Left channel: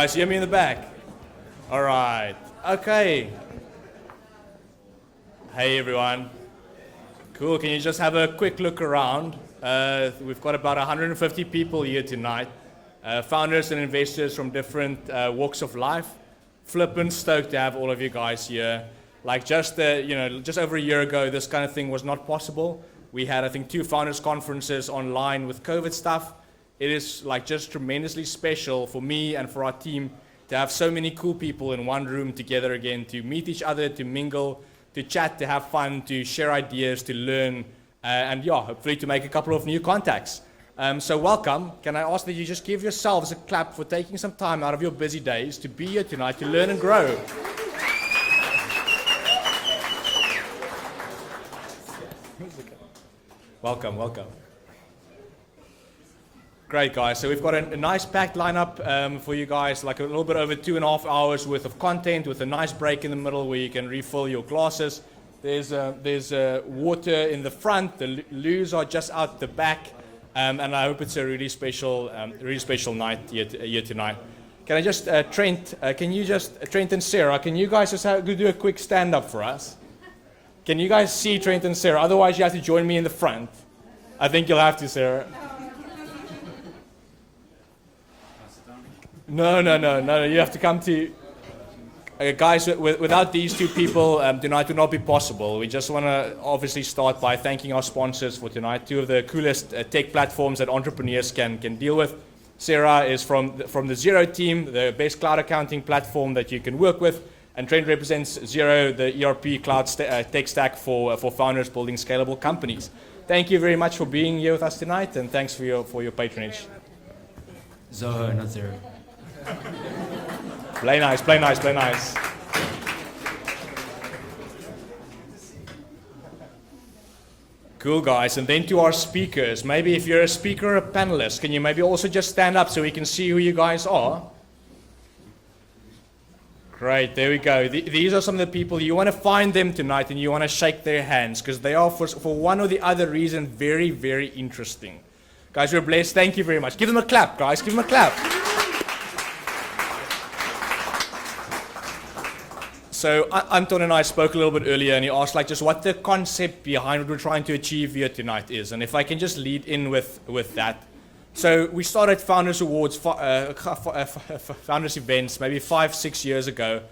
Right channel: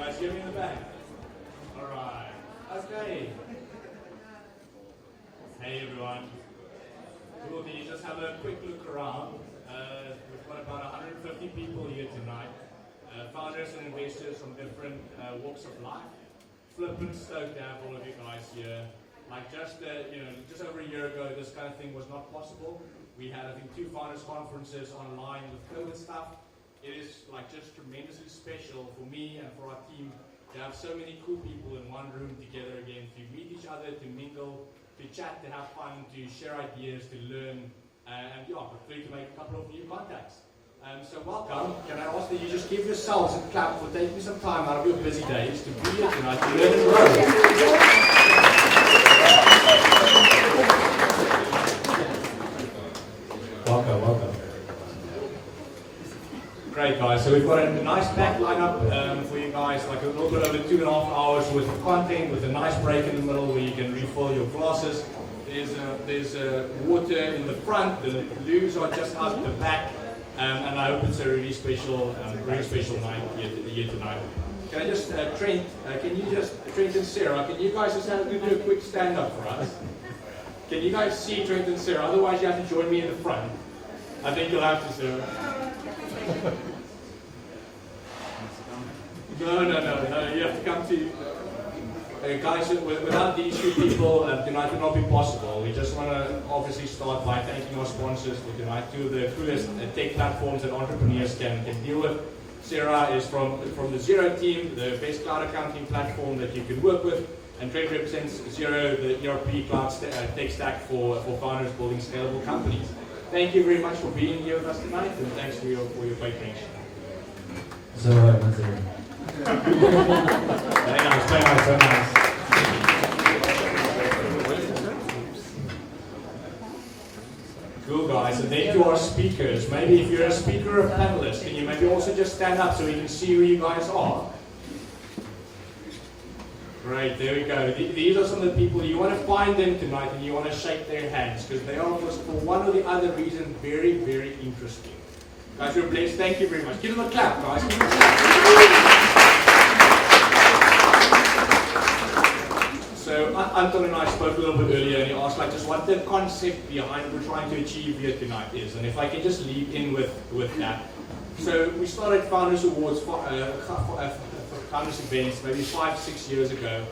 guys hear me in the back? All right. Okay. Hey, everyone. Cool. Can you just have a quick look around? We've got about 150 people here tonight. Founders and investors from different walks of life. Flippin' stoked to have all of you guys here. Like just over a year ago, this kind of thing was not possible. We had, I think, 2 founders conferences online with COVID stuff. It is like just tremendously special for me and for our team to have so many cool people in one room together again, to meet each other, to mingle, to chat, to have fun, to share ideas, to learn, and yeah, hopefully to make a couple of new contacts. So welcome. Can I ask that you just give yourselves a clap for taking some time out of your busy days to be here tonight to learn and grow. Welcome. Great, guys. So we've got a nice packed lineup for you guys, like a little bit over 2.5 hours worth of content with a nice break in the middle where you can refill your glasses. There's water in the front. The loos are just out the back, and I hope it's a really special night here tonight. Can I just Trent and Sarah, can you guys just do a quick stand up for us? Can you guys see Trent and Sarah? Otherwise, you have to join me in the front. I think you'll have to, Sarah. No. You have to come to... guys, without these 2 people, tonight would not be possible. We just want to obviously start by thanking our sponsors for tonight. 2 of the coolest tech platforms that entrepreneurs can deal with. Sarah is from the Xero team, the best cloud accounting platform that you can work with. And Trent represents Xero, the ERP cloud tech stack for founders building scalable companies. Thank you very much for being here with us tonight, and thanks for your patronage. Play nice. Cool, guys. And then to our speakers. Maybe if you're a speaker or a panelist, can you maybe also just stand up so we can see who you guys are? Great, there we go. These are some of the people, you want to find them tonight and you want to shake their hands because they are, for one or the other reason, very, very interesting. Guys, we're blessed. Thank you very much. Give them a clap, guys. Give them a clap. So Anton and I spoke a little bit earlier and he asked just what the concept behind what we're trying to achieve here tonight is. And if I can just lead in with that. So we started Founders Awards, Founders events maybe 5-6 years ago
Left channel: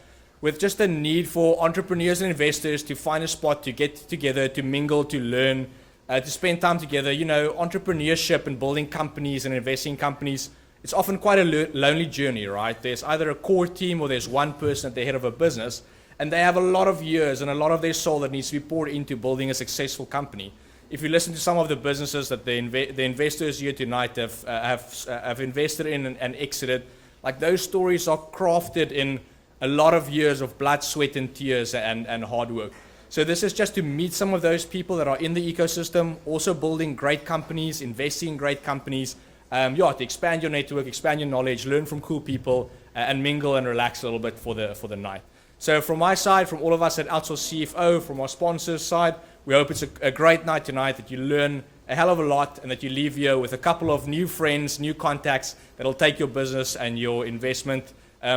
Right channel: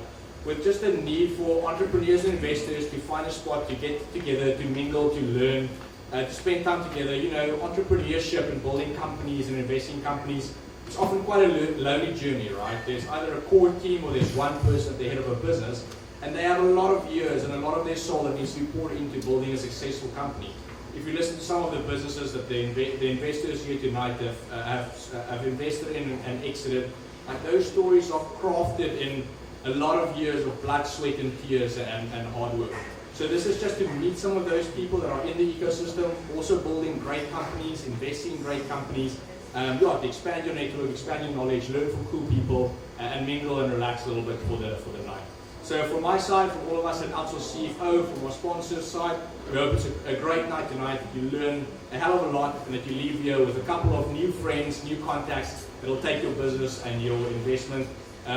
with just a need for entrepreneurs and investors to find a spot to get together, to mingle, to learn, to spend time together. You know, entrepreneurship and building companies and investing in companies, it's often quite a lonely journey, right? There's either a core team or there's one person at the head of a business and they have a lot of years and a lot of their soul that needs to be poured into building a successful company. If you listen to some of the businesses that the investors here tonight have invested in and exited, like those stories are crafted in a lot of years of blood, sweat, and tears and hard work. So this is just to meet some of those people that are in the ecosystem, also building great companies, investing in great companies, to expand your network, expand your knowledge, learn from cool people, and mingle and relax a little bit for the night. So from my side, from all of us at Outsource CFO, from our sponsors' side, we hope it's a great night tonight, that you learn a hell of a lot and that you leave here with a couple of new friends, new contacts that'll take your business and your investment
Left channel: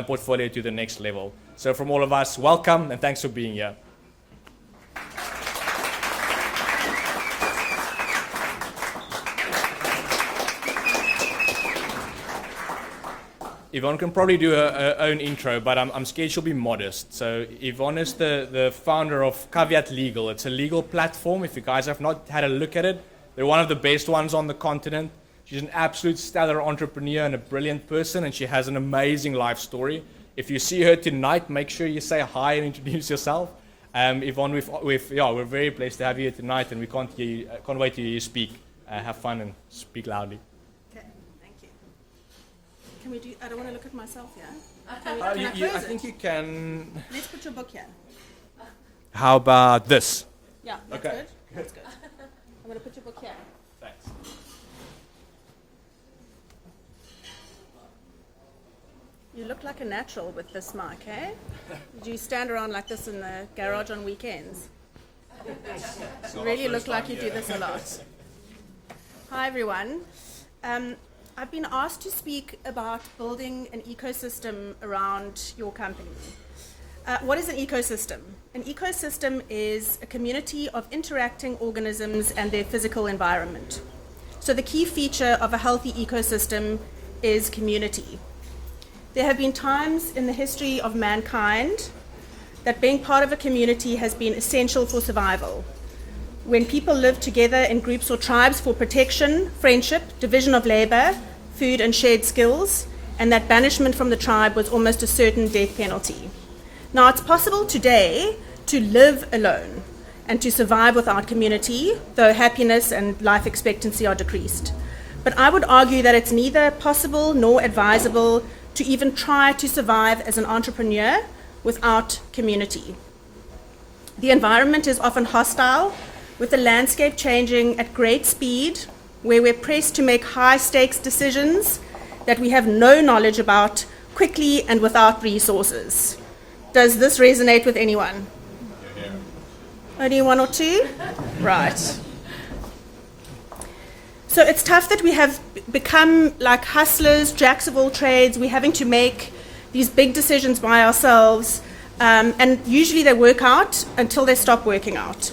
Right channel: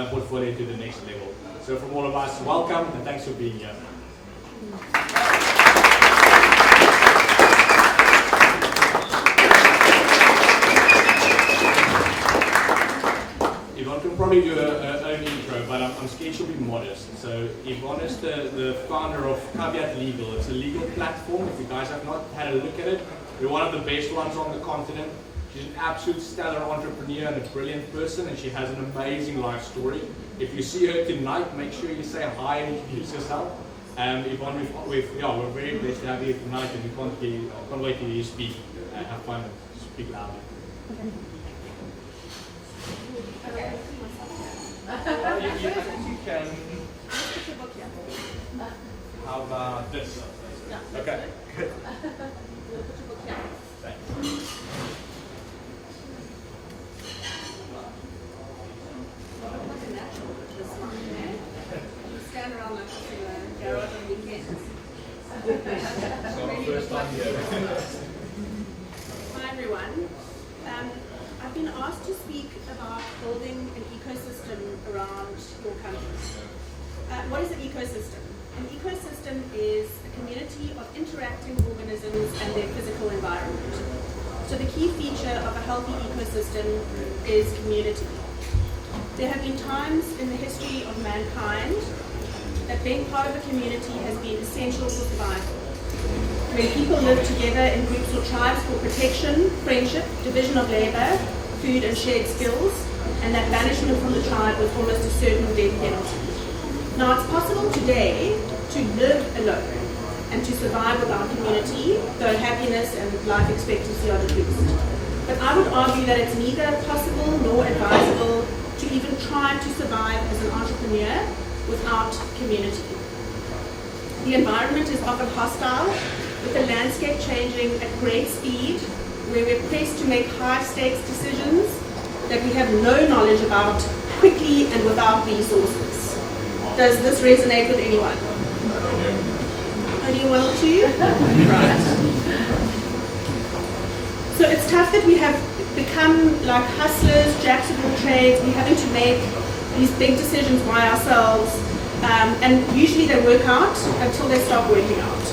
portfolio to the next level. So from all of us, welcome and thanks for being here. Yvonne can probably do her own intro, but I'm scared she'll be modest. So Yvonne is the founder of Caveat Legal. It's a legal platform. If you guys have not had a look at it, they're one of the best ones on the continent. She's an absolute stellar entrepreneur and a brilliant person, and she has an amazing life story. If you see her tonight, make sure you say hi and introduce yourself. Yvonne, we're very blessed to have you here tonight, and we can't wait to hear you speak. Have fun and speak loudly. I think you can. How about this? Yeah. Okay. Good. Thanks. You look like a natural with this mic, eh? Do you stand around like this in the garage on weekends? Really look like you do this a lot. Hi everyone. I've been asked to speak about building an ecosystem around your company. What is an ecosystem? An ecosystem is a community of interacting organisms and their physical environment. So the key feature of a healthy ecosystem is community. There have been times in the history of mankind that being part of a community has been essential for survival. When people live together in groups or tribes for protection, friendship, division of labor, food and shared skills, and that banishment from the tribe was almost a certain death penalty. Now it's possible today to live alone and to survive without community, though happiness and life expectancy are decreased. But I would argue that it's neither possible nor advisable to even try to survive as an entrepreneur without community. The environment is often hostile, with the landscape changing at great speed, where we're pressed to make high-stakes decisions that we have no knowledge about quickly and without resources. Does this resonate with anyone? Only one or two? Right. So it's tough that we have become like hustlers, jacks of all trades. We're having to make these big decisions by ourselves, and usually they work out until they stop working out.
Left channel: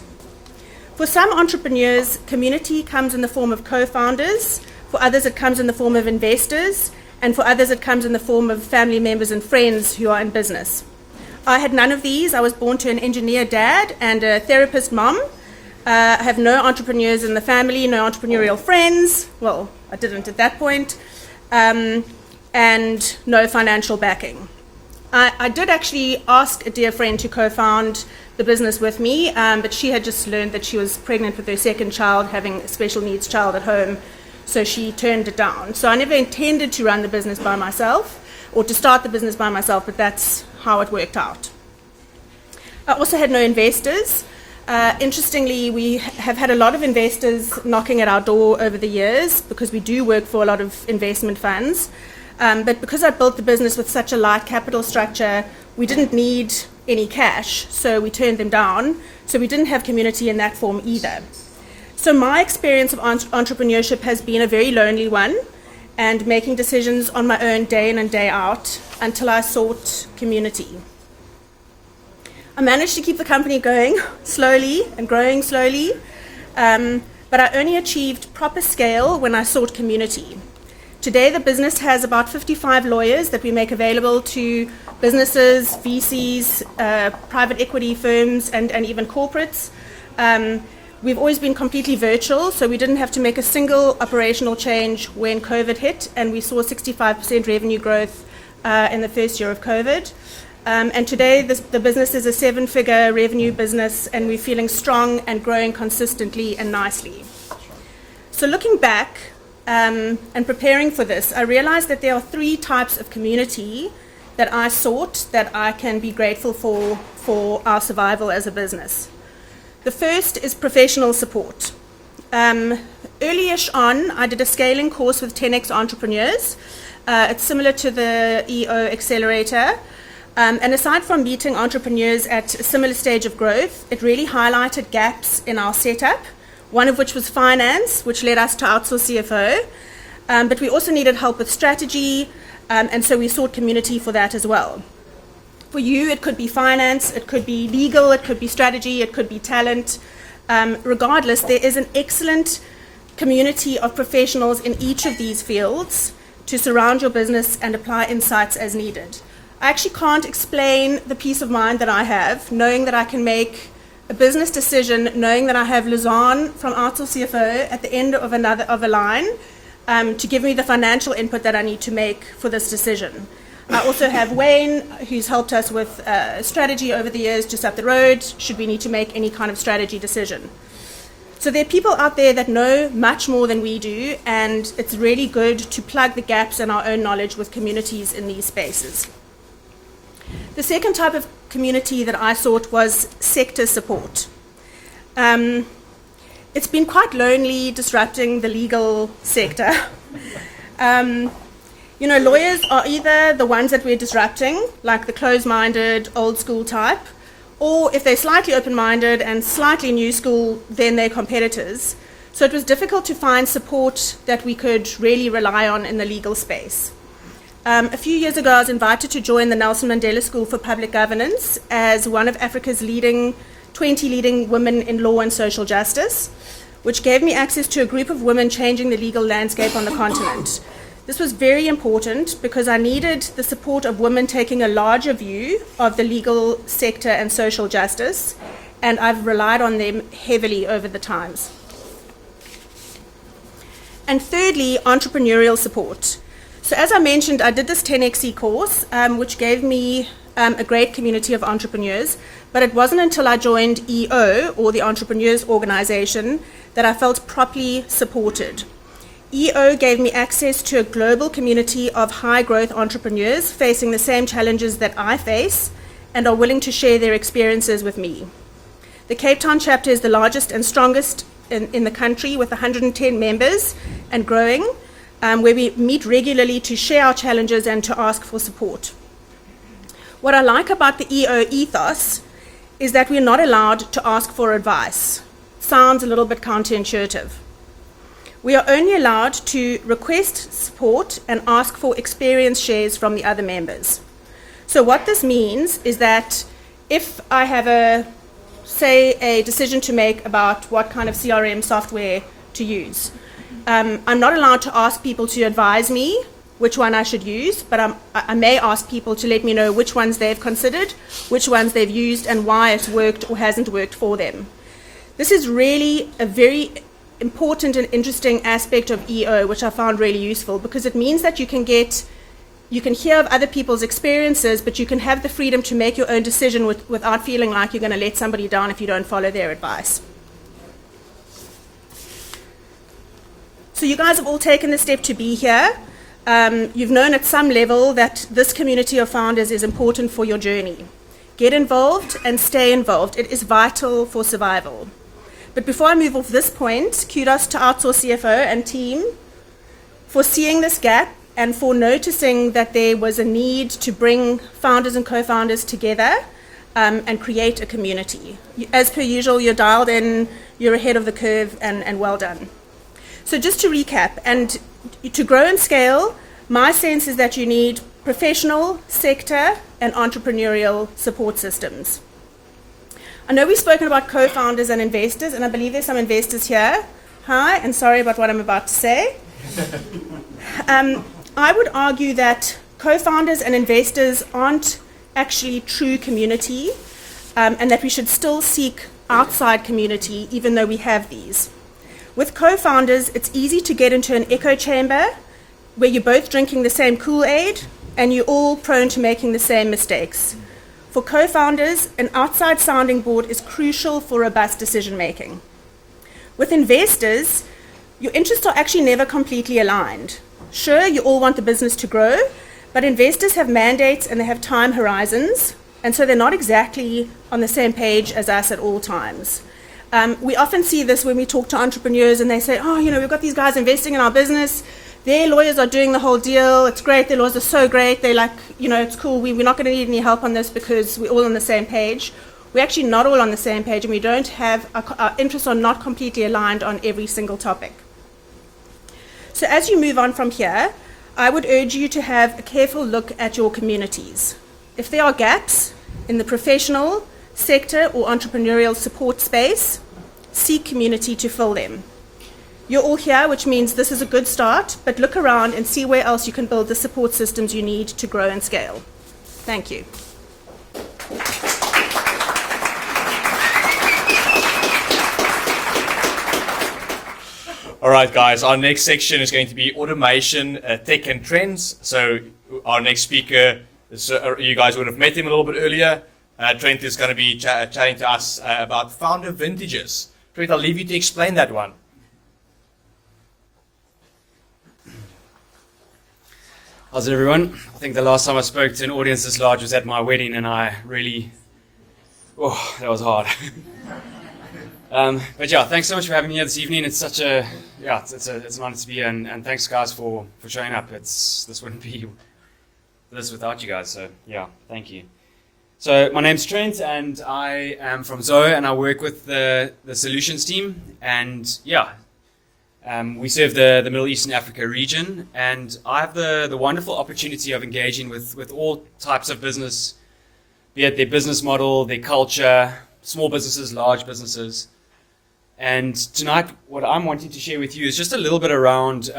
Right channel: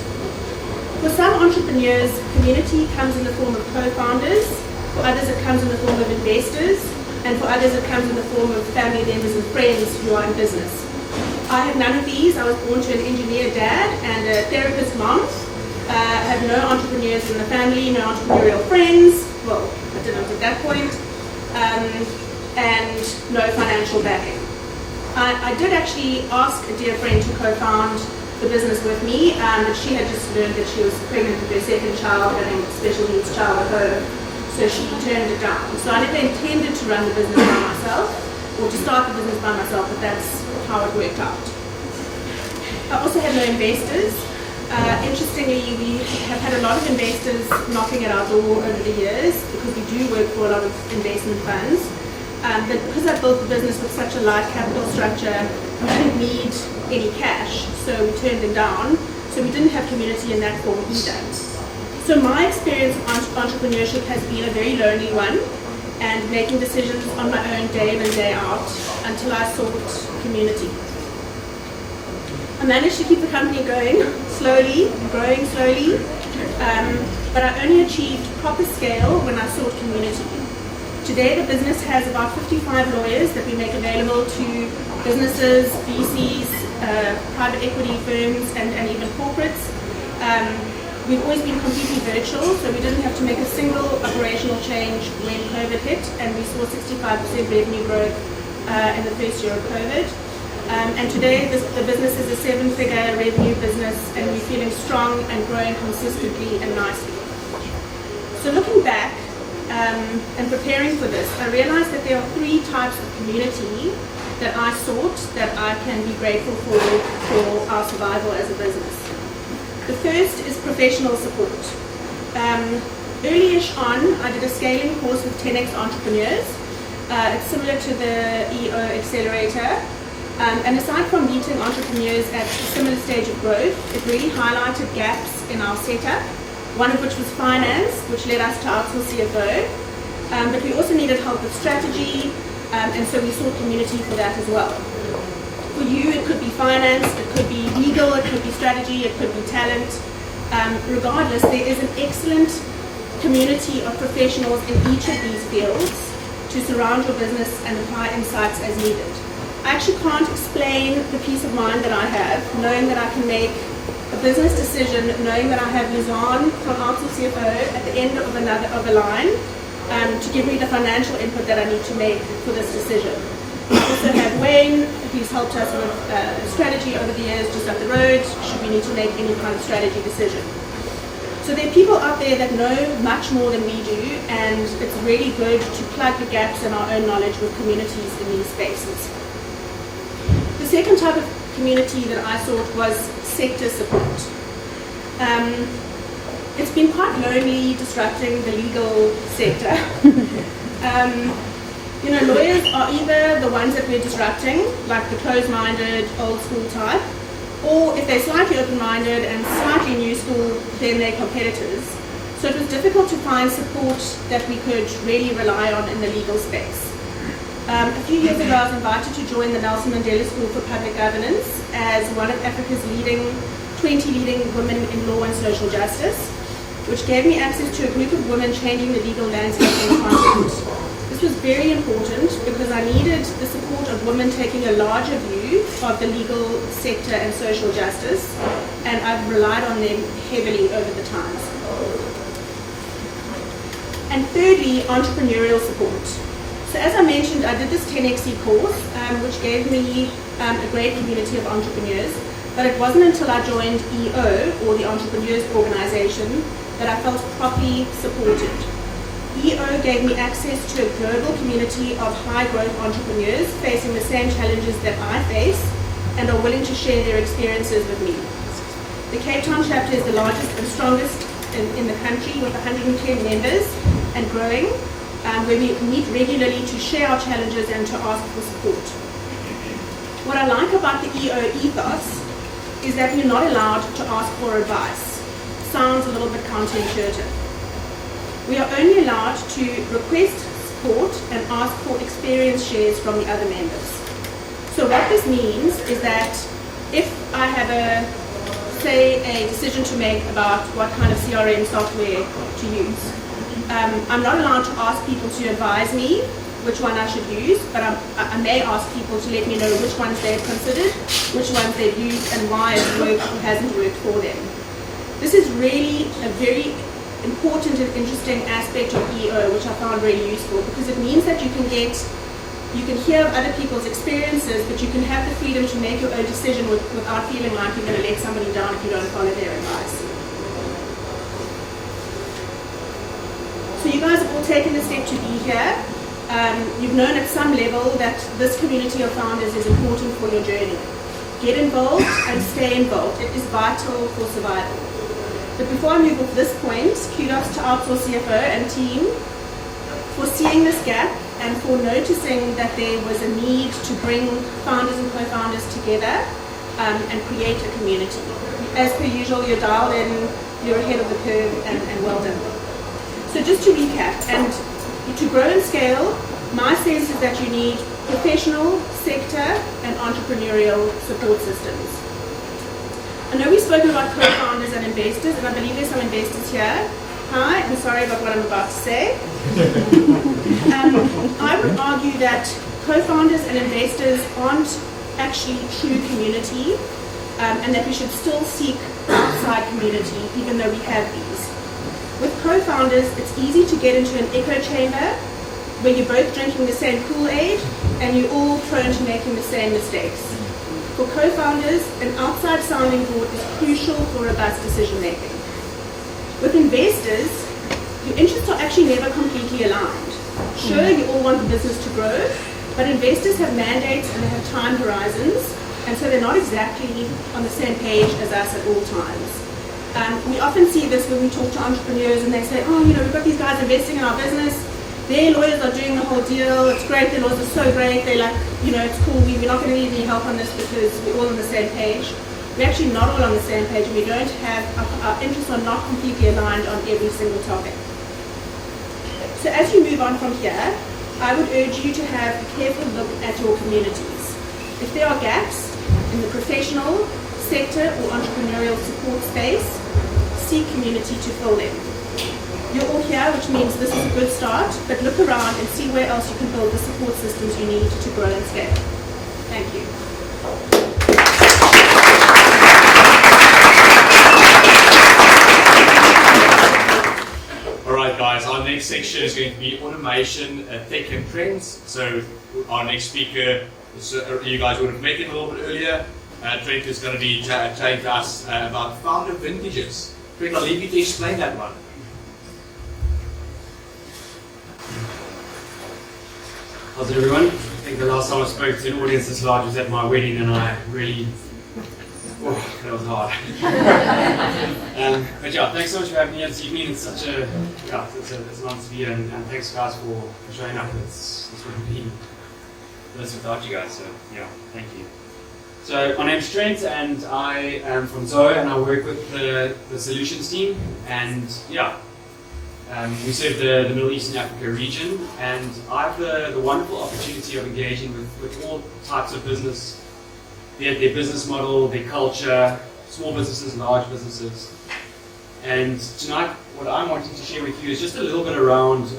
For some entrepreneurs, community comes in the form of co-founders. For others, it comes in the form of investors. And for others, it comes in the form of family members and friends who are in business. I had none of these. I was born to an engineer dad and a therapist mom. I have no entrepreneurs in the family, no entrepreneurial friends. Well, I didn't at that point. And no financial backing. I did actually ask a dear friend to co-found the business with me, but she had just learned that she was pregnant with her second child, having a special needs child at home, so she turned it down. So I never intended to run the business by myself, or to start the business by myself, but that's how it worked out. I also had no investors. Interestingly, we have had a lot of investors knocking at our door over the years, because we do work for a lot of investment funds. But because I built the business with such a light capital structure, we didn't need any cash, so we turned them down. So we didn't have community in that form either. So my experience of entrepreneurship has been a very lonely one, and making decisions on my own day in and day out until I sought community. I managed to keep the company going slowly and growing slowly, but I only achieved proper scale when I sought community. Today the business has about 55 lawyers that we make available to businesses, VCs, private equity firms, and even corporates. We've always been completely virtual, so we didn't have to make a single operational change when COVID hit, and we saw 65% revenue growth in the first year of COVID. And today the business is a 7-figure revenue business, and we're feeling strong and growing consistently and nicely. So looking back and preparing for this, I realized that there are 3 types of community that I sought that I can be grateful for our survival as a business. The first is professional support. Early-ish on, I did a scaling course with 10x entrepreneurs. It's similar to the EO Accelerator. And aside from meeting entrepreneurs at a similar stage of growth, it really highlighted gaps in our setup, one of which was finance, which led us to outsource CFO. But we also needed help with strategy, and so we sought community for that as well. For you, it could be finance, it could be legal, it could be strategy, it could be talent. Regardless, there is an excellent community of professionals in each of these fields to surround your business and apply insights as needed. I actually can't explain the peace of mind that I have, knowing that I can make a business decision, knowing that I have Luzanne from Outsource CFO at the end of a line to give me the financial input that I need to make for this decision. I also have Wayne, who's helped us with strategy over the years just up the road, should we need to make any kind of strategy decision. So there are people out there that know much more than we do, and it's really good to plug the gaps in our own knowledge with communities in these spaces. The second type of community that I sought was sector support. It's been quite lonely disrupting the legal sector. Lawyers are either the ones that we're disrupting, like the closed-minded, old-school type, or if they're slightly open-minded and slightly new school, then they're competitors. So it was difficult to find support that we could really rely on in the legal space. A few years ago, I was invited to join the Nelson Mandela School for Public Governance as one of Africa's 20 leading women in law and social justice, which gave me access to a group of women changing the legal landscape on the continent. This was very important because I needed the support of women taking a larger view of the legal sector and social justice, and I've relied on them heavily over the times. And thirdly, entrepreneurial support. So as I mentioned, I did this 10xe course, which gave me a great community of entrepreneurs, but it wasn't until I joined EO, or the Entrepreneurs Organization, that I felt properly supported. EO gave me access to a global community of high-growth entrepreneurs facing the same challenges that I face and are willing to share their experiences with me. The Cape Town chapter is the largest and strongest in the country, with 110 members and growing, where we meet regularly to share our challenges and to ask for support. What I like about the EO ethos is that we're not allowed to ask for advice. Sounds a little bit counterintuitive. We are only allowed to request support and ask for experience shares from the other members. So what this means is that if I have a decision to make about what kind of CRM software to use, I'm not allowed to ask people to advise me which one I should use, but I may ask people to let me know which ones they've considered, which ones they've used, and why it's worked or hasn't worked for them. This is really a very important and interesting aspect of EO, which I found really useful, because it means that you can hear of other people's experiences, but you can have the freedom to make your own decision without feeling like you're going to let somebody down if you don't follow their advice. So you guys have all taken the step to be here. You've known at some level that this community of founders is important for your journey. Get involved and stay involved. It is vital for survival. But before I move off this point, kudos to Outsource CFO and team for seeing this gap and for noticing that there was a need to bring founders and co-founders together and create a community. As per usual, you're dialed in, you're ahead of the curve, and well done. So just to recap, and to grow and scale, my sense is that you need professional, sector, and entrepreneurial support systems. I know we've spoken about co-founders and investors, and I believe there's some investors here. Hi, and sorry about what I'm about to say. I would argue that co-founders and investors aren't actually true community, and that we should still seek outside community, even though we have these. With co-founders, it's easy to get into an echo chamber where you're both drinking the same Kool-Aid and you're all prone to making the same mistakes. For co-founders, an outside sounding board is crucial for robust decision making. With investors, your interests are actually never completely aligned. Sure, you all want the business to grow, but investors have mandates and they have time horizons, and so they're not exactly on the same page as us at all times. We often see this when we talk to entrepreneurs and they say, oh, we've got these guys investing in our business, their lawyers are doing the whole deal, it's great, their lawyers are so great, they're like, it's cool, we're not going to need any help on this because we're all on the same page. We're actually not all on the same page, and we don't have, our interests are not completely aligned on every single topic. So as you move on from here, I would urge you to have a careful look at your communities. If there are gaps in the professional, sector, or entrepreneurial support space, seek community to fill them. You're all here, which means this is a good start, but look around and see where else you can build the support systems you need to grow and scale. Thank you. All right, guys, our next section is going to be automation, tech, and trends. So our next speaker, you guys would have met him a little bit earlier. Trent is going to be chatting to us about founder vintages. Trent, I'll leave you to explain that one. How's everyone? I think the last time I spoke to an audience this large was at my wedding, and I really, that was hard. But yeah, thanks so much for having me here this evening. It's such a, it's an honor to be here, and thanks guys for showing up. This wouldn't be this without you guys, so yeah, thank you. So my name's Trent, and I am from Zoe, and I work with the solutions team, and yeah, We serve the Middle East and Africa region, and I have the wonderful opportunity of engaging with all types of business, be it their business model, their culture, small businesses, large businesses. And tonight, what I'm wanting to share with you is just a little bit around,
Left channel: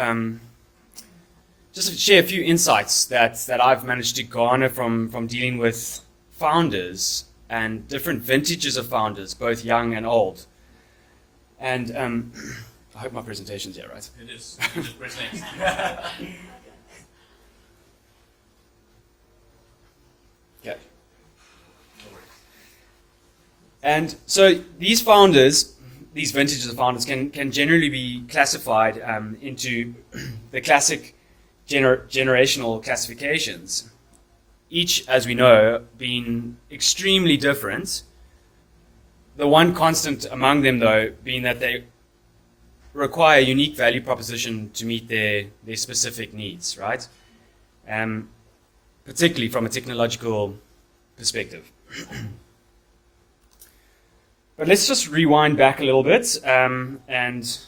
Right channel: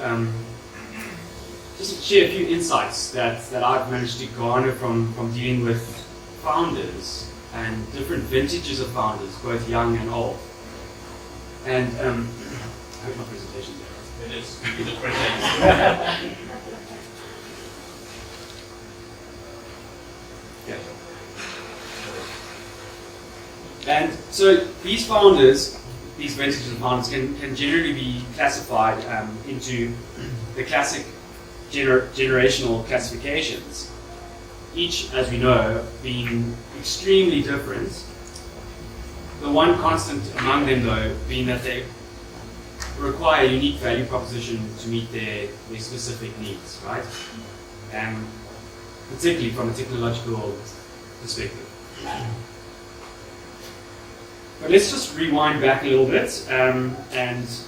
just to share a few insights that I've managed to garner from dealing with founders and different vintages of founders, both young and old. And I hope my presentation's here, right? It is. You just present. Okay. And so these founders, these vintages of founders can generally be classified into the classic generational classifications, each, as we know, being extremely different. The one constant among them, though, being that they require a unique value proposition to meet their specific needs, right? Particularly from a technological perspective. But let's just rewind back a little bit and just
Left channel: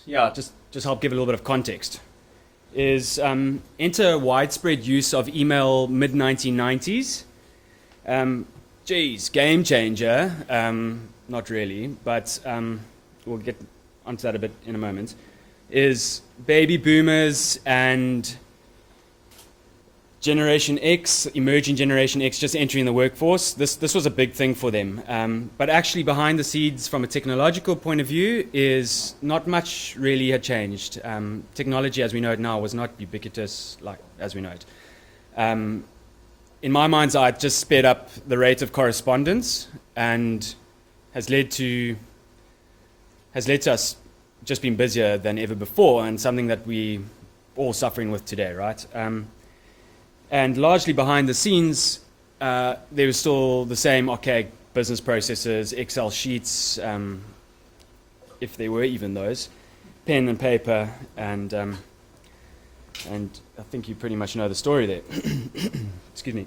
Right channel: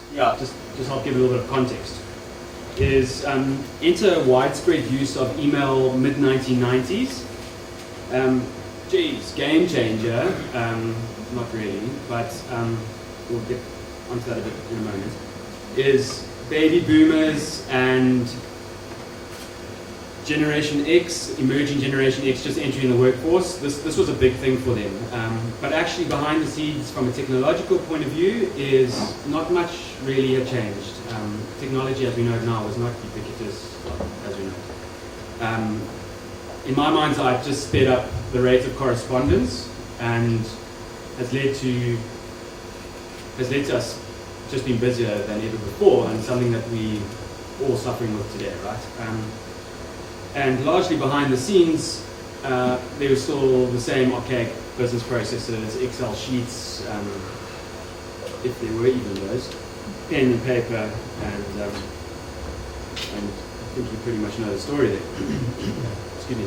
help give a little bit of context. Enter widespread use of email mid-1990s. Game changer. Not really, but we'll get onto that a bit in a moment. Is baby boomers and Generation X, emerging Generation X, just entering the workforce. This was a big thing for them. But actually behind the scenes, from a technological point of view, is not much really had changed. Technology as we know it now was not ubiquitous as we know it. In my mind's eye, it just sped up the rate of correspondence and has led to us just being busier than ever before, and something that we all suffering with today, right? And largely behind the scenes, there was still the same archaic business processes, Excel sheets, if there were even those, pen and paper, and I think you pretty much know the story there. Excuse me.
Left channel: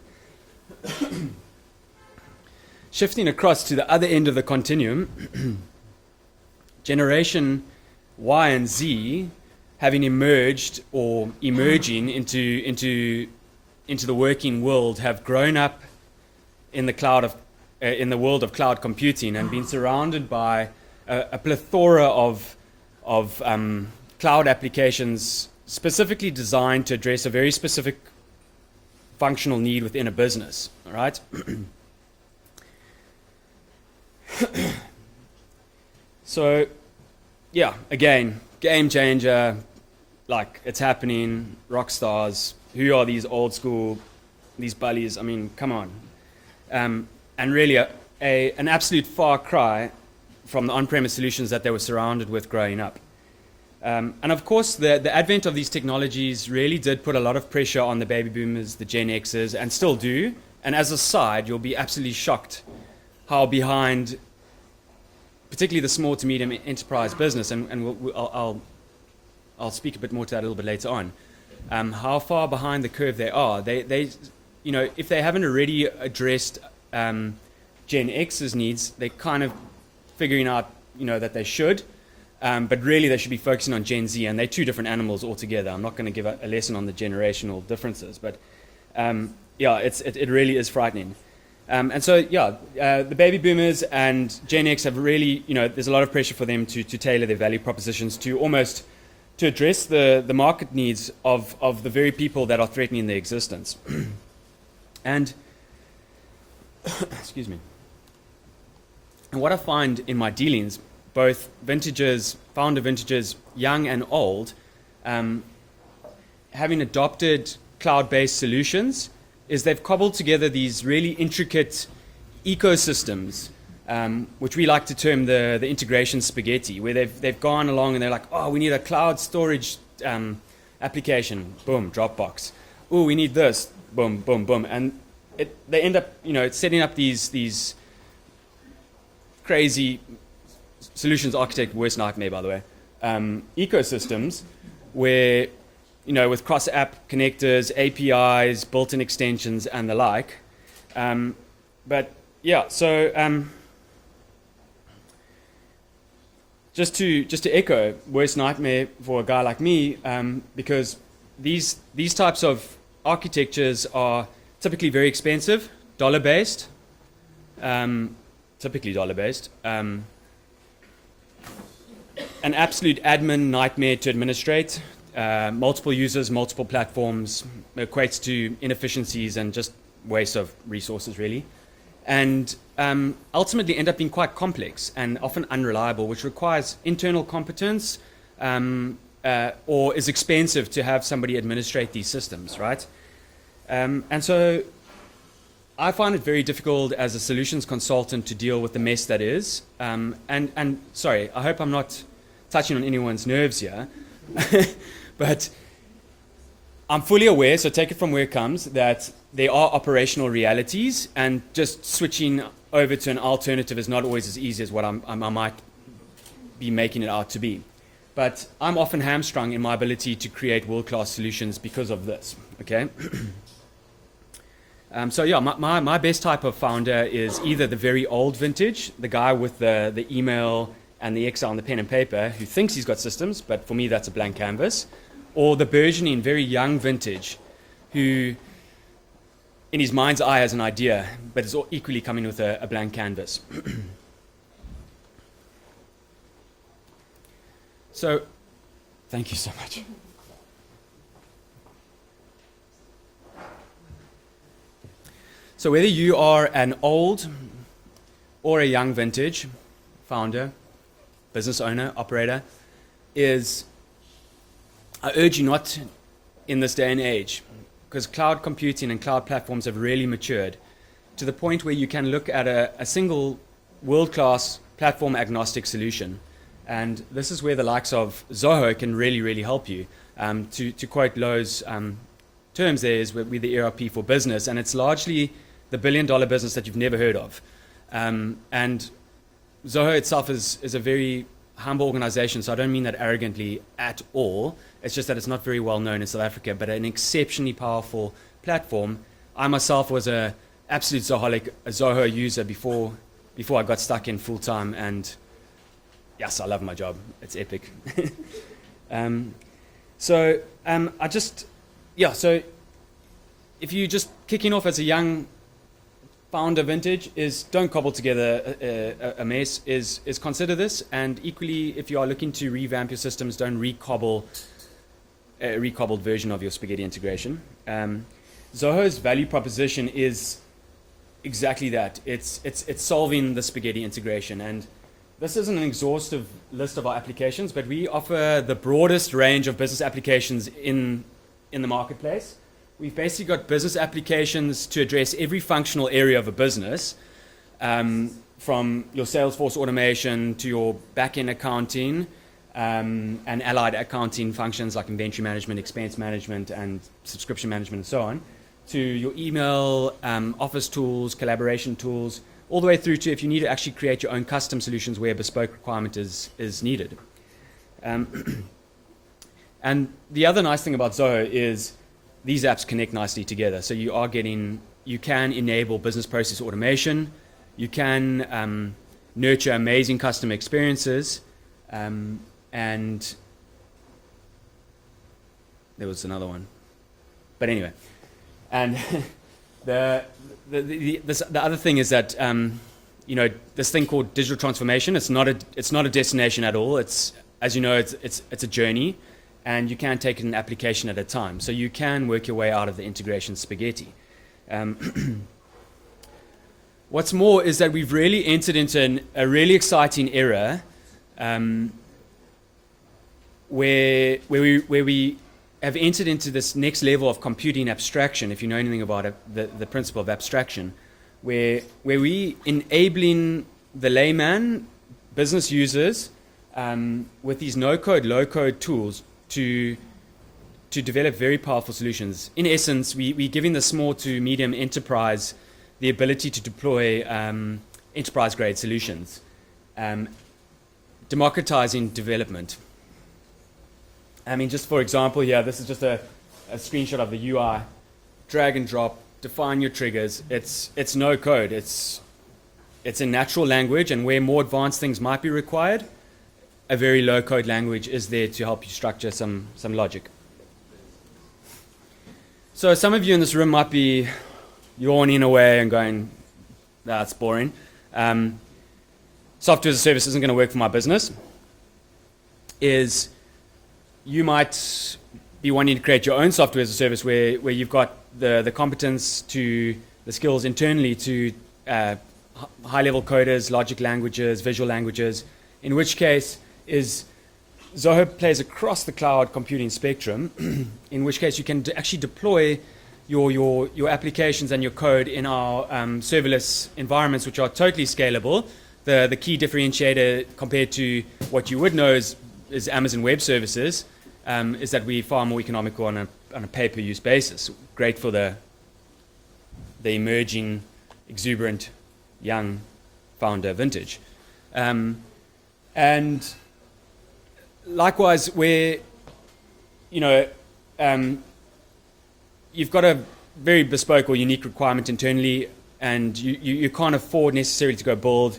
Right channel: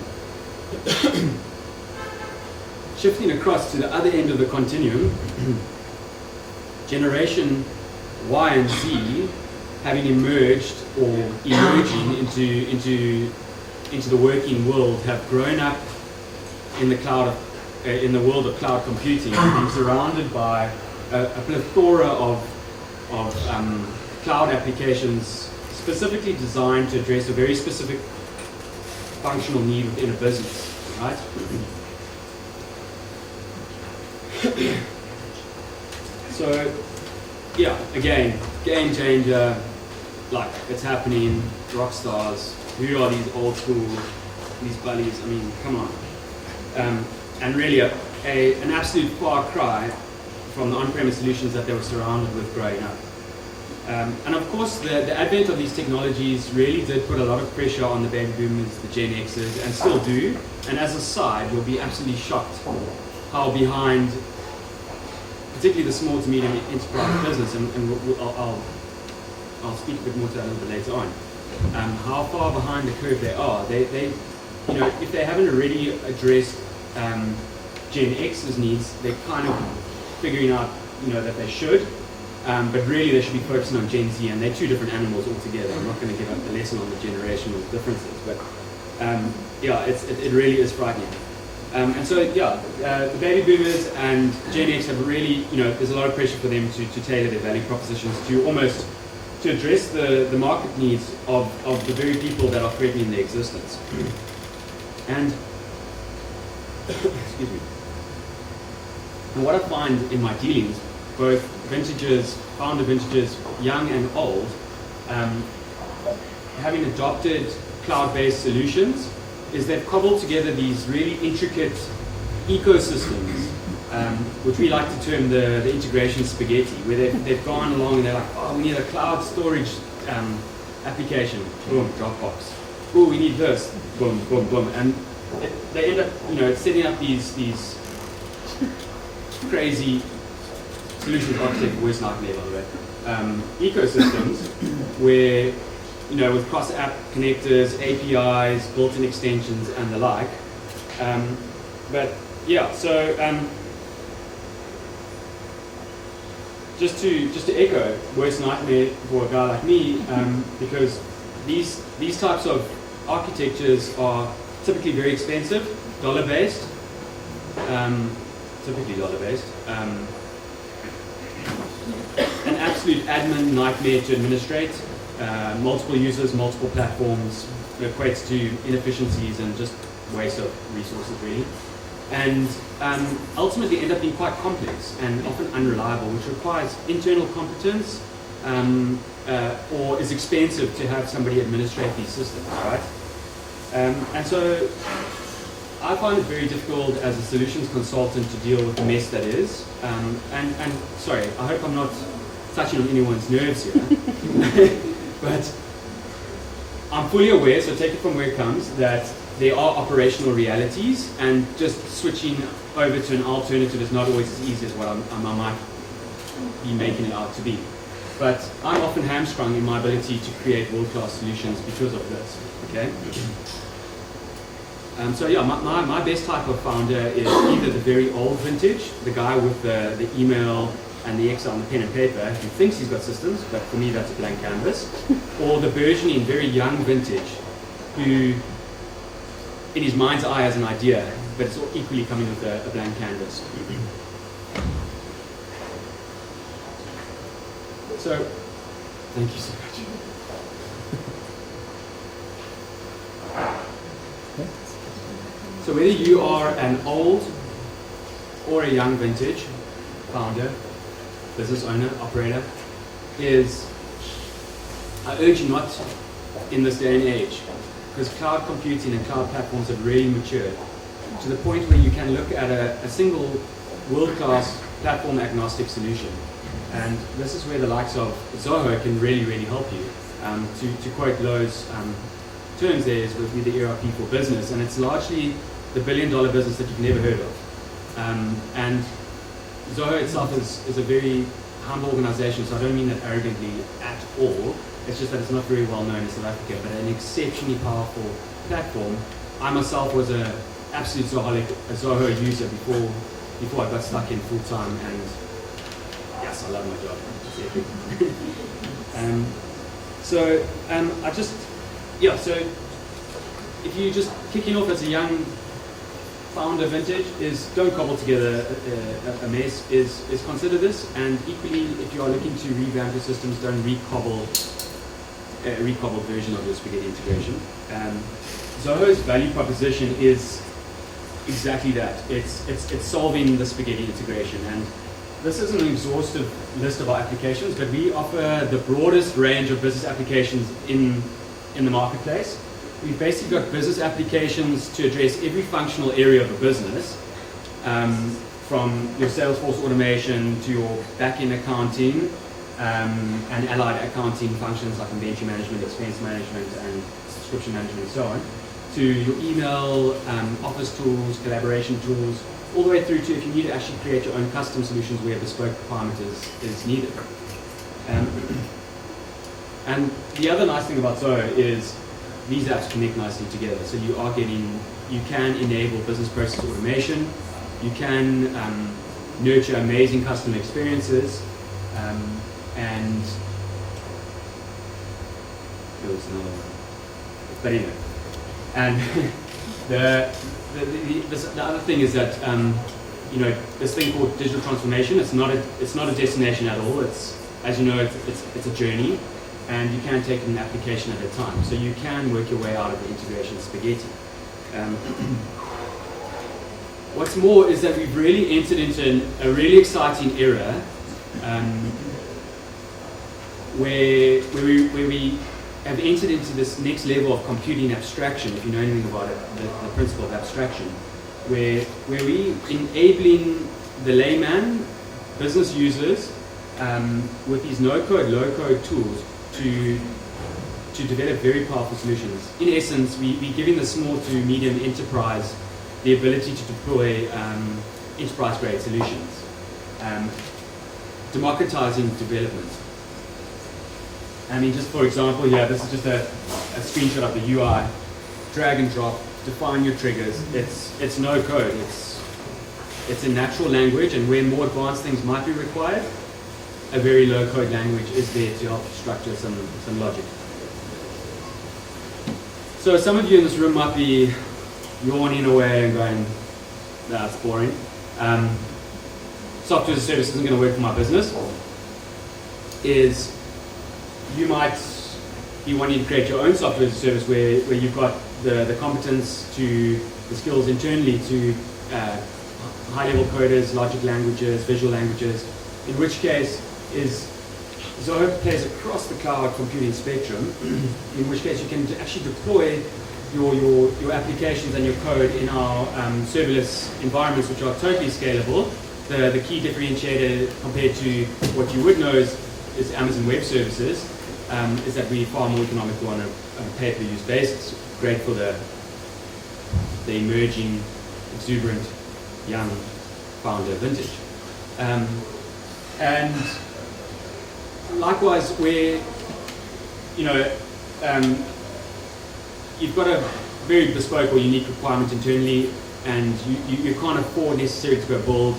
Shifting across to the other end of the continuum, Generation Y and Z, having emerged or emerging into the working world, have grown up in the cloud in the world of cloud computing, and been surrounded by a plethora of cloud applications specifically designed to address a very specific functional need within a business, right? So, yeah, again, game changer, like it's happening, rock stars. Who are these old school, these buddies? I mean, come on. And really an absolute far cry from the on-premise solutions that they were surrounded with growing up. And of course, the advent of these technologies really did put a lot of pressure on the baby boomers, the Gen Xers, and still do. And as a side, you'll be absolutely shocked how behind, particularly the small to medium enterprise business, and I'll speak a bit more to that a little bit later on, how far behind the curve they are. They if they haven't already addressed Gen X's needs, they're kind of figuring out, that they should. But really they should be focusing on Gen Z, and they're two different animals altogether. I'm not going to give a lesson on the generational differences, but it really is frightening. And so, the baby boomers and Gen X have really, there's a lot of pressure for them to tailor their value propositions to address the market needs of the very people that are threatening their existence. And, excuse me. And what I find in my dealings, both founder vintages, young and old, having adopted cloud-based solutions, is they've cobbled together these really intricate ecosystems, which we like to term the integration spaghetti, where they've gone along and they're like, oh, we need a cloud storage application, boom, Dropbox. Oh, we need this, boom, boom, boom. And they end up, setting up these crazy solutions architect, worst nightmare, by the way, ecosystems where, with cross-app connectors, APIs, built-in extensions, and the like. just to echo, worst nightmare for a guy like me, because these types of architectures are typically very expensive, dollar-based, typically dollar-based, an absolute admin nightmare to administrate, multiple users, multiple platforms, equates to inefficiencies and just waste of resources really, and ultimately end up being quite complex and often unreliable, which requires internal competence or is expensive to have somebody administrate these systems, right? And so I find it very difficult as a solutions consultant to deal with the mess that is. And sorry, I hope I'm not touching on anyone's nerves here, but I'm fully aware, so take it from where it comes, that there are operational realities, and just switching over to an alternative is not always as easy as what I might be making it out to be. But I'm often hamstrung in my ability to create world-class solutions because of this, okay? So yeah, my best type of founder is either the very old vintage, the guy with the email and the Excel and the pen and paper, who thinks he's got systems, but for me that's a blank canvas, or the burgeoning, very young vintage, who in his mind's eye has an idea, but it's all equally coming with a blank canvas. So, thank you so much. So whether you are an old or a young vintage founder, business owner, operator, I urge you not in this day and age, because cloud computing and cloud platforms have really matured to the point where you can look at a single world-class platform agnostic solution. And this is where the likes of Zoho can really, really help you. To quote Lowe's terms there is with the ERP for business, and it's largely the billion-dollar business that you've never heard of. And Zoho itself is a very humble organization, so I don't mean that arrogantly at all. It's just that it's not very well known in South Africa, but an exceptionally powerful platform. I myself was an absolute Zoho user before I got stuck in full time, and yes, I love my job. It's epic. So if you're just kicking off as a young founder vintage, is don't cobble together a mess, is consider this, and equally if you are looking to revamp your systems, don't recobble a recobbled version of your spaghetti integration. Zoho's value proposition is exactly that. It's solving the spaghetti integration, and this is an exhaustive list of our applications, but we offer the broadest range of business applications in the marketplace. We've basically got business applications to address every functional area of a business, from your Salesforce automation to your back-end accounting and allied accounting functions like inventory management, expense management, and subscription management, and so on, to your email, office tools, collaboration tools, all the way through to if you need to actually create your own custom solutions where a bespoke requirement is needed. And the other nice thing about Zoho is these apps connect nicely together. So you can enable business process automation, you can nurture amazing customer experiences, and there was another one. But anyway, and the other thing is that this thing called digital transformation, it's not a destination at all. It's, as you know, it's a journey, and you can take an application at a time. So you can work your way out of the integration spaghetti. What's more is that we've really entered into a really exciting era where we have entered into this next level of computing abstraction, if you know anything about it, the principle of abstraction, where we enabling the layman, business users, with these no-code, low-code tools to develop very powerful solutions. In essence, we're giving the small to medium enterprise the ability to deploy enterprise-grade solutions, democratizing development. I mean, just for example here, this is just a screenshot of the UI. Drag and drop, define your triggers. It's no code. It's a natural language, and where more advanced things might be required, a very low code language is there to help you structure some logic. So some of you in this room might be yawning away and going, "No, that's boring. Software as a service isn't going to work for my business." Is you might be wanting to create your own software as a service where you've got the competence the skills internally to high-level coders, logic languages, visual languages, in which case Zoho plays across the cloud computing spectrum, in which case you can actually deploy your applications and your code in our serverless environments, which are totally scalable. The key differentiator compared to what you would know is Amazon Web Services is that we're far more economical on a pay-per-use basis. Great for the emerging, exuberant, young founder vintage. And likewise, where you've got a very bespoke or unique requirement internally, and you can't afford necessarily to go build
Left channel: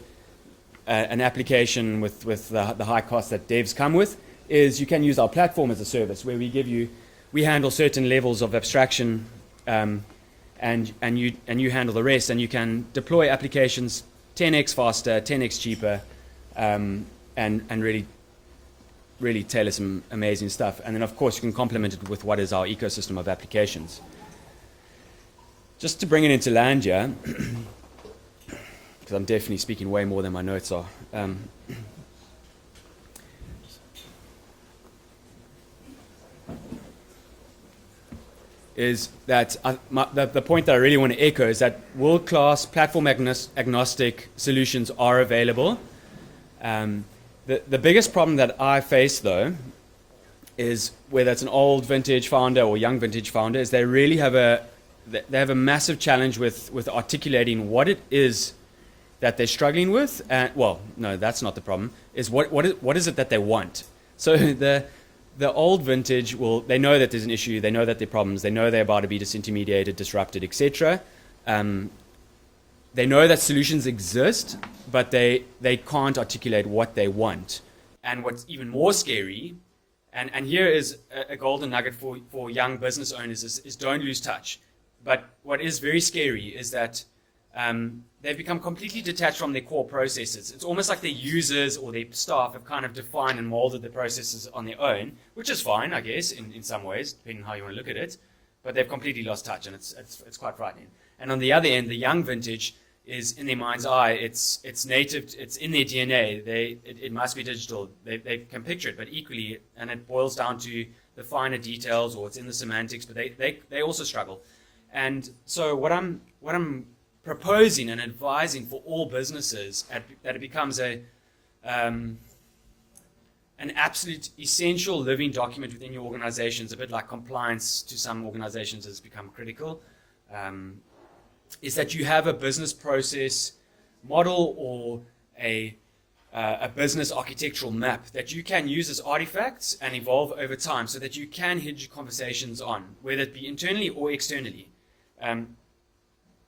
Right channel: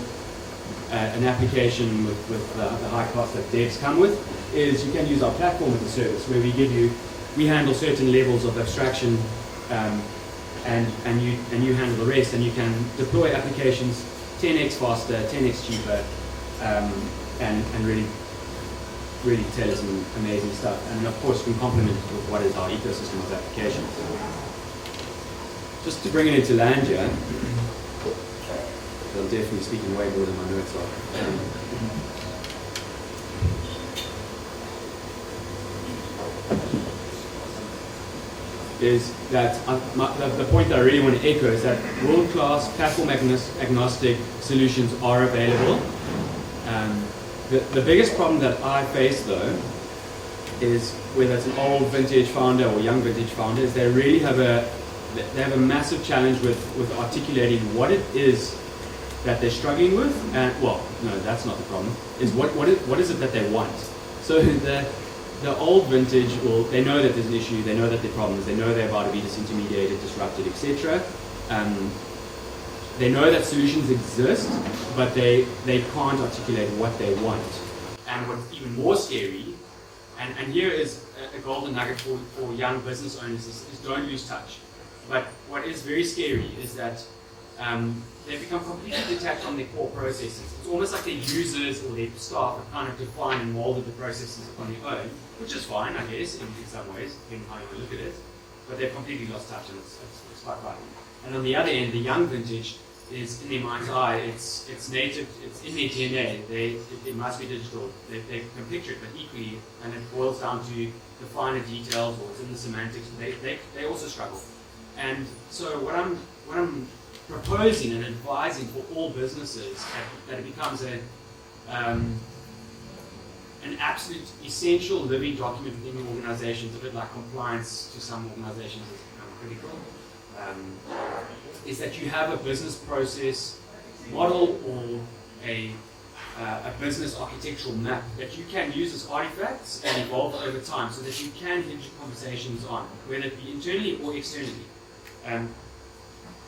an application with the high cost that devs come with, is you can use our platform as a service, where we handle certain levels of abstraction, and you handle the rest, and you can deploy applications 10x faster, 10x cheaper, and really tailor some amazing stuff. And then of course you can complement it with what is our ecosystem of applications. Just to bring it into land here, I'm definitely speaking way more than my notes are. Is that the point that I really want to echo is that world-class platform agnostic solutions are available. The biggest problem that I face though is whether it's an old vintage founder or young vintage founder, is they really have a massive challenge with articulating what it is that they're struggling with, and well, no, that's not the problem. Is what is it that they want? So the old vintage they know that there's an issue, they know that there are problems, they know they're about to be disintermediated, disrupted, etc. They know that solutions exist, but they can't articulate what they want. And what's even more scary, and here is a golden nugget for young business owners, is don't lose touch. But what is very scary is that they've become completely detached from their core processes. It's almost like their users or their staff have kind of defined and molded the processes on their own, which is fine, I guess, in some ways, depending on how you want to look at it. But they've completely lost touch, and it's quite frightening. And on the other end, the young vintage is in their mind's eye, it's native, it's in their DNA, it must be digital, they can picture it, but equally, and it boils down to the finer details, or it's in the semantics, but they also struggle. And so what I'm proposing and advising for all businesses that it becomes an absolute essential living document within your organizations, a bit like compliance to some organizations has become critical, is that you have a business process model or a business architectural map that you can use as artifacts and evolve over time, so that you can hinge your conversations on, whether it be internally or externally.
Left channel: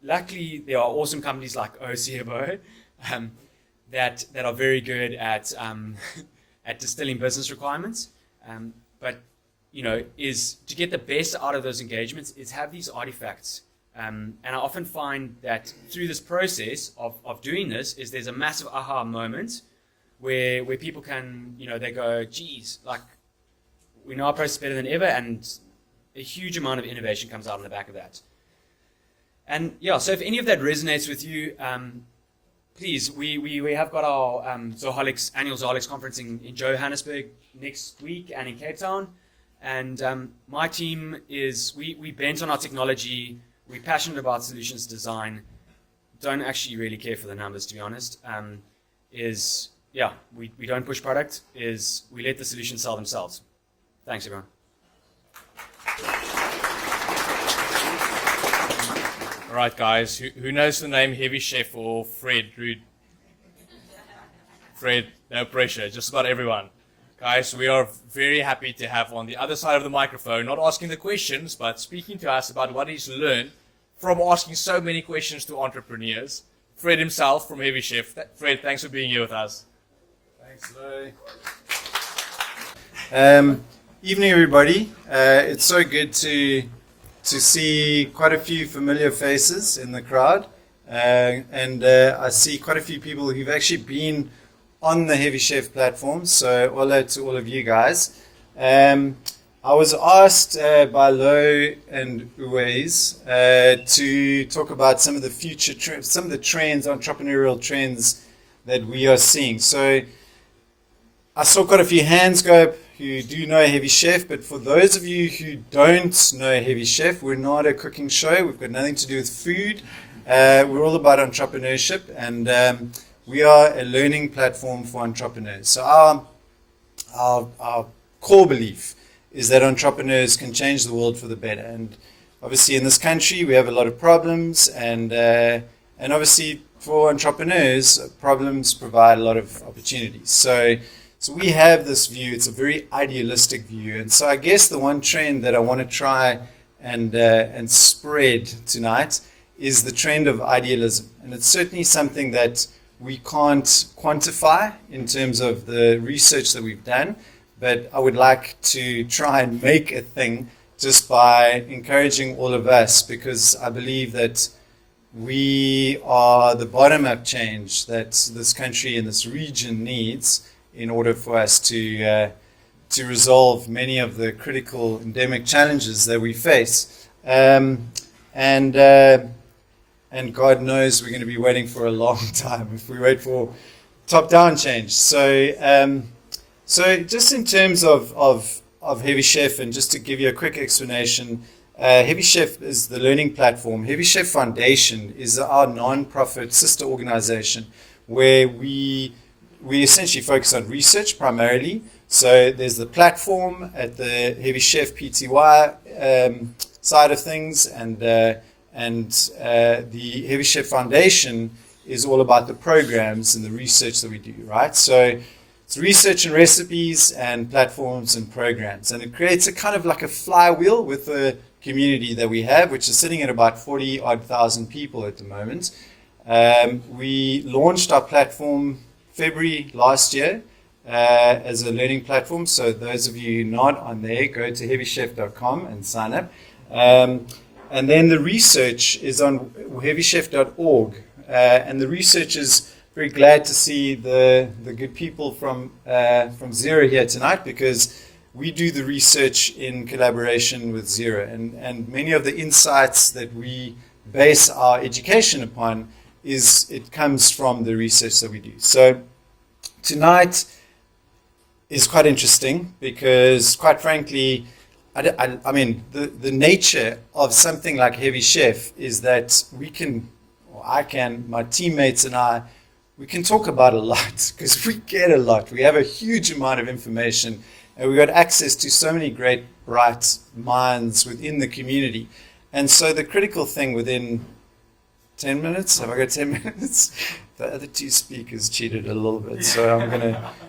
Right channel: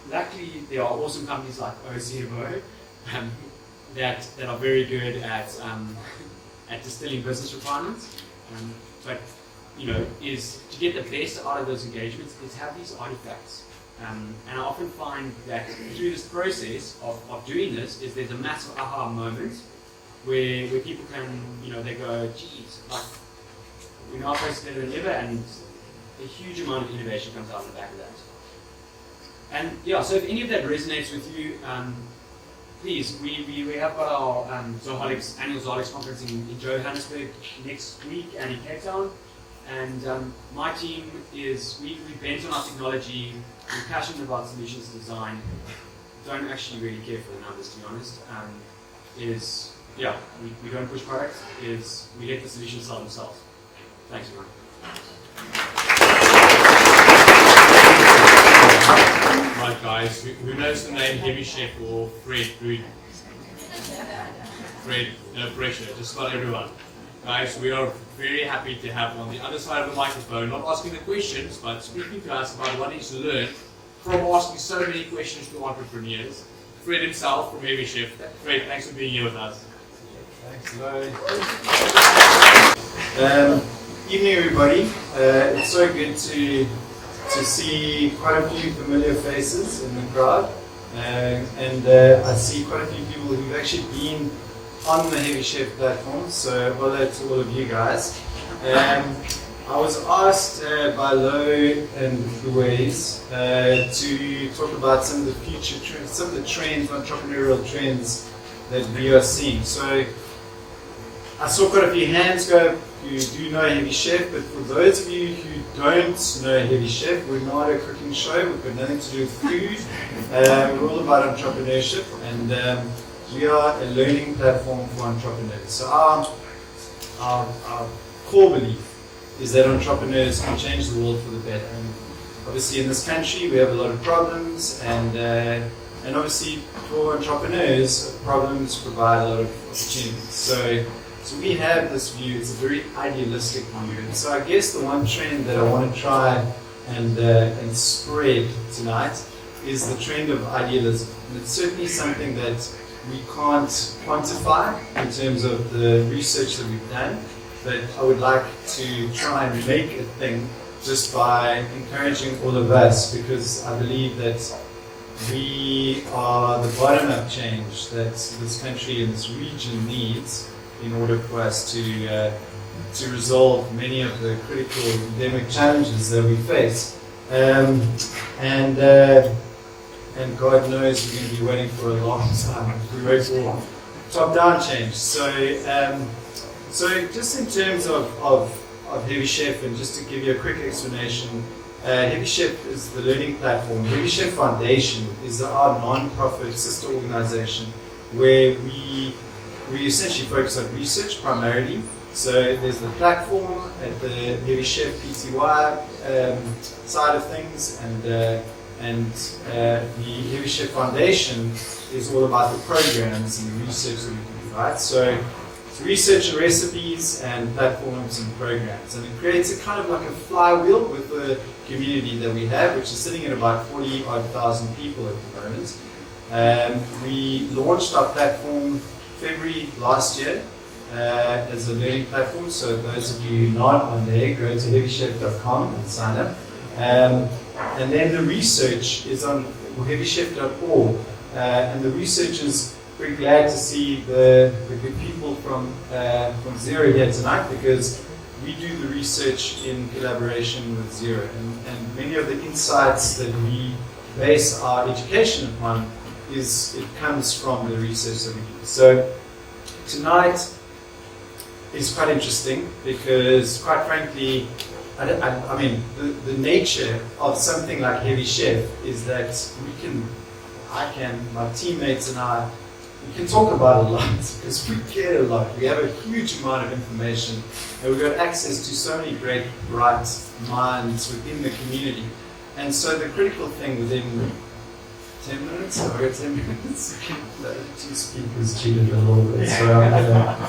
Luckily, there are awesome companies like OCMO that are very good at distilling business requirements. But is to get the best out of those engagements is have these artifacts. And I often find that through this process of doing this, is there's a massive aha moment where people can, they go, geez, like we know our process better than ever, and a huge amount of innovation comes out of the back of that. And yeah, so if any of that resonates with you, please, we have got our Zoholics, annual Zoholics conference in Johannesburg next week and in Cape Town. And my team we bent on our technology, we're passionate about solutions design, don't actually really care for the numbers, to be honest. We don't push product, we let the solutions sell themselves. Thanks, everyone. Right, guys, who knows the name Heavy Chef or Fred? Fred, no pressure, just about everyone. Guys, we are very happy to have on the other side of the microphone, not asking the questions, but speaking to us about what he's learned from asking so many questions to entrepreneurs. Fred himself from Heavy Chef. Fred, thanks for being here with us. Evening, everybody. It's so good to see quite a few familiar faces in the crowd, and I see quite a few people who've actually been on the Heavy Chef platform. So hello to all of you guys. I was asked by Lo and Louise to talk about some of the future trends, some of the trends, entrepreneurial trends that we are seeing. So I saw quite a few hands go up. You do know Heavy Chef, but for those of you who don't know Heavy Chef, we're not a cooking show. We've got nothing to do with food. We're all about entrepreneurship, and we are a learning platform for entrepreneurs. So our core belief is that entrepreneurs can change the world for the better. And obviously in this country we have a lot of problems, and obviously for entrepreneurs, problems provide a lot of opportunities. So we have this view. It's a very idealistic view. And so I guess the one trend that I want to try and spread tonight is the trend of idealism. And it's certainly something that we can't quantify in terms of the research that we've done, but I would like to try and make a thing just by encouraging all of us, because I believe that we are the bottom-up change that this country and this region needs in order for us to resolve many of the critical endemic challenges that we face. And God knows we're going to be waiting for a long time if we wait for top-down change. So just in terms of Heavy Chef, and just to give you a quick explanation, Heavy Chef is the learning platform. Heavy Chef Foundation is our non-profit sister organization where we essentially focus on research primarily. So there's the platform at the Heavy Chef PTY side of things, and the Heavy Chef Foundation is all about the programs and the research that we do, right? So it's research and recipes and platforms and programs, and it creates a kind of like a flywheel with the community that we have, which is sitting at about 40,000 people at the moment. We launched our platform February last year as a learning platform. So those of you not on there, go to heavychef.com and sign up. And then the research is on heavychef.org, and the research is very glad to see the good people from Zero here tonight, because we do the research in collaboration with Zero, and many of the insights that we base our education upon it comes from the research that we do. So tonight is quite interesting because, quite frankly, I mean, the nature of something like Heavy Chef is that my teammates and I, we can talk about a lot because we get a lot. We have a huge amount of information, and we've got access to so many great, bright minds within the community. And so the critical thing within 10 minutes, have I got 10 minutes? The other two speakers cheated a little bit, so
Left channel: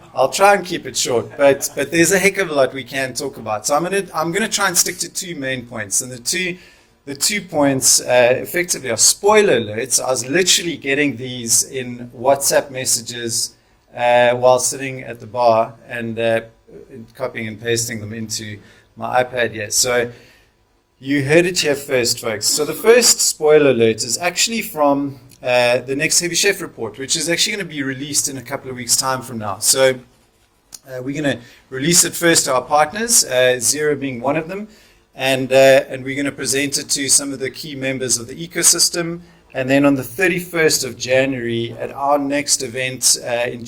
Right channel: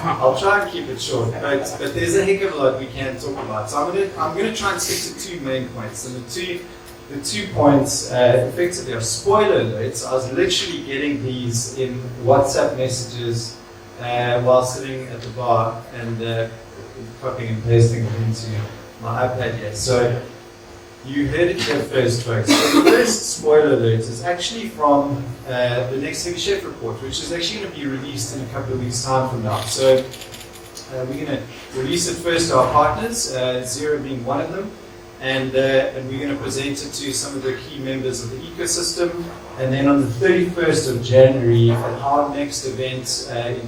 I'll try and keep it short. But there's a heck of a lot we can talk about. So I'm gonna try and stick to two main points, and the two points effectively are spoiler alerts. I was literally getting these in WhatsApp messages while sitting at the bar and copying and pasting them into my iPad here. So you heard it here first, folks. So the first spoiler alert is actually from the next Heavy Chef report, which is actually going to be released in a couple of weeks' time from now. So we're going to release it first to our partners, Zero being one of them, and we're going to present it to some of the key members of the ecosystem. And then on the 31st of January, at our next event in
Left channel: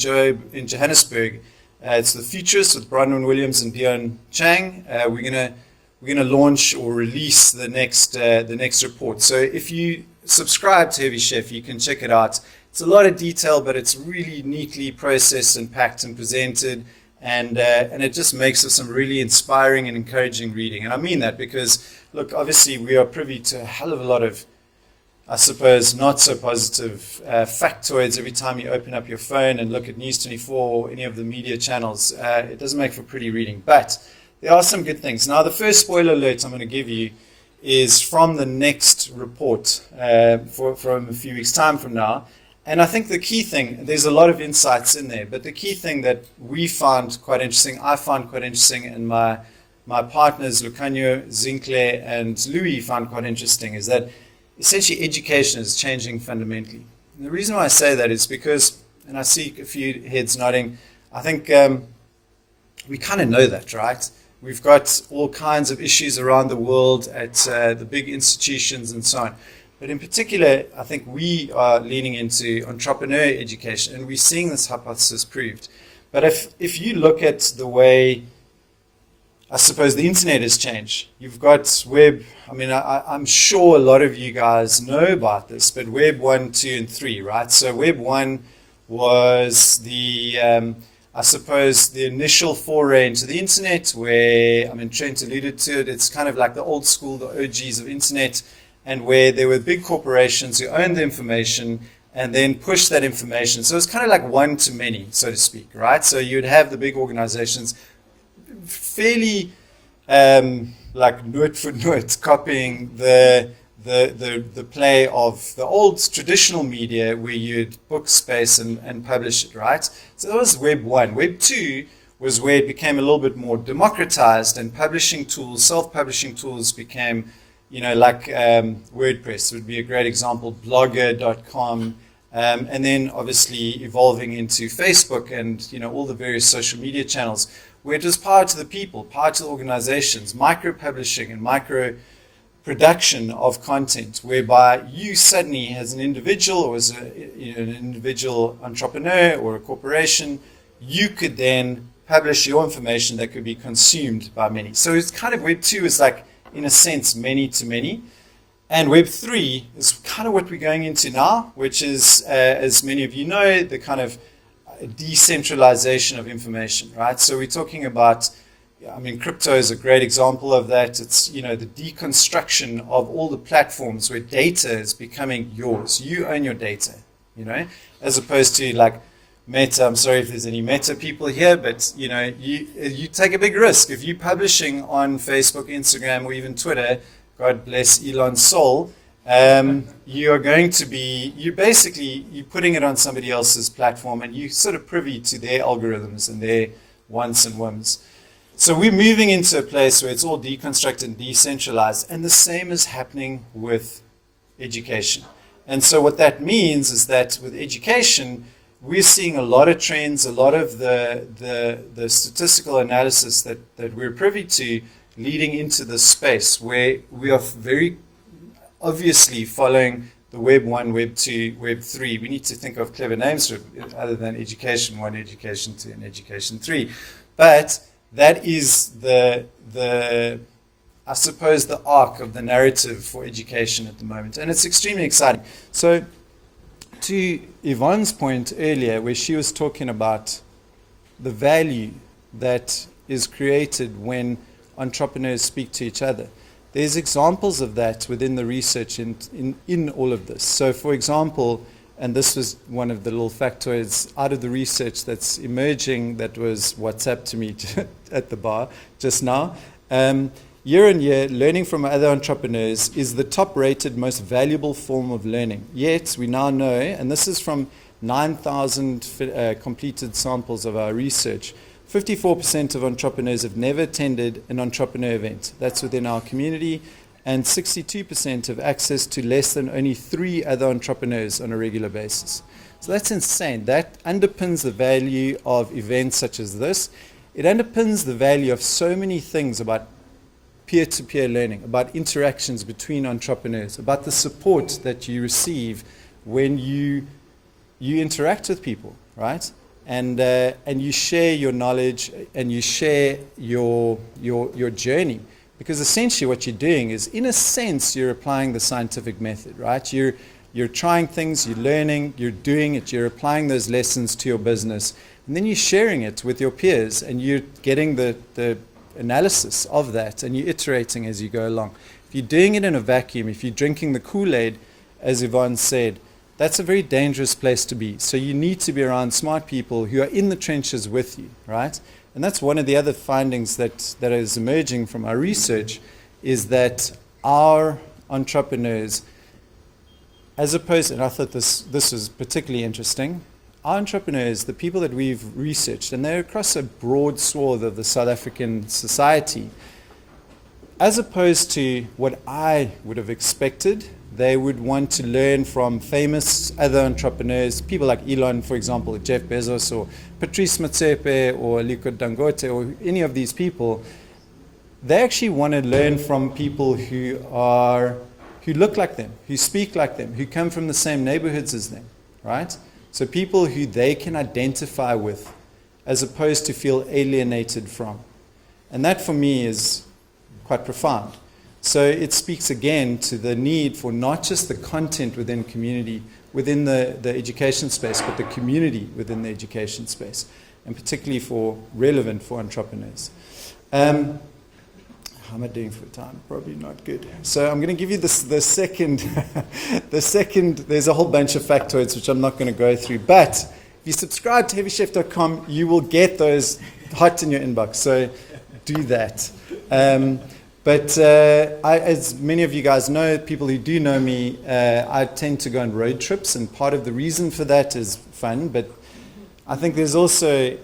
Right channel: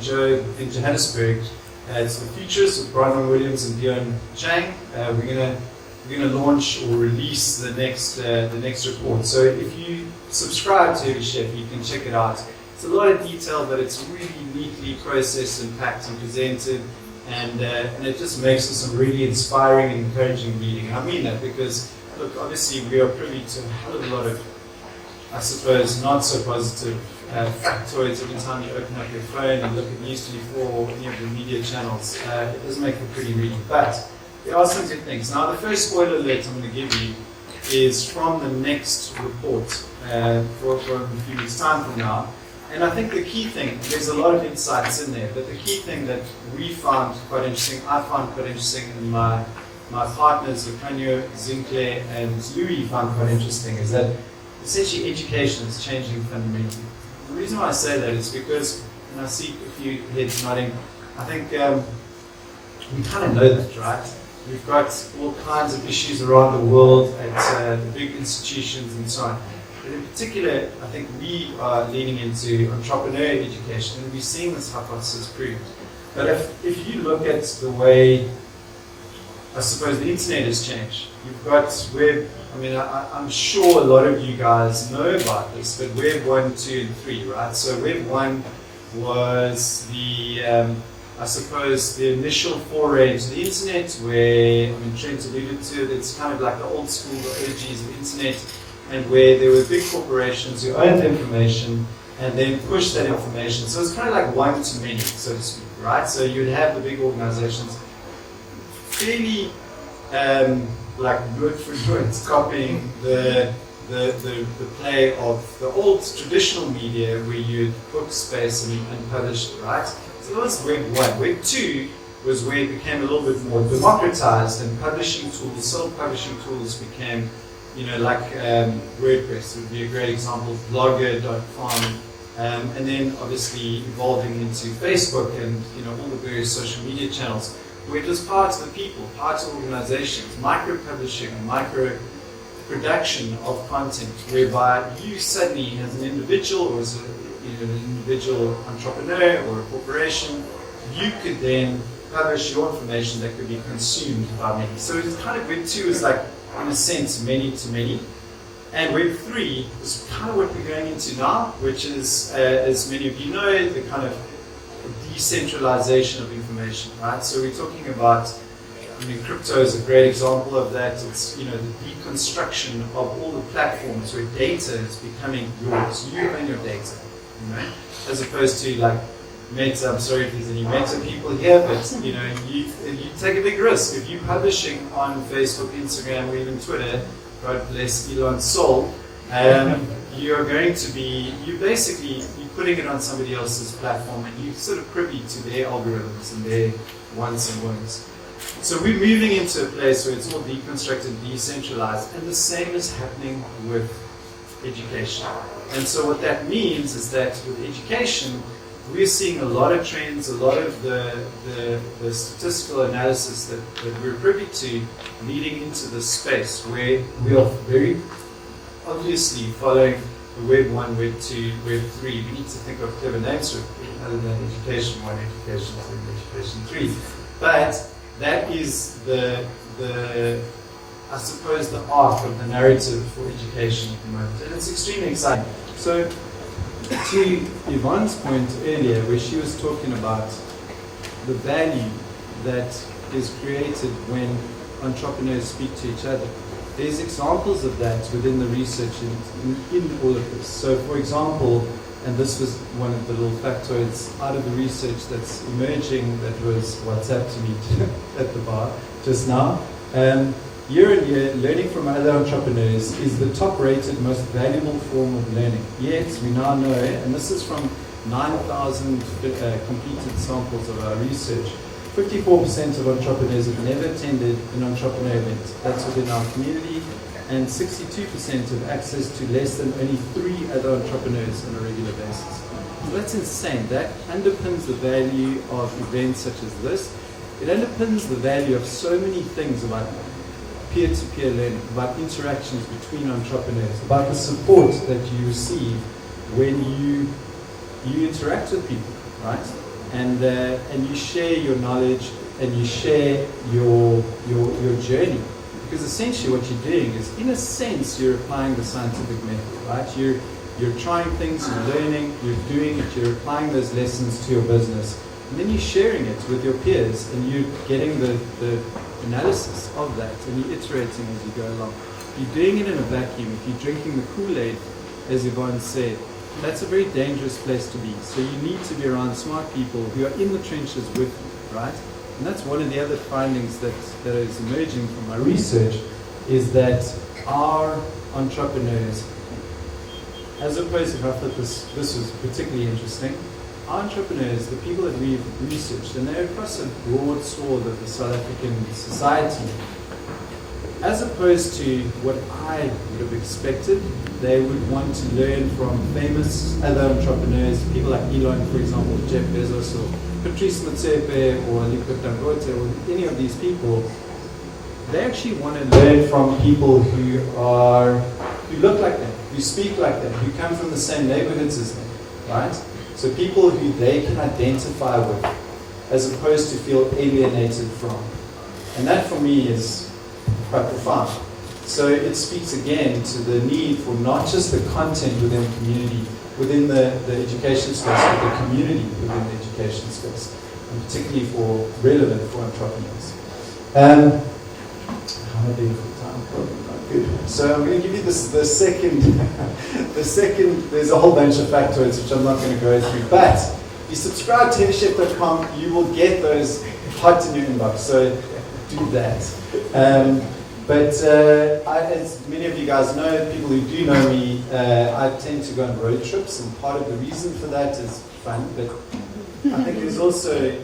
Johannesburg, it's the Futures with Bronwyn Williams and Dion Chang. We're going to launch or release the next report. So if you subscribe to Heavy Chef, you can check it out. It's a lot of detail, but it's really neatly processed and packed and presented, and it just makes it some really inspiring and encouraging reading. And I mean that because, look, obviously we are privy to a hell of a lot of, I suppose, not so positive factoids every time you open up your phone and look at News 24 or any of the media channels. It doesn't make for pretty reading, but there are some good things. Now, the first spoiler alert I'm going to give you is from the next report from a few weeks' time from now. And I think the key thing, there's a lot of insights in there, but the key thing that we found quite interesting, I found quite interesting, and my partners, Lucanio, Zinkler, and Louis found quite interesting, is that essentially education is changing fundamentally. And the reason why I say that is because, and I see a few heads nodding, I think we kind of know that, right? We've got all kinds of issues around the world at the big institutions and so on. But in particular, I think we are leaning into entrepreneur education, and we're seeing this hypothesis proved. But if you look at the way, I suppose, the internet has changed, you've got web, I mean, I'm sure a lot of you guys know about this, but Web 1, 2, and 3, right? So Web 1 was the, I suppose, the initial foray into the internet where, I mean, Trent alluded to it, it's kind of like the old school, the OGs of internet, and where there were big corporations who owned the information and then pushed that information. So it's kind of like one to many, so to speak, right? So you'd have the big organizations fairly like word for word copying the play of the old traditional media where you'd book space and publish it, right? So that was Web 1. Web 2 was where it became a little bit more democratized, and publishing tools, self-publishing tools became, you know, like WordPress would be a great example, blogger.com, and then obviously evolving into Facebook and, you know, all the various social media channels, where it was power to the people, power to the organizations, micro-publishing and micro-production of content, whereby you suddenly, as an individual or as an individual entrepreneur or a corporation, you could then publish your information that could be consumed by many. So it's kind of Web 2 is like, in a sense, many to many. And Web 3 is kind of what we're going into now, which is, as many of you know, the kind of decentralization of information, right? So we're talking about, I mean, crypto is a great example of that. It's, you know, the deconstruction of all the platforms where data is becoming yours. You own your data, you know, as opposed to like Meta. I'm sorry if there's any Meta people here, but you know, you take a big risk if you're publishing on Facebook, Instagram, or even Twitter. God bless Elon's soul. You are going to be, you're putting it on somebody else's platform, and you're sort of privy to their algorithms and their wants and whims. So we're moving into a place where it's all deconstructed and decentralized, and the same is happening with education. And so what that means is that with education, we're seeing a lot of trends, a lot of the statistical analysis that we're privy to leading into this space where we are very obviously following the Web 1, Web 2, Web 3. We need to think of clever names for it other than Education 1, Education 2, and Education 3. But that is the I suppose, the arc of the narrative for education at the moment. And it's extremely exciting. So to Yvonne's point earlier, where she was talking about the value that is created when entrepreneurs speak to each other, there's examples of that within the research in all of this. So for example, and this was one of the little factoids out of the research that's emerging that was WhatsApp to me at the bar just now. Year on year, learning from other entrepreneurs is the top-rated, most valuable form of learning. Yet, we now know, and this is from 9,000 completed samples of our research, 54% of entrepreneurs have never attended an entrepreneur event. That's within our community. And 62% have access to less than only 3 other entrepreneurs on a regular basis. So that's insane. That underpins the value of events such as this. It underpins the value of so many things about peer-to-peer learning, about interactions between entrepreneurs, about the support that you receive when you interact with people, right? And you share your knowledge and you share your journey. Because essentially what you're doing is, in a sense, you're applying the scientific method, right? You're trying things, you're learning, you're doing it, you're applying those lessons to your business. And then you're sharing it with your peers and you're getting the analysis of that and you're iterating as you go along. If you're doing it in a vacuum, if you're drinking the Kool-Aid, as Yvonne said, that's a very dangerous place to be. So you need to be around smart people who are in the trenches with you, right? And that's one of the other findings that is emerging from our research, is that our entrepreneurs as opposed, and I thought this was particularly interesting, our entrepreneurs, the people that we've researched, and they're across a broad swath of the South African society, as opposed to what I would have expected, they would want to learn from famous other entrepreneurs, people like Elon, for example, Jeff Bezos, or Patrice Motsepe, or Aliko Dangote, or any of these people. They actually want to learn from people who look like them, who speak like them, who come from the same neighborhoods as them, right? So people who they can identify with, as opposed to feel alienated from. And that for me is quite profound. So it speaks again to the need for not just the content within the community, within the education space, but the community within the education space, and particularly relevant for entrepreneurs. How am I doing for time? Probably not good. So I'm going to give you the second, there's a whole bunch of factoids which I'm not going to go through, but if you subscribe to headchef.com, you will get those hot in your inbox, so do that. As many of you guys know, people who do know me, I tend to go on road trips, and part of the reason for that is fun, but I think there's also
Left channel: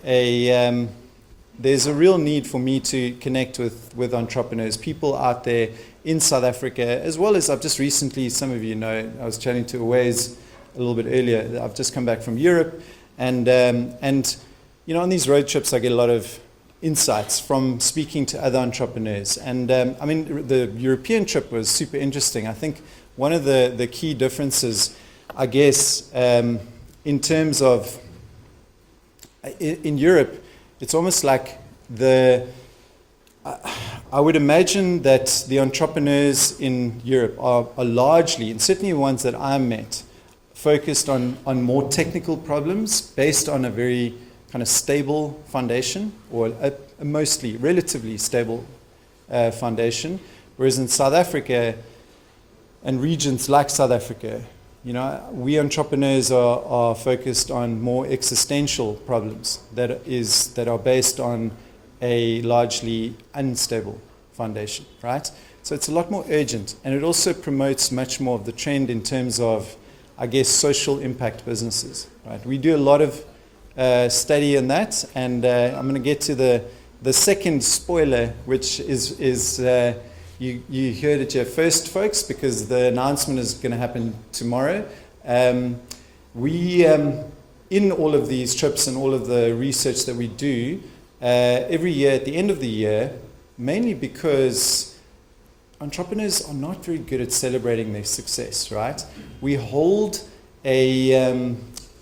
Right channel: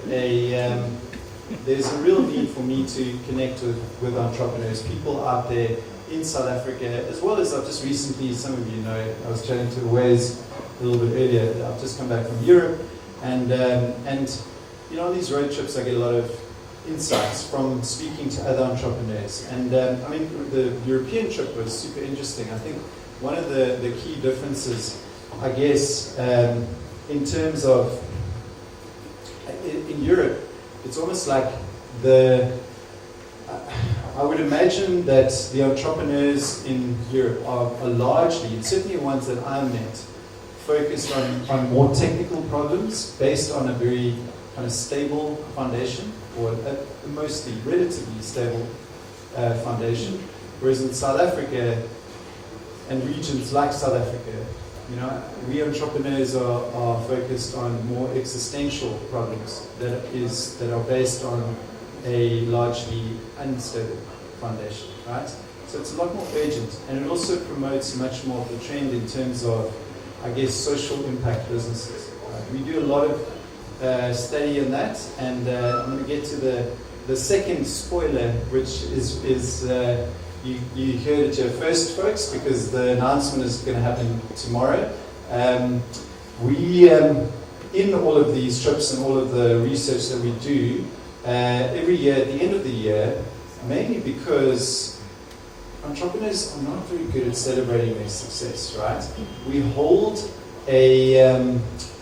there's a real need for me to connect with entrepreneurs, people out there in South Africa, as well as I've just recently, some of you know, I was chatting to Wes a little bit earlier, I've just come back from Europe, and you know, on these road trips I get a lot of insights from speaking to other entrepreneurs. And I mean, the European trip was super interesting. I think one of the key differences, I guess, in terms of, in Europe, it's almost like I would imagine that the entrepreneurs in Europe are largely, and certainly the ones that I met, focused on more technical problems based on a very kind of stable foundation, or a mostly relatively stable foundation, whereas in South Africa and regions like South Africa, you know, we entrepreneurs are focused on more existential problems that are based on a largely unstable foundation, right? So it's a lot more urgent, and it also promotes much more of the trend in terms of, I guess, social impact businesses. Right? We do a lot of study in that, and I'm going to get to the second spoiler, which is you heard it here first, folks, because the announcement is going to happen tomorrow. We in all of these trips and all of the research that we do every year at the end of the year, mainly because entrepreneurs are not very good at celebrating their success, right? We hold a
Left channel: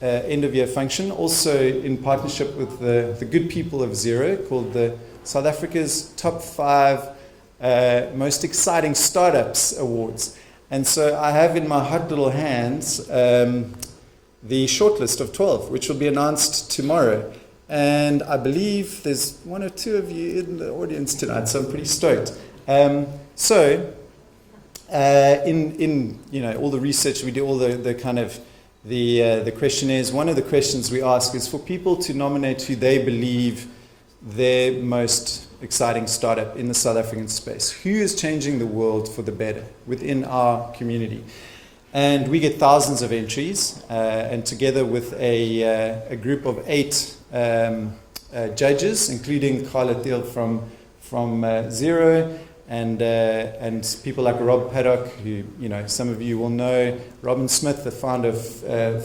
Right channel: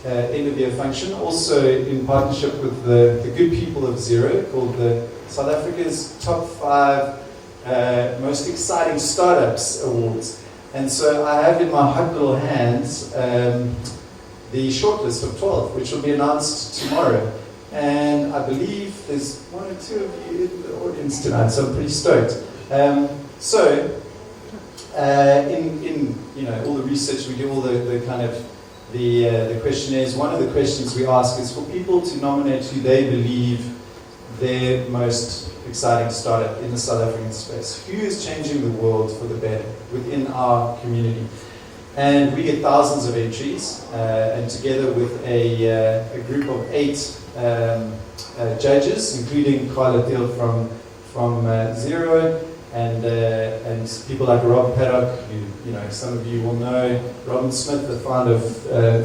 end of year function, also in partnership with the good people of Zero, called the South Africa's Top 5 Most Exciting Startups Awards. And so I have in my hot little hands the shortlist of 12, which will be announced tomorrow. And I believe there's one or two of you in the audience tonight, so I'm pretty stoked. In you know, all the research we do, all the kind of the questionnaires, one of the questions we ask is for people to nominate who they believe their most exciting startup in the South African space. Who is changing the world for the better within our community? And we get thousands of entries, and together with a group of 8 judges, including Carla Thiel from Zero, and people like Rob Paddock, who, you know, some of you will know, Robin Smith, the founder of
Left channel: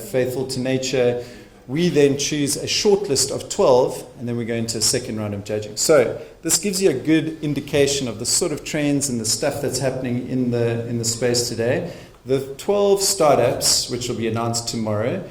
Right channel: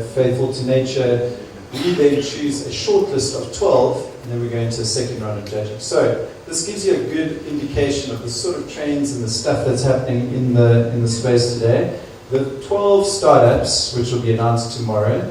Faithful to Nature. We then choose a short list of 12, and then we go into a second round of judging. So this gives you a good indication of the sort of trends and the stuff that's happening in the space today. The 12 startups, which will be announced tomorrow,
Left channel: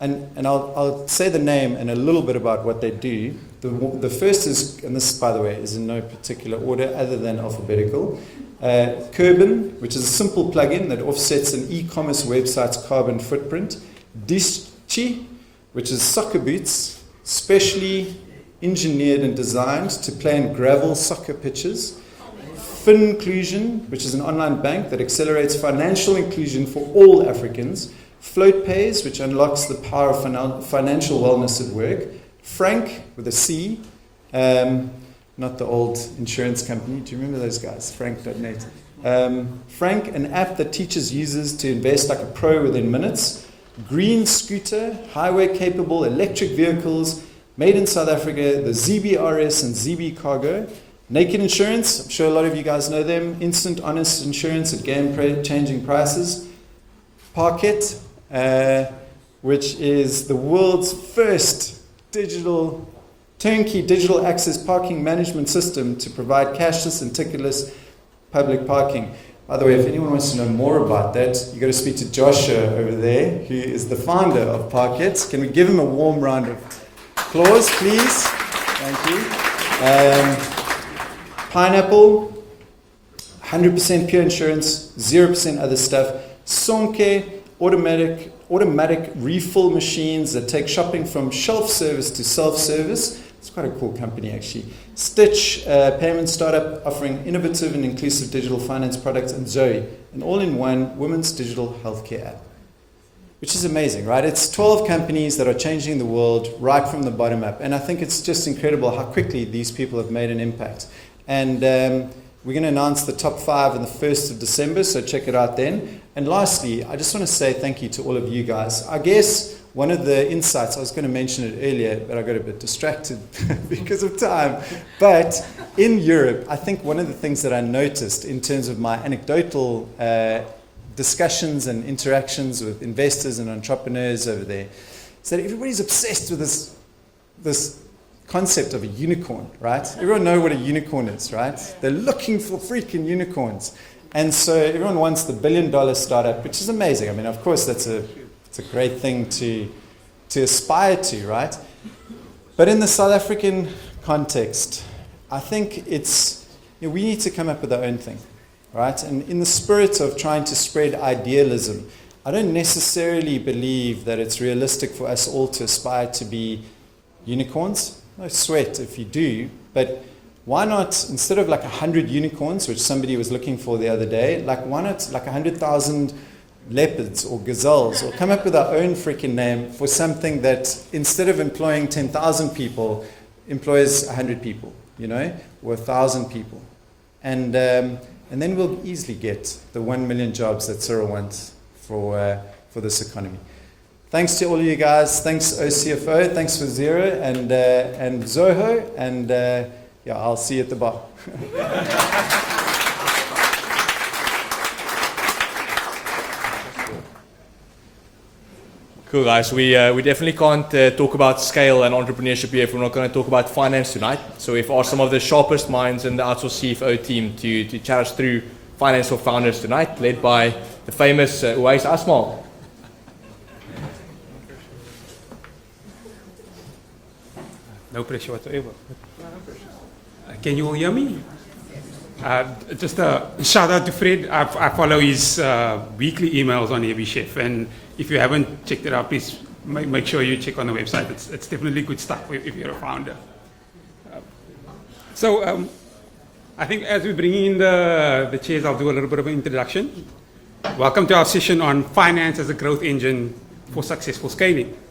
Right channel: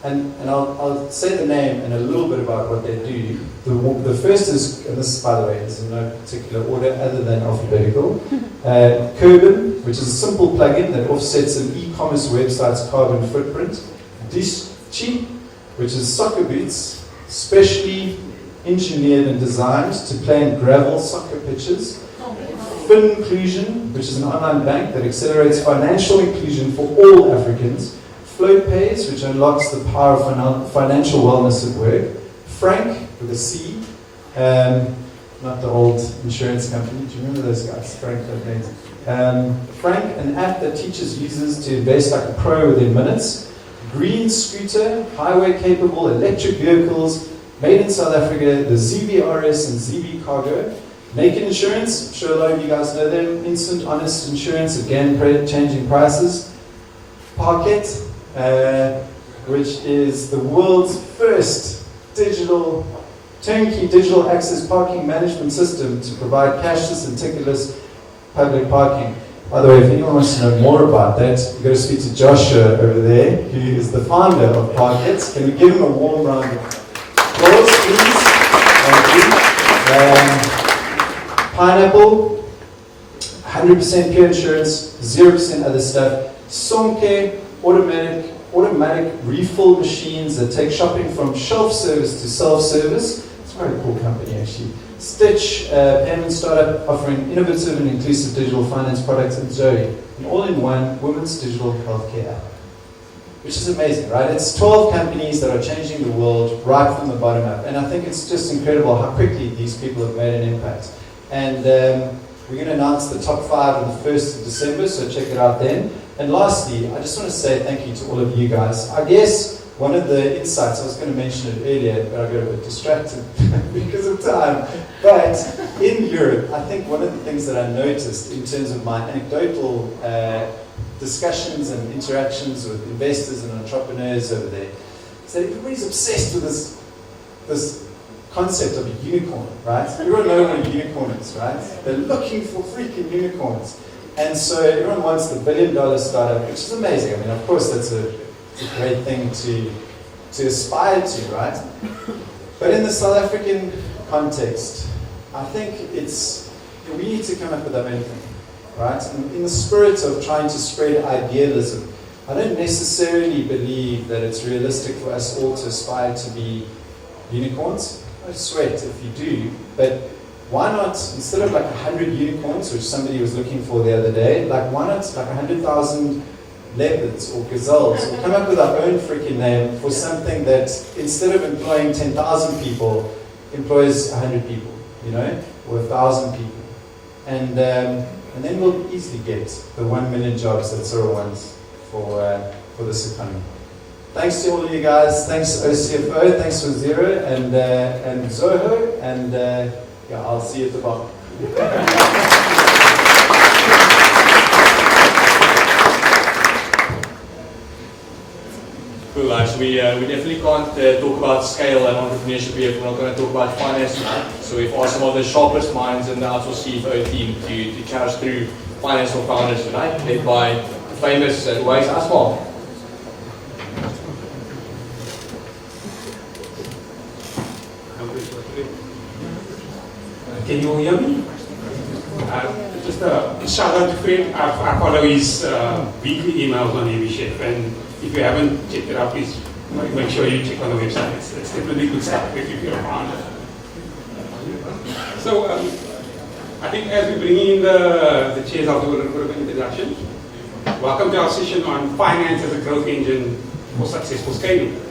and I'll say the name and a little bit about what they do. The first is, and this, by the way, is in no particular order other than alphabetical, Curbon, which is a simple plugin that offsets an e-commerce website's carbon footprint. Dischi, which is soccer boots, specially engineered and designed to play in gravel soccer pitches. Finclusion, which is an online bank that accelerates financial inclusion for all Africans. FlowPays, which unlocks the power of financial wellness at work. Frank, with a C, not the old insurance company. Do you remember those guys? Frank.net. Frank, an app that teaches users to invest like a pro within minutes. Green scooter, highway capable electric vehicles, made in South Africa, the ZBRS and ZB Cargo. Naked Insurance, I'm sure a lot of you guys know them. Instant honest insurance, again, changing prices. Parket, which is the world's first turnkey digital access parking management system to provide cashless and ticketless public parking. By the way, if anyone wants to know more about that, you've got to speak to Joshua over there, who is the founder of Parket. Can we give him a warm round of applause, please? Thank you. Pineapple, 100% pure insurance, 0% other stuff. Sonke, automatic refill machines that take shopping from shelf service to self-service. It's quite a cool company, actually. Stitch, payment startup offering innovative and inclusive digital finance products, and Zoe, an all-in-one women's digital healthcare app. Which is amazing, right? It's 12 companies that are changing the world right from the bottom up. And I think it's just incredible how quickly these people have made an impact. And we're going to announce the top 5 on the 1st of December, so check it out then. And lastly, I just want to say thank you to all of you guys. I guess one of the insights, I was going to mention it earlier, but I got a bit distracted because of time. But in Europe, I think one of the things that I noticed in terms of my anecdotal discussions and interactions with investors and entrepreneurs over there is that everybody's obsessed with this concept of a unicorn, right? Everyone knows what a unicorn is, right? They're looking for freaking unicorns. And so everyone wants the $1 billion startup, which is amazing. I mean, of course, it's a great thing to aspire to, right? But in the South African context, I think we need to come up with our own thing, right? And in the spirit of trying to spread idealism, I don't necessarily believe that it's realistic for us all to aspire to be unicorns. No sweat if you do, but why not, instead of like 100 unicorns, which somebody was looking for the other day, like why not like 100,000 leopards or gazelles, or come up with our own freaking name for something that instead of employing 10,000 people, employs 100 people, you know, or 1,000 people. And then we'll easily get the 1 million jobs that Cyril wants for this economy. Thanks to all of you guys. Thanks OCFO. Thanks to Zero and Zoho. And yeah, I'll see you at the bottom. Cool guys, we definitely can't talk about scale and entrepreneurship here if we're not going to talk about finance tonight. So we've asked some of the sharpest minds in the outsourced CFO team to chat us through financial founders tonight, led by the famous Wais Asmal. No pressure whatsoever. Can you all hear me? Just a shout out to Fred. I follow his weekly emails on Heavy Chef, and if you haven't checked it out, please make sure you check on the website. It's definitely good stuff if you're around it. So I think as we bring in the chairs, I'll do a little bit of an introduction. Welcome to our session on finance as a growth engine for successful scaling.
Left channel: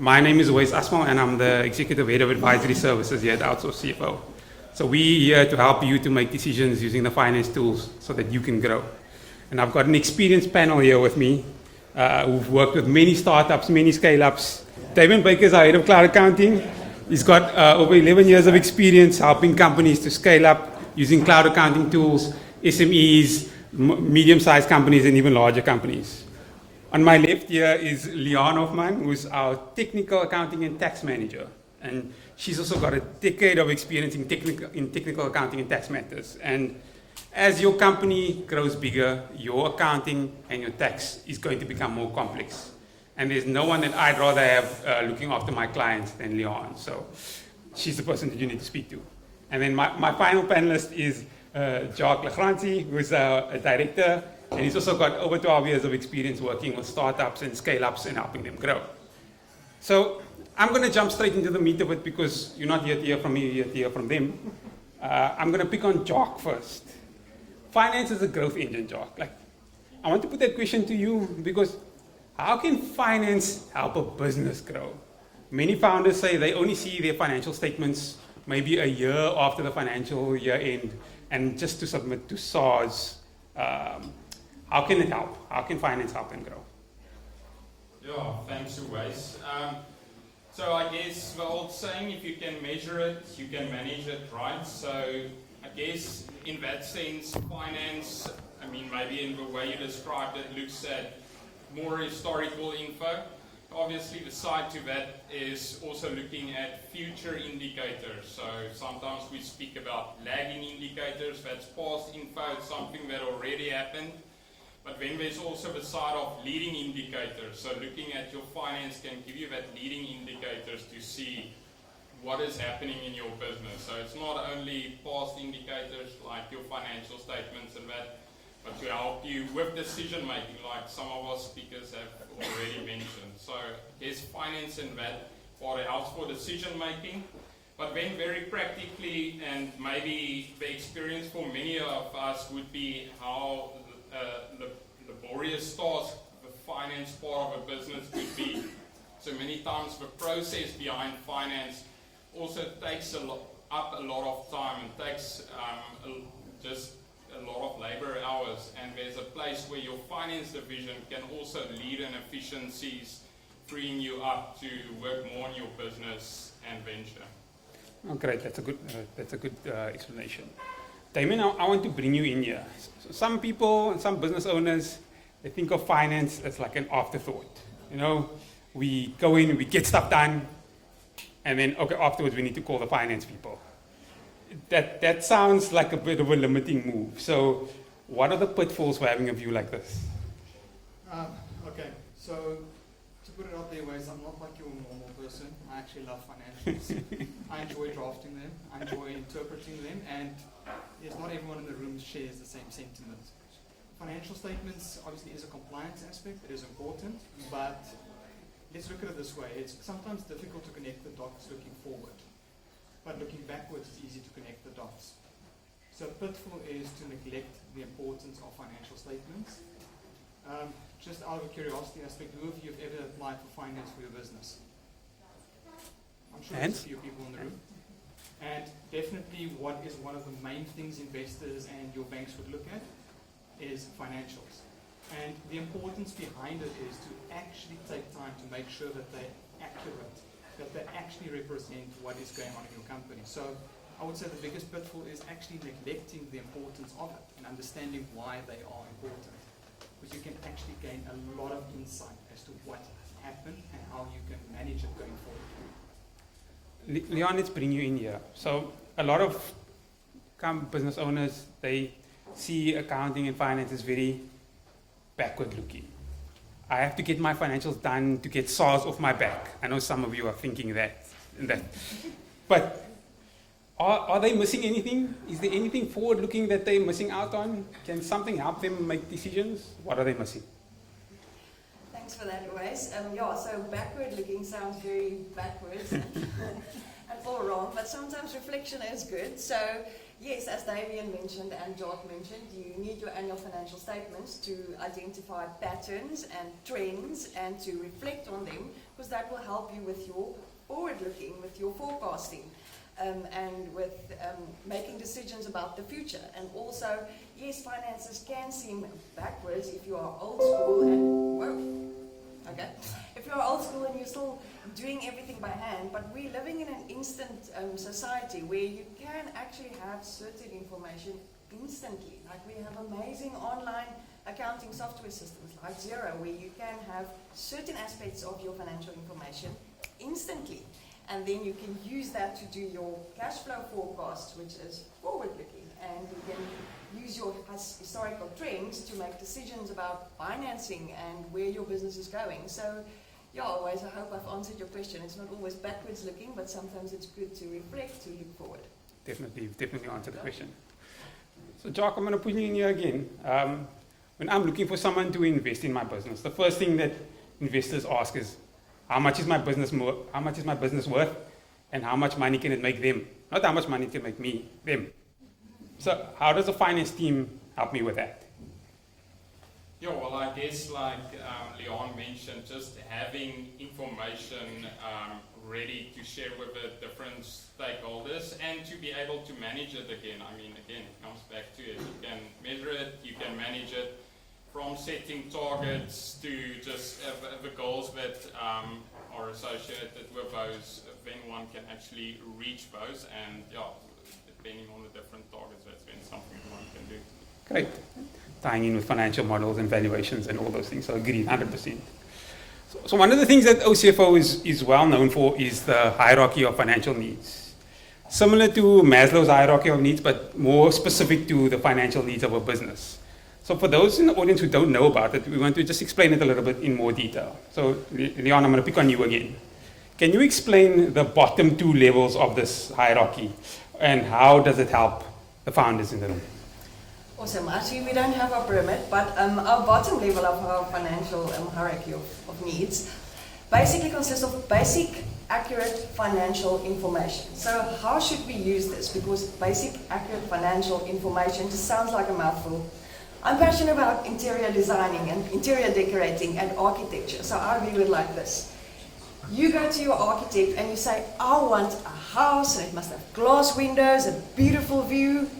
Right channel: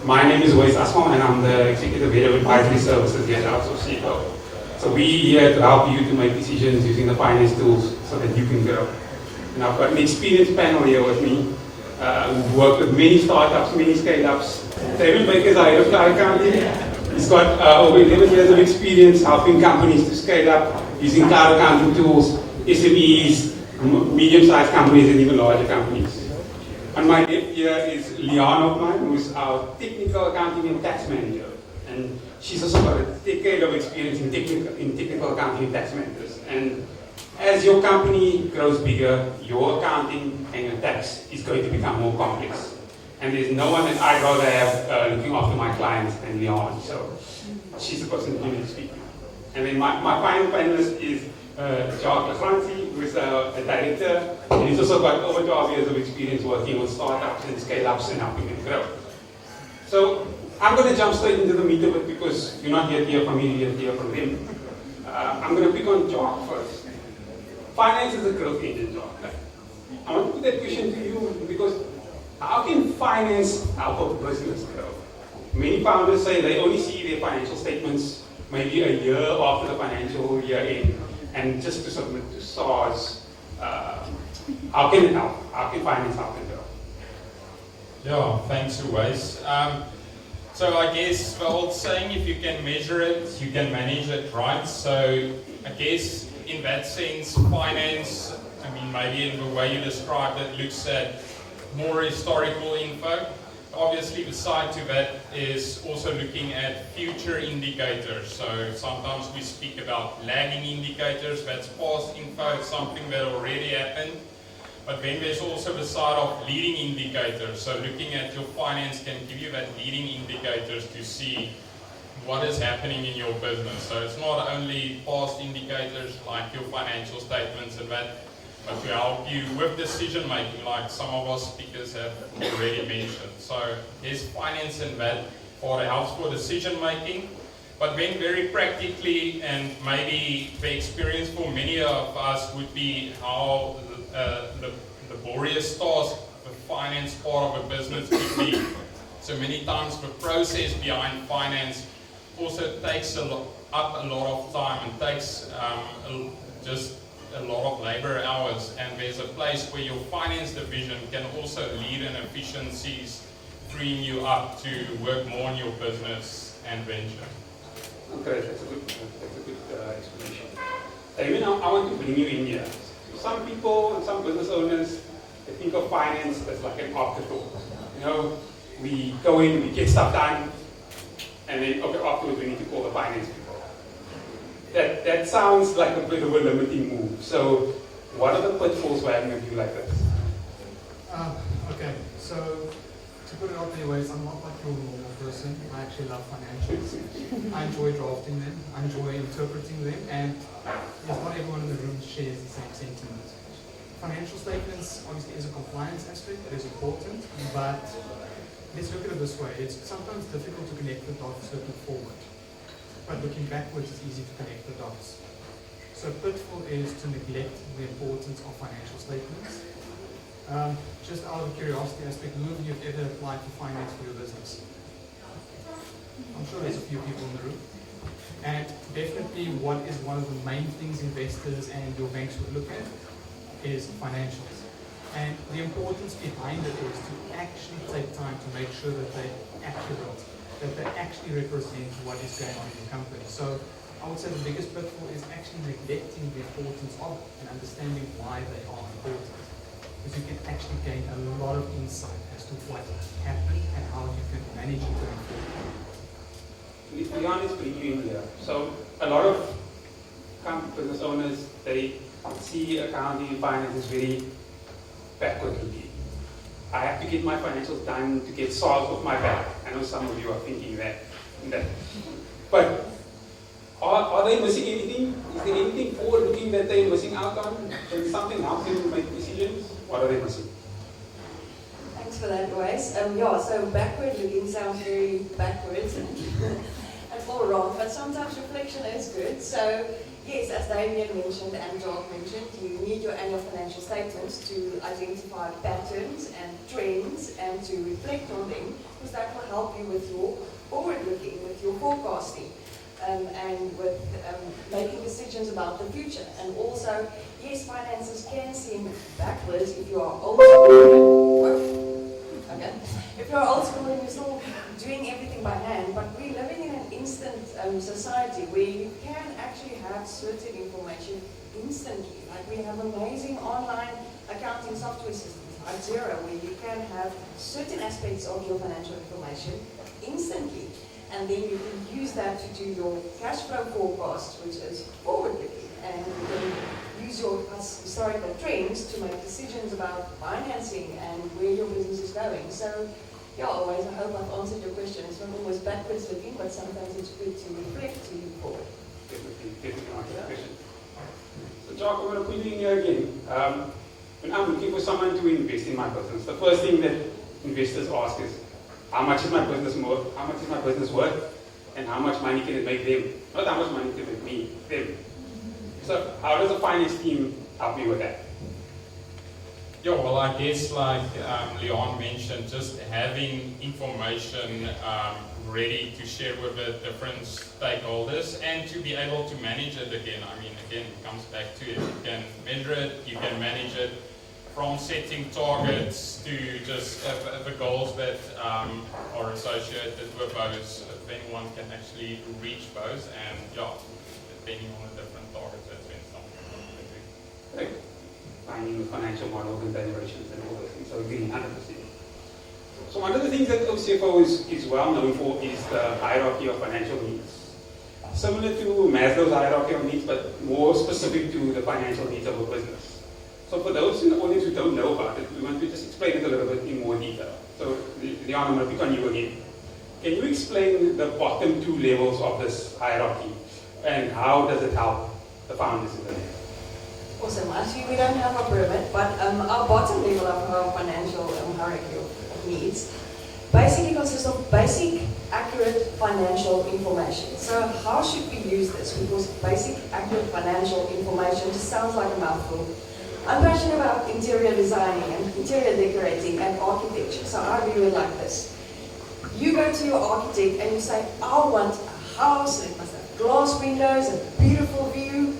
My name is Wais Asmal, and I'm the Executive Head of Advisory Services here at Outsource CFO. So we here to help you to make decisions using the finance tools so that you can grow. And I've got an experienced panel here with me who've worked with many startups, many scale-ups. David Baker is our Head of Cloud Accounting. He's got over 11 years of experience helping companies to scale up using cloud accounting tools, SMEs, medium-sized companies, and even larger companies. On my left here is Liana of mine, who is our technical accounting and tax manager. And she's also got a decade of experience in technical accounting and tax matters. And as your company grows bigger, your accounting and your tax is going to become more complex. And there's no one that I'd rather have looking after my clients than Liana. So she's the person that you need to speak to. And then my final panelist is Jacques Lagranti, who is a director, and he's also got over 12 years of experience working with startups and scale-ups and helping them grow. So I'm going to jump straight into the meat of it because you're not yet here from me, you're here from them. I'm going to pick on Jacques first. Finance is a growth engine, Jacques. I want to put that question to you because how can finance help a business grow? Many founders say they only see their financial statements maybe a year after the financial year end, and just to submit to SARS, how can it help? How can finance help and grow? Yeah, thanks, Uwais. So I guess the old saying, if you can measure it, you can manage it, right? So I guess in that sense, finance, I mean, maybe in the way you described it, looks at more historical info. Obviously, the side to that is also looking at future indicators. So sometimes we speak about lagging indicators, that's past info, it's something that already happened. But then there's also the side of leading indicators. So looking at your finance can give you that leading indicators to see what is happening in your business. So it's not only past indicators like your financial statements and that, but to help you with decision making, like some of our speakers have already mentioned. So there's finance in that part, it helps for decision making. But then very practically, and maybe the experience for many of us would be how the laborious task, the finance part of a business could be. So many times the process behind finance also takes up a lot of time and takes just a lot of labor hours, and there's a place where your finance division can also lead in efficiencies, freeing you up to work more on your business and venture. Okay, that's a good explanation. Damien, I want to bring you in here. Some people, some business owners, they think of finance as like an afterthought. You know, we go in, we get stuff done, and then okay, afterwards we need to call the finance people. That sounds like a bit of a limiting move. So, what are the pitfalls for having a view like this? Okay, so to put it out there, ways, I'm not like your normal person. I actually love financials. I enjoy drafting them. I enjoy interpreting them, and there's not everyone in the room shares the same sentiment. Financial statements obviously is a compliance aspect that is important, but let's look at it this way. It's sometimes difficult to connect the dots looking forward, but looking backwards is easy to connect the dots. So pitfall is to neglect the importance of financial statements. Just out of curiosity aspect, who of you have ever applied for finance for your business? I'm sure there's a few people in the room. And definitely what is one of the main things investors and your banks would look at is financials. And the importance behind it is to actually take time to make sure that they're accurate, that they actually represent what is going on in the company. So I would say the biggest pitfall is actually neglecting the importance of it and understanding why they are important. Because you can actually gain a lot of insight as to what happened and how you can manage it going forward. Leon, let's bring you in here. So a lot of business owners, they see accounting and finance as very backward looking. I have to get my financials done to get SARS off my back. I know some of you are thinking that. But are they missing anything? Is there anything forward looking that they're missing out on? Can something help them to make decisions? What are they missing? Thanks for that, Grace. So backward looking sounds very backwards and all wrong, but sometimes reflection is good. So yes, as Damien mentioned and John mentioned, you need your annual financial statements to identify patterns and trends and to reflect on them, because that will help you with your forward looking, with your forecasting, and with making decisions about the future. And also, yes, finances can seem backwards if you are old school. If you are old school and you're still doing everything by hand, but we're living in an instant society where you can actually have certain information instantly. Like we have amazing online accounting software systems like Xero, where you can have certain aspects of your financial information instantly. And then you can use that to do your cash flow forecast, which is forward-looking, and you can use your historical trends to make decisions about financing and where your business is going. So, yeah, always, I hope I've answered your question. It's not always backwards looking, but sometimes it's good to reflect to move forward. Definitely answered the question. So, Jock, I'm going to put you in here again. When I'm looking for someone to invest in my business, the first thing that investors ask is, how much is my business worth? How much is my business worth? And how much money can it make them? Not how much money can it make me, them. So how does the finance team help me with that? Yeah, well, I guess like Leon mentioned, just having information ready to share with the different stakeholders and to be able to manage it again. I mean, again, it comes back to it. You can measure it, you can manage it, from setting targets to just the goals that are associated with those. If anyone can actually reach those, and yeah, depending on the different targets, that's when something one can do. Great. Tying in with financial models and valuations and all those things. So agree, 100%. So one of the things that OCFO is well known for is the hierarchy of financial needs. Similar to Maslow's hierarchy of needs, but more specific to the financial needs of a business. So for those in the audience who don't know about it, we want to just explain it a little bit in more detail. So Leon, I'm going to pick on you again. Can you explain the bottom two levels of this hierarchy and how does it help the founders in the room? Awesome. Actually, we don't have a pyramid, but our bottom level of our financial hierarchy of needs basically consists of basic, accurate financial information. So how should we use this? Because basic, accurate financial information just sounds like a mouthful. I'm passionate about interior designing and interior decorating and architecture, so I view it like this. You go to your architect and you say, I want a house, and it must have glass windows, a beautiful view,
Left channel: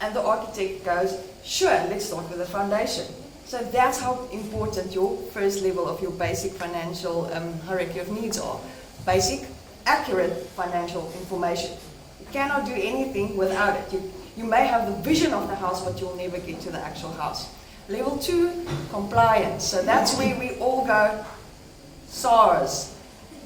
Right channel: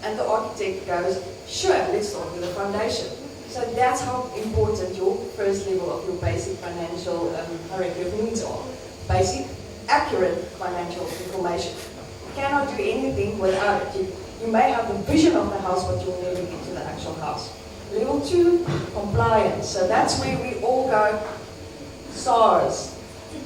and the architect goes, sure, let's start with the foundation. So that's how important your first level of your basic financial hierarchy of needs are. Basic, accurate financial information. You cannot do anything without it. You may have the vision of the house, but you'll never get to the actual house. Level 2, compliance. So that's where we all go, SARS,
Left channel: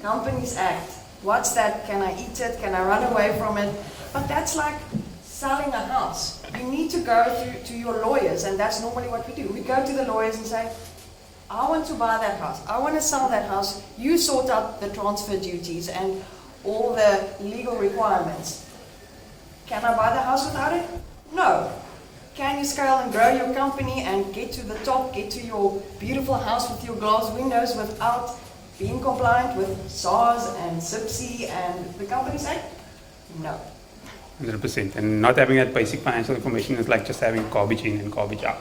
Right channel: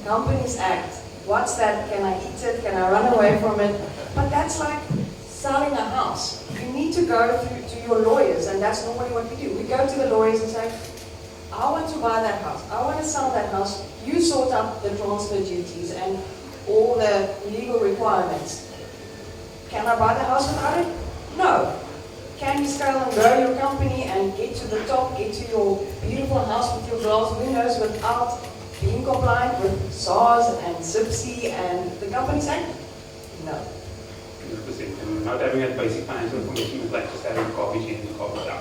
Companies Act. What's that? Can I eat it? Can I run away from it? But that's like selling a house. You need to go to your lawyers, and that's normally what we do. We go to the lawyers and say, I want to buy that house. I want to sell that house. You sort out the transfer duties and all the legal requirements. Can I buy the house without it? No. Can you scale and grow your company and get to the top, get to your beautiful house with your glass windows without being compliant with SARS and SIPC and the Companies Act? No. 100%. And not having that basic financial information is like just having garbage in and garbage out.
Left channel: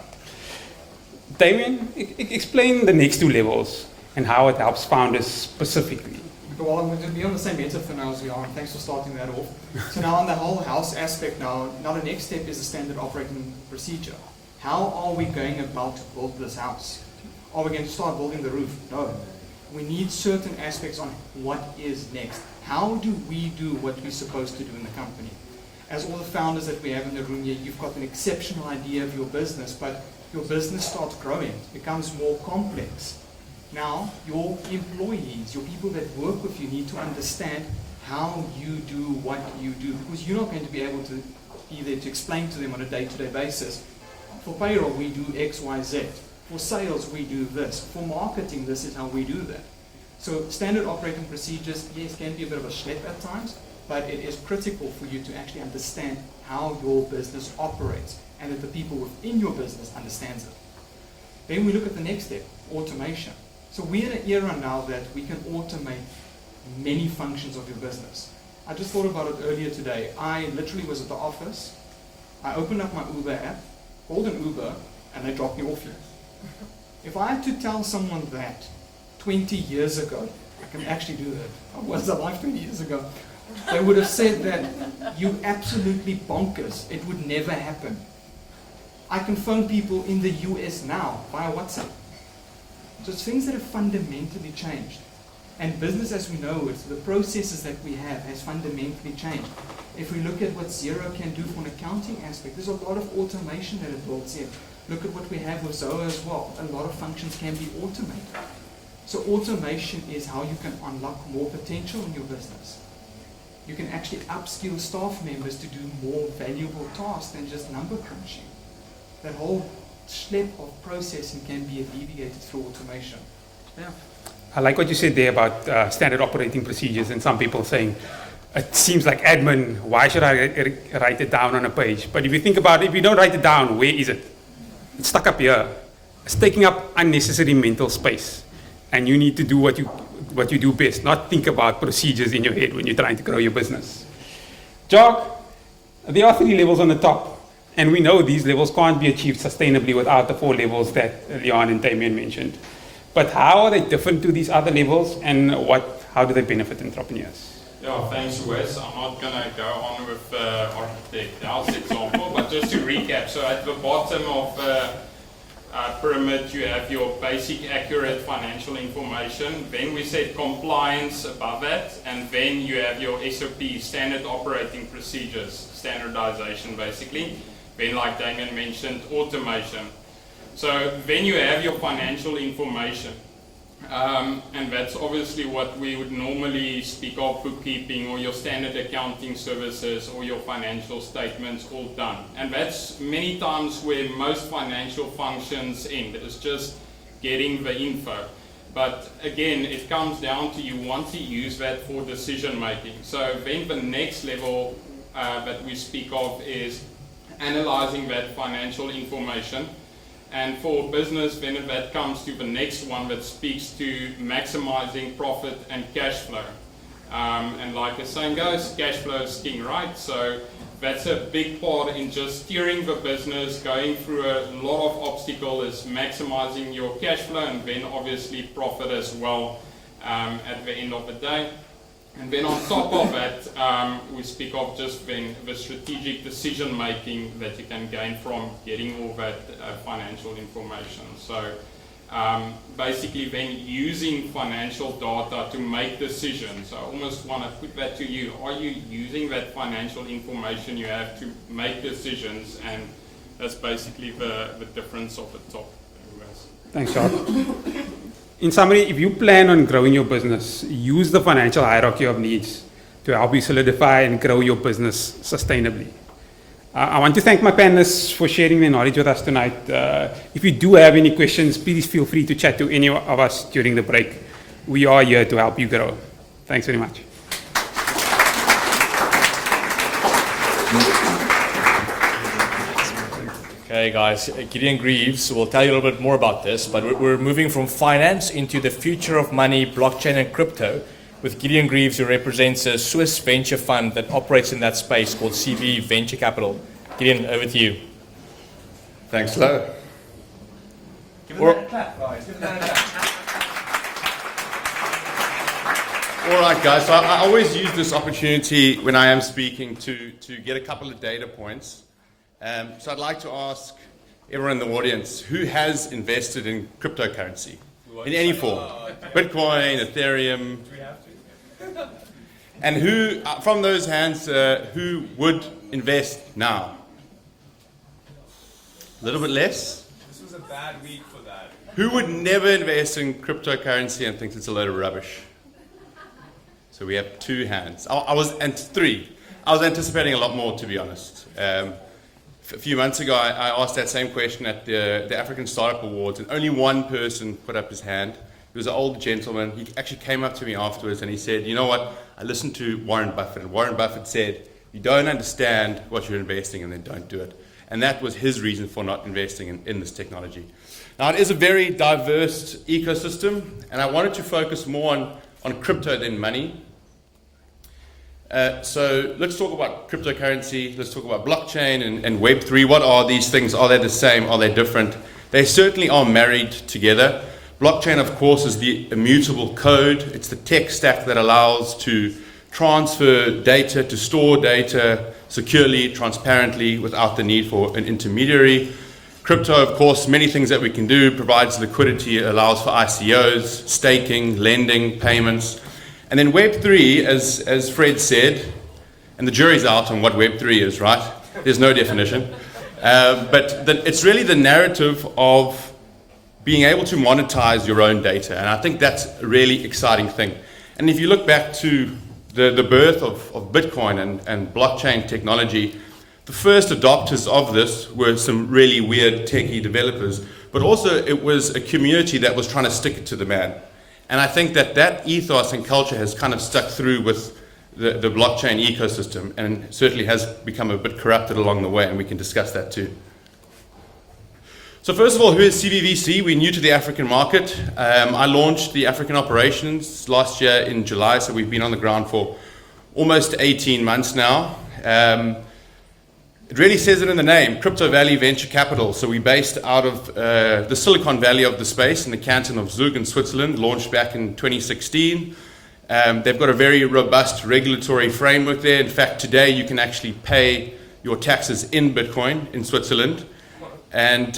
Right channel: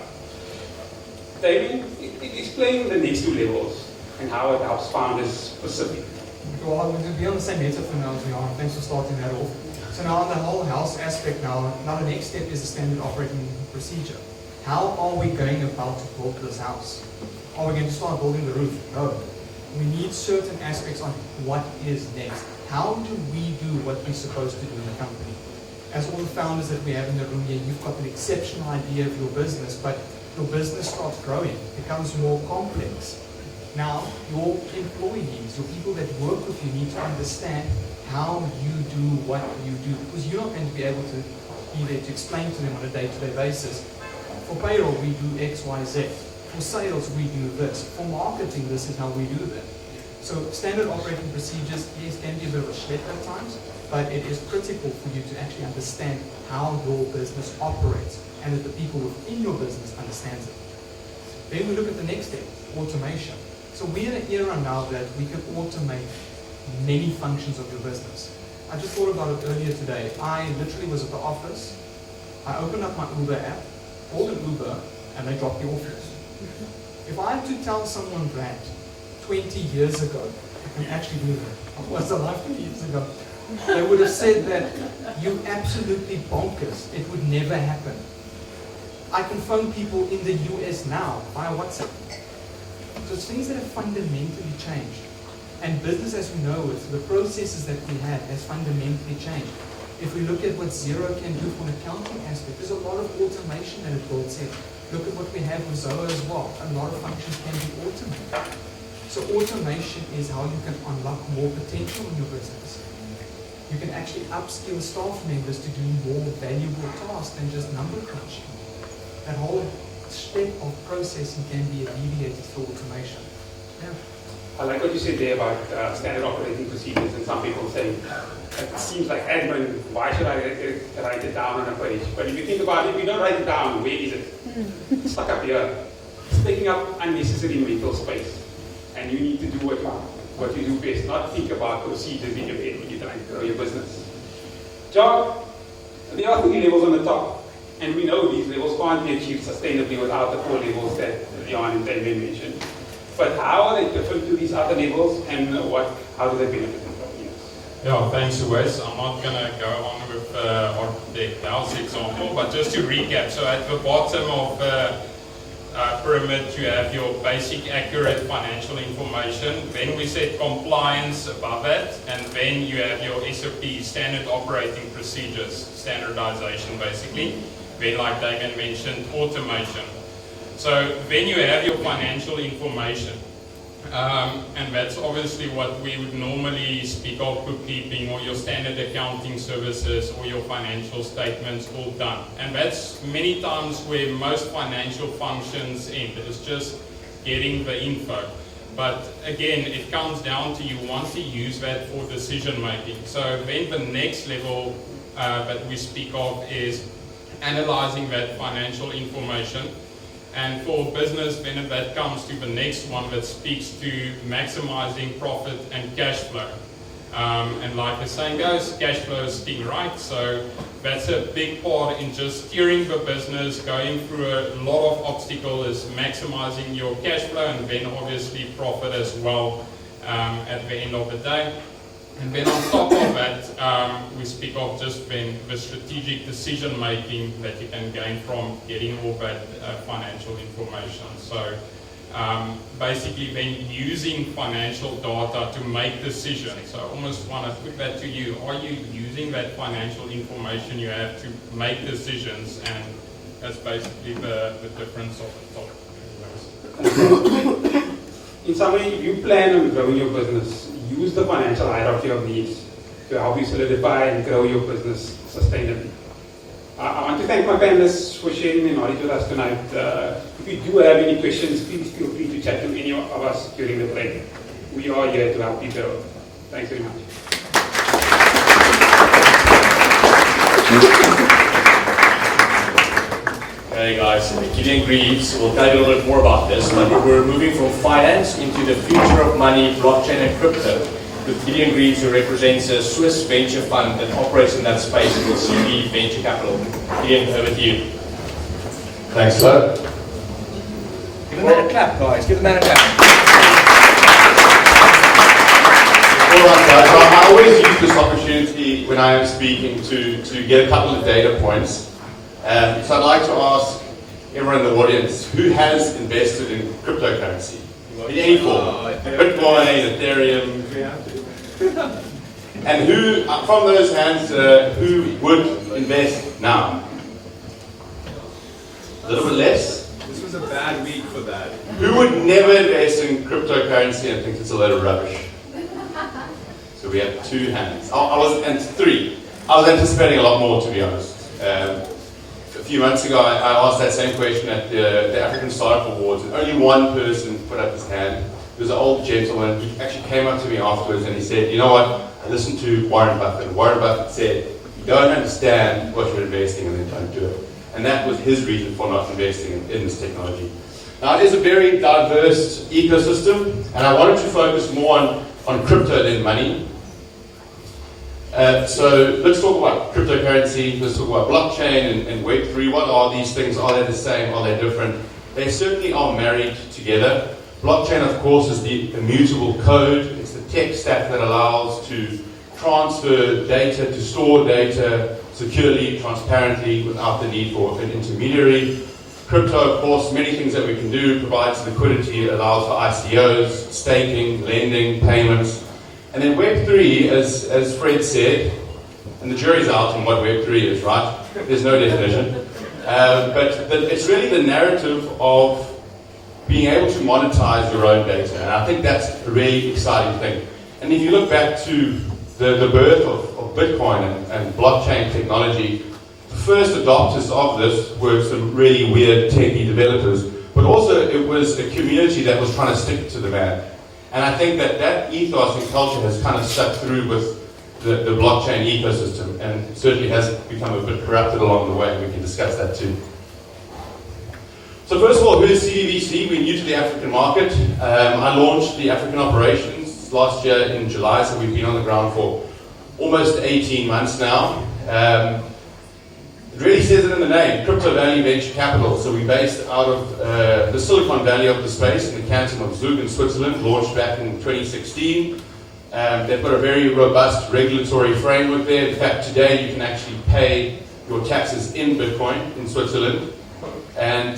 Damien, explain the next two levels and how it helps founders specifically. Well, I'm going to be on the same meta for now as we are. Thanks for starting that off. So now on that whole house aspect now the next step is the standard operating procedure. How are we going about to build this house? Are we going to start building the roof? No. We need certain aspects on what is next. How do we do what we're supposed to do in the company? As all the founders that we have in the room here, you've got an exceptional idea of your business, but your business starts growing, becomes more complex. Now, your employees, your people that work with you need to understand how you do what you do, because you're not going to be able to either to explain to them on a day-to-day basis. For payroll, we do X, Y, Z. For sales, we do this. For marketing, this is how we do that. So standard operating procedures, yes, can be a bit of a schlep at times, but it is critical for you to actually understand how your business operates and that the people within your business understands it. Then we look at the next step, automation. So we're in an era now that we can automate many functions of your business. I just thought about it earlier today. I literally was at the office. I opened up my Uber app, called an Uber, and they dropped me off here. If I had to tell someone that 20 years ago, I can actually do that. I was alive 20 years ago. They would have said that you're absolutely bonkers. It would never happen. I can phone people in the US now via WhatsApp. So it's things that have fundamentally changed. And business as we know it, the processes that we have has fundamentally changed. If we look at what Xero can do from an accounting aspect, there's a lot of automation that it builds in. Look at what we have with Zoho as well. A lot of functions can be automated. So automation is how you can unlock more potential in your business. You can actually upskill staff members to do more valuable tasks than just number crunching. That whole schlep of processing can be alleviated through automation. Yeah. I like what you said there about standard operating procedures and some people saying, it seems like admin, why should I write it down on a page? But if you think about it, if you don't write it down, where is it? It's stuck up here. It's taking up unnecessary mental space. And you need to do what you do best, not think about procedures in your head when you're trying to grow your business. Job, there are 3 levels on the top, and we know these levels can't be achieved sustainably without the 4 levels that Leon and Damien mentioned. But how are they different to these other levels, and how do they benefit entrepreneurs? Yeah, thanks, Wes. I'm not going to go on with Architect House example, but just to recap. So at the bottom of the pyramid, you have your basic, accurate financial information. Then we set compliance above that, and then you have your SOP, standard operating procedures, standardization basically. Then, like Damien mentioned, automation. So then you have your financial information. And that's obviously what we would normally speak of, bookkeeping or your standard accounting services or your financial statements all done. And that's many times where most financial functions end. It's just getting the info. But again, it comes down to you want to use that for decision making. So then the next level that we speak of is analyzing that financial information. And for business, then that comes to the next one that speaks to maximizing profit and cash flow. And like the saying goes, cash flow is king, right? So that's a big part in just steering the business, going through a lot of obstacles, is maximizing your cash flow and then obviously profit as well at the end of the day. And then on top of that, we speak of just then the strategic decision making that you can gain from getting all that financial information. So basically then using financial data to make decisions. So I almost want to put that to you. Are you using that financial information you have to make decisions? And that's basically the difference of the top. Thanks, Tom. In summary, if you plan on growing your business, use the financial hierarchy of needs to help you solidify and grow your business sustainably. I want to thank my panelists for sharing their knowledge with us tonight. If you do have any questions, please feel free to chat to any of us during the break. We are here to help you grow. Thanks very much. Hey guys, Gideon Greaves will tell you a little bit more about this, but we're moving from finance into the future of money, blockchain and crypto, with Gideon Greaves, who represents a Swiss venture fund that operates in that space called CV Venture Capital. Gideon, over to you. Thanks, Doug. Give them a clap, guys. Give them a clap. All right, guys. I always use this opportunity when I am speaking to get a couple of data points. So I'd like to ask everyone in the audience, who has invested in cryptocurrency? In any form? Bitcoin, Ethereum. And who, from those hands, who would invest now? A little bit less? This was a bad week for that. Who would never invest in cryptocurrency and thinks it's a load of rubbish? So we have 2 hands. And 3. I was anticipating a lot more, to be honest. A few months ago, I asked that same question at the African Startup Awards, and only one person put up his hand. It was an old gentleman who actually came up to me afterwards and he said, you know what, I listened to Warren Buffett, and Warren Buffett said, you don't understand what you're investing in, then don't do it. And that was his reason for not investing in this technology. Now, it is a very diverse ecosystem, and I wanted to focus more on crypto-led money. So let's talk about cryptocurrency, let's talk about blockchain and Web3. What are these things? Are they the same? Are they different? They certainly are married together. Blockchain, of course, is the immutable code. It's the tech stack that allows to transfer data, to store data securely, transparently, without the need for an intermediary. Crypto, of course, many things that we can do, provides liquidity, it allows for ICOs, staking, lending, payments. And then Web3, as Fred said, and the jury's out on what Web3 is, right? There's no definition. But it's really the narrative of being able to monetize your own data. And I think that's a really exciting thing. And if you look back to the birth of Bitcoin and blockchain technology, the first adopters of this were some really weird techie developers, but also it was a community that was trying to stick it to the man. And I think that ethos and culture has kind of stuck through with the blockchain ecosystem and certainly has become a bit corrupted along the way, and we can discuss that too. So first of all, who is CVVC? We're new to the African market. I launched the African operations last year in July, so we've been on the ground for almost 18 months now. It really says it in the name, Crypto Valley Venture Capital. So we're based out of the Silicon Valley of the space in the canton of Zug in Switzerland, launched back in 2016. They've got a very robust regulatory framework there. In fact, today you can actually pay your taxes in Bitcoin in Switzerland. And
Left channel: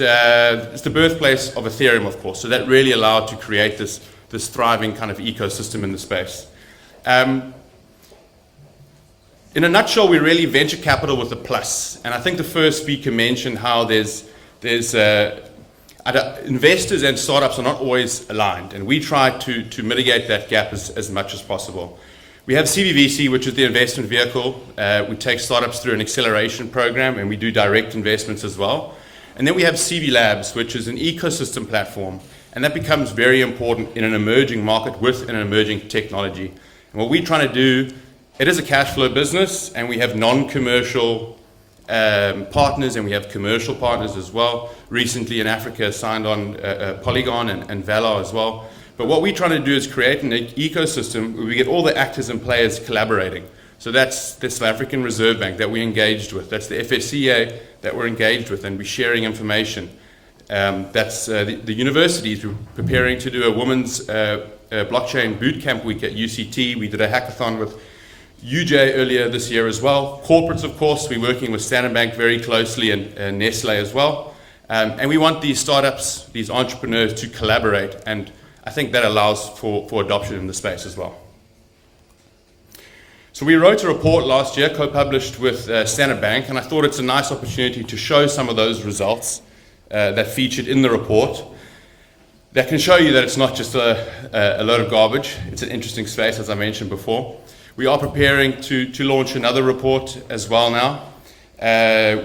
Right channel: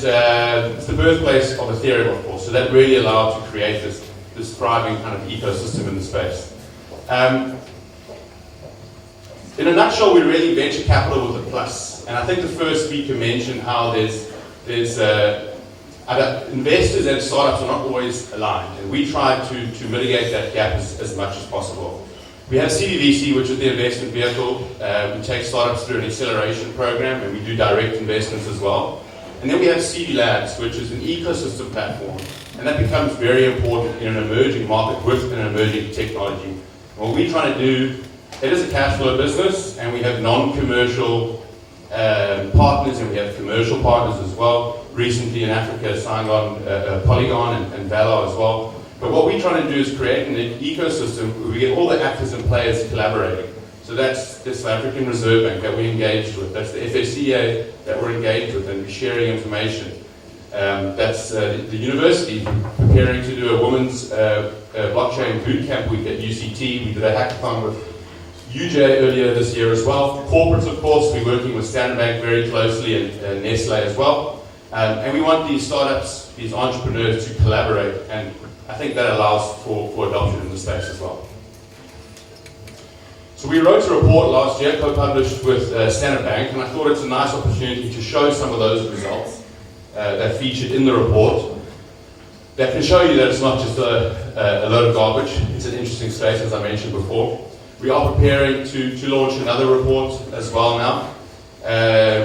it's the birthplace of Ethereum, of course. So that really allowed to create this thriving kind of ecosystem in the space. In a nutshell, we're really venture capital with a plus. And I think the first speaker mentioned how there's investors and startups are not always aligned, and we try to mitigate that gap as much as possible. We have CDVC, which is the investment vehicle. We take startups through an acceleration program, and we do direct investments as well. And then we have CB Labs, which is an ecosystem platform, and that becomes very important in an emerging market with an emerging technology. And what we're trying to do, it is a cash flow business, and we have non-commercial partners, and we have commercial partners as well. Recently in Africa signed on Polygon and Valor as well. But what we're trying to do is create an ecosystem where we get all the actors and players collaborating. So that's the South African Reserve Bank that we're engaged with. That's the FSCA that we're engaged with, and we're sharing information. That's the universities. We're preparing to do a women's blockchain bootcamp week at UCT. We did a hackathon with UJ earlier this year as well. Corporates, of course, we're working with Standard Bank very closely and Nestle as well. And we want these startups, these entrepreneurs to collaborate, and I think that allows for adoption in the space as well. So we wrote a report last year, co-published with Standard Bank, and I thought it's a nice opportunity to show some of those results that featured in the report that can show you that it's not just a load of garbage. It's an interesting space, as I mentioned before. We are preparing to launch another report as well now.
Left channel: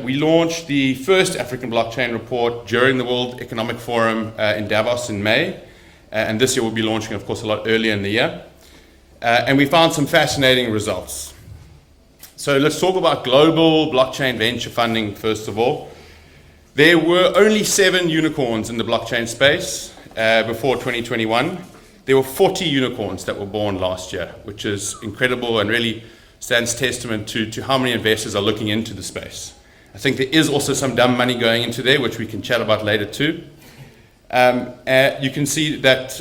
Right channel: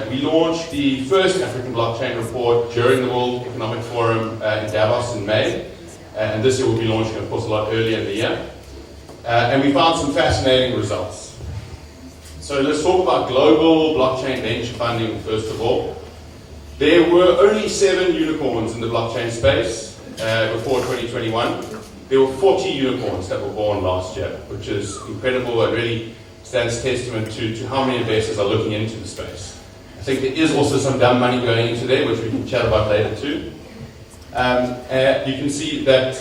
We launched the first African blockchain report during the World Economic Forum in Davos in May, and this year we'll be launching, of course, a lot earlier in the year. And we found some fascinating results. So let's talk about global blockchain venture funding first of all. There were only 7 unicorns in the blockchain space before 2021. There were 40 unicorns that were born last year, which is incredible and really stands testament to how many investors are looking into the space. I think there is also some dumb money going into there, which we can chat about later too. You can see that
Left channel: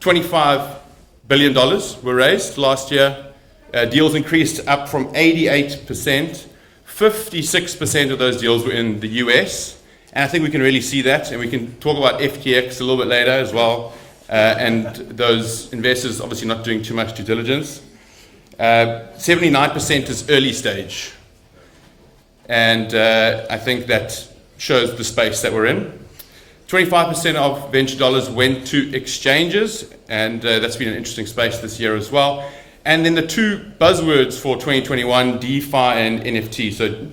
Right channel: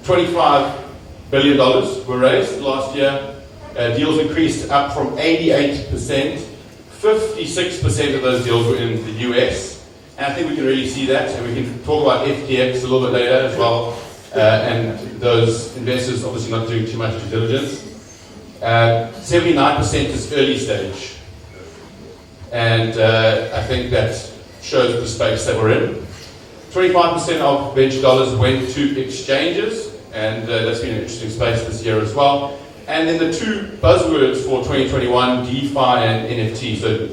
$25 billion were raised last year. Deals increased up from 88%. 56% of those deals were in the US. And I think we can really see that, and we can talk about FTX a little bit later as well. And those investors obviously not doing too much due diligence. 79% is early stage. And I think that shows the space that we're in. 25% of venture dollars went to exchanges, and that's been an interesting space this year as well. And then the 2 buzzwords for 2021, DeFi and NFT. So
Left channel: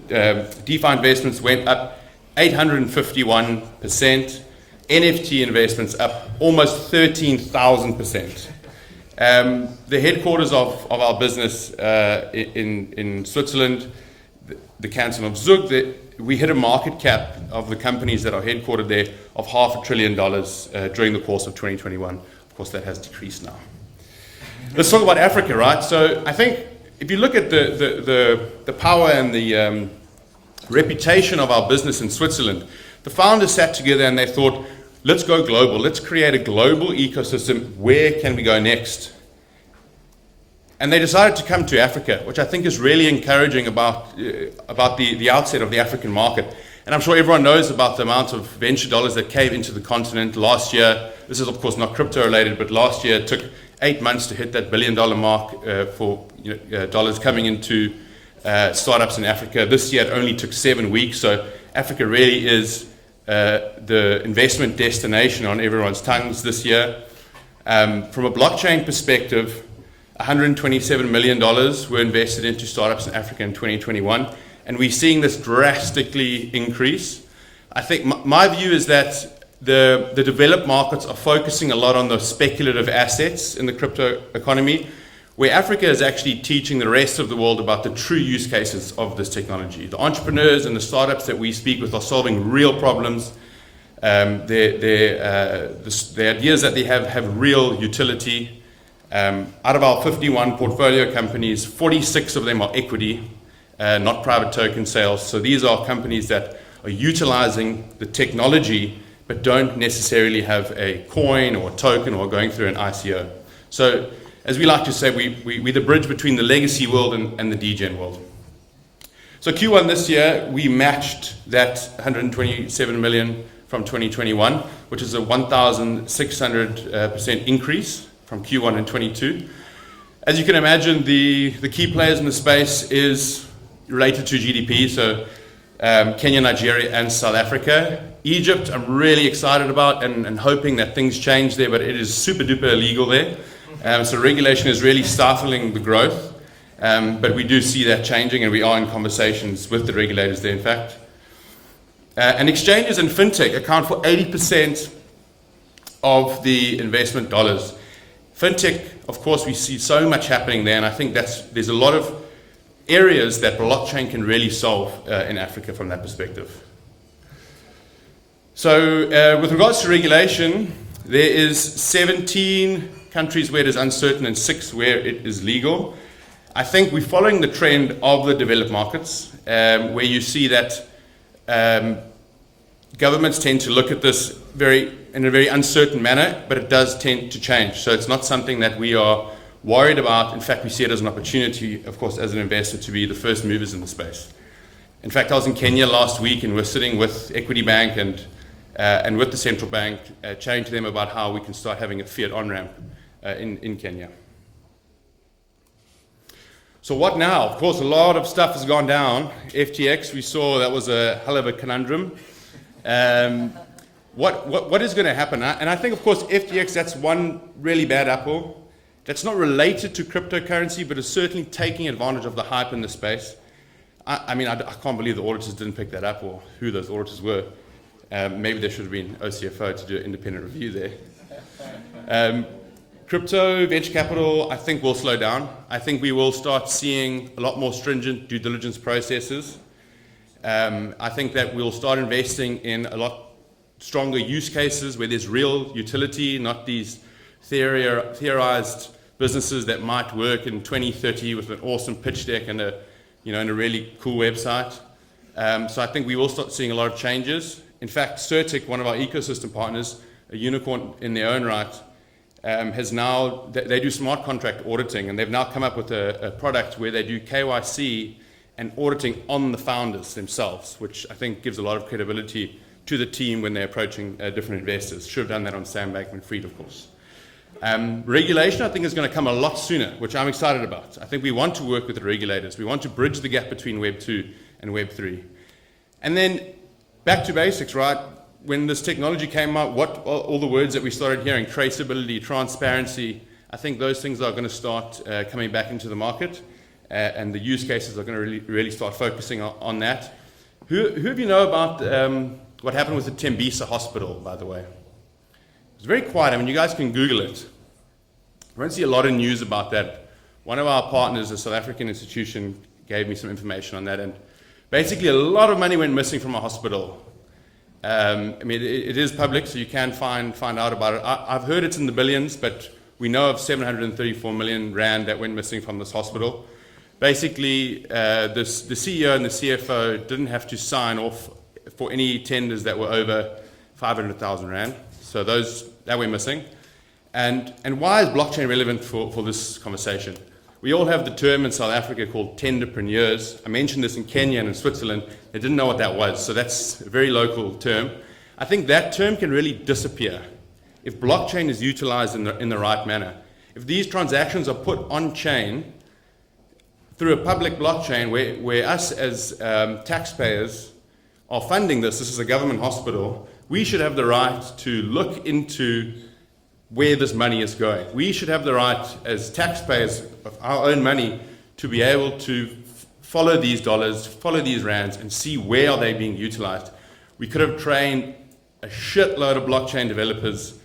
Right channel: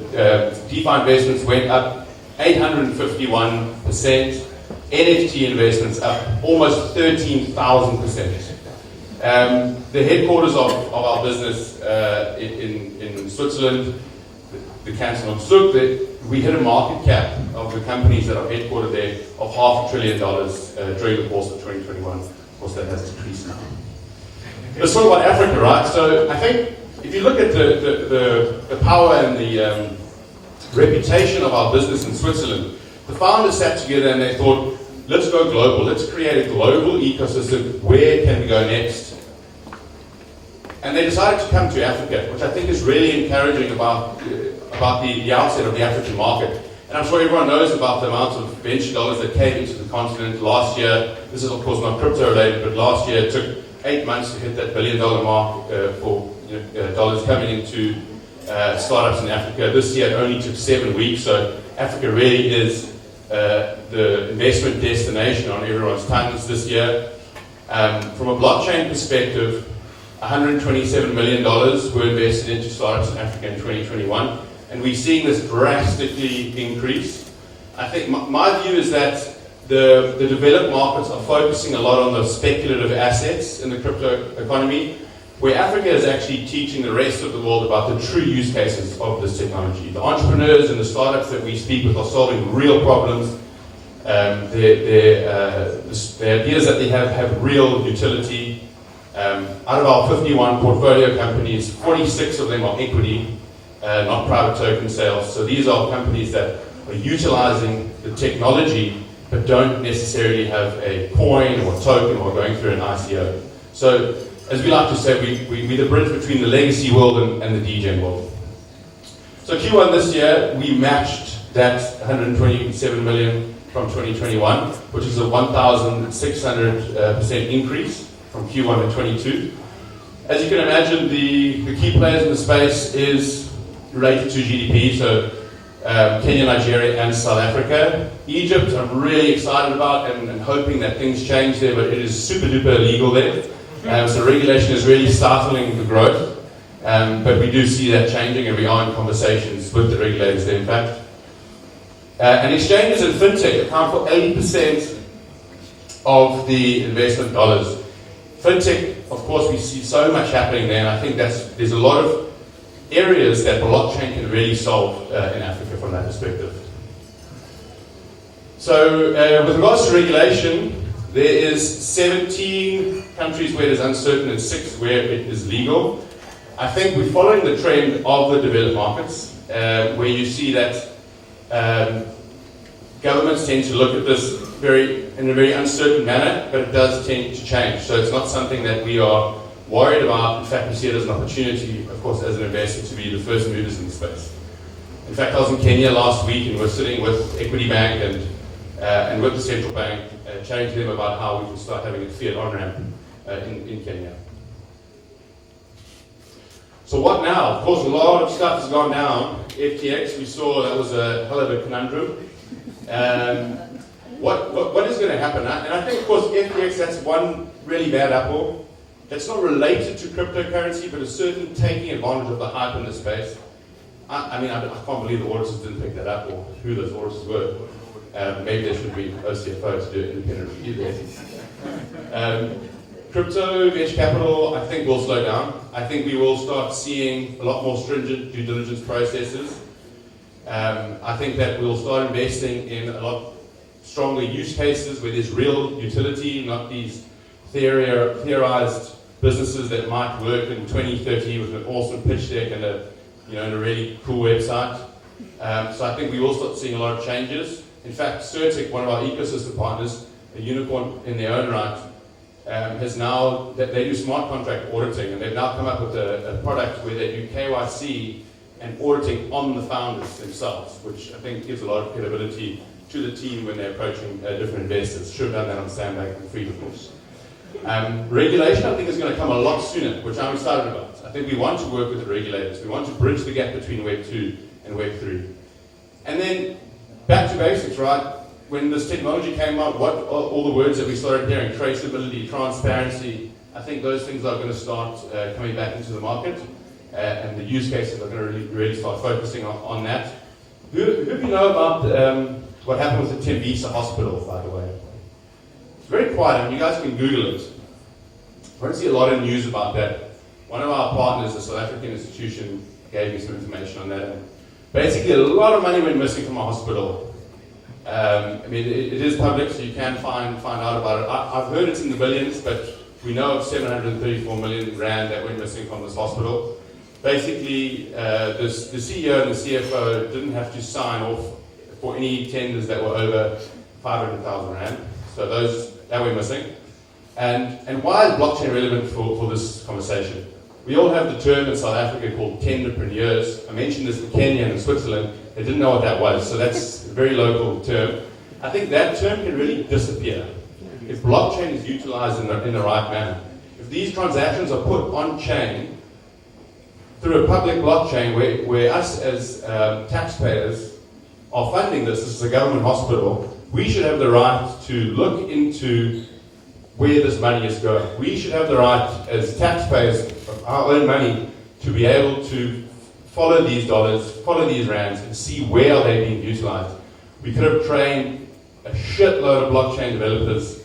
DeFi investments went up 851%. NFT investments up almost 13,000%. The headquarters of our business in Switzerland, the canton of Zug, we hit a market cap of the companies that are headquartered there of $500 billion during the course of 2021. Of course, that has decreased now. Let's talk about Africa, right? So I think if you look at the power and the reputation of our business in Switzerland, the founders sat together and they thought, let's go global. Let's create a global ecosystem. Where can we go next? And they decided to come to Africa, which I think is really encouraging about the outset of the African market. And I'm sure everyone knows about the amount of venture dollars that came into the continent last year. This is, of course, not crypto related, but last year it took 8 months to hit that $1 billion mark for dollars coming into startups in Africa. This year it only took 7 weeks, so Africa really is the investment destination on everyone's tongues this year. From a blockchain perspective, $127 million were invested into startups in Africa in 2021, and we're seeing this drastically increase. I think my view is that the developed markets are focusing a lot on the speculative assets in the crypto economy, where Africa is actually teaching the rest of the world about the true use cases of this technology. The entrepreneurs and the startups that we speak with are solving real problems. The ideas that they have real utility. Out of our 51 portfolio companies, 46 of them are equity, not private token sales. So these are companies that are utilizing the technology but don't necessarily have a coin or token or going through an ICO. So as we like to say, we're the bridge between the legacy world and the DJ world. So Q1 this year, we matched that 127 million from 2021, which is a 1,600% increase from Q1 in 22. As you can imagine, the key players in the space is related to GDP, so Kenya, Nigeria, and South Africa. Egypt, I'm really excited about and hoping that things change there, but it is super duper illegal there. So regulation is really stifling the growth, but we do see that changing, and we are in conversations with the regulators there, in fact. And exchanges and fintech account for 80% of the investment dollars. Fintech, of course, we see so much happening there, and I think there's a lot of areas that blockchain can really solve in Africa from that perspective. So with regards to regulation, there is 17 countries where it is uncertain and 6 where it is legal. I think we're following the trend of the developed markets, where you see that governments tend to look at this in a very uncertain manner, but it does tend to change. So it's not something that we are worried about. In fact, we see it as an opportunity, of course, as an investor, to be the first movers in the space. In fact, I was in Kenya last week, and we're sitting with Equity Bank and with the central bank, chatting to them about how we can start having a fiat on-ramp in Kenya. So what now? Of course, a lot of stuff has gone down. FTX, we saw that was a hell of a conundrum. What is going to happen? And I think, of course, FTX, that's one really bad apple. That's not related to cryptocurrency, but is certainly taking advantage of the hype in the space. I mean, I can't believe the auditors didn't pick that up, or who those auditors were. Maybe there should have been OCFO to do an independent review there. Crypto, venture capital, I think will slow down. I think we will start seeing a lot more stringent due diligence processes. I think that we'll start investing in a lot stronger use cases where there's real utility, not these theorized businesses that might work in 2030 with an awesome pitch deck and a really cool website. So I think we will start seeing a lot of changes. In fact, Certic, one of our ecosystem partners, a unicorn in their own right, has now, they do smart contract auditing, and they've now come up with a product where they do KYC and auditing on the founders themselves, which I think gives a lot of credibility to the team when they're approaching different investors. Should have done that on Sandbank and Freedom, of course. Regulation, I think, is going to come a lot sooner, which I'm excited about. I think we want to work with the regulators. We want to bridge the gap between Web 2 and Web 3. And then, back to basics, right? When this technology came up, what all the words that we started hearing, traceability, transparency, I think those things are going to start coming back into the market, and the use cases are going to really start focusing on that. Who of you know about what happened with the Tembisa hospital, by the way? It's very quiet. I mean, you guys can Google it. We don't see a lot of news about that. One of our partners, a South African institution, gave me some information on that. And basically, a lot of money went missing from a hospital. I mean, it is public, so you can find out about it. I've heard it's in the billions, but we know of 734 million rand that went missing from this hospital. Basically, the CEO and the CFO didn't have to sign off for any tenders that were over 500,000 rand. So that went missing. And why is blockchain relevant for this conversation? We all have the term in South Africa called tenderpreneurs. I mentioned this in Kenya and in Switzerland. They didn't know what that was, so that's a very local term. I think that term can really disappear if blockchain is utilized in the right manner. If these transactions are put on-chain through a public blockchain where us as taxpayers are funding this is a government hospital, we should have the right to look into where this money is going. We should have the right as taxpayers of our own money to be able to follow these dollars, follow these rands, and see where are they being utilized. We could have trained a shitload of blockchain developers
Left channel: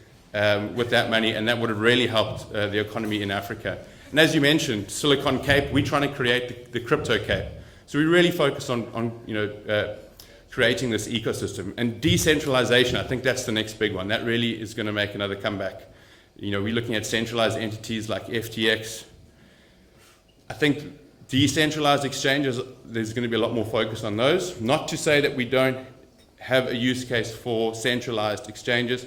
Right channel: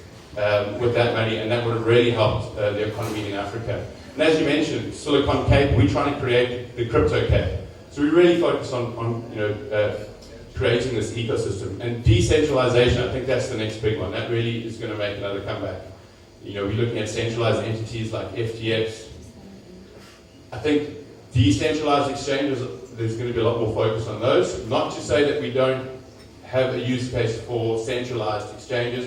with that money, and that would have really helped the economy in Africa. And as you mentioned, Silicon Cape, we're trying to create the crypto Cape. So we really focus on creating this ecosystem. And decentralization, I think that's the next big one. That really is going to make another comeback. We're looking at centralized entities like FTX. I think decentralized exchanges, there's going to be a lot more focus on those. Not to say that we don't have a use case for centralized exchanges.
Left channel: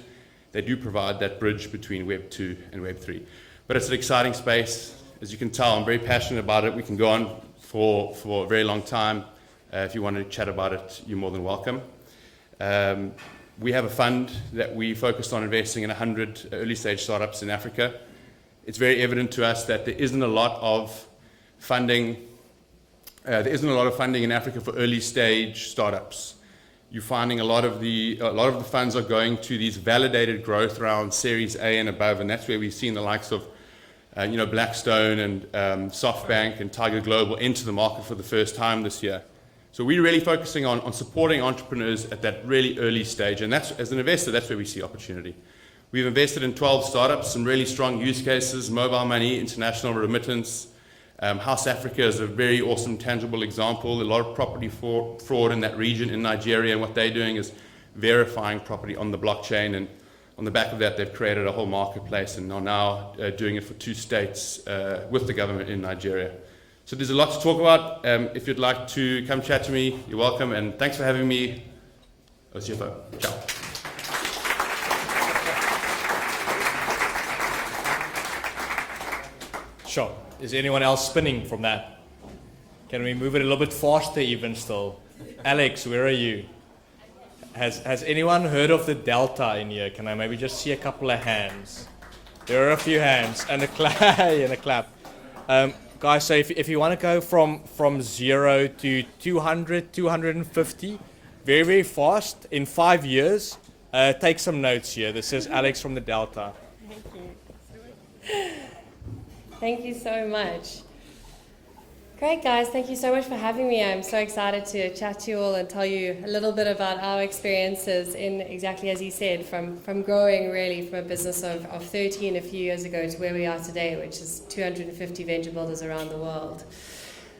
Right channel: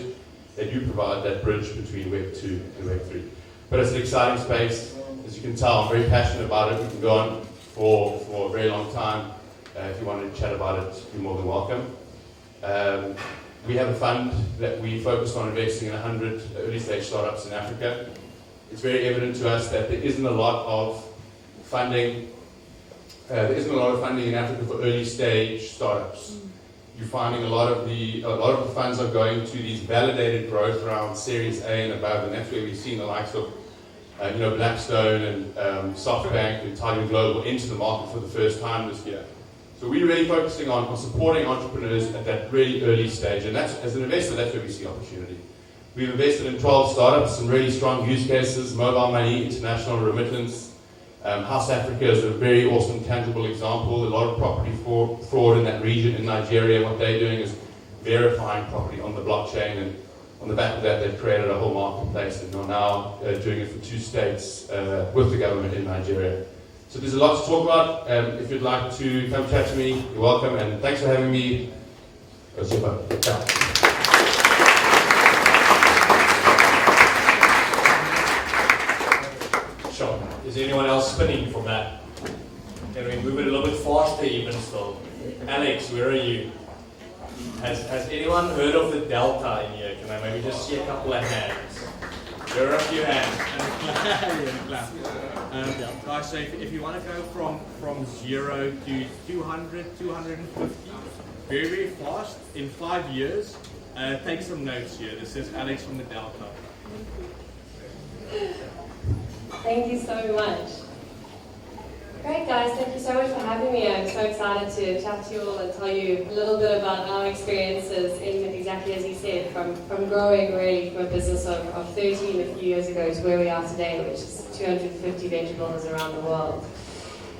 They do provide that bridge between Web 2 and Web 3. but it's an exciting space. As you can tell, I'm very passionate about it. We can go on for a very long time. If you want to chat about it, you're more than welcome. We have a fund that we focus on investing in 100 early stage startups in Africa. It's very evident to us that there isn't a lot of funding. There isn't a lot of funding in Africa for early stage startups. You're finding a lot of the funds are going to these validated growth rounds, Series A and above, and that's where we've seen the likes of Blackstone and SoftBank and Tiger Global into the market for the first time this year. So we're really focusing on supporting entrepreneurs at that really early stage, and that's, as an investor, that's where we see opportunity. We've invested in 12 startups, some really strong use cases, mobile money, international remittance. House Africa is a very awesome, tangible example. A lot of property fraud in that region in Nigeria. What they're doing is verifying property on the blockchain, and on the back of that, they've created a whole marketplace and are now doing it for 2 states with the government in Nigeria. So there's a lot to talk about. If you'd like to come chat to me, you're welcome, and thanks for having me. That's your phone. Ciao. Sure. Is anyone else spinning from that? Can we move it a little bit faster even still? Alex, where are you? Has anyone heard of the Delta in here? Can I maybe just see a couple of hands? There are a few hands and a clap. And a clap. Guys, so if you want to go from 0 to 200, 250, very, very fast, in 5 years, take some notes here. This is Alex from the Delta. Thank you so much. Great, guys. Thank you so much for having me. I'm so excited to chat to you all and tell you a little bit about our experiences in exactly as you said, from growing really from a business of 13 a few years ago to where we are today, which is 250 venture builders around the world.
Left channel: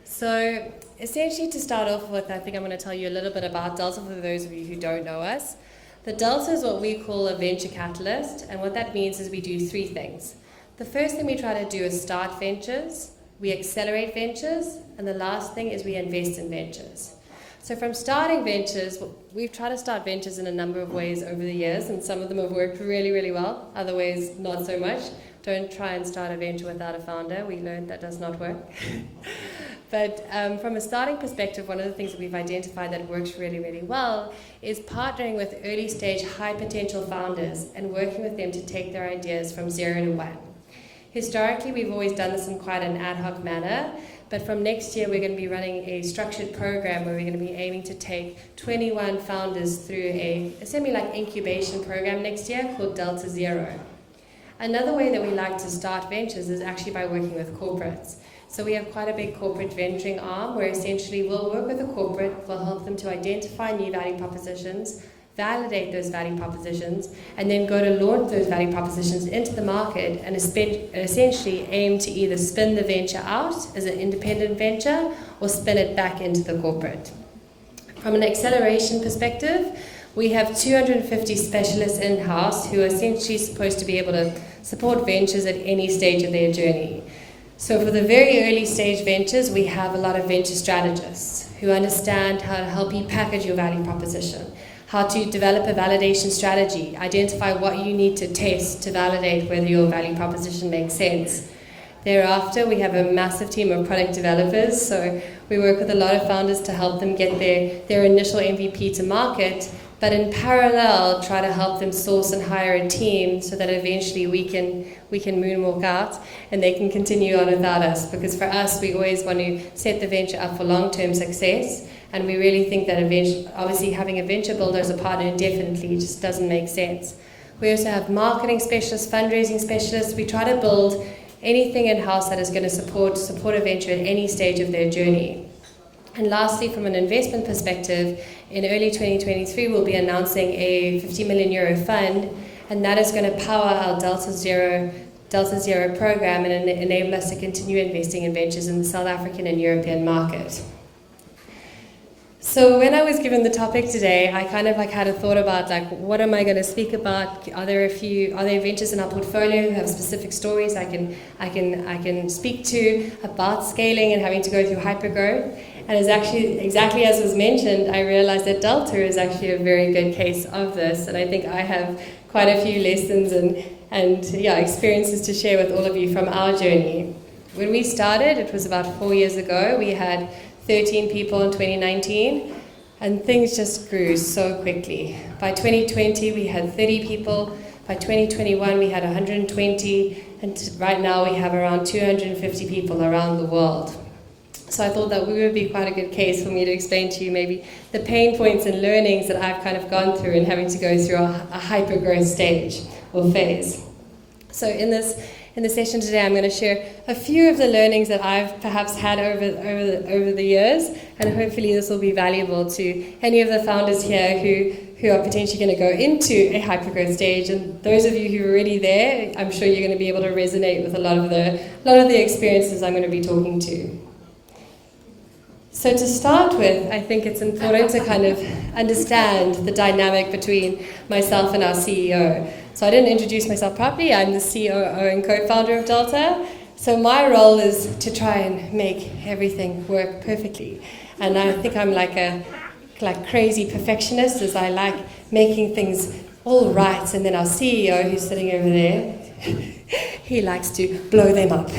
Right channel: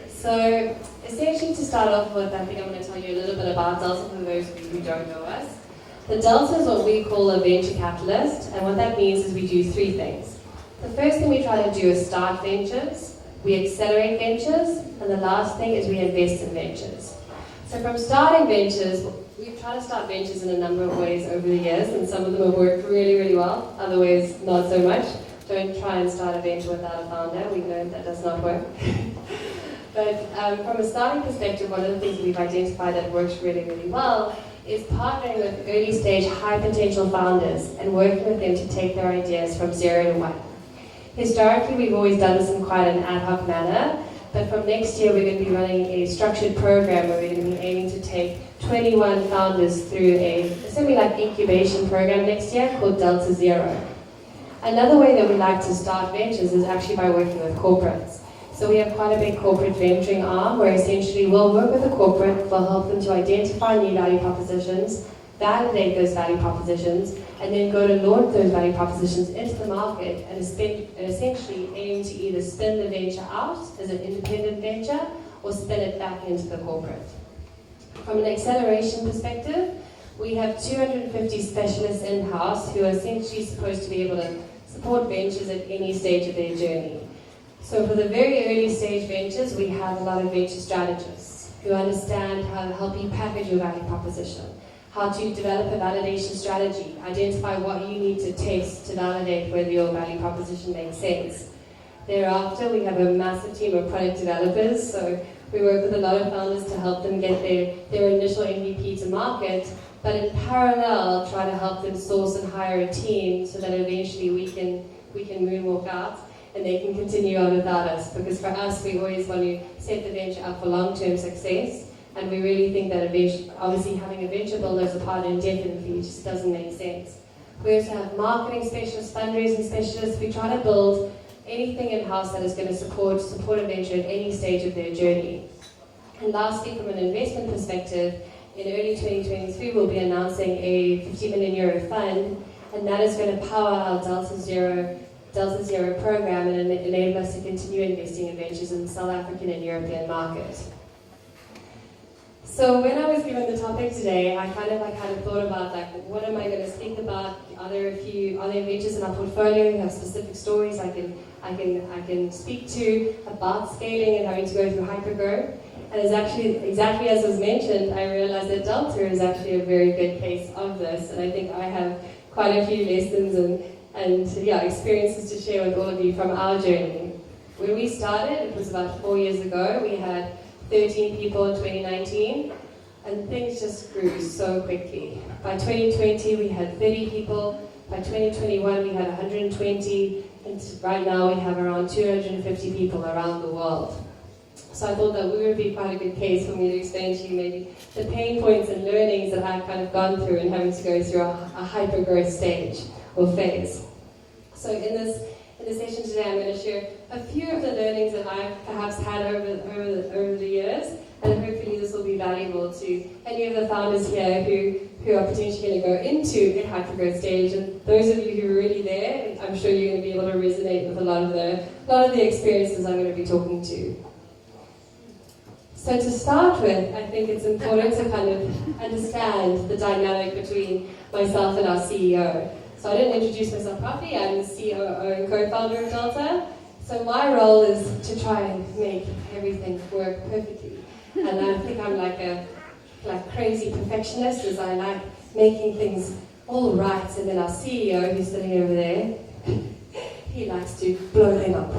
So essentially, to start off with, I think I'm going to tell you a little bit about Delta for those of you who don't know us. The Delta is what we call a venture catalyst, and what that means is we do 3 things. The first thing we try to do is start ventures, we accelerate ventures, and the last thing is we invest in ventures. So from starting ventures, we've tried to start ventures in a number of ways over the years, and some of them have worked really, really well, other ways not so much. Don't try and start a venture without a founder, we know that does not work. But from a starting perspective, one of the things we've identified that works really, really well is partnering with early stage high potential founders and working with them to take their ideas from 0 to 1. Historically, we've always done this in quite an ad hoc manner, but from next year we're going to be running a structured program where we're going to be aiming to take 21 founders through a semi-like incubation program next year called Delta Zero. Another way that we like to start ventures is actually by working with corporates. So we have quite a big corporate venturing arm where essentially we'll work with a corporate, we'll help them to identify new value propositions, validate those value propositions, and then go to launch those value propositions into the market and essentially aim to either spin the venture out as an independent venture or spin it back into the corporate. From an acceleration perspective, we have 250 specialists in-house who are essentially supposed to be able to support ventures at any stage of their journey. So for the very early stage ventures, we have a lot of venture strategists who understand how to help you package your value proposition, how to develop a validation strategy, identify what you need to test to validate whether your value proposition makes sense. Thereafter, we have a massive team of product developers, so we work with a lot of founders to help them get their initial MVP to market, but in parallel, try to help them source and hire a team so that eventually we can moonwalk out and they can continue on without us. Because for us, we always want to set the venture up for long-term success, and we really think that obviously having a venture builder as a partner indefinitely just doesn't make sense. We also have marketing specialists, fundraising specialists. We try to build anything in-house that is going to support a venture at any stage of their journey. And lastly, from an investment perspective, in early 2023, we'll be announcing a €50 million fund, and that is going to power our Delta Zero program and enable us to continue investing in ventures in the South African and European market. So when I was given the topic today, I kind of had a thought about what am I going to speak about? Are there ventures in our portfolio who have specific stories I can speak to about scaling and having to go through hypergrowth? And it's actually, exactly as was mentioned, I realized that Delta is actually a very good case of this. And I think I have quite a few lessons and experiences to share with all of you from our journey. When we started, it was about 4 years ago. We had 13 people in 2019, and things just grew so quickly. By 2020, we had 30 people. By 2021, we had 120, and right now we have around 250 people around the world. So I thought that we would be quite a good case for me to explain to you maybe the pain points and learnings that I've kind of gone through in having to go through a hyper-growth stage or phase. So in the session today, I'm going to share a few of the learnings that I've perhaps had over the years, and hopefully this will be valuable to any of the founders here who are potentially going to go into a hypergrowth stage. And those of you who are already there, I'm sure you're going to be able to resonate with a lot of the experiences I'm going to be talking to. So to start with, I think it's important to kind of understand the dynamic between myself and our CEO. So I didn't introduce myself properly. I'm the COO and co-founder of Delta. So my role is to try and make everything work perfectly. And I think I'm like crazy perfectionist, as I like making things all right. And then our CEO, who's sitting over there, he likes to blow them up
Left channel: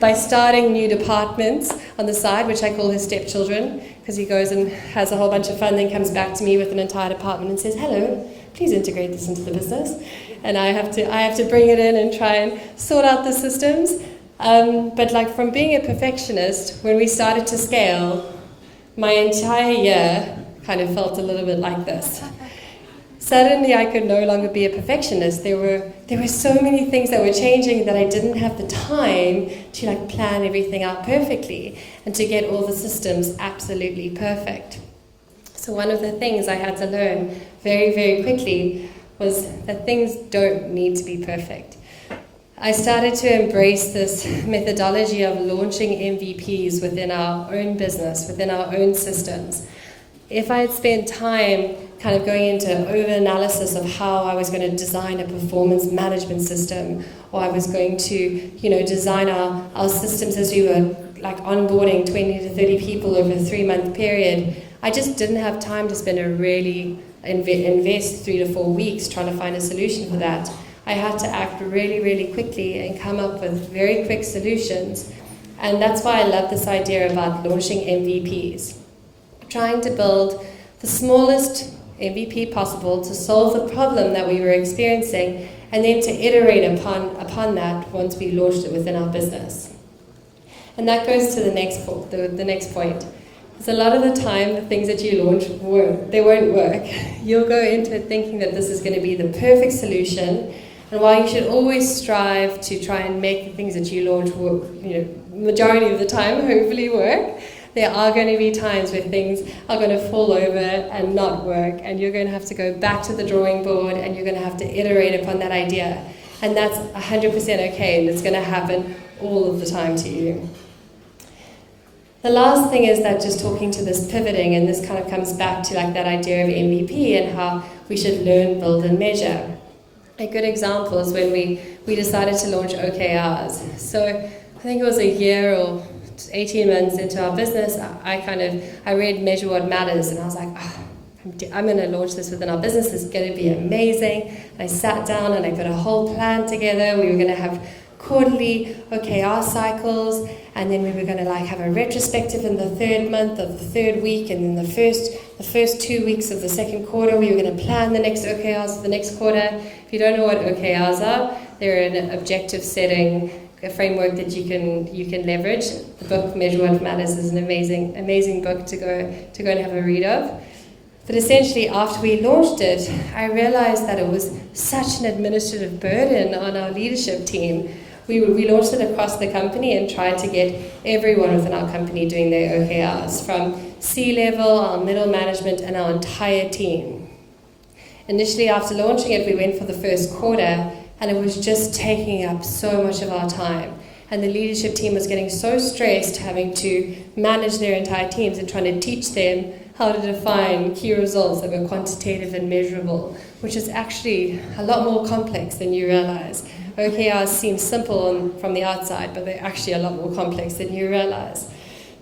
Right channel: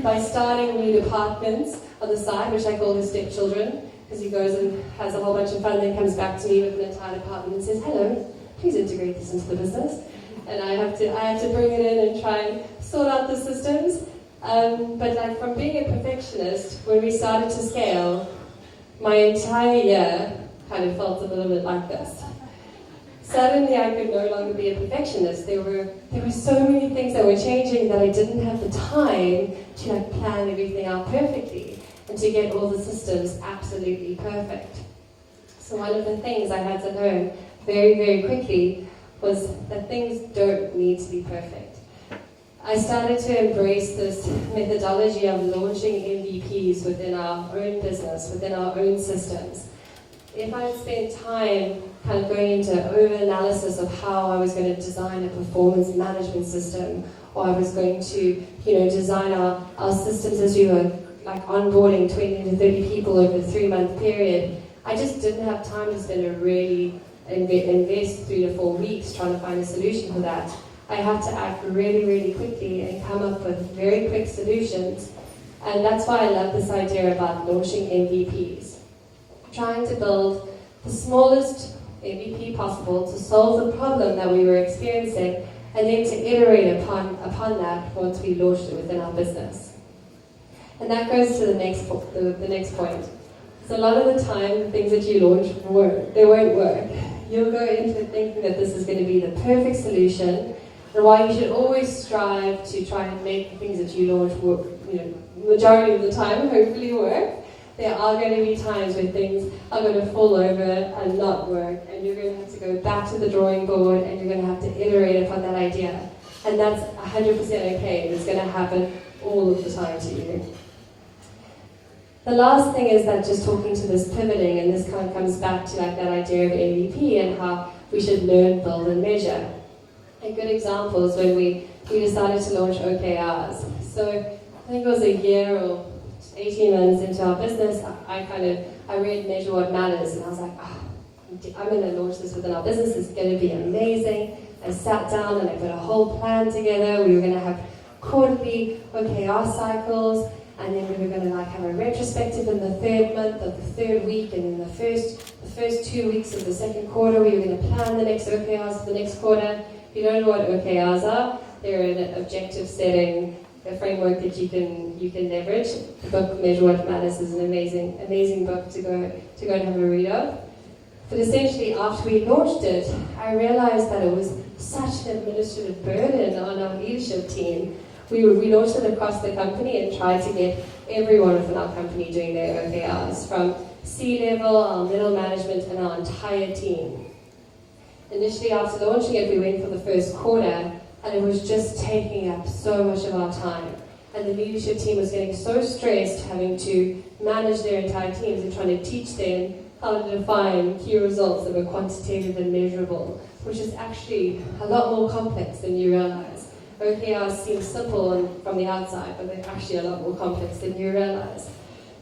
by starting new departments on the side, which I call his stepchildren, because he goes and has a whole bunch of fun, then comes back to me with an entire department and says, "Hello, please integrate this into the business." And I have to bring it in and try and sort out the systems. But like from being a perfectionist, when we started to scale, my entire year kind of felt a little bit like this. Suddenly I could no longer be a perfectionist. There were so many things that were changing that I didn't have the time to like plan everything out perfectly and to get all the systems absolutely perfect. So one of the things I had to learn very, very quickly was that things don't need to be perfect. I started to embrace this methodology of launching MVPs within our own business, within our own systems. If I had spent time kind of going into over-analysis of how I was going to design a performance management system, or I was going to, design our systems as we were like onboarding 20 to 30 people over a 3-month period, I just didn't have time to spend invest 3 to 4 weeks trying to find a solution for that. I had to act really, really quickly and come up with very quick solutions. And that's why I love this idea about launching MVPs. Trying to build the smallest MVP possible to solve the problem that we were experiencing, and then to iterate upon that once we launched it within our business. And that goes to the next point. Because a lot of the time, the things that you launch won't work. You'll go into it thinking that this is going to be the perfect solution, and while you should always strive to try and make the things that you launch work, majority of the time hopefully work, there are going to be times when things are going to fall over and not work, and you're going to have to go back to the drawing board and you're going to have to iterate upon that idea. And that's 100% okay, and it's going to happen all of the time to you. The last thing is that just talking to this pivoting, and this kind of comes back to like that idea of MVP and how we should learn, build, and measure. A good example is when we decided to launch OKRs. So I think it was a year or 18 months into our business, I read Measure What Matters, and I was like, I'm going to launch this within our business. It's going to be amazing. And I sat down and I put a whole plan together. We were going to have quarterly OKR cycles, and then we were going to have a retrospective in the 3rd month of the 3rd week, and then the first 2 weeks of the 2nd quarter we were going to plan the next OKRs for the next quarter. If you don't know what OKRs are, they're an objective setting, a framework that you can leverage. The book Measure What Matters is an amazing book to go and have a read of. But essentially, after we launched it, I realized that it was such an administrative burden on our leadership team. We launched it across the company and tried to get everyone within our company doing their OKRs, from C-level, our middle management, and our entire team. Initially, after launching it, we went for the first quarter, and it was just taking up so much of our time. And the leadership team was getting so stressed having to manage their entire teams and trying to teach them how to define key results that were quantitative and measurable, which is actually a lot more complex than you realize. OKRs seem simple from the outside, but they're actually a lot more complex than you realize.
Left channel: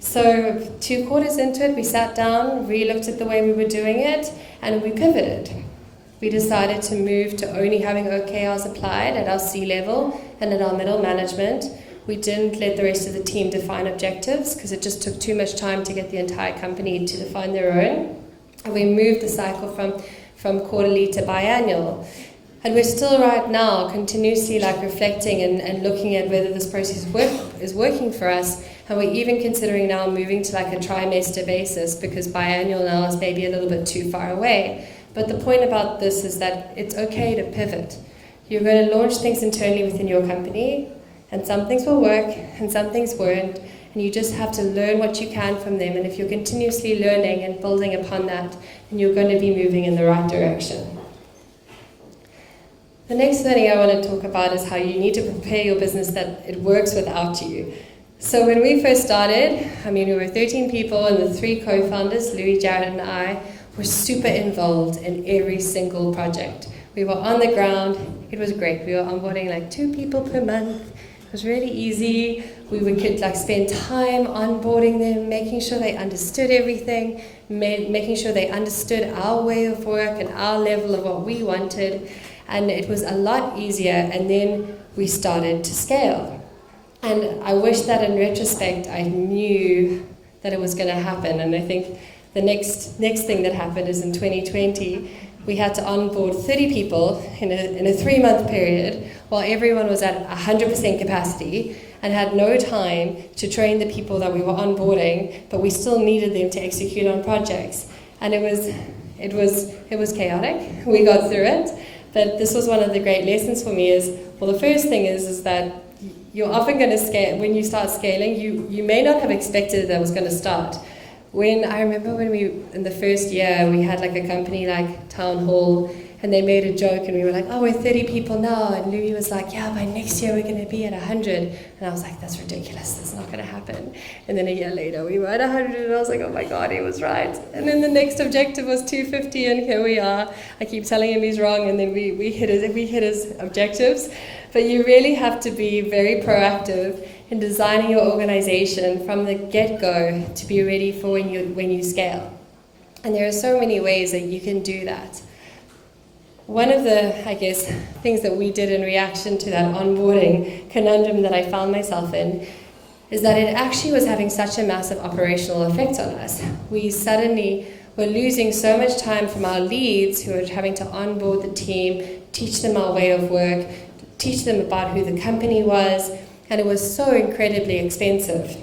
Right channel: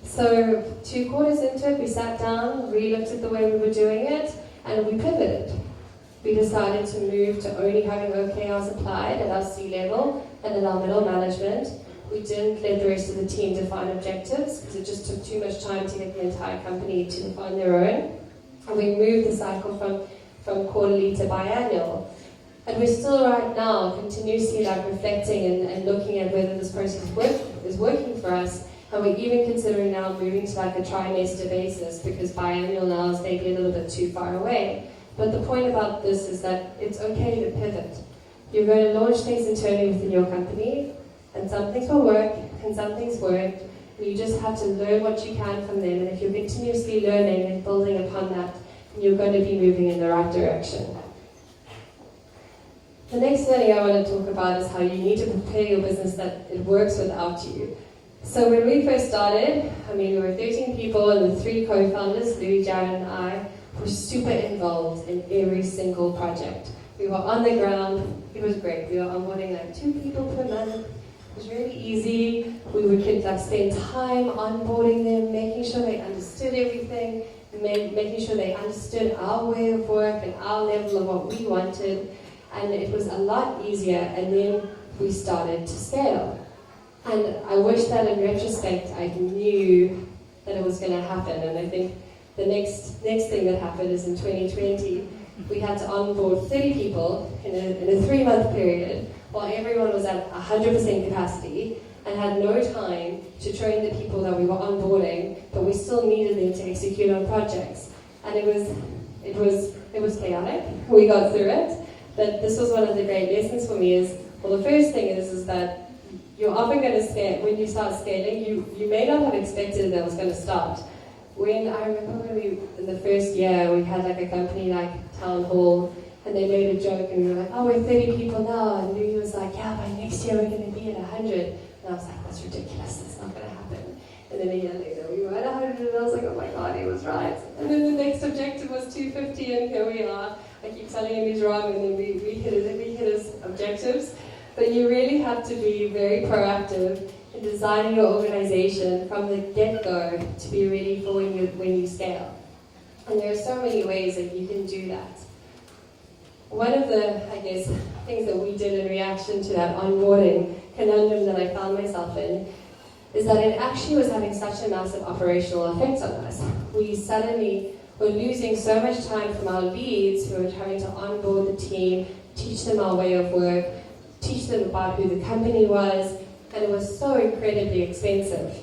So 2 quarters into it, we sat down, re-looked at the way we were doing it, and we pivoted. We decided to move to only having OKRs applied at our C-level and at our middle management. We didn't let the rest of the team define objectives because it just took too much time to get the entire company to define their own. And we moved the cycle from quarterly to biannual. And we're still right now continuously reflecting and looking at whether this process is working for us. And we're even considering now moving to a trimester basis because biannual now is maybe a little bit too far away. But the point about this is that it's okay to pivot. You're going to launch things internally within your company, and some things will work and some things won't, and you just have to learn what you can from them. And if you're continuously learning and building upon that, then you're going to be moving in the right direction. The next thing I want to talk about is how you need to prepare your business that it works without you. So when we first started, we were 13 people, and the 3 co-founders, Louis, Jared, and I, were super involved in every single project. We were on the ground. It was great. We were onboarding 2 people per month. It was really easy. We could spend time onboarding them, making sure they understood everything, making sure they understood our way of work and our level of what we wanted. And it was a lot easier. And then we started to scale. And I wish that in retrospect I knew that it was going to happen. And I think the next thing that happened is in 2020, we had to onboard 30 people in a 3-month period while everyone was at 100% capacity and had no time to train the people that we were onboarding, but we still needed them to execute on projects. And it was chaotic. We got through it. But this was one of the great lessons for me the first thing is that you're often going to scale. When you start scaling, you may not have expected that it was going to start. I remember when in the first year, we had a company Town Hall, and they made a joke, and we were we're 30 people now, and Louis was yeah, by next year we're going to be at 100. And I was that's ridiculous, that's not going to happen. And then a year later, we were at 100, and I was oh my God, he was right. And then the next objective was 250, and here we are. I keep telling him he's wrong, and then we hit his objectives. But you really have to be very proactive in designing your organization from the get-go to be ready for when you scale. And there are so many ways that you can do that. One of the, things that we did in reaction to that onboarding conundrum that I found myself in is that it actually was having such a massive operational effect on us. We suddenly were losing so much time from our leads who were having to onboard the team, teach them our way of work, teach them about who the company was, and it was so incredibly expensive.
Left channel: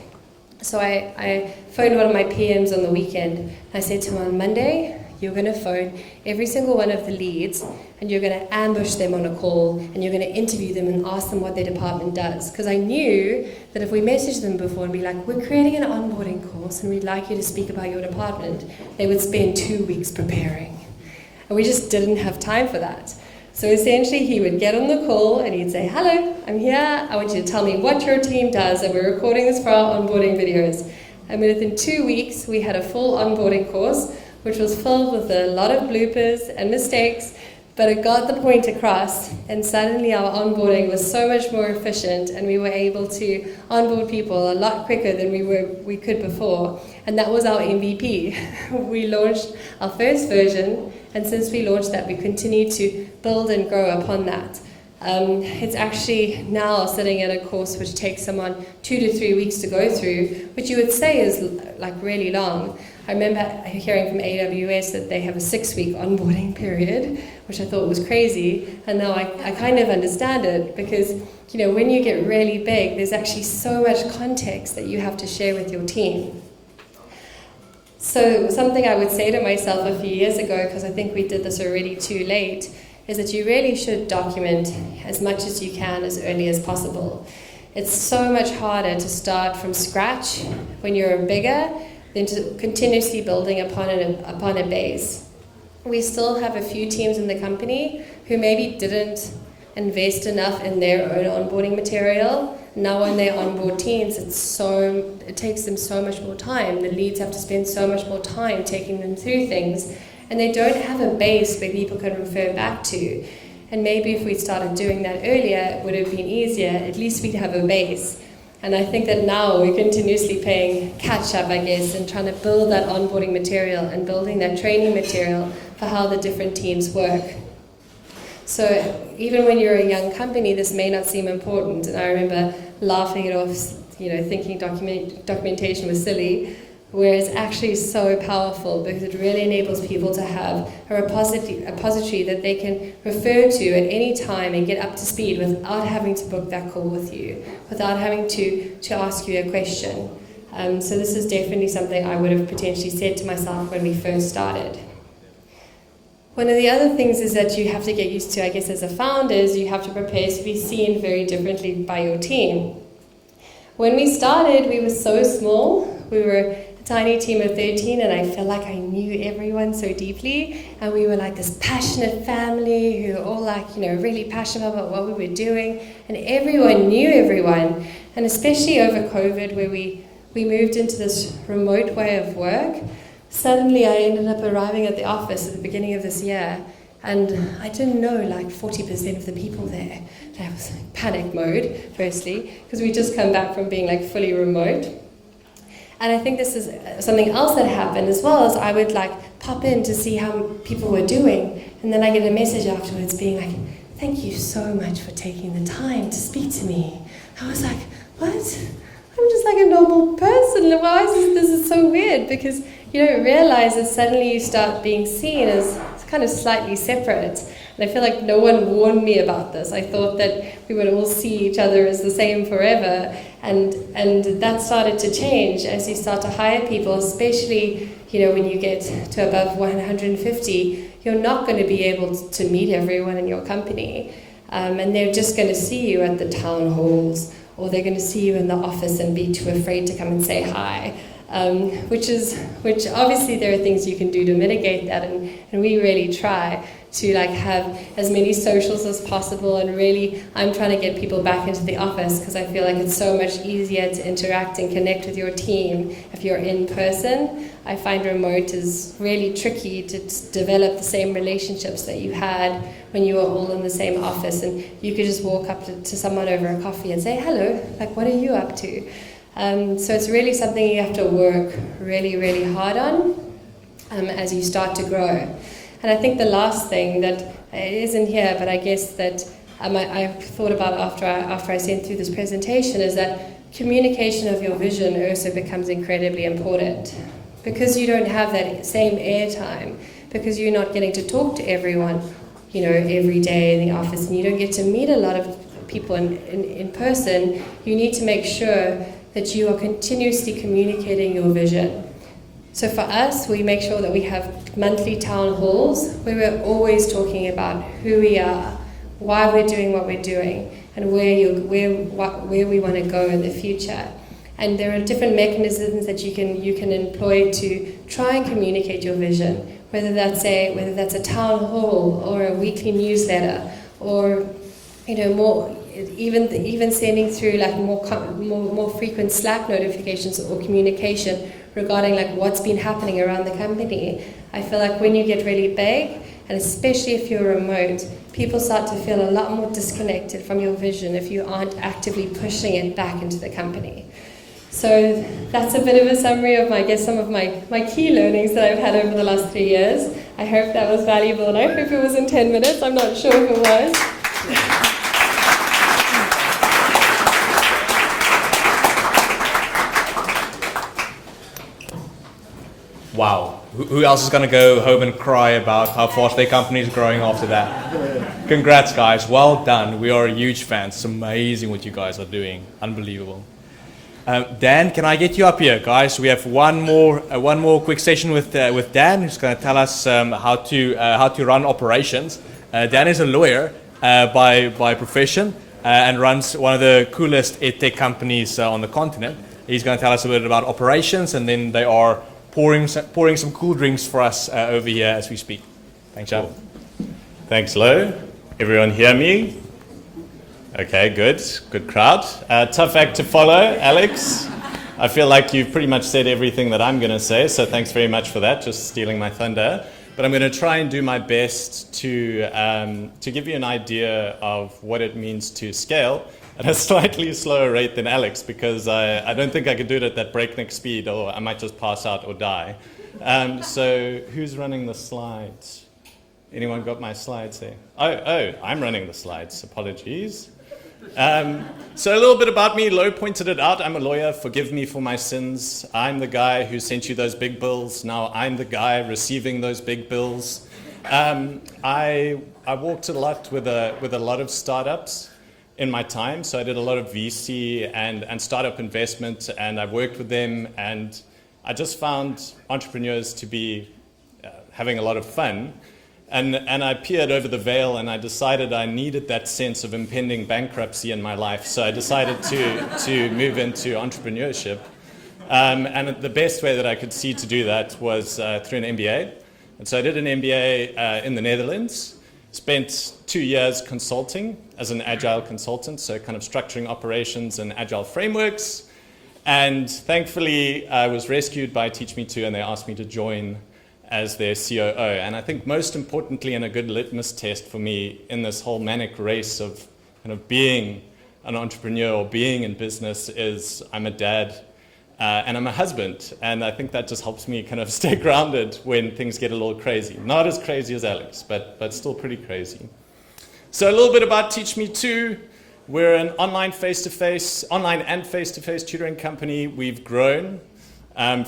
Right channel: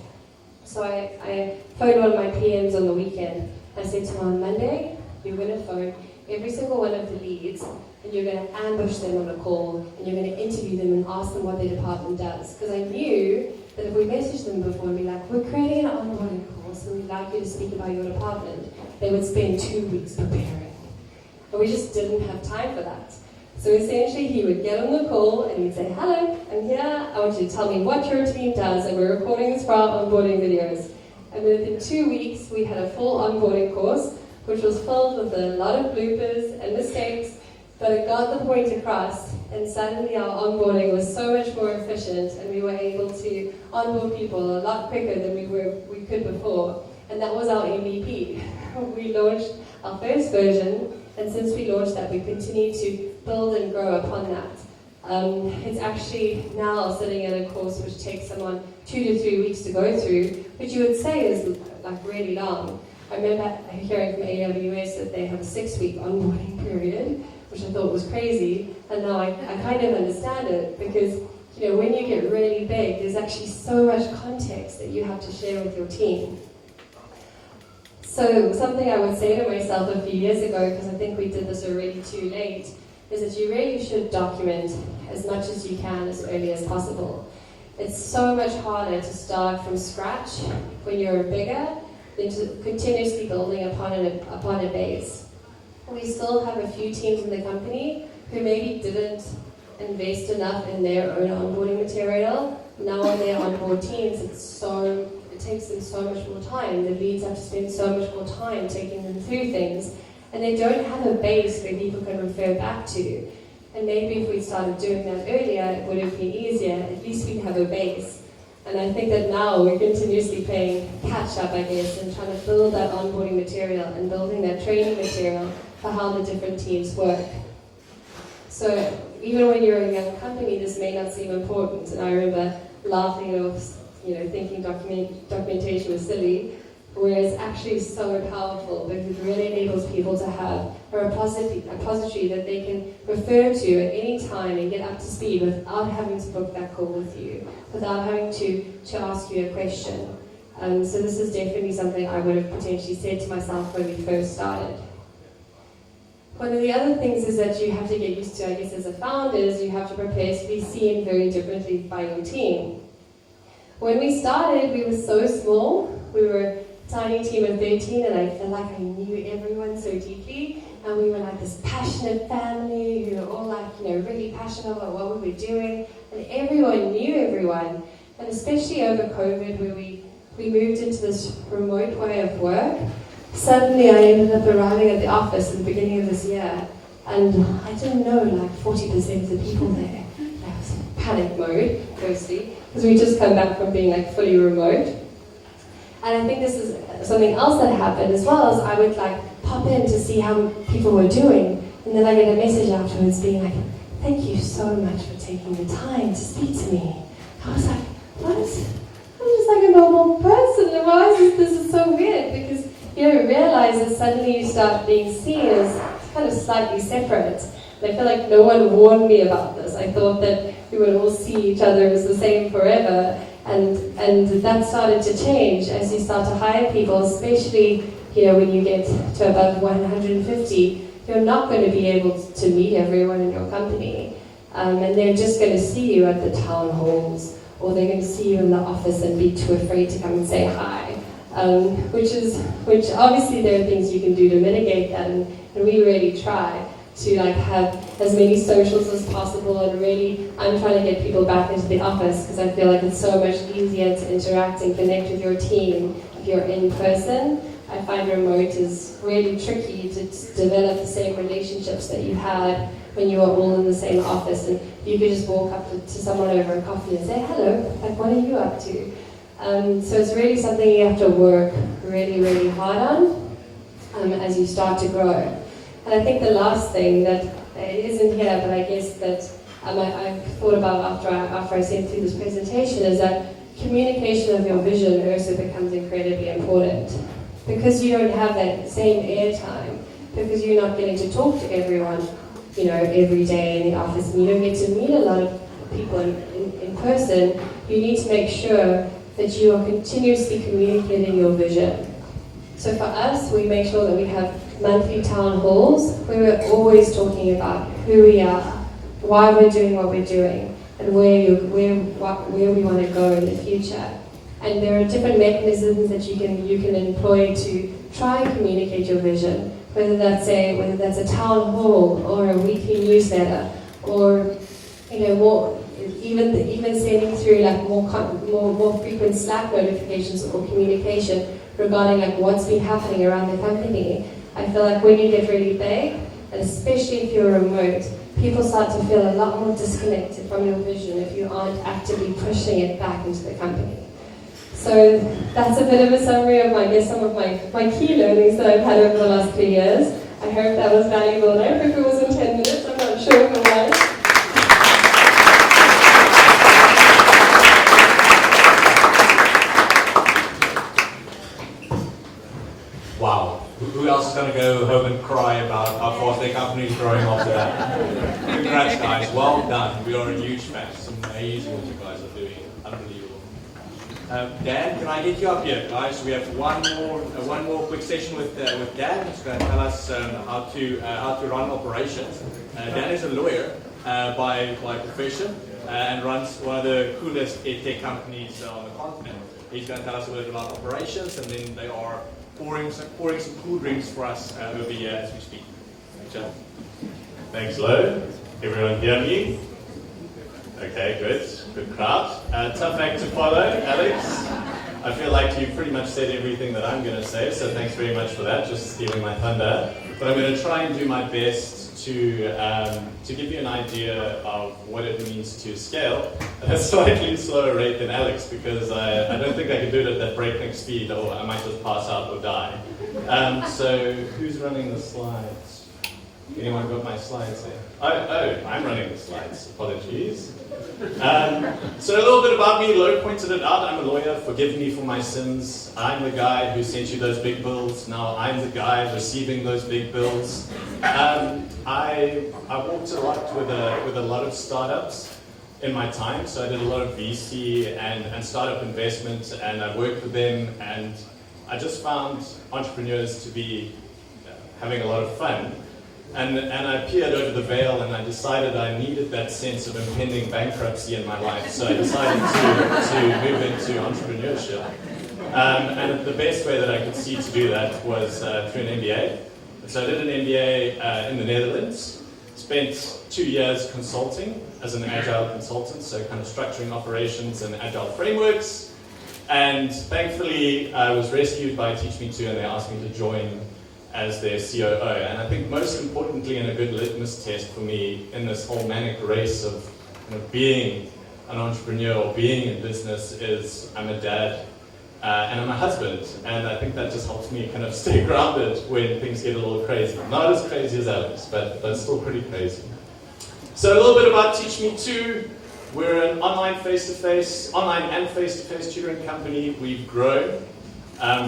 So I phoned one of my PMs on the weekend. I said to him, on Monday, you're going to phone every single one of the leads, and you're going to ambush them on a call, and you're going to interview them and ask them what their department does. Because I knew that if we messaged them before and be we're creating an onboarding course, and we'd like you to speak about your department, they would spend 2 weeks preparing. And we just didn't have time for that. So essentially, he would get on the call and he'd say, hello, I'm here. I want you to tell me what your team does, and we're recording this for our onboarding videos. And within 2 weeks, we had a full onboarding course, which was filled with a lot of bloopers and mistakes, but it got the point across, and suddenly our onboarding was so much more efficient, and we were able to onboard people a lot quicker than we could before. And that was our MVP. We launched our first version, and since we launched that, we continue to build and grow upon that. It's actually now sitting at a course which takes someone 2 to 3 weeks to go through, which you would say is really long. I remember hearing from AWS that they have a 6-week onboarding period, which I thought was crazy, and now I kind of understand it, because when you get really big, there's actually so much context that you have to share with your team. So something I would say to myself a few years ago, because I think we did this already too late, is that you really should document as much as you can as early as possible. It's so much harder to start from scratch when you're bigger than to continuously building upon a base. We still have a few teams in the company who maybe didn't invest enough in their own onboarding material. Now when they onboard teams, it takes them so much more time. The leads have to spend so much more time taking them through things, and they don't have a base where people can refer back to. And maybe if we started doing that earlier, it would have been easier. At least we'd have a base. And I think that now we're continuously playing catch up, I guess, and trying to build that onboarding material and building that training material for how the different teams work. So even when you're a young company, this may not seem important. And I remember laughing it off, thinking documentation was silly, where it's actually so powerful because it really enables people to have a repository that they can refer to at any time and get up to speed without having to book that call with you, without having to ask you a question. So this is definitely something I would have potentially said to myself when we first started. One of the other things is that you have to get used to, I guess, as a founder, is you have to prepare to be seen very differently by your team. When we started, we were so small. We were a tiny team of 13, and I felt like I knew everyone so deeply. And we were like this passionate family who were all really passionate about what we were doing. And everyone knew everyone. And especially over COVID, where we moved into this remote way of work, suddenly I ended up arriving at the office at the beginning of this year, and I didn't know 40% of the people there. I was in panic mode, firstly, because we just come back from being fully remote. And I think this is something else that happened as well, as I would pop in to see how people were doing, and then I get a message afterwards being like, "Thank you so much for taking the time to speak to me." I was like, what? I'm just like a normal person. Why is this is so weird? Because you don't realize that suddenly you start being seen as kind of slightly separate. And I feel like no one warned me about this. I thought that we would all see each other as the same forever. And that started to change as you start to hire people, especially when you get to above 150. You're not going to be able to meet everyone in your company. And they're just going to see you at the town halls, or they're going to see you in the office and be too afraid to come and say hi. Which obviously there are things you can do to mitigate that, and we really try to have as many socials as possible, and really I'm trying to get people back into the office because I feel like it's so much easier to interact and connect with your team if you're in person. I find remote is really tricky to develop the same relationships that you had when you were all in the same office, and you could just walk up to someone over a coffee and say, "Hello, what are you up to?" So it's really something you have to work really, really hard on as you start to grow. And I think the last thing that isn't here, but I guess that I've thought about after I sent through this presentation, is that communication of your vision also becomes incredibly important. Because you don't have that same airtime, because you're not getting to talk to everyone, every day in the office, and you don't get to meet a lot of people in person, you need to make sure that you are continuously communicating your vision. So for us, we make sure that we have monthly town halls where we're always talking about who we are, why we're doing what we're doing, and where we want to go in the future. And there are different mechanisms that you can employ to try and communicate your vision, whether that's a town hall or a weekly newsletter, or more even sending through more frequent Slack notifications or communication regarding what's been happening around the company. I feel like when you get really big, and especially if you're remote, people start to feel a lot more disconnected from your vision if you aren't actively pushing it back into the company. So that's a bit of a summary of some of my key learnings that I've had over the last 3 years. I hope that was valuable, and I hope it was in 10 minutes. I'm not sure if it was. Wow. Who else is going to go home and cry about how fast their company is growing after that? Congrats, guys. Well done. We are huge fans. It's amazing what you guys are doing. Unbelievable. Dan, can I get you up here, guys? We have one more quick session with Dan, who's going to tell us how to run operations. Dan is a lawyer by profession and runs one of the coolest edtech companies on the continent. He's going to tell us a bit about operations, and then they are pouring some cool drinks for us over here as we speak. Thanks, John. Thanks, hello. Everyone hear me? Okay, good crowd. Tough act to follow, Alex. I feel like you've pretty much said everything that I'm going to say, so thanks very much for that, just stealing my thunder. but I'm going to try and do my best to give you an idea of what it means to scale at a slightly slower rate than Alex, because I don't think I could do it at that breakneck speed, or I might just pass out or die. So who's running the slides? Anyone got my slides there? Oh, I'm running the slides. Apologies. So a little bit about me. Lo pointed it out. I'm a lawyer. Forgive me for my sins. I'm the guy who sent you those big bills. Now I'm the guy receiving those big bills. I worked a lot with a lot of startups in my time. So I did a lot of VC and startup investment, and I worked with them, and I just found entrepreneurs to be having a lot of fun. And I peered over the veil, and I decided I needed that sense of impending bankruptcy in my life. So I decided to move into entrepreneurship. And the best way that I could see to do that was through an MBA. And so I did an MBA in the Netherlands, spent 2 years consulting as an agile consultant, so kind of structuring operations and agile frameworks. And thankfully, I was rescued by Teach Me To, and they asked me to join as their COO. And I think most importantly, and a good litmus test for me in this whole manic race of kind of being an entrepreneur or being in business, is I'm a dad and I'm a husband. And I think that just helps me kind of stay grounded when things get a little crazy. Not as crazy as Alex, but still pretty crazy. So a little bit about Teach Me To. We're an online and face-to-face tutoring company. We've grown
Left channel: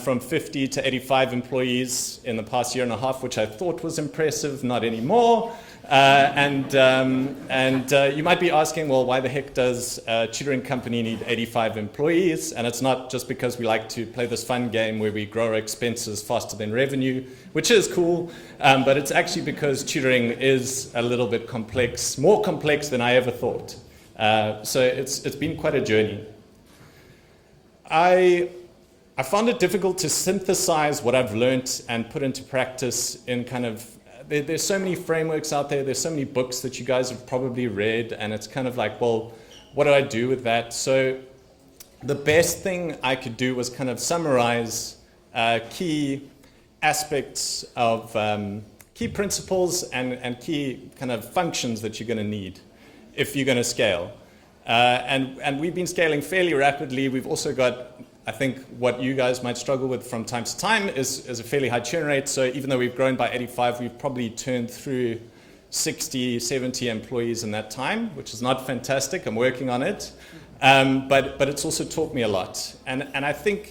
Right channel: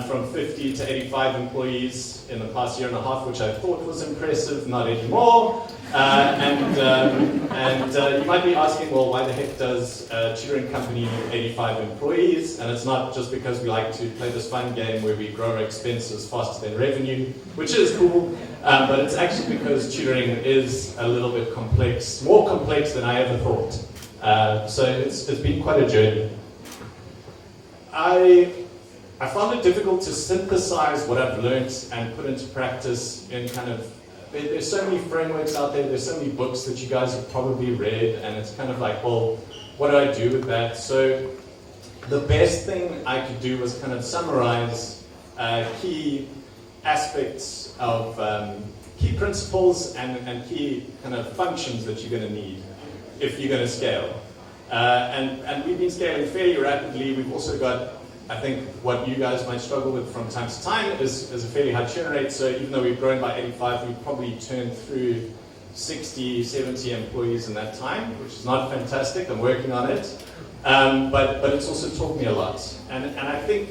from 50 to 85 employees in the past year and a half, which I thought was impressive, not anymore. And you might be asking, well, why the heck does a tutoring company need 85 employees? And it's not just because we like to play this fun game where we grow our expenses faster than revenue, which is cool, but it's actually because tutoring is a little bit complex, more complex than I ever thought. So it's been quite a journey. I found it difficult to synthesize what I've learned and put into practice in kind of, there's so many frameworks out there, there's so many books that you guys have probably read, and it's kind of like, well, what do I do with that? So the best thing I could do was kind of summarize key aspects of, key principles and key kind of functions that you're going to need if you're going to scale. And we've been scaling fairly rapidly. We've also got, I think what you guys might struggle with from time to time is a fairly high churn rate. So even though we've grown by 85, we've probably turned through 60, 70 employees in that time, which is not fantastic. I'm working on it. But it's also taught me a lot. And I think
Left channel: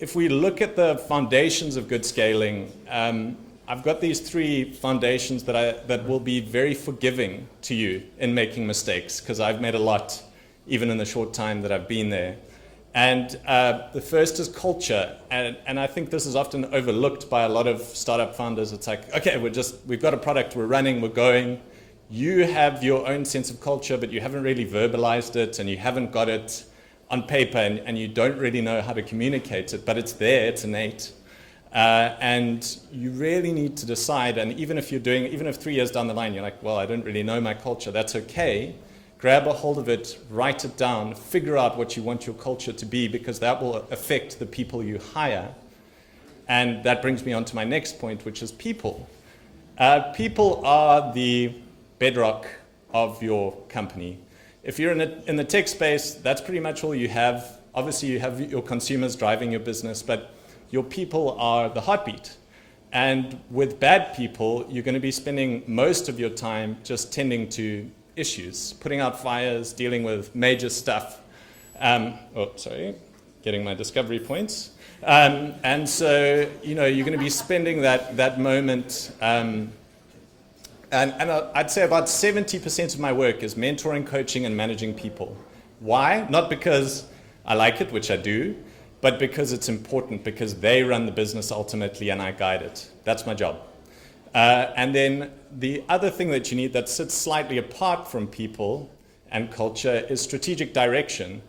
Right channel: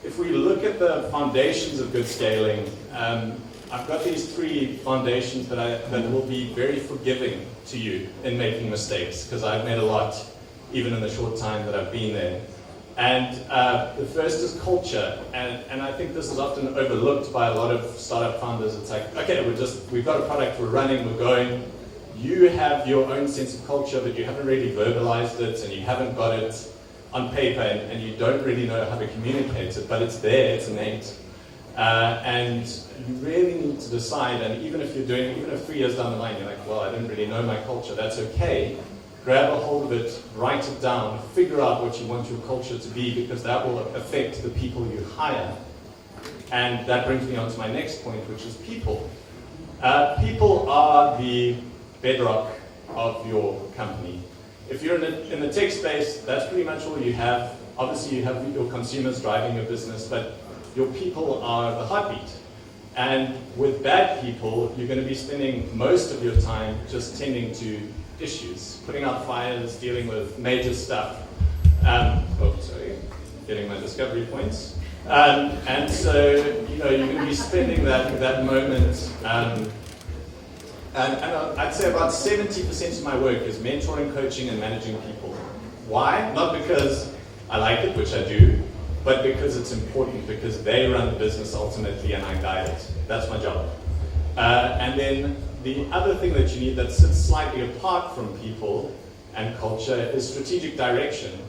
if we look at the foundations of good scaling, I've got these 3 foundations that will be very forgiving to you in making mistakes, because I've made a lot, even in the short time that I've been there. And the first is culture, and I think this is often overlooked by a lot of startup founders. It's like, okay, we've got a product, we're running, we're going. You have your own sense of culture, but you haven't really verbalized it, and you haven't got it on paper, and you don't really know how to communicate it, but it's there, it's innate. And you really need to decide, and even if 3 years down the line, you're like, well, I don't really know my culture, that's okay. Grab a hold of it, write it down, figure out what you want your culture to be, because that will affect the people you hire. And that brings me on to my next point, which is people. People are the bedrock of your company. If you're in the tech space, that's pretty much all you have. Obviously, you have your consumers driving your business, but your people are the heartbeat. And with bad people, you're going to be spending most of your time just tending to issues, putting out fires, dealing with major stuff. Getting my discovery points. And so, you're going to be spending that moment. And I'd say about 70% of my work is mentoring, coaching, and managing people. Why? Not because I like it, which I do, but because it's important, because they run the business ultimately and I guide it. That's my job. And then the other thing that you need that sits slightly apart from people and culture is strategic direction.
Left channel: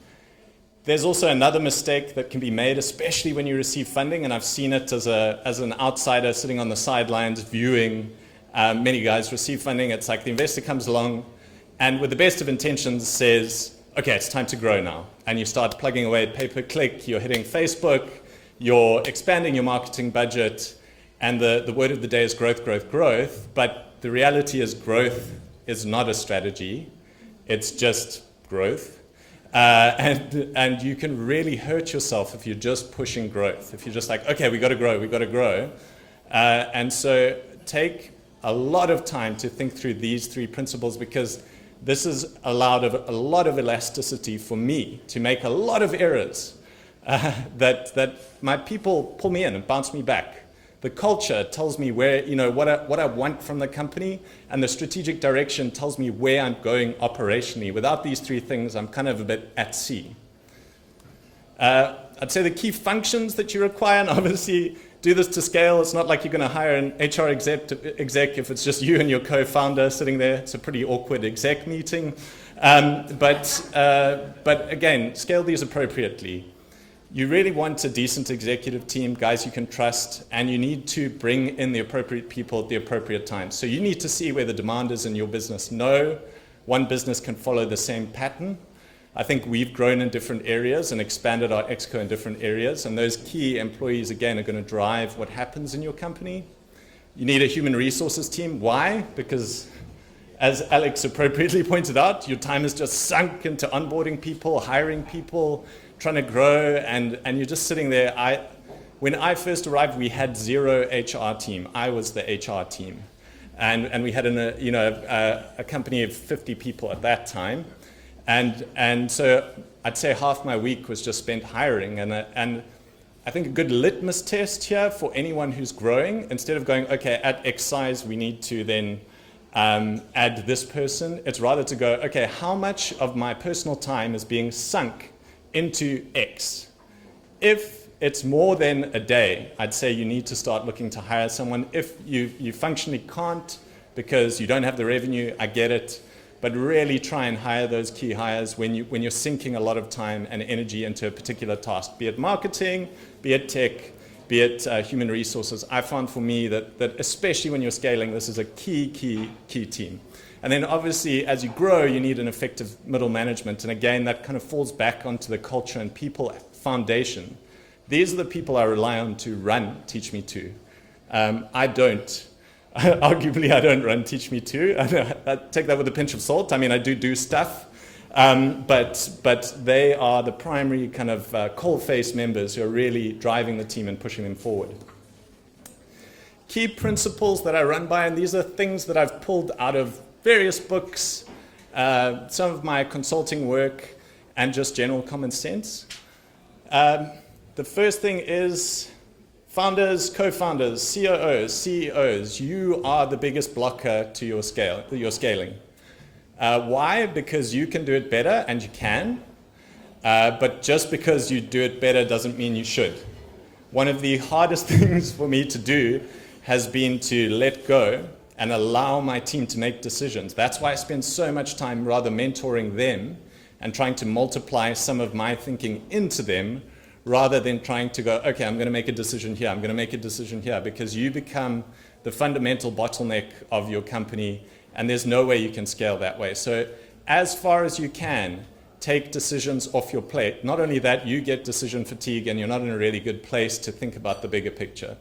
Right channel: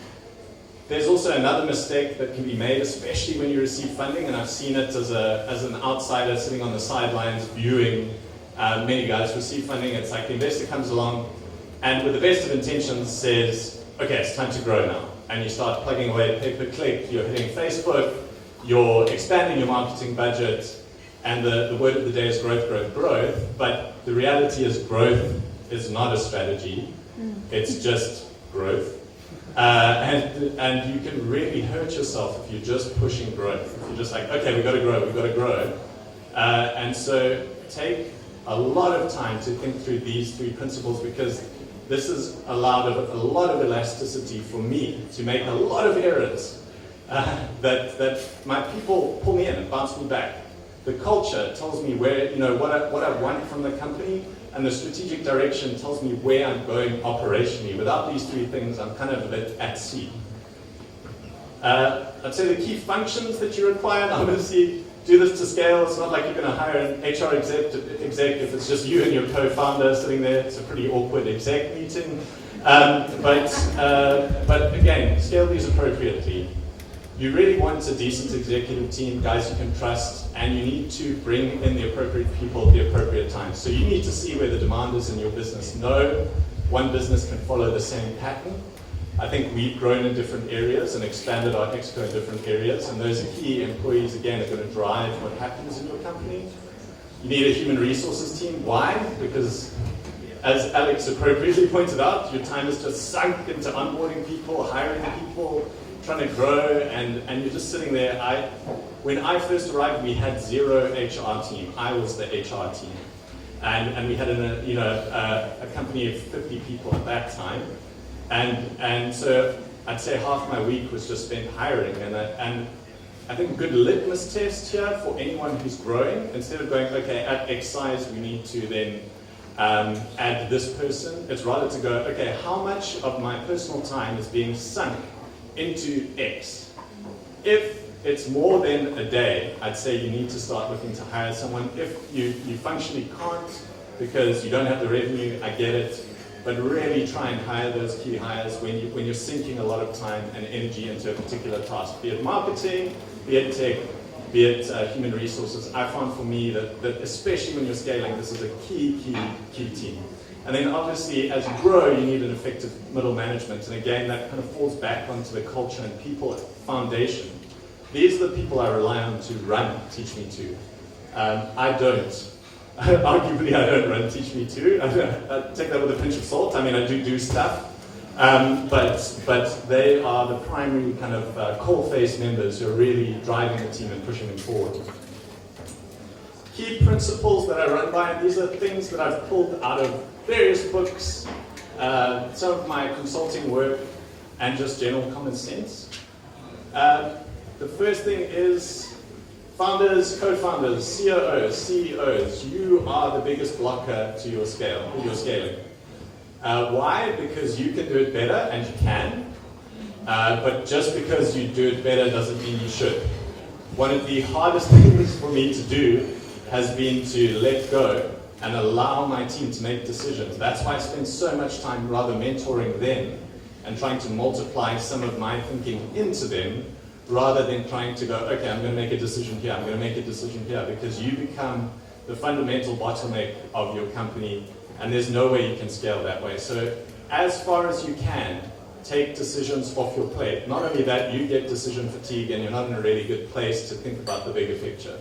There's also another mistake that can be made, especially when you receive funding, and I've seen it as an outsider sitting on the sidelines viewing many guys receive funding. It's like the investor comes along and with the best of intentions says, okay, it's time to grow now. And you start plugging away at pay-per-click, you're hitting Facebook, you're expanding your marketing budget, And the word of the day is growth, growth, growth. But the reality is growth is not a strategy. It's just growth. And you can really hurt yourself if you're just pushing growth. If you're just like, okay, we've got to grow. And so take a lot of time to think through these 3 principles, because this has allowed a lot of elasticity for me to make a lot of errors that my people pull me in and bounce me back. The culture tells me where, what I want from the company, and the strategic direction tells me where I'm going operationally. Without these 3 things, I'm kind of a bit at sea. I'd say the key functions that you require, and obviously do this to scale. It's not like you're going to hire an HR exec if it's just you and your co-founder sitting there. It's a pretty awkward exec meeting. But again, scale these appropriately. You really want a decent executive team, guys you can trust, and you need to bring in the appropriate people at the appropriate time. So you need to see where the demand is in your business. No one business can follow the same pattern. I think we've grown in different areas and expanded our exco in different areas, and those key employees, again, are going to drive what happens in your company. You need a human resources team. Why? Because, as Alex appropriately pointed out, your time is just sunk into onboarding people, hiring people, trying to grow, and you're just sitting there. When I first arrived, we had 0 HR team. I was the HR team. And we had a company of 50 people at that time. And so I'd say half my week was just spent hiring. And I think a good litmus test here for anyone who's growing, instead of going, okay, at X size, we need to then add this person, it's rather to go, okay, how much of my personal time is being sunk into X? If it's more than a day, I'd say you need to start looking to hire someone. If you functionally can't because you don't have the revenue, I get it. But really try and hire those key hires when you're sinking a lot of time and energy into a particular task, be it marketing, be it tech, be it human resources. I found for me that especially when you're scaling, this is a key team. And then obviously as you grow, you need an effective middle management. And again, that kind of falls back onto the culture and people foundation. These are the people I rely on to run Teach Me To. I don't. Arguably, I don't run Teach Me To. I take that with a pinch of salt. I mean, I do stuff. But they are the primary kind of coal-face members who are really driving the team and pushing them forward. Key principles that I run by, and these are things that I've pulled out of various books, some of my consulting work, and just general common sense. The first thing is founders, co-founders, COOs, CEOs, you are the biggest blocker to your scaling. Why? Because you can do it better, and you can, but just because you do it better doesn't mean you should. One of the hardest things for me to do has been to let go and allow my team to make decisions. That's why I spend so much time rather mentoring them and trying to multiply some of my thinking into them, rather than trying to go, okay, I'm going to make a decision here, I'm going to make a decision here, because you become the fundamental bottleneck of your company, and there's no way you can scale that way. So as far as you can, take decisions off your plate. Not only that, you get decision fatigue and you're not in a really good place to think about the bigger picture.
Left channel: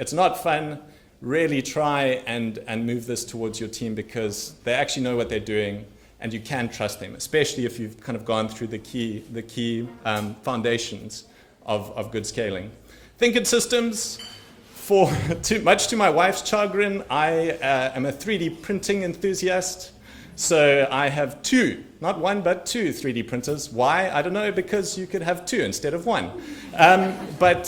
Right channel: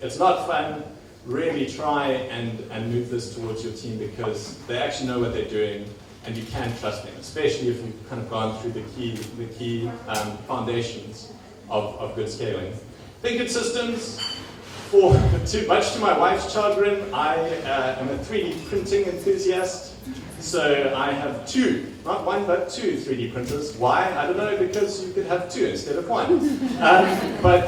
It's not fun. Really try and move this towards your team, because they actually know what they're doing and you can trust them, especially if you've kind of gone through the key foundations of good scaling. Think in systems. Much to my wife's chagrin, I am a 3D printing enthusiast. So I have 2, not 1, but 2 3D printers. Why? I don't know, because you could have 2 instead of 1. But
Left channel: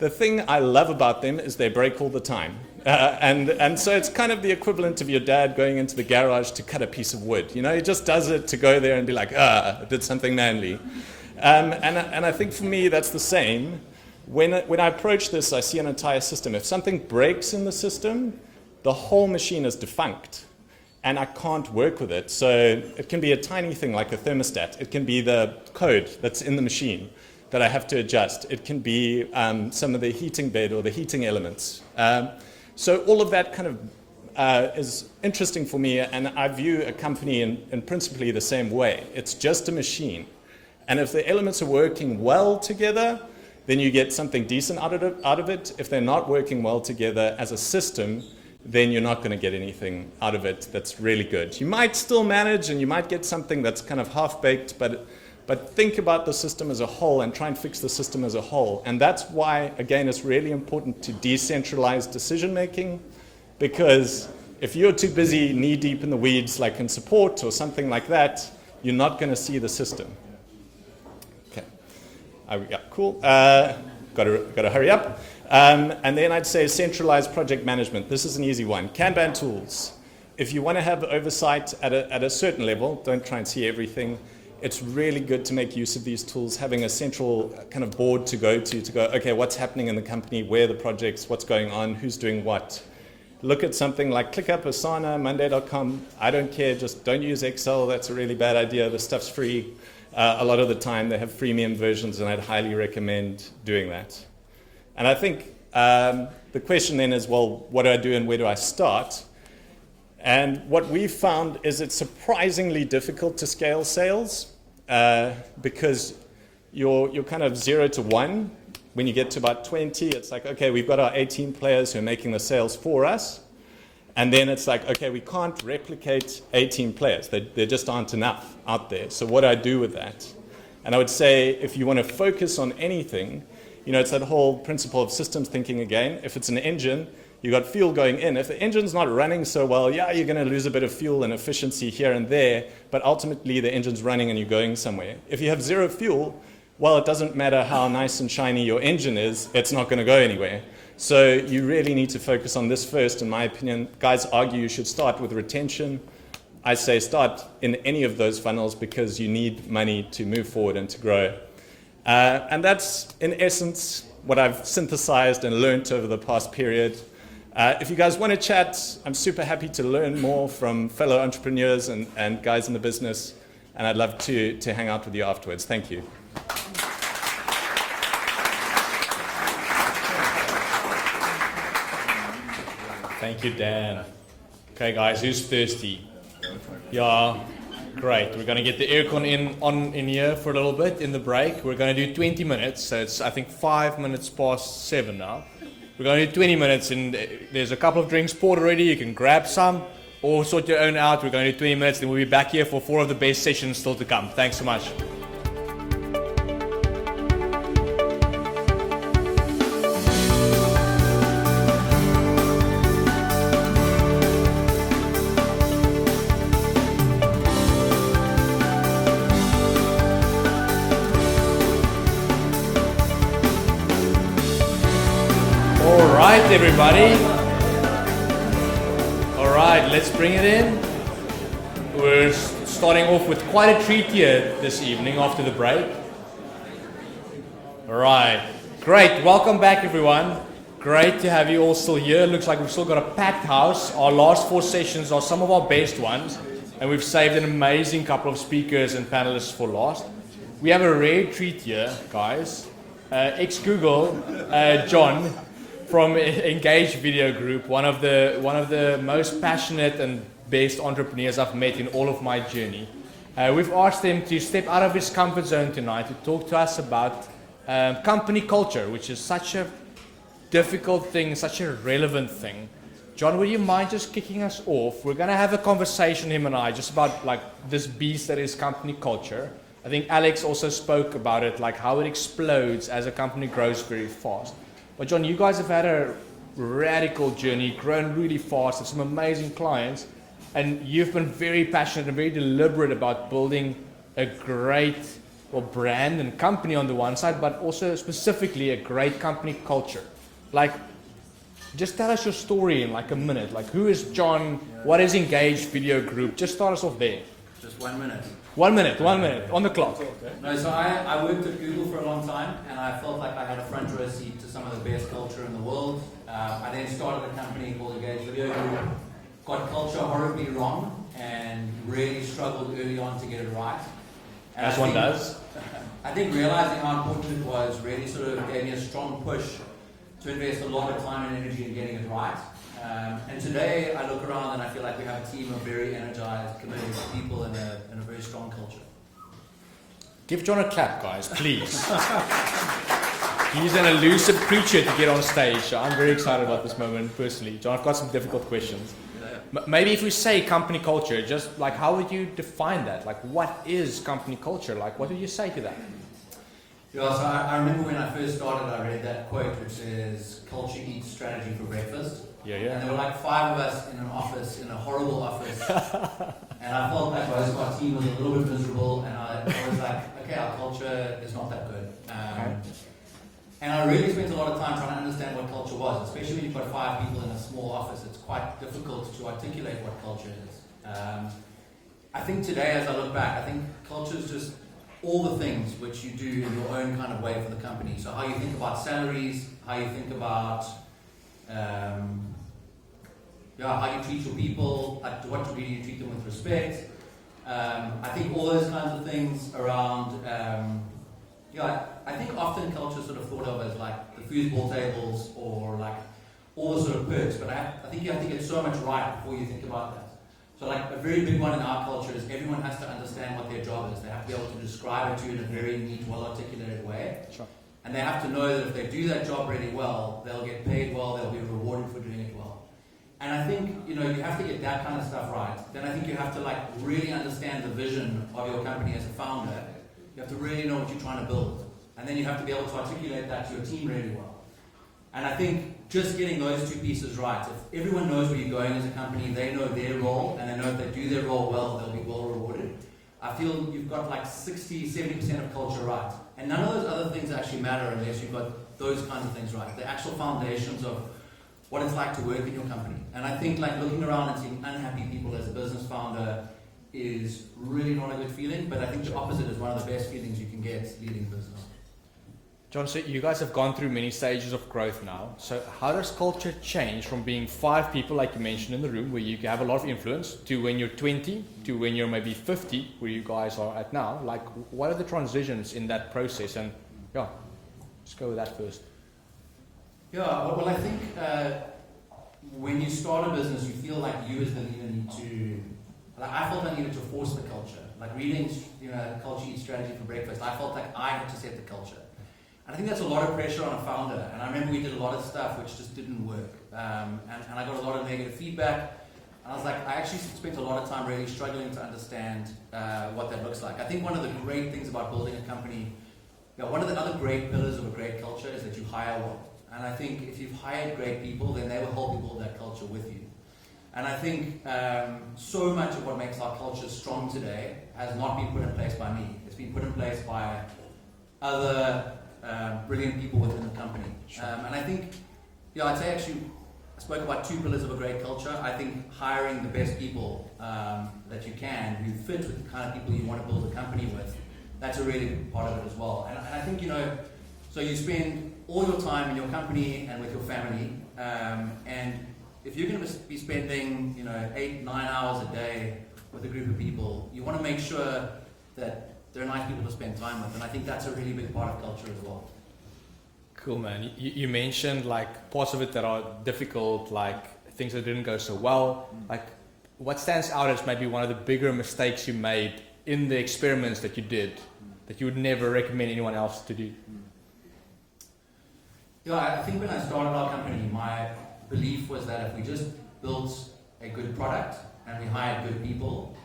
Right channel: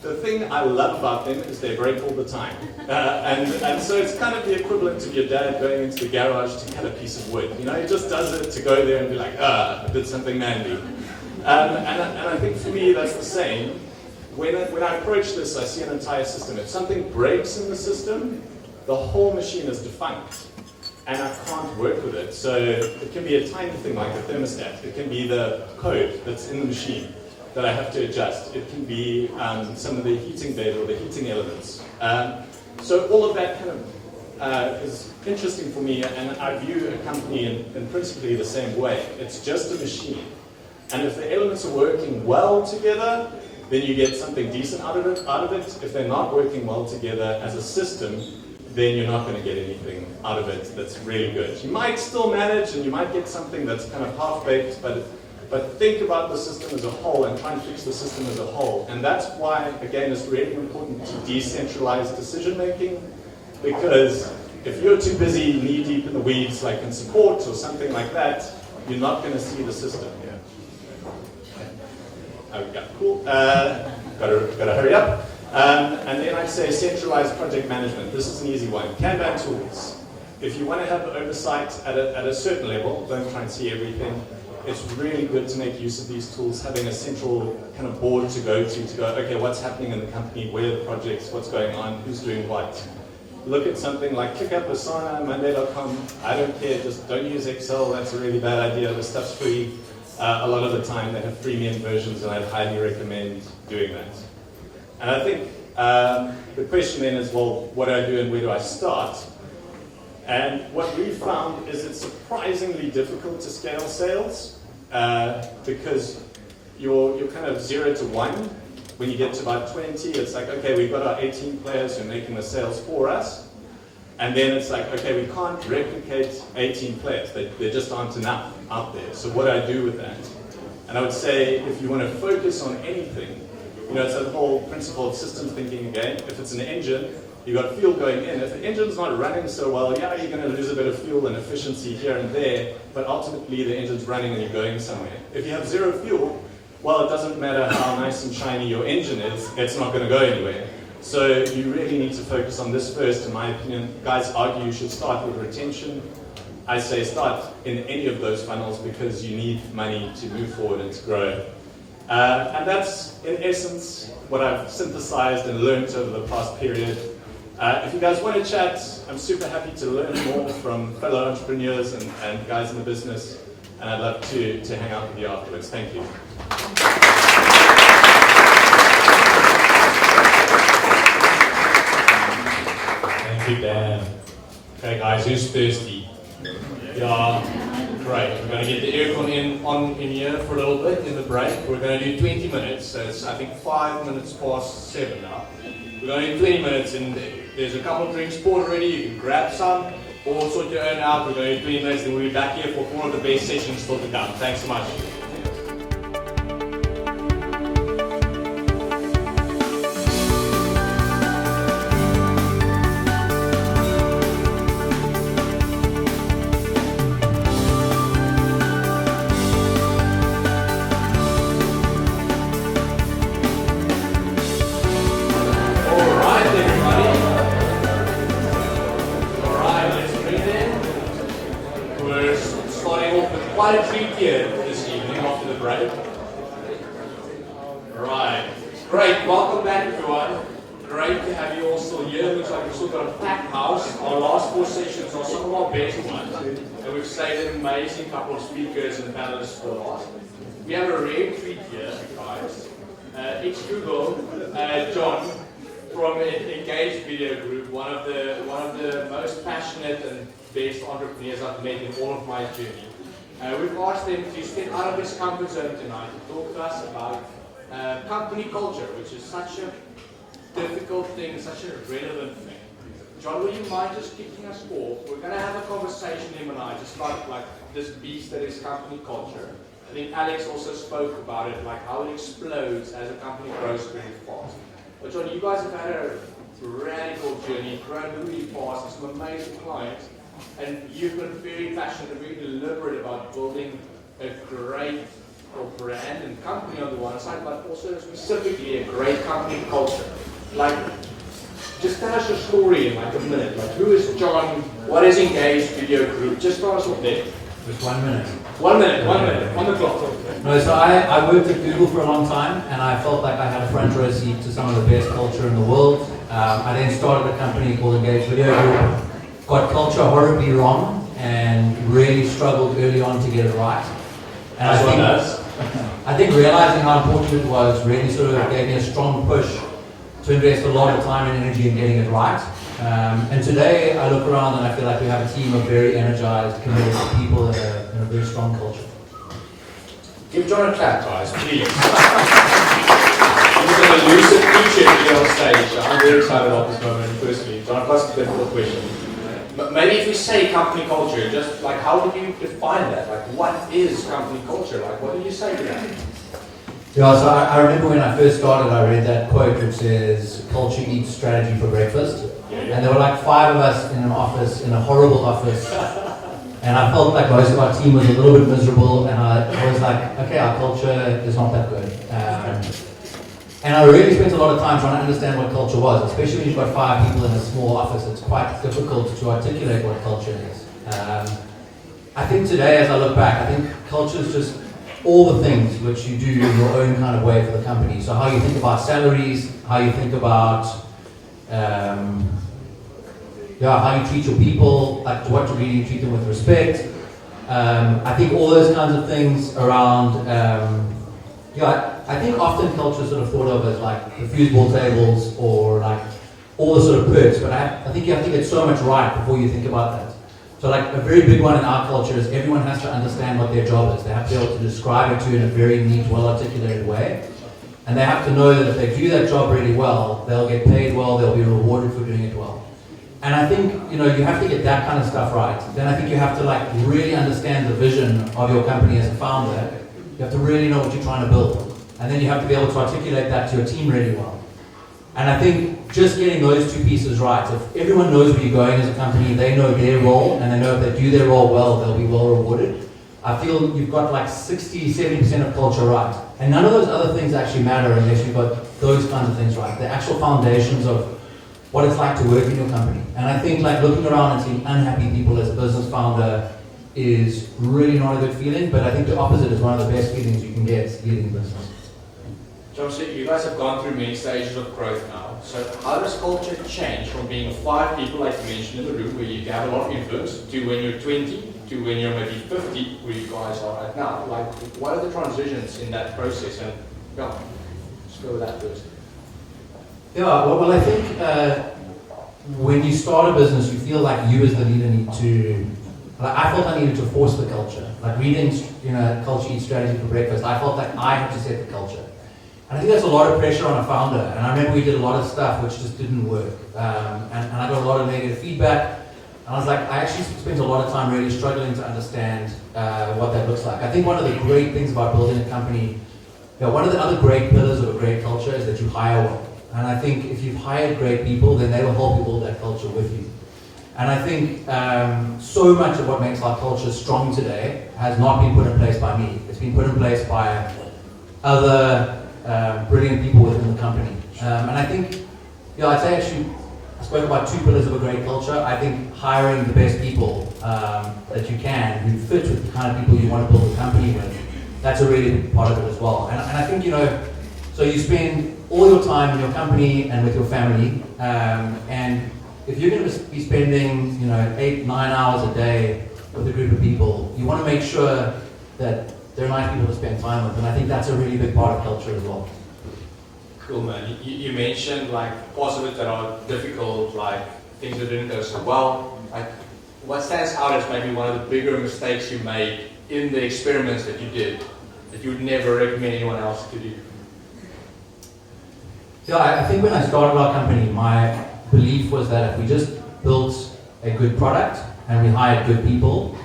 the thing I love about them is they break all the time. And so it's kind of the equivalent of your dad going into the garage to cut a piece of wood. He just does it to go there and be like, did something manly. And I think for me that's the same. When I approach this, I see an entire system. If something breaks in the system, the whole machine is defunct, and I can't work with it. So it can be a tiny thing like a thermostat. It can be the code that's in the machine that I have to adjust. It can be some of the heating bed or the heating elements. So all of that kind of is interesting for me, and I view a company in principally the same way. It's just a machine. And if the elements are working well together, then you get something decent out of it. If they're not working well together as a system, then you're not going to get anything out of it that's really good. You might still manage and you might get something that's kind of half-baked, but think about the system as a whole and try and fix the system as a whole. And that's why, again, it's really important to decentralize decision-making, because if you're too busy knee-deep in the weeds, like in support or something like that, you're not going to see the system. Okay, cool. Gotta hurry up. And then I'd say centralized project management. This is an easy one. Kanban tools. If you want to have oversight at a certain level, don't try and see everything. It's really good to make use of these tools, having a central kind of board to go, okay, what's happening in the company, where are the projects, what's going on, who's doing what. Look at something like ClickUp, Asana, Monday.com. I don't care, just don't use Excel. That's a really bad idea. The stuff's free. A lot of the time they have freemium versions, and I'd highly recommend doing that. And I think the question then is, well, what do I do and where do I start? And what we've found is it's surprisingly difficult to scale sales because you're kind of 0 to 1. When you get to about 20, it's like, okay, we've got our 18 players who are making the sales for us. And then it's like, okay, we can't replicate 18 players. There just aren't enough out there. So what do I do with that? And I would say if you want to focus on anything, it's that whole principle of systems thinking again. If it's an engine, you've got fuel going in. If the engine's not running so well, yeah, you're going to lose a bit of fuel and efficiency here and there, but ultimately the engine's running and you're going somewhere. If you have zero fuel, well, it doesn't matter how nice and shiny your engine is, it's not going to go anywhere. So you really need to focus on this first, in my opinion. Guys argue you should start with retention. I say start in any of those funnels because you need money to move forward and to grow. And that's, in essence, what I've synthesized and learned over the past period. If you guys want to chat, I'm super happy to learn more from fellow entrepreneurs and guys in the business, and I'd love to hang out with you afterwards. Thank you. Thank you, Dan. Okay, guys, who's thirsty? Yeah, great. We're going to get the aircon on in here for a little bit in the break. We're going to do 20 minutes, so it's, I think, 5 minutes past 7 now. We're going to do 20 minutes, and there's a couple of drinks poured already. You can grab some or sort your own out. We're going to do 20 minutes, then we'll be back here for 4 of the best sessions still to come. Thanks so much. Quite a treat here this evening after the break. Alright, great, welcome back everyone. Great to have you all still here. Looks like we've still got a packed house. Our last 4 sessions are some of our best ones, and we've saved an amazing couple of speakers and panelists for last. We have a rare treat here, guys. Ex-Google, John from Engage Video Group, one of the most passionate and best entrepreneurs I've met in all of my journey. We've asked him to step out of his comfort zone tonight to talk to us about company culture, which is such a difficult thing, such a relevant thing. John, will you mind just kicking us off? We're going to have a conversation, him and I, just about like this beast that is company culture. I think Alex also spoke about it, like how it explodes as a company grows very fast. But John, you guys have had a radical journey, grown really fast, with some amazing clients. And you've been very passionate and very deliberate about building a great brand and company on the one side, but also specifically a great company culture. Like, just tell us your story in like a minute. Like, who is John? What is Engage Video Group? Just start us off there. Just 1 minute. 1 minute, on the clock. No, so I worked at Google for a long time, and I felt like I had a front row seat to some of the best culture in the world. I then started a company called Engage Video Group. Got culture horribly wrong and really struggled early on to get it right. And I think realizing how important it was really sort of gave me a strong push to invest a lot of time and energy in getting it right. And today I look around and I feel like we have a team of very energized, committed people and a very strong culture. Give John a clap, guys, please. an elusive creature here on stage. I'm very excited about this moment personally. John, I've got some difficult questions. But maybe if you say company culture, just like how would you define that? Like what is company culture? Like what do you say to that? Yeah, so I remember when I first started, I read that quote which says, culture eats strategy for breakfast. And there were like 5 of us in an office, in a horrible office. And I felt like most of our team was a little bit miserable, and I was like, okay, our culture is not that good. And I really spent a lot of time trying to understand what culture was, especially when you've got 5 people in a small office. It's quite difficult to articulate what culture is. I think today, as I look back, I think culture is just all the things which you do in your own kind of way for the company. So how you think about salaries, how you think about how you treat your people, like to what degree you treat them with respect. I think all those kinds of things around, I think often culture is sort of thought of as like the foosball tables or like all the sort of perks, but I think you have to get so much right before you think about that. So like a very big one in our culture is everyone has to understand what their job is. They have to be able to describe it to you in a very neat, well-articulated way. And they have to know that if they do that job really well, they'll get paid well, they'll be rewarded for doing it well. And I think, you have to get that kind of stuff right. Then I think you have to like really understand the vision of your company as a founder. You have to really know what you're trying to build. And then you have to be able to articulate that to your team really well. And I think just getting those 2 pieces right, if everyone knows where you're going as a company, they know their role, and they know if they do their role well, they'll be well rewarded. I feel you've got like 60-70% of culture right. And none of those other things actually matter unless you've got those kinds of things right. The actual foundations of what it's like to work in your company. And I think like looking around and seeing unhappy people as a business founder is really not a good feeling, but I think the opposite is one of the best feelings you can get leading business. John, so you guys have gone through many stages of growth now. So how does culture change from being 5 people, like you mentioned in the room, where you have a lot of influence, to when you're 20, to when you're maybe 50, where you guys are right now? Like, what are the transitions in that process? And let's go with that first. Yeah, well I think when you start a business, you feel like you as the leader need to. I felt I needed to force the culture. Like reading, Culture Eats Strategy for Breakfast, I felt like I had to set the culture. And I think that's a lot of pressure on a founder. And I remember we did a lot of stuff which just didn't work. And I got a lot of negative feedback. And I was like, I actually spent a lot of time really struggling to understand what that looks like. I think one of the great things about building a company, one of the other great pillars of a great culture is that you hire well. And I think if you've hired great people, then they will help you build that culture with you. And I think so much of what makes our culture strong today has not been put in place by me. It's been put in place by other brilliant people within the company. And I think, I'd say actually, I spoke about 2 pillars of a great culture. I think hiring the best people that you can, who fit with the kind of people you want to build a company with, that's a really big part of it as well. And I think, so you spend all your time in your company and with your family, and if you're going to be spending, 8-9 hours a day with a group of people, you want to make sure that there are nice people to spend time with, and I think that's a really big part of culture as well. Cool, man. You mentioned like parts of it that are difficult, like things that didn't go so well. Like, what stands out as maybe one of the bigger mistakes you made in the experiments that you did that you would never recommend anyone else to do? Yeah, I think when I started our company, my belief was that if we just built a good product and we hired good people,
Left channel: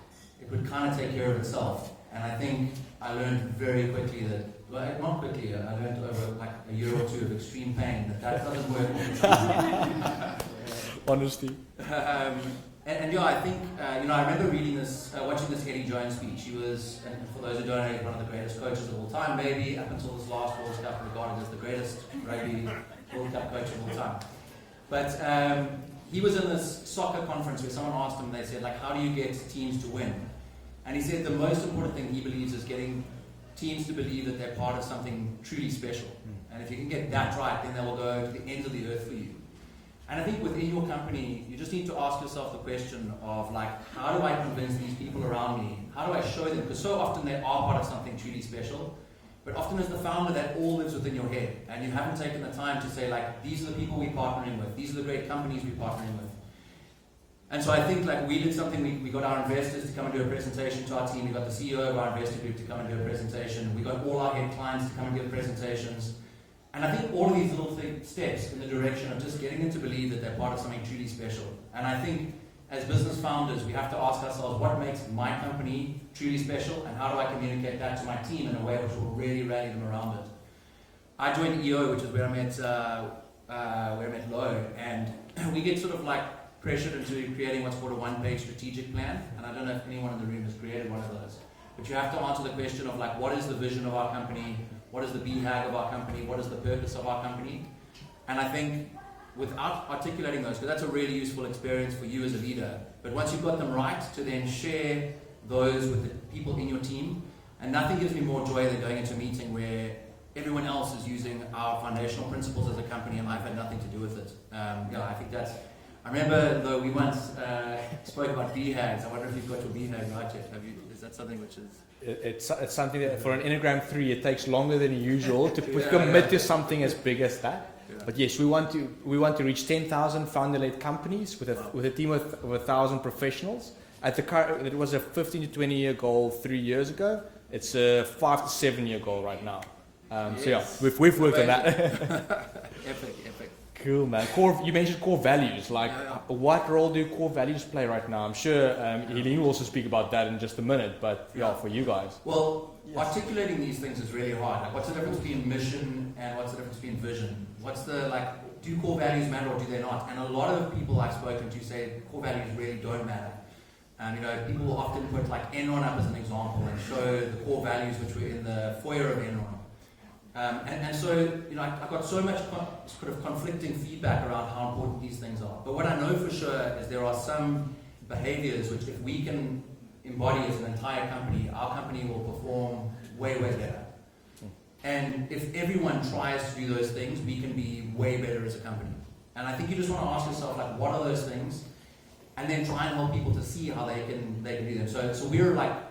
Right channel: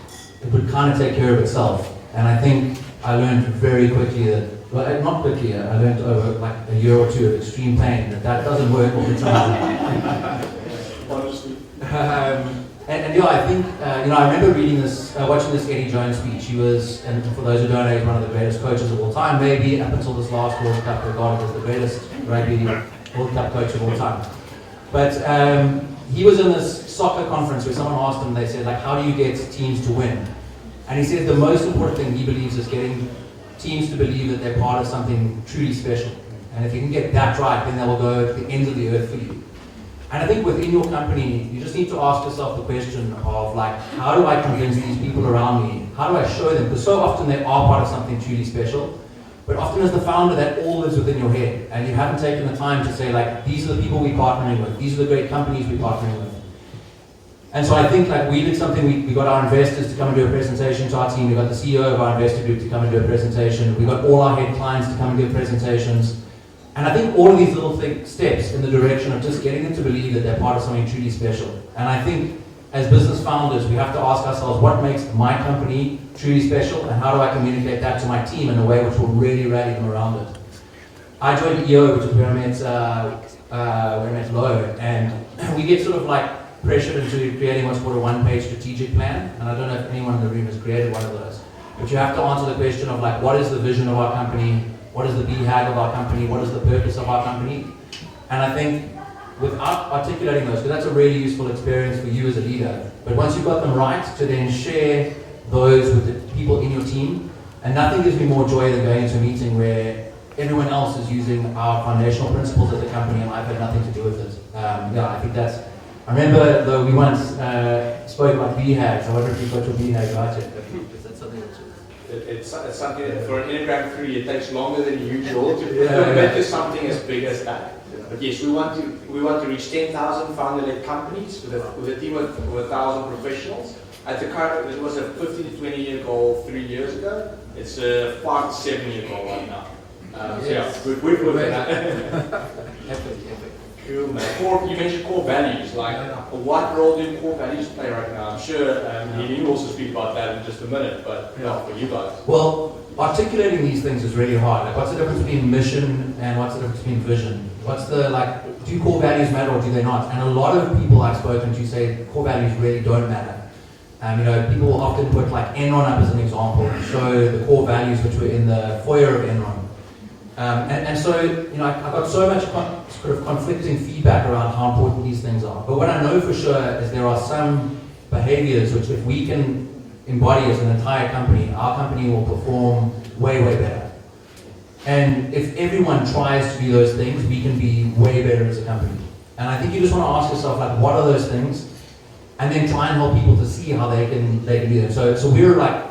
it would kind of take care of itself. And I think I learned very quickly that, well, not quickly, I learned over like a year or 2 of extreme pain that doesn't work all the time. Honestly. And I think, I remember reading this, watching this Eddie Jones speech. He was, and for those who don't know, he's one of the greatest coaches of all time, maybe up until this last World Cup, regarded as the greatest rugby World Cup coach of all time. But he was in this soccer conference where someone asked him, they said, like, how do you get teams to win? And he said the most important thing he believes is getting teams to believe that they're part of something truly special. And if you can get that right, then they will go at the end of the earth for you. And I think within your company, you just need to ask yourself the question of like, how do I convince these people around me? How do I show them? Because so often they are part of something truly special. But often as the founder, that all lives within your head. And you haven't taken the time to say like, these are the people we're partnering with. These are the great companies we're partnering with. And so I think like we did something, we got our investors to come and do a presentation to our team. We got the CEO of our investor group to come and do a presentation. We got all our head clients to come and give presentations. And I think all of these little steps in the direction of just getting them to believe that they're part of something truly special. And I think as business founders, we have to ask ourselves, what makes my company truly special, and how do I communicate that to my team in a way which will really rally them around it? I joined EO, which is where I met Lo, and we get sort of like pressured into creating what's called a one-page strategic plan. And I don't know if anyone in the room has created one of those. But you have to answer the question of like, what is the vision of our company? What is the BHAG of our company? What is the purpose of our company? And I think without articulating those, because that's a really useful experience for you as a leader. But once you've got them right, to then share those with the people in your team. And nothing gives me more joy than going to a meeting where everyone else is using our foundational principles of the company and I've had nothing to do with it. I think that's, I remember though we once spoke about BHAGs. I wonder if you've got your BHAG right yet. Is that something which is... It's something that for an Enneagram 3 it takes longer than usual to commit to something as big as that. But yes, we want to reach 10,000 founder-led companies with a team of 1,000 professionals. At the current, it was a 15 to 20 year goal 3 years ago. It's a 5 to 7 year goal right now. Yes. Yeah, we've looked at that. Cool, man. You mentioned core values. Like, what role do core values play right now? I'm sure you will also speak about that in just a minute, but for you guys. Well, articulating these things is really hard. Like, what's the difference between mission and what's the difference between vision? What's the, like, do core values matter or do they not? And a lot of people I've spoken to say core values really don't matter. And people will often put like Enron up as an example and show the core values which were in the foyer of Enron. So I've got so much sort of conflicting feedback around how important these things are. But what I know for sure is there are some behaviors which if we can embody as an entire company, our company will perform way, way better. And if everyone tries to do those things, we can be way better as a company. And I think you just want to ask yourself, like, what are those things? And then try and help people to see how they can do them. So we're like,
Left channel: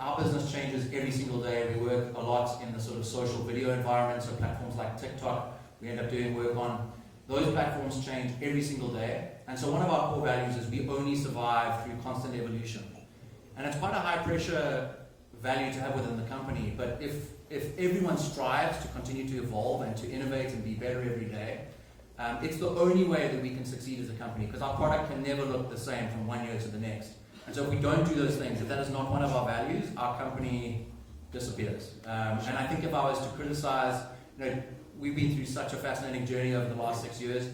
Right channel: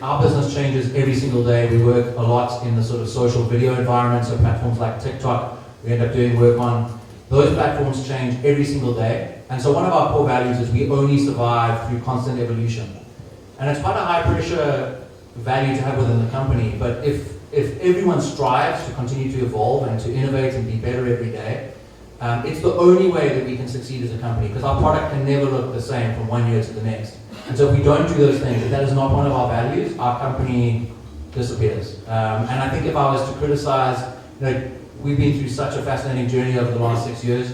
our business changes every single day. We work a lot in the sort of social video environment, so platforms like TikTok, we end up doing work on. Those platforms change every single day. And so one of our core values is we only survive through constant evolution. And it's quite a high pressure value to have within the company, but if everyone strives to continue to evolve and to innovate and be better every day, it's the only way that we can succeed as a company, because our product can never look the same from one year to the next. And so if we don't do those things, if that is not one of our values, our company disappears. And I think if I was to criticize, we've been through such a fascinating journey over the last 6 years.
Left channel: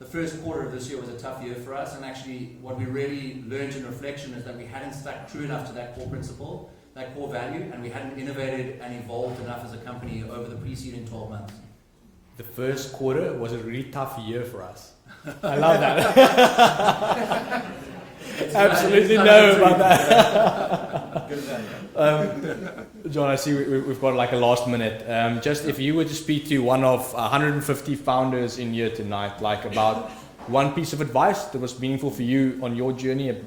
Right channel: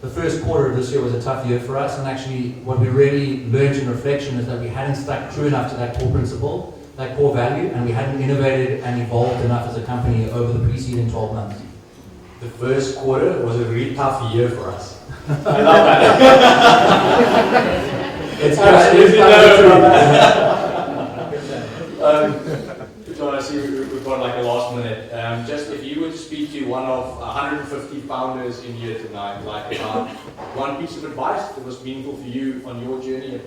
The first quarter of this year was a tough year for us, and actually what we really learned in reflection is that we hadn't stuck true enough to that core principle, that core value, and we hadn't innovated and evolved enough as a company over the preceding 12 months. The first quarter was a really tough year for us. I love that. John, I see we've got like a last minute. Just if you were to speak to one of 150 founders in here tonight, like about one piece of advice that was meaningful for you on your journey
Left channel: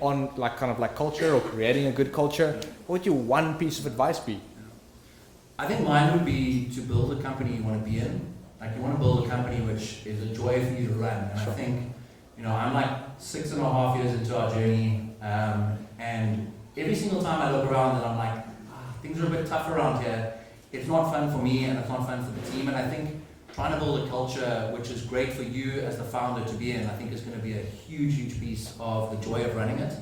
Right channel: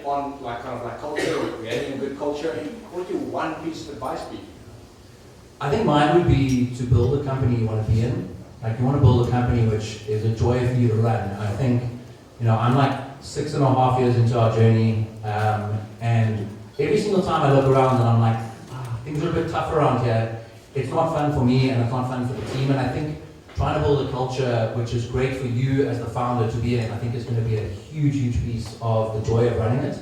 on like kind of like culture or creating a good culture, what would your one piece of advice be? I think mine would be to build a company you want to be in. Like, you want to build a company which is a joy for you to run. And I think, I'm like 6.5 years into our journey, and every single time I look around and I'm like, things are a bit tough around here. It's not fun for me and it's not fun for the team. And I think trying to build a culture which is great for you as the founder to be in, I think is going to be a huge, huge piece of the joy of running it.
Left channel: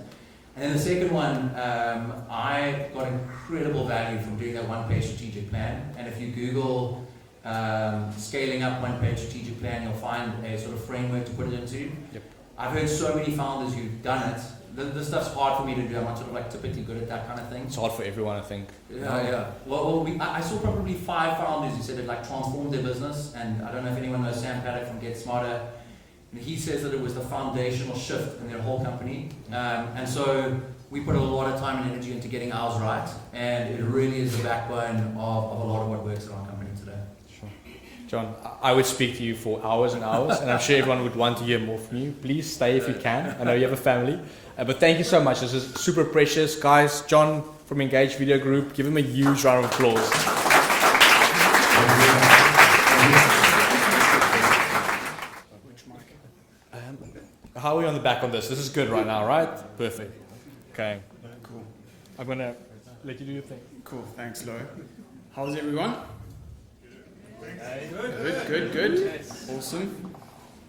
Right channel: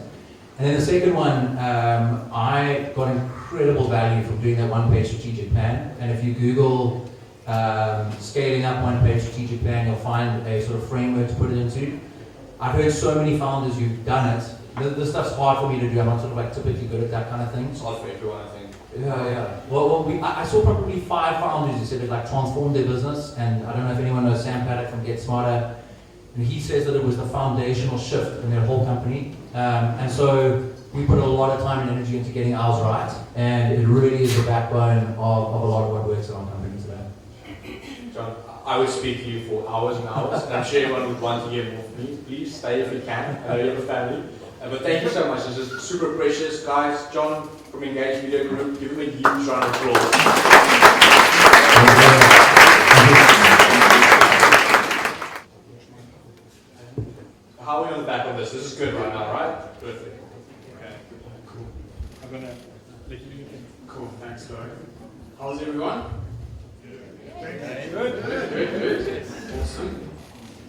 And then the second one, I got incredible value from doing that one-page strategic plan. And if you Google scaling up one-page strategic plan, you'll find a sort of framework to put it into. I've heard so many founders who've done it. This stuff's hard for me to do. I'm not sort of like typically good at that kind of thing. It's hard for everyone, I think. Yeah. Well, I saw probably 5 founders who said it like transformed their business. And I don't know if anyone knows Sam Paddock from Get Smarter. And he says that it was a foundational shift in their whole company. And so we put a lot of time and energy into getting ours right. And it really is the backbone of a lot of what works in our company today. John, I would speak to you for hours and hours, and I'm sure everyone would want to hear more from you. Please stay if you can. I know you have a family. But thank you so much. This is super precious. Guys, John from Engage Video Group, give him a huge round of applause. How are we on the back on this? This is good right now, right? Perfect. Okay. Cool. I'm going to let you do your thing. Cool. Thanks, Laura. How's everyone? Good. Awesome.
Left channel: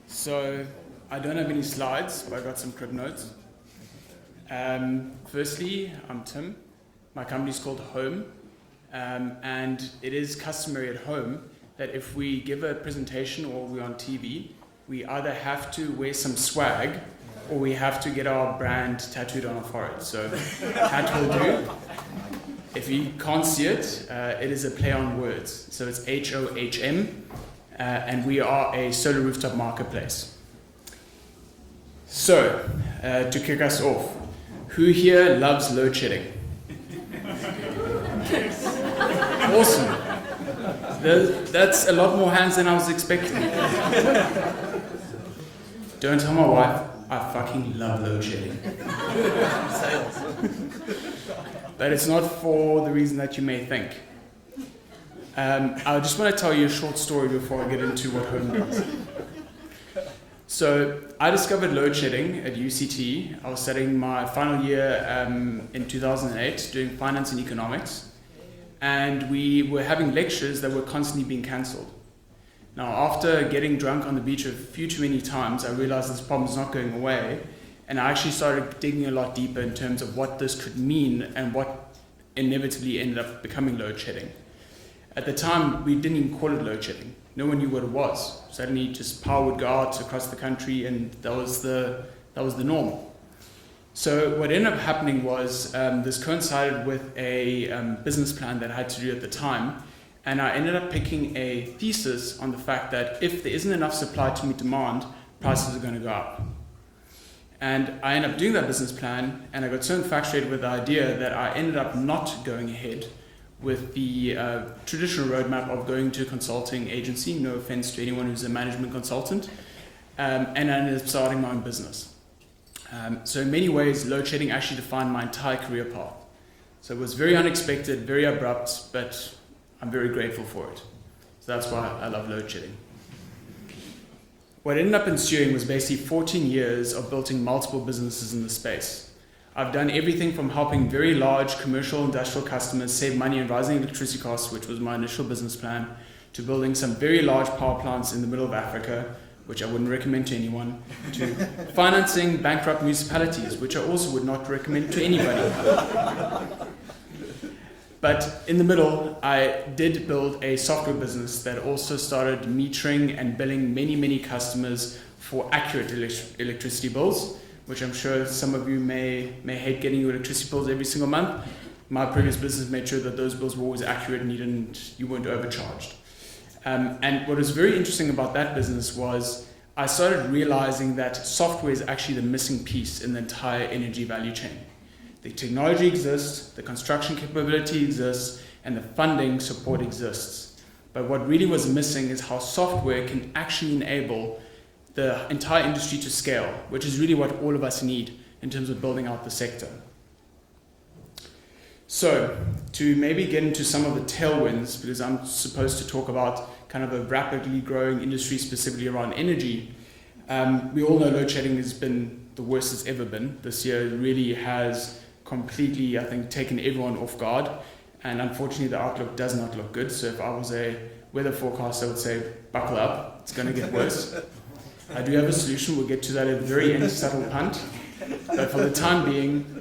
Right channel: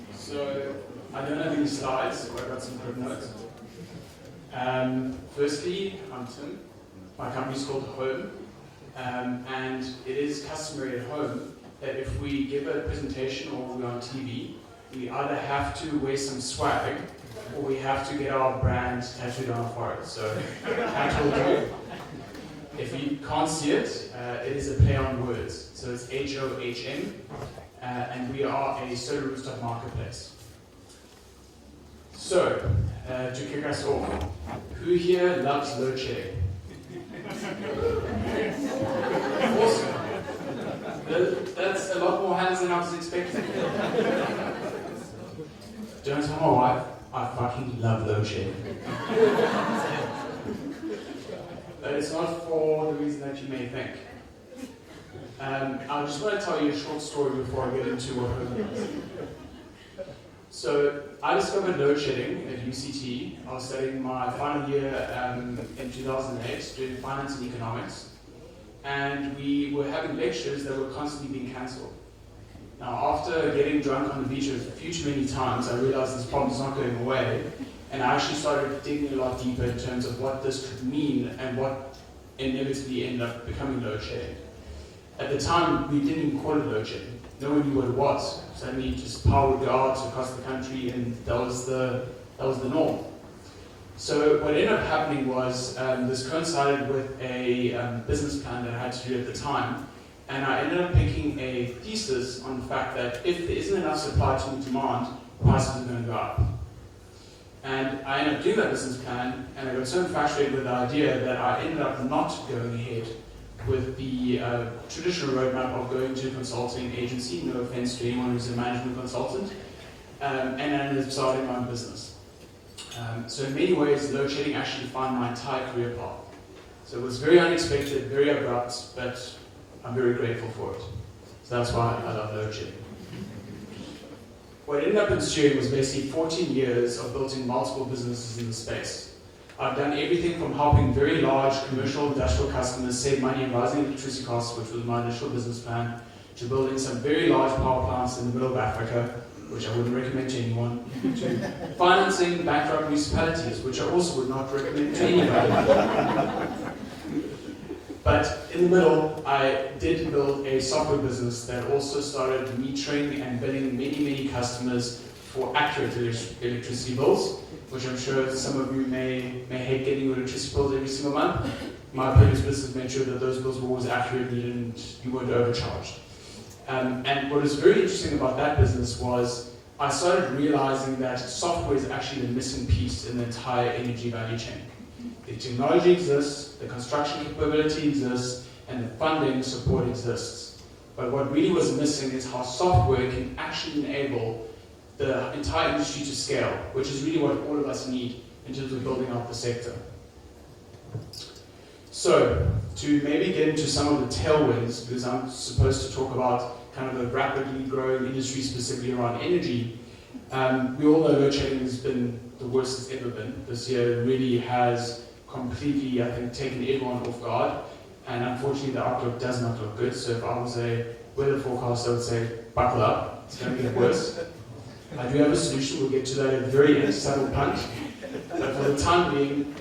So I don't have any slides, so I got some crib notes. Firstly, I'm Tim. My company is called Home, and it is customary at Home that if we give a presentation or we're on TV, we either have to wear some swag or we have to get our brand tattooed on our forehead. So hat will do. If you can't see it, it is a play on words. So it's HOHM, and we are a solar rooftop marketplace. So, to kick us off, who here loves load shedding? Awesome. That's a lot more hands than I was expecting. Don't tell my wife, I fucking love load shedding. But it's not for the reason that you may think. I just want to tell you a short story before I get into what Home does. So I discovered load shedding at UCT. I was studying my final year in 2008 doing finance and economics. And we were having lectures that were constantly being cancelled. Now, after getting drunk on the beach a few too many times, I realized this problem's not going away. And I actually started digging a lot deeper in terms of what this could mean and what inevitably ended up becoming load shedding. At the time, we didn't even call it load shedding. No one knew what it was. Suddenly, just power would go out across the country, and that was the norm. So what ended up happening was this coincided with a business plan that I had to do at the time, and I ended up picking a thesis on the fact that if there isn't enough supply to meet demand, prices are going to go up. And I ended up doing that business plan, and I got so infatuated with the idea that I ended up not going ahead with the traditional roadmap of going to a consulting agency, no offense to anyone who's a management consultant, and I ended up starting my own business. So in many ways, load shedding actually defined my entire career path. So it was very unexpected, very abrupt, but I'm very grateful for it. So that's why I love load shedding. What ended up ensuing was basically 14 years of building multiple businesses in the space. I've done everything from helping very large commercial industrial customers save money and rising electricity costs, which was my initial business plan, to building some very large power plants in the middle of Africa, which I wouldn't recommend to anyone, to financing bankrupt municipalities, which I also would not recommend to anybody. But in the middle, I did build a software business that also started metering and billing many, many customers for accurate electricity bills, which I'm sure some of you may hate getting your electricity bills every single month. My previous business made sure that those bills were always accurate and you weren't overcharged. And what was very interesting about that business was I started realizing that software is actually the missing piece in the entire energy value chain. The technology exists, the construction capability exists, and the funding support exists. But what really was missing is how software can actually enable the entire industry to scale, which is really what all of us need in terms of building out the sector. So, to maybe get into some of the tailwinds, because I'm supposed to talk about kind of a rapidly growing industry specifically around energy, we all know load shedding has been the worst it's ever been. This year really has completely, I think, taken everyone off guard, and unfortunately the outlook does not look good. So if I was a weather forecaster, I would say, buckle up, it's going to get worse. I do have a solution, we'll get to that at the very end, subtle punt. But for the time being,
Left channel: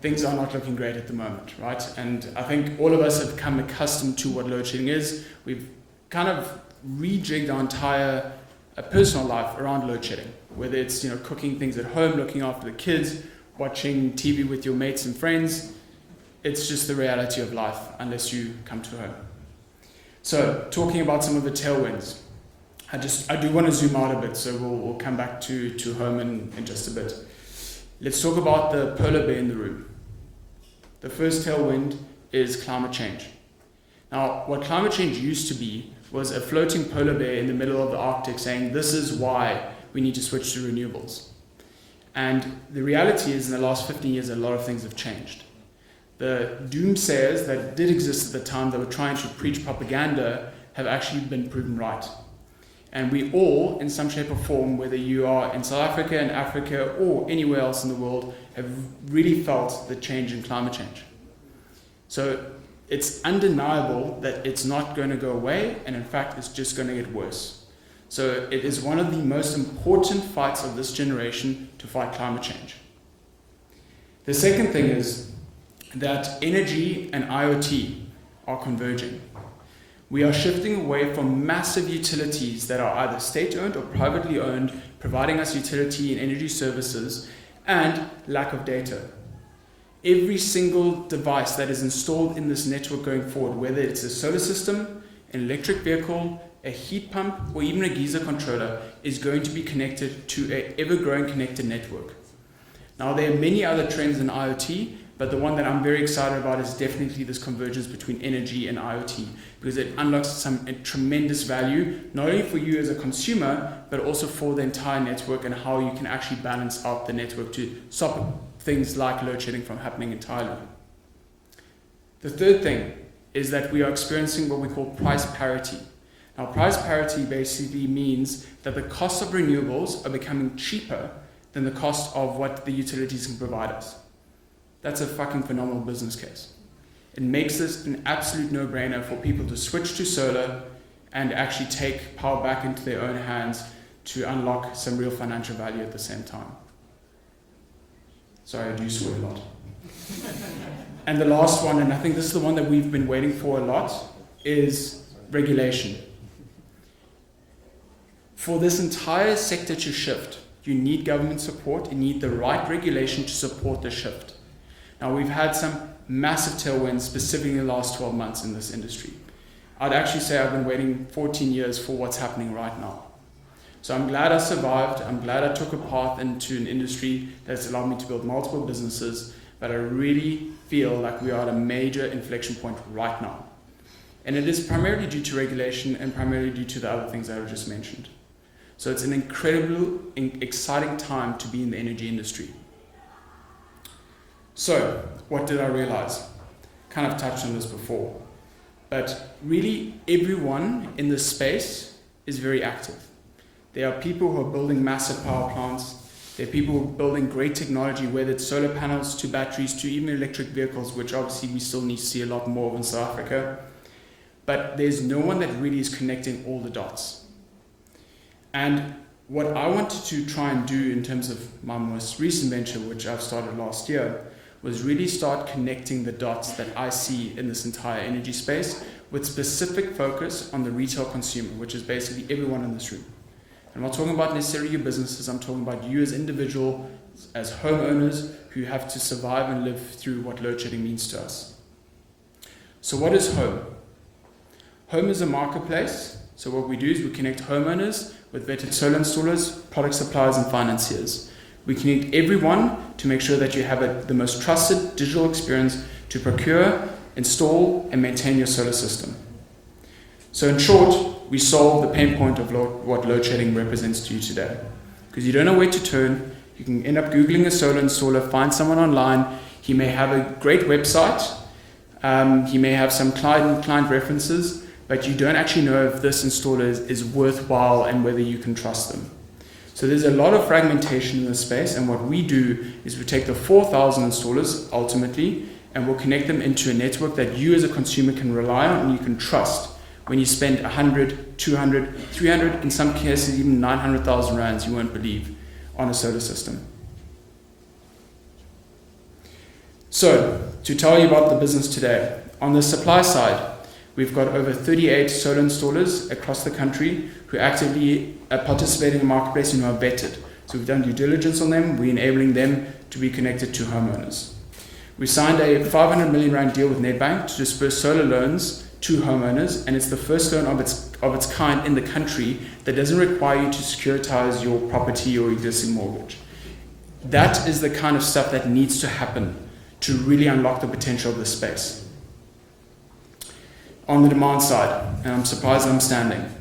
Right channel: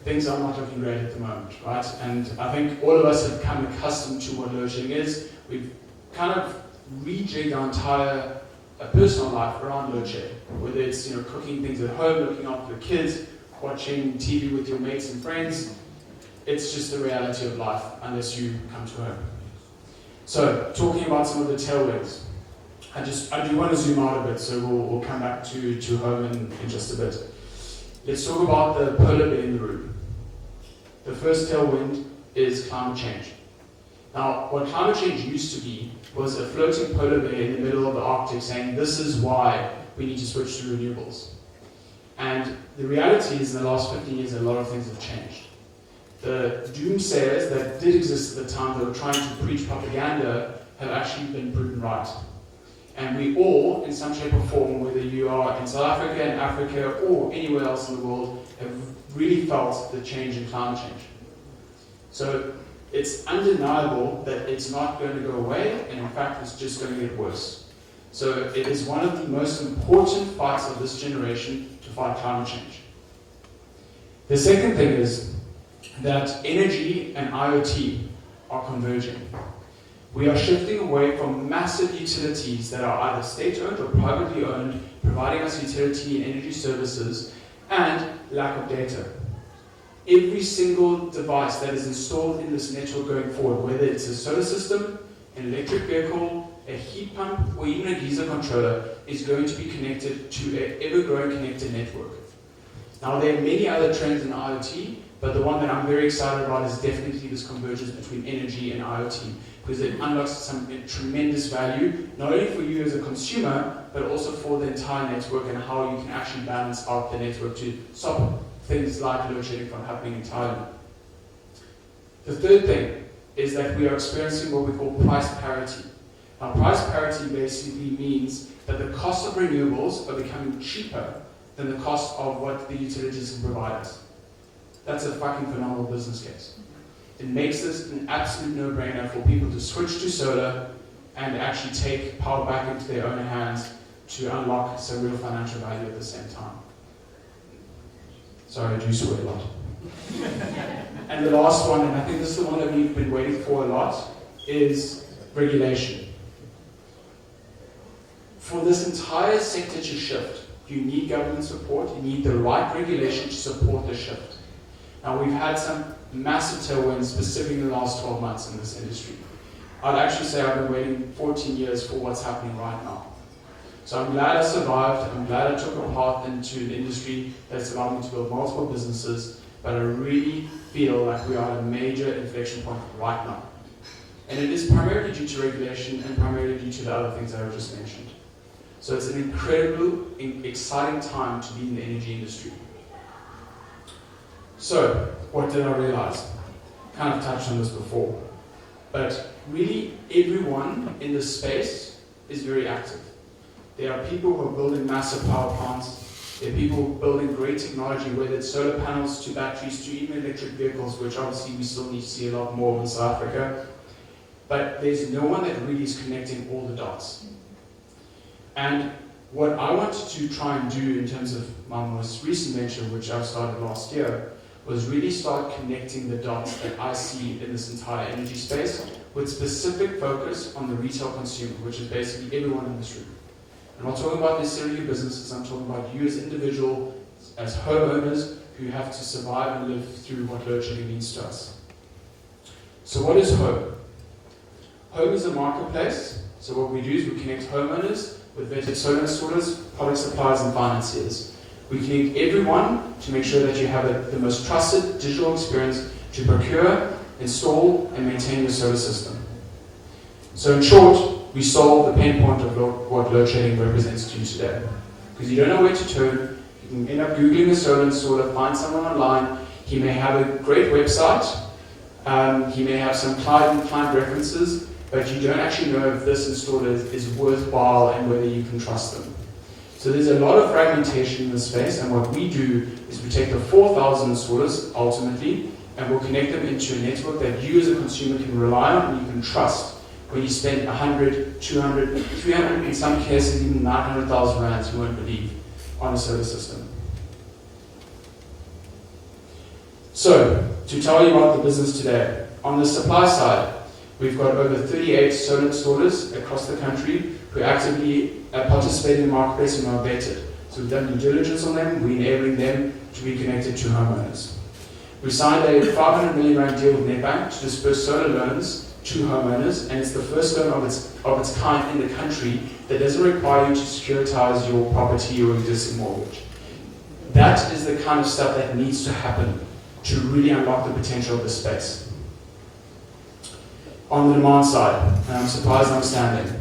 things are not looking great at the moment, right? And I think all of us have become accustomed to what load shedding is. We've kind of rejigged our entire personal life around load shedding, whether it's cooking things at home, looking after the kids, watching TV with your mates and friends. It's just the reality of life unless you come to home. So, talking about some of the tailwinds. I do want to zoom out a bit, so we'll come back to home in just a bit. Let's talk about the polar bear in the room. The first tailwind is climate change. Now, what climate change used to be was a floating polar bear in the middle of the Arctic saying, this is why we need to switch to renewables. And the reality is, in the last 15 years, a lot of things have changed. The doomsayers that did exist at the time that were trying to preach propaganda have actually been proven right. And we all, in some shape or form, whether you are in South Africa, in Africa, or anywhere else in the world, have really felt the change in climate change. So it's undeniable that it's not going to go away, and in fact it's just going to get worse. So it is one of the most important fights of this generation to fight climate change. The second thing is that energy and IoT are converging. We are shifting away from massive utilities that are either state-owned or privately owned, providing us utility and energy services, and lack of data. Every single device that is installed in this network going forward, whether it's a solar system, an electric vehicle, a heat pump, or even a geyser controller, is going to be connected to an ever-growing connected network. Now, there are many other trends in IoT, but the one that I'm very excited about is definitely this convergence between energy and IoT, because it unlocks some tremendous value, not only for you as a consumer, but also for the entire network and how you can actually balance out the network to stop things like load shedding from happening entirely. The third thing is that we are experiencing what we call price parity. Now, price parity basically means that the cost of renewables are becoming cheaper than the cost of what the utilities can provide us. That's a fucking phenomenal business case. It makes this an absolute no-brainer for people to switch to solar and actually take power back into their own hands to unlock some real financial value at the same time. Sorry, I do saw a lot. And the last one, and I think this is the one that we've been waiting for a lot, is regulation. For this entire sector to shift, you need government support, you need the right regulation to support the shift. Now, we've had some massive tailwinds, specifically in the last 12 months in this industry. I'd actually say I've been waiting 14 years for what's happening right now. So I'm glad I survived, I'm glad I took a path into an industry that's allowed me to build multiple businesses, but I really feel like we are at a major inflection point right now. And it is primarily due to regulation and primarily due to the other things that I just mentioned. So it's an incredible, exciting time to be in the energy industry. So, what did I realize? Kind of touched on this before, but really everyone in this space is very active. There are people who are building massive power plants. There are people building great technology, whether it's solar panels to batteries to even electric vehicles, which obviously we still need to see a lot more in South Africa. But there's no one that really is connecting all the dots. And what I wanted to try and do in terms of my most recent venture, which I've started last year, was really start connecting the dots that I see in this entire energy space with specific focus on the retail consumer, which is basically everyone in this room. I'm not talking about necessarily your businesses, I'm talking about you as individuals, as homeowners who have to survive and live through what load shedding means to us. So what is home? Home is a marketplace. So what we do is we connect homeowners with vetted solar installers, product suppliers and financiers. We connect everyone to make sure that you have the most trusted digital experience to procure, install and maintain your solar system. So in short, we solve the pain point of what load shedding represents to you today. Because you don't know where to turn, you can end up Googling a solar installer, find someone online, he may have a great website, he may have some client references, but you don't actually know if this installer is worthwhile and whether you can trust them. So there's a lot of fragmentation in the space, and what we do is we take the 4,000 installers ultimately, and we'll connect them into a network that you as a consumer can rely on and you can trust. When you spend 100, 200, 300, in some cases even 900,000 rands, you won't believe, on a solar system. So, to tell you about the business today, on the supply side, we've got over 38 solar installers across the country who actively participate in the marketplace and are vetted. So we've done due diligence on them, we're enabling them to be connected to homeowners. We signed a 500 million rand deal with Nedbank to disperse solar loans to homeowners, and it's the first loan of its kind in the country that doesn't require you to securitize your property or existing mortgage. That is the kind of stuff that needs to happen to really unlock the potential of this space. On the demand side, and I'm surprised I'm standing,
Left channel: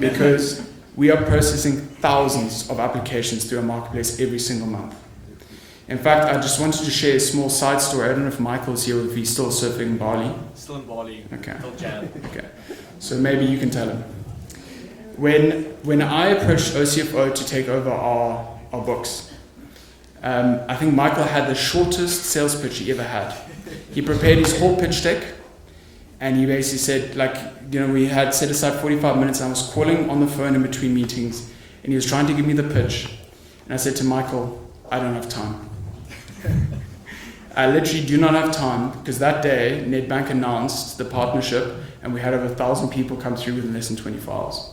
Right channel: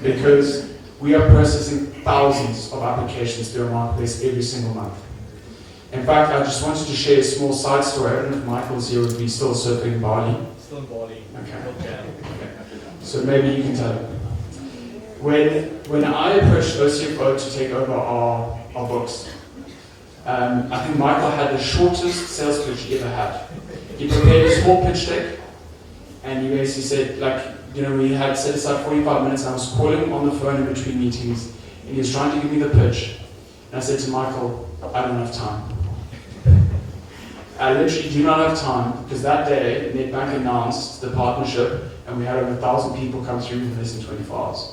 because we are processing thousands of applications through our marketplace every single month. In fact, I just wanted to share a small side story. I don't know if Michael's here or if he's still surfing in Bali. Still in Bali. Okay. Okay. So maybe you can tell him. When I approached OCFO to take over our books, I think Michael had the shortest sales pitch he ever had. He prepared his whole pitch deck, And he basically said, like, we had set aside 45 minutes and I was calling on the phone in between meetings and he was trying to give me the pitch. And I said to Michael, I don't have time. I literally do not have time because that day Nedbank announced the partnership and we had over 1,000 people come through in less than 24 hours.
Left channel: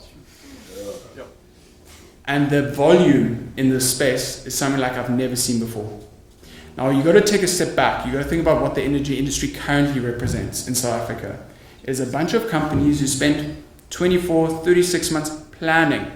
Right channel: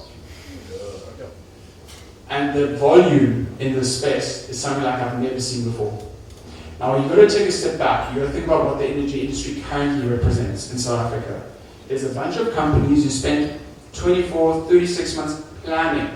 And the volume in this space is something like I've never seen before. Now you've got to take a step back. You've got to think about what the energy industry currently represents in South Africa. There's a bunch of companies who spent 24, 36 months planning.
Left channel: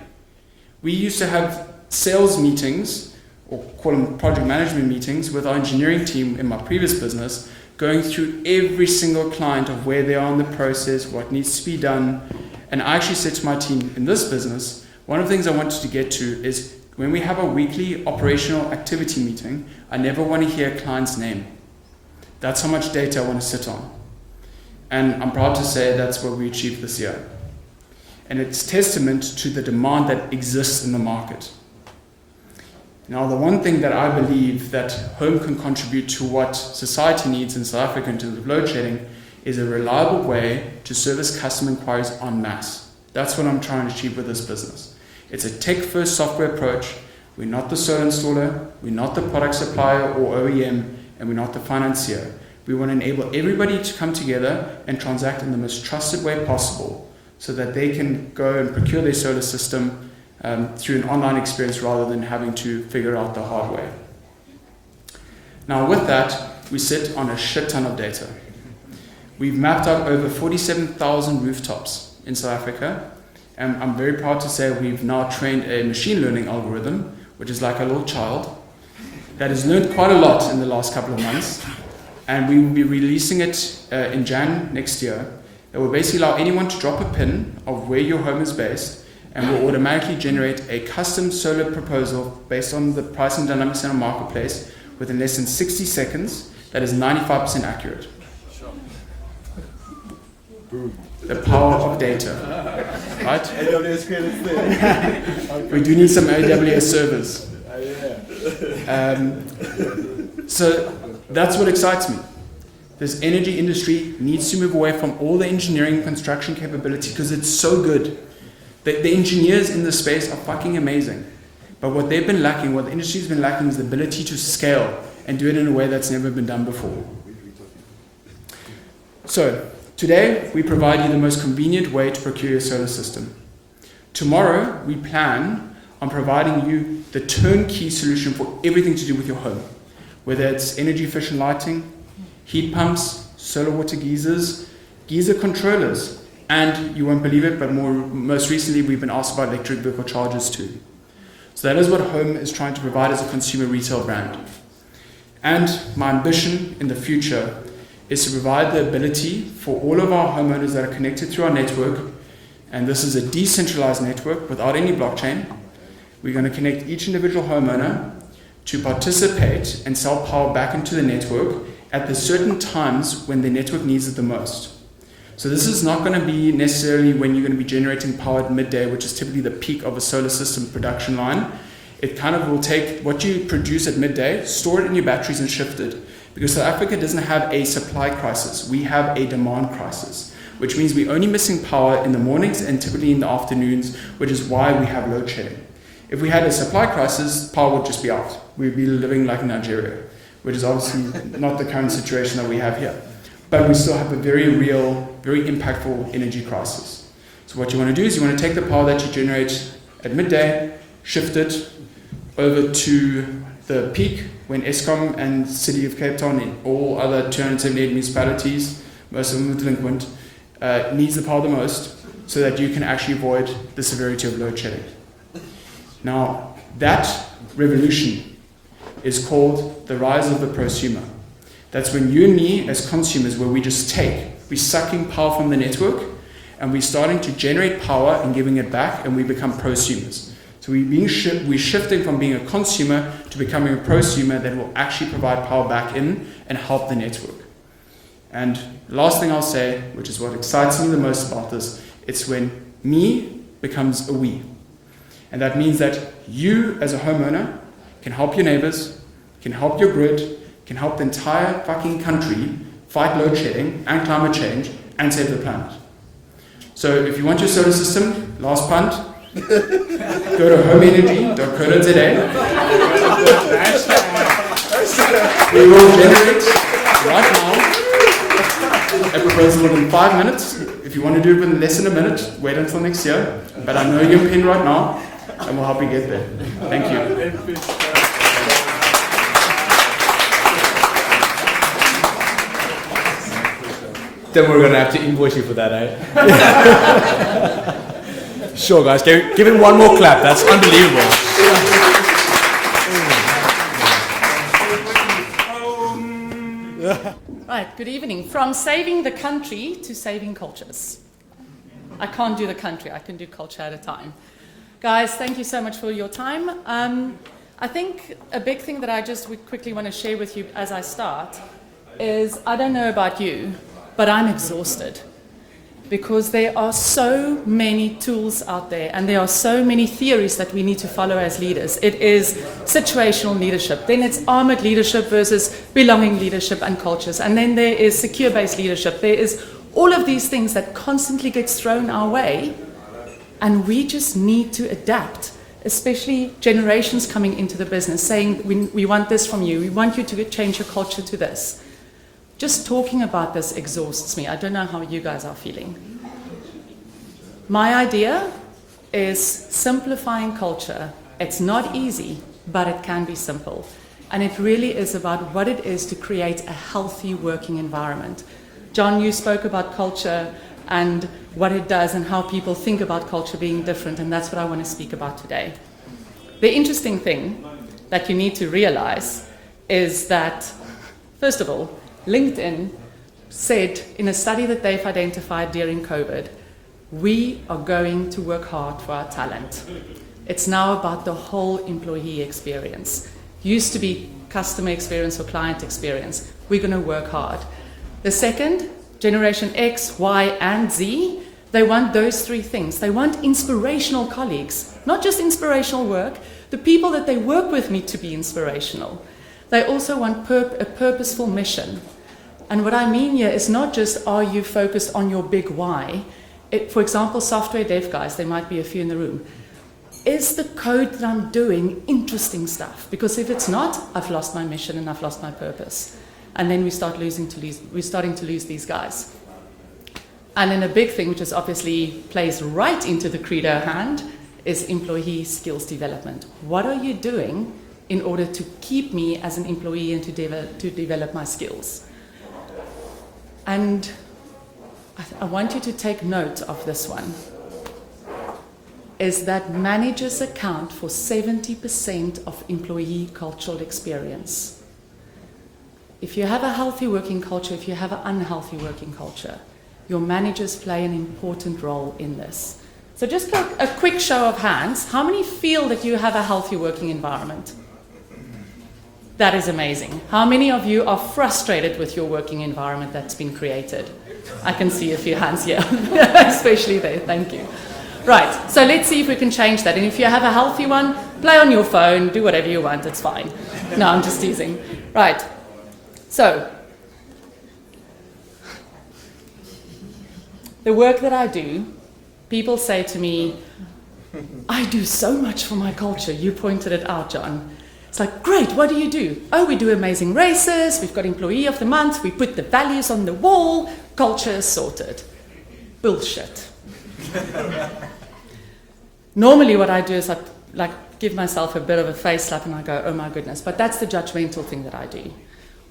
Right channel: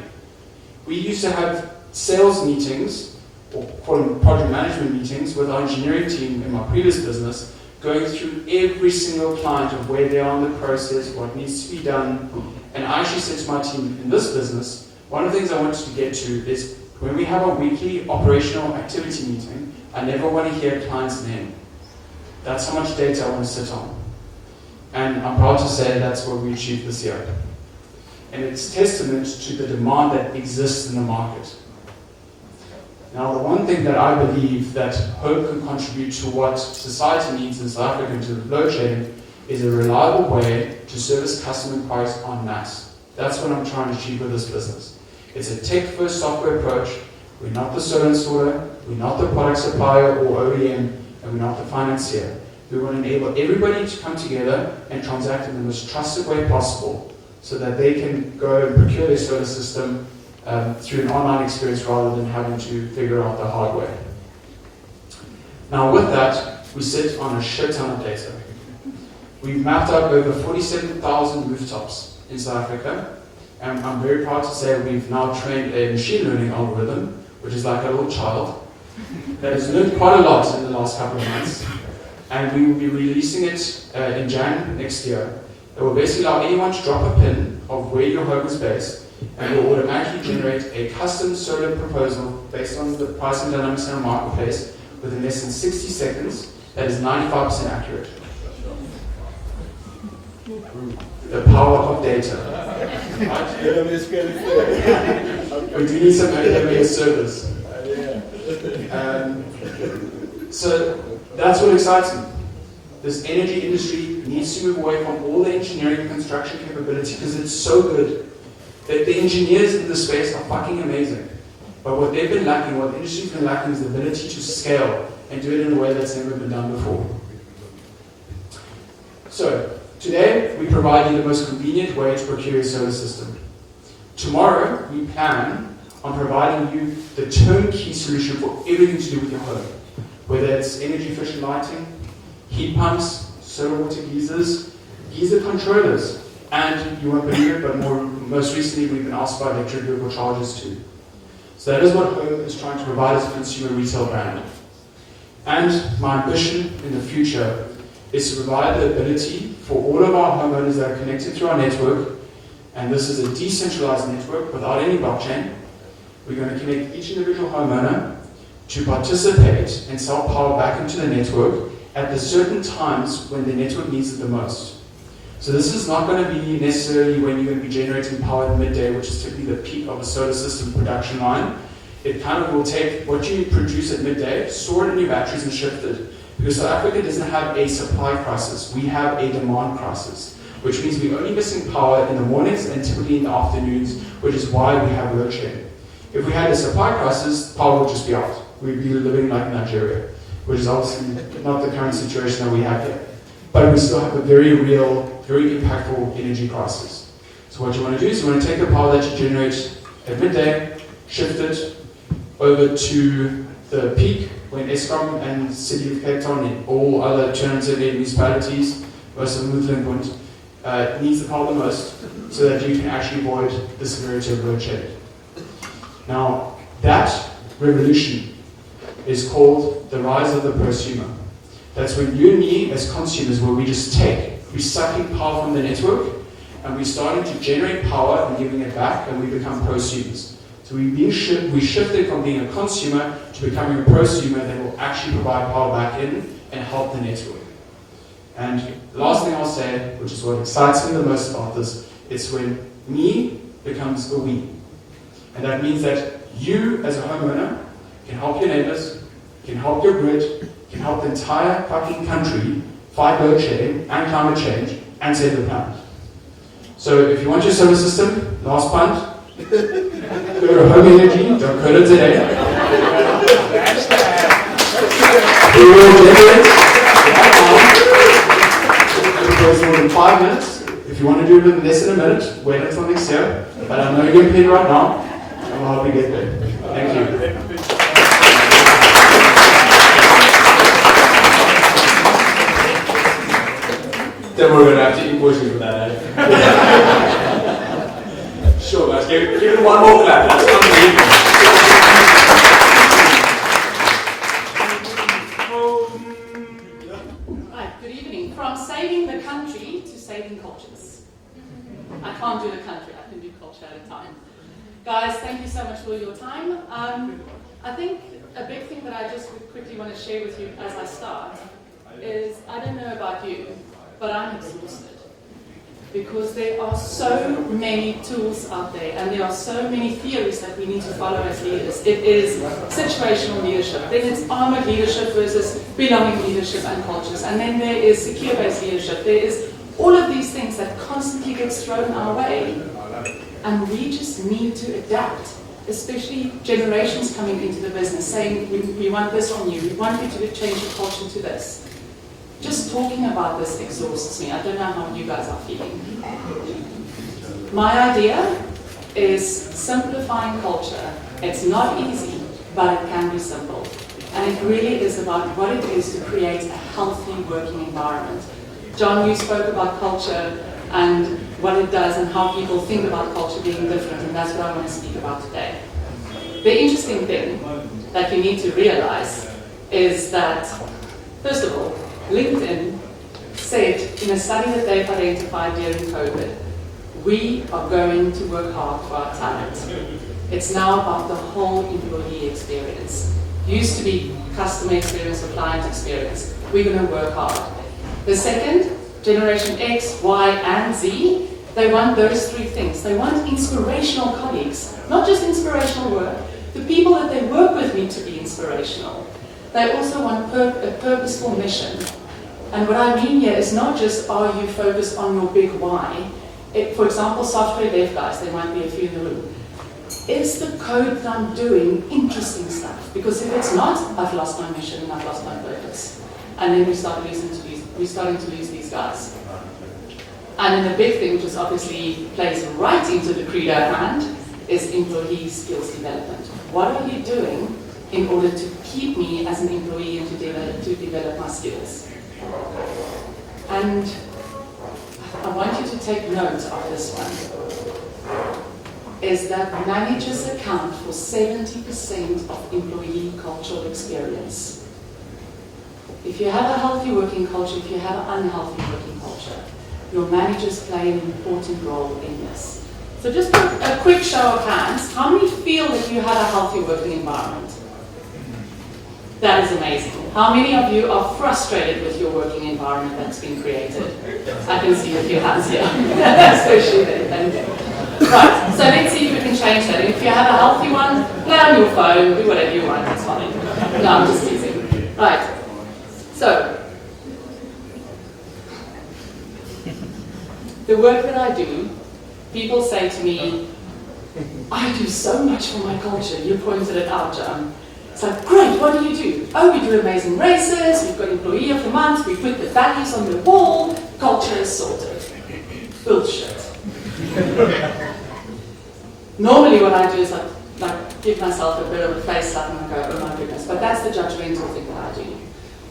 We used to have sales meetings, or call them project management meetings, with our engineering team in my previous business, going through every single client of where they are in the process, what needs to be done. And I actually said to my team in this business, one of the things I wanted to get to is when we have a weekly operational activity meeting, I never want to hear a client's name. That's how much data I want to sit on. And I'm proud to say that's what we achieved this year. And it's testament to the demand that exists in the market. Now, the one thing that I believe that home can contribute to what society needs in South Africa in terms of load shedding is a reliable way to service customer inquiries en masse. That's what I'm trying to achieve with this business. It's a tech-first software approach. We're not the solar installer, we're not the product supplier or OEM, and we're not the financier. We want to enable everybody to come together and transact in the most trusted way possible so that they can go and procure their solar system through an online experience rather than having to figure out the hard way. Now with that, we sit on a shit ton of data. We've mapped out over 47,000 rooftops in South Africa, and I'm very proud to say we've now trained a machine learning algorithm, which is like a little child, that has learned quite a lot in the last couple of months, and we will be releasing it in Jan next year. It will basically allow anyone to drop a pin of where your home is based, and will automatically generate a custom solar proposal based on the pricing dynamics in our marketplace within less than 60 seconds that is 95% accurate. The power of data. Right? We do need some AWS servers. So that's what excites me. This energy industry needs to move away from all the engineering and construction capability because it's so good. The engineers in this space are fucking amazing. But what they've been lacking, what the industry's been lacking, is the ability to scale and do it in a way that's never been done before. So, today we provide you the most convenient way to procure your solar system. Tomorrow we plan on providing you the turnkey solution for everything to do with your home. Whether it's energy efficient lighting, heat pumps, solar water geysers, geyser controllers, and you won't believe it, but most recently we've been asked about electric vehicle chargers too. So that is what Home is trying to provide as a consumer retail brand. And my ambition in the future is to provide the ability for all of our homeowners that are connected through our network, and this is a decentralized network without any blockchain. We're going to connect each individual homeowner to participate and sell power back into the network at the certain times when the network needs it the most. So this is not going to be necessarily when you're going to be generating power at midday, which is typically the peak of a solar system production line. It kind of will take what you produce at midday, store it in your batteries and shift it. Because South Africa doesn't have a supply crisis, we have a demand crisis, which means we're only missing power in the mornings and typically in the afternoons, which is why we have load shedding. If we had a supply crisis, power would just be out. We'd be living like Nigeria, which is obviously not the current situation that we have here. But we still have a very real, very impactful energy crisis. So what you want to do is you want to take the power that you generate at midday, shift it over to the peak when Eskom and City of Cape Town and all other 208 municipalities, most of them delinquent, needs the power the most so that you can actually avoid the severity of load shedding. Now, that revolution is called the rise of the prosumer. That's when you and me as consumers, where we're sucking power from the network and we're starting to generate power and giving it back, and we become prosumers. So we're shifting from being a consumer to becoming a prosumer that will actually provide power back in and help the network. And the last thing I'll say, which is what excites me the most about this, it's when me becomes a we. And that means that you as a homeowner can help your neighbors, can help your grid, can help the entire fucking country fight load shedding and climate change and save the planet. So if you want your solar system, last punt, go home immediately, don't code it today. We will deliver it right now. It will go in 5 minutes. If you want to do it in less than a minute, wait until next year. But I know you're here right now, and we'll help you get there. Thank you. Then we're going to have to invoice you for that, eh? Sure, guys. Give it one more clap. That's unbelievable. Right, good evening. From saving the country to saving cultures. I can't do the country, I can do culture at a time. Guys, thank you so much for your time. I think a big thing that I just would quickly want to share with you as I start is, I don't know about you, but I'm exhausted. Because there are so many tools out there and there are so many theories that we need to follow as leaders. It is situational leadership, then it's armored leadership versus belonging leadership and cultures, and then there is secure-based leadership. There is all of these things that constantly gets thrown our way, and we just need to adapt, especially generations coming into the business saying, we want this from you, we want you to change your culture to this. Just talking about this exhausts me. I don't know how you guys are feeling. My idea is simplifying culture. It's not easy, but it can be simple. And it really is about what it is to create a healthy working environment. John, you spoke about culture and what it does and how people think about culture being different, and that's what I want to speak about today. The interesting thing that you need to realize is that, first of all, LinkedIn said in a study that they've identified during COVID, we are going to work hard for our talent. It's now about the whole employee experience. Used to be customer experience or client experience. We're going to work hard. The second, Generation X, Y, and Z, they want those three things. They want inspirational colleagues, not just inspirational work. The people that they work with need to be inspirational. They also want a purposeful mission. And what I mean here is not just are you focused on your big why. For example, software dev guys, there might be a few in the room. Is the code that I'm doing interesting stuff? Because if it's not, I've lost my mission and I've lost my purpose. And then we're starting to lose these guys. And then a big thing, which is obviously plays right into the credo at hand, is employee skills development. What are you doing in order to keep me as an employee and to develop my skills? And I want you to take note of this one, is that managers account for 70% of employee cultural experience. If you have a healthy working culture, if you have an unhealthy working culture, your managers play an important role in this. So just a quick show of hands, how many feel that you have a healthy working environment? That is amazing. How many of you are frustrated with your working environment that's been created? I can see a few hands here, especially there, thank you. Right, so let's see if we can change that. And if you have a healthy one, play on your phone, do whatever you want, it's fine. No, I'm just teasing. Right, so, the work that I do, people say to me, I do so much for my culture. You pointed it out, John. It's like, great, what do you do? Oh, we do amazing races, we've got Employee of the Month, we put the values on the wall, culture is sorted. Bullshit. Normally what I do is I give myself a bit of a face slap and I go, oh my goodness, but that's the judgmental thing that I do.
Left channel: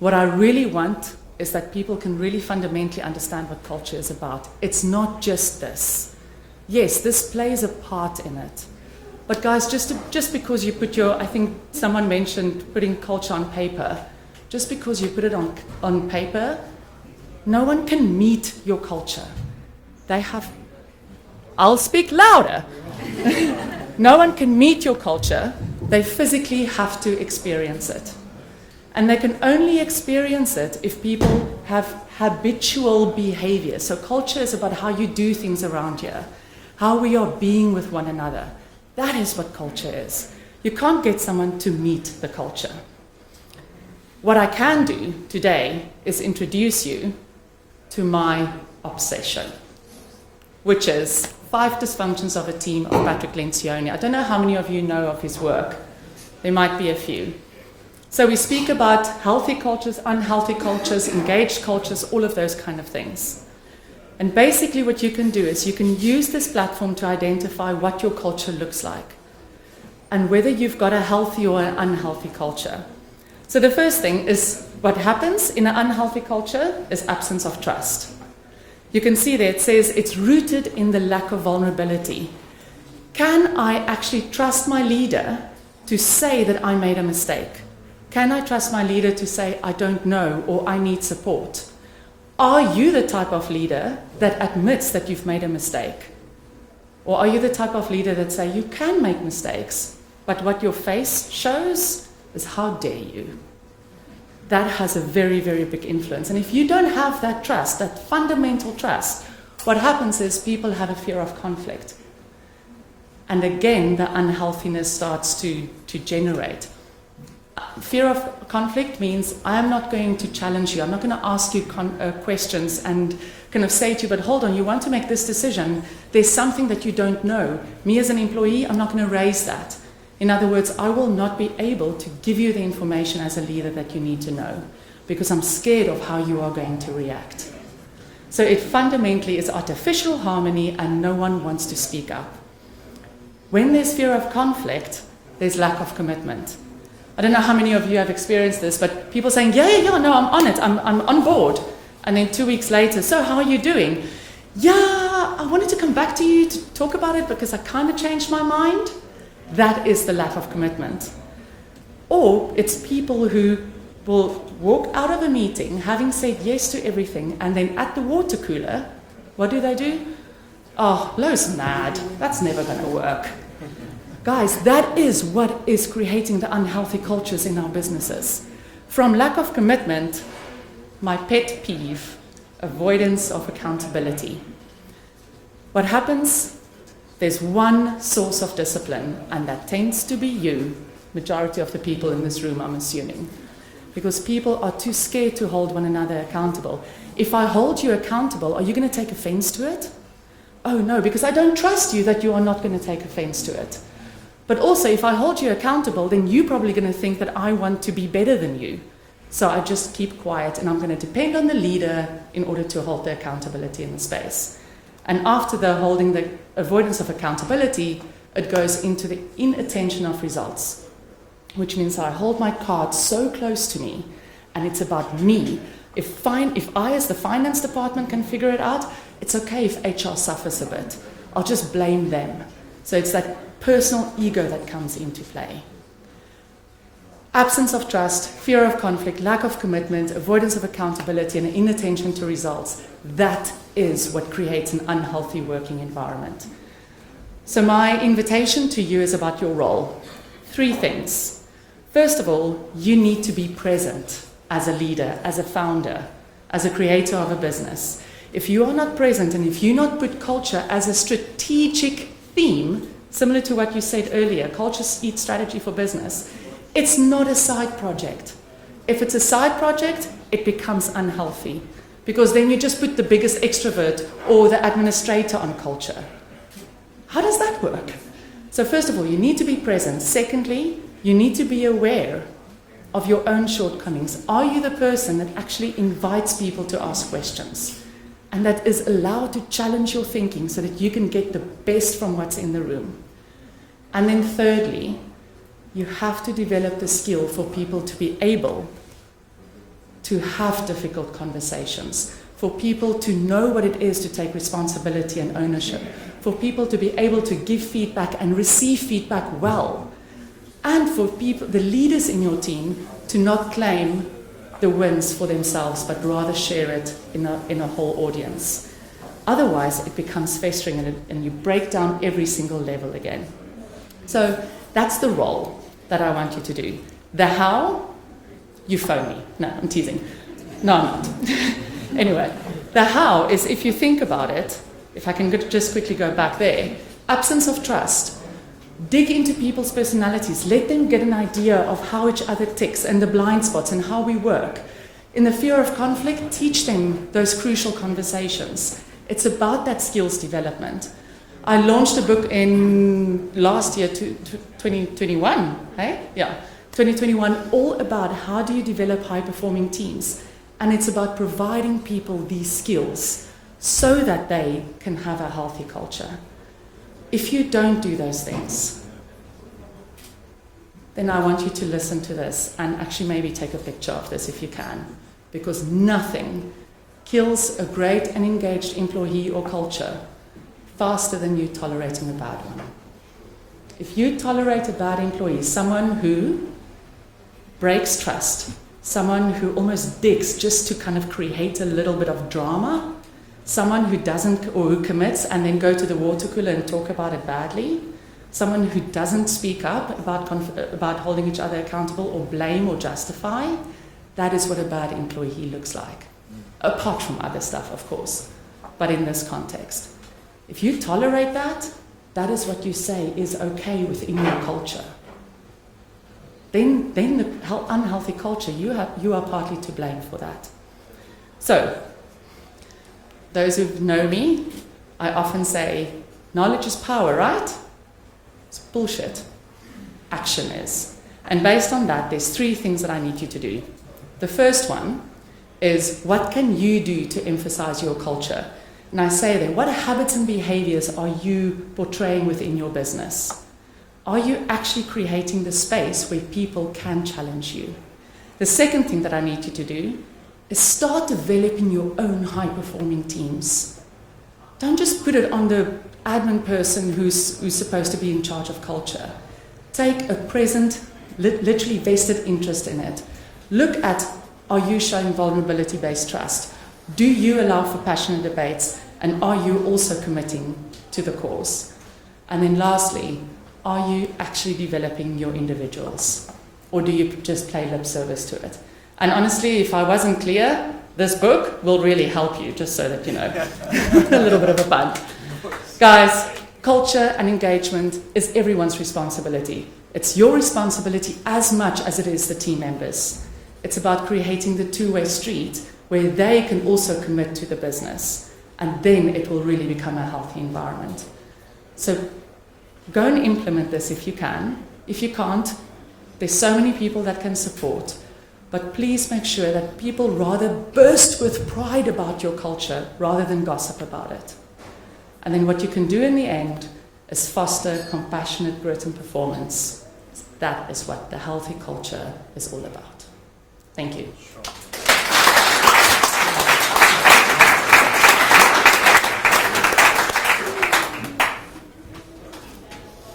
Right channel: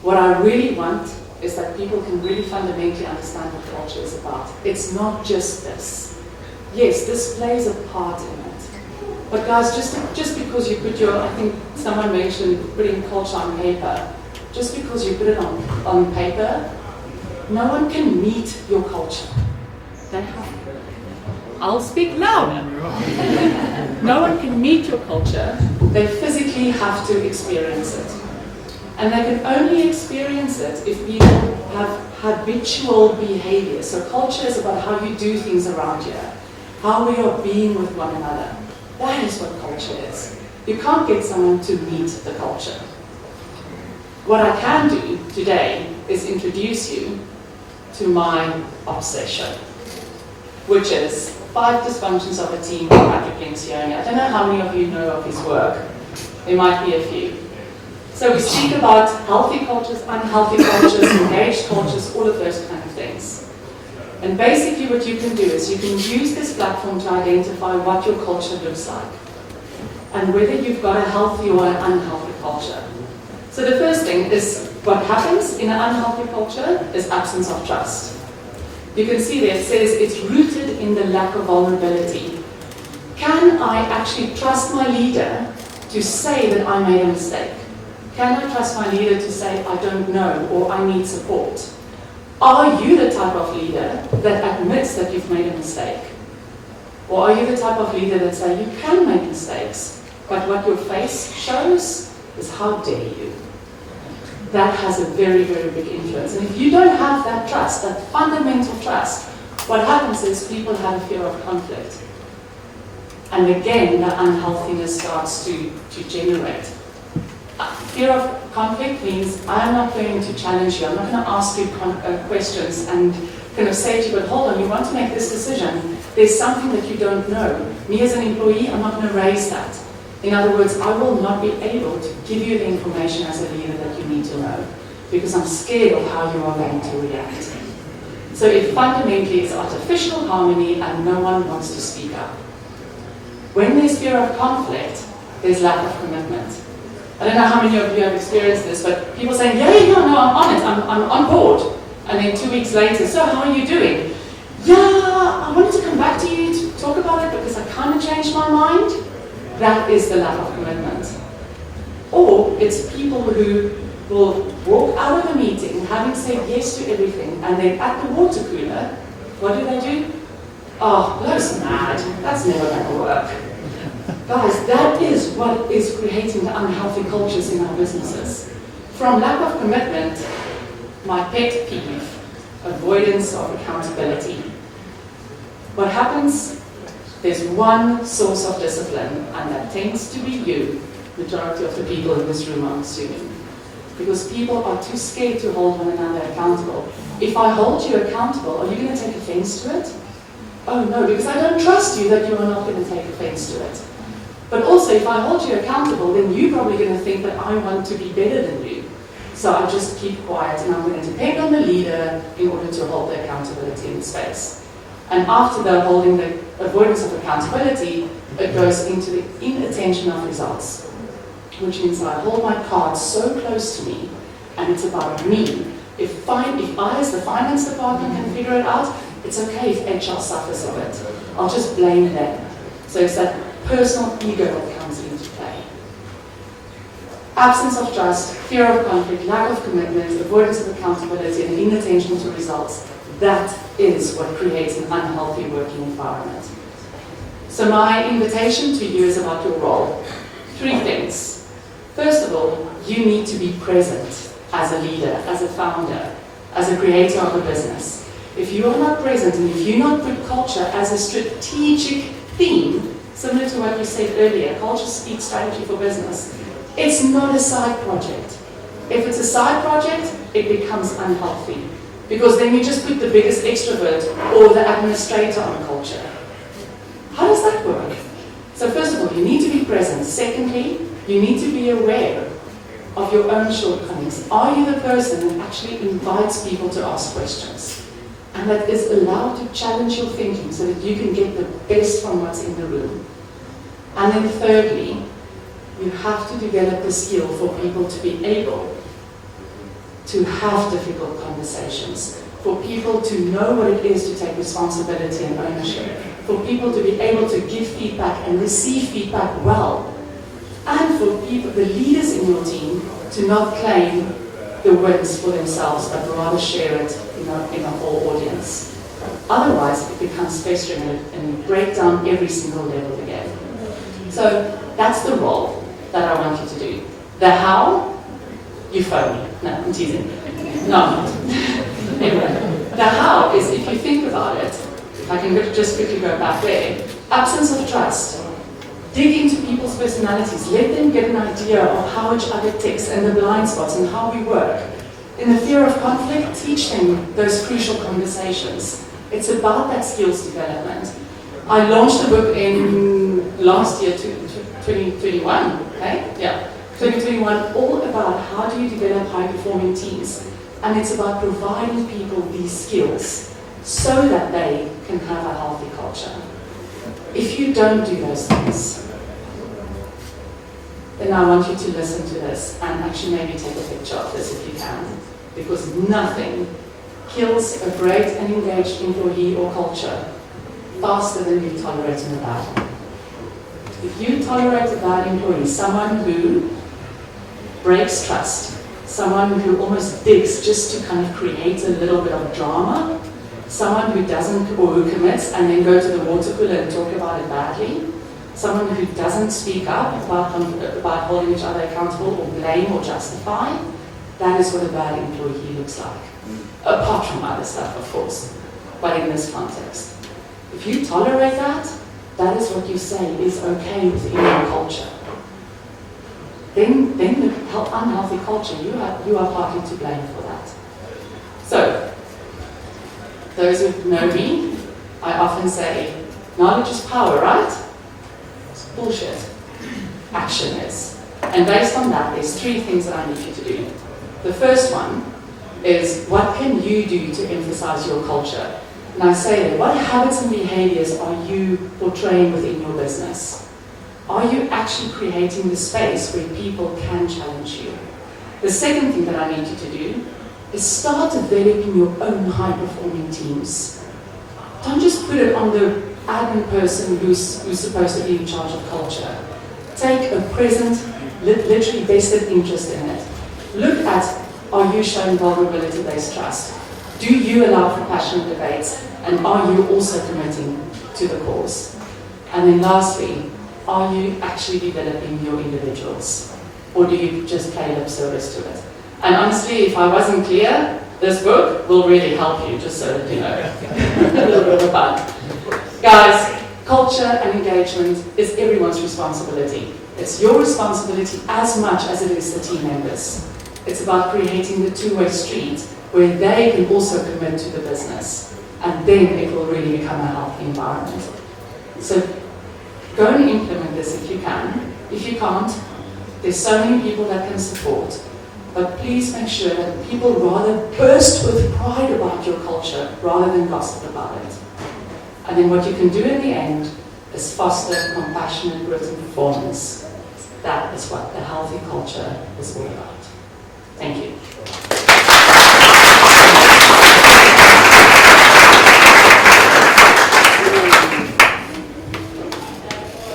What I really want is that people can really fundamentally understand what culture is about. It's not just this. Yes, this plays a part in it. But guys, just because you put I think someone mentioned putting culture on paper, just because you put it on paper, no one can meet your culture. I'll speak louder. No one can meet your culture, they physically have to experience it. And they can only experience it if people have habitual behavior. So culture is about how you do things around here, how we are being with one another. That is what culture is. You can't get someone to meet the culture. What I can do today is introduce you to my obsession, which is 5 Dysfunctions of a Team by Patrick Lencioni. I don't know how many of you know of his work. There might be a few. So we speak about healthy cultures, unhealthy cultures, engaged cultures, all of those kind of things. And basically what you can do is you can use this platform to identify what your culture looks like and whether you've got a healthy or an unhealthy culture. So the first thing is what happens in an unhealthy culture is absence of trust. You can see there it says it's rooted in the lack of vulnerability. Can I actually trust my leader to say that I made a mistake? Can I trust my leader to say I don't know or I need support? Are you the type of leader that admits that you've made a mistake? Or are you the type of leader that says you can make mistakes, but what your face shows is how dare you? That has a very, very big influence. And if you don't have that trust, that fundamental trust, what happens is people have a fear of conflict. And again, the unhealthiness starts to generate. Fear of conflict means I'm not going to challenge you. I'm not going to ask you questions and kind of say to you, but hold on, you want to make this decision. There's something that you don't know. Me as an employee, I'm not going to raise that. In other words, I will not be able to give you the information as a leader that you need to know because I'm scared of how you are going to react. So it fundamentally is artificial harmony and no one wants to speak up. When there's fear of conflict, there's lack of commitment. I don't know how many of you have experienced this, but people saying, yeah, no, I'm on it, I'm on board. And then 2 weeks later, so how are you doing? Yeah, I wanted to come back to you to talk about it because I kind of changed my mind. That is the lack of commitment. Or it's people who will walk out of a meeting having said yes to everything, and then at the water cooler, what do? Oh, Lo's mad. That's never going to work. Guys, that is what is creating the unhealthy cultures in our businesses. From lack of commitment, my pet peeve, avoidance of accountability. What happens? There's one source of discipline, and that tends to be you, majority of the people in this room, I'm assuming. Because people are too scared to hold one another accountable. If I hold you accountable, are you going to take offense to it? Oh no, because I don't trust you that you are not going to take offense to it. But also, if I hold you accountable, then you're probably going to think that I want to be better than you. So I just keep quiet, and I'm going to depend on the leader in order to hold the accountability in space. And after the holding the avoidance of accountability, it goes into the inattention of results, which means I hold my cards so close to me, and it's about me. If I as the finance department can figure it out, it's okay if HR suffers of it. I'll just blame them. So it's that personal ego that comes into play. Absence of trust, fear of conflict, lack of commitment, avoidance of accountability, and inattention to results. That is what creates an unhealthy working environment. So my invitation to you is about your role. 3 things. First of all, you need to be present as a leader, as a founder, as a creator of a business. If you are not present and if you not put culture as a strategic theme, similar to what you said earlier, culture speaks strategy for business, it's not a side project. If it's a side project, it becomes unhealthy. Because then you just put the biggest extrovert or the administrator on culture. How does that work? So first of all, you need to be present. Secondly, you need to be aware of your own shortcomings. Are you the person that actually invites people to ask questions? And that is allowed to challenge your thinking so that you can get the best from what's in the room. And then thirdly, you have to develop the skill for people to be able to have difficult conversations, for people to know what it is to take responsibility and ownership, for people to be able to give feedback and receive feedback well, and for people, the leaders in your team, to not claim the wins for themselves, but rather share it in a whole audience. Otherwise, it becomes festering and you break down every single level again. So that's the role that I want you to do. The how, you phone me. No, I'm teasing. No. Anyway, the how is, if you think about it, if I can just quickly go back there, absence of trust. Dig into people's personalities. Let them get an idea of how each other ticks and the blind spots and how we work. In the fear of conflict, teach them those crucial conversations. It's about that skills development. I launched a book in last year, 2021, hey? Yeah, 2021, all about how do you develop high-performing teams. And it's about providing people these skills so that they can have a healthy culture. If you don't do those things, then I want you to listen to this and actually maybe take a picture of this if you can. Because nothing kills a great and engaged employee or culture faster than you tolerating a bad one. If you tolerate a bad employee, someone who breaks trust, someone who almost digs just to kind of create a little bit of drama, someone who doesn't or who commits and then go to the water cooler and talk about it badly, someone who doesn't speak up about holding each other accountable or blame or justify, that is what a bad employee looks like. Apart from other stuff, of course, but in this context. If you tolerate that, that is what you say is okay within your culture. Then the unhealthy culture, you are partly to blame for that. So, those who know me, I often say, knowledge is power, right? It's bullshit. Action is. And based on that, there's 3 things that I need you to do. The first one is, what can you do to emphasize your culture? And I say that, what habits and behaviors are you portraying within your business? Are you actually creating the space where people can challenge you? The second thing that I need you to do is start developing your own high-performing teams. Don't just put it on the admin person who's supposed to be in charge of culture. Take a present, literally vested interest in it. Look at, are you showing vulnerability-based trust? Do you allow for passionate debates? And are you also committing to the cause? And then lastly, are you actually developing your individuals? Or do you just pay lip service to it? And honestly, if I wasn't clear, this book will really help you, just so that you know. A little bit of a bump. Guys, culture and engagement is everyone's responsibility. It's your responsibility as much as it is the team members. It's about creating the two-way street where they can also commit to the business. And then it will really become a healthy environment. So go and implement this if you can. If you can't, there's so many people that can support. But please make sure that people rather burst with pride about your culture rather than gossip about it. And then what you can do in the end is foster compassionate growth and performance. That is what the healthy culture is all about. Thank you.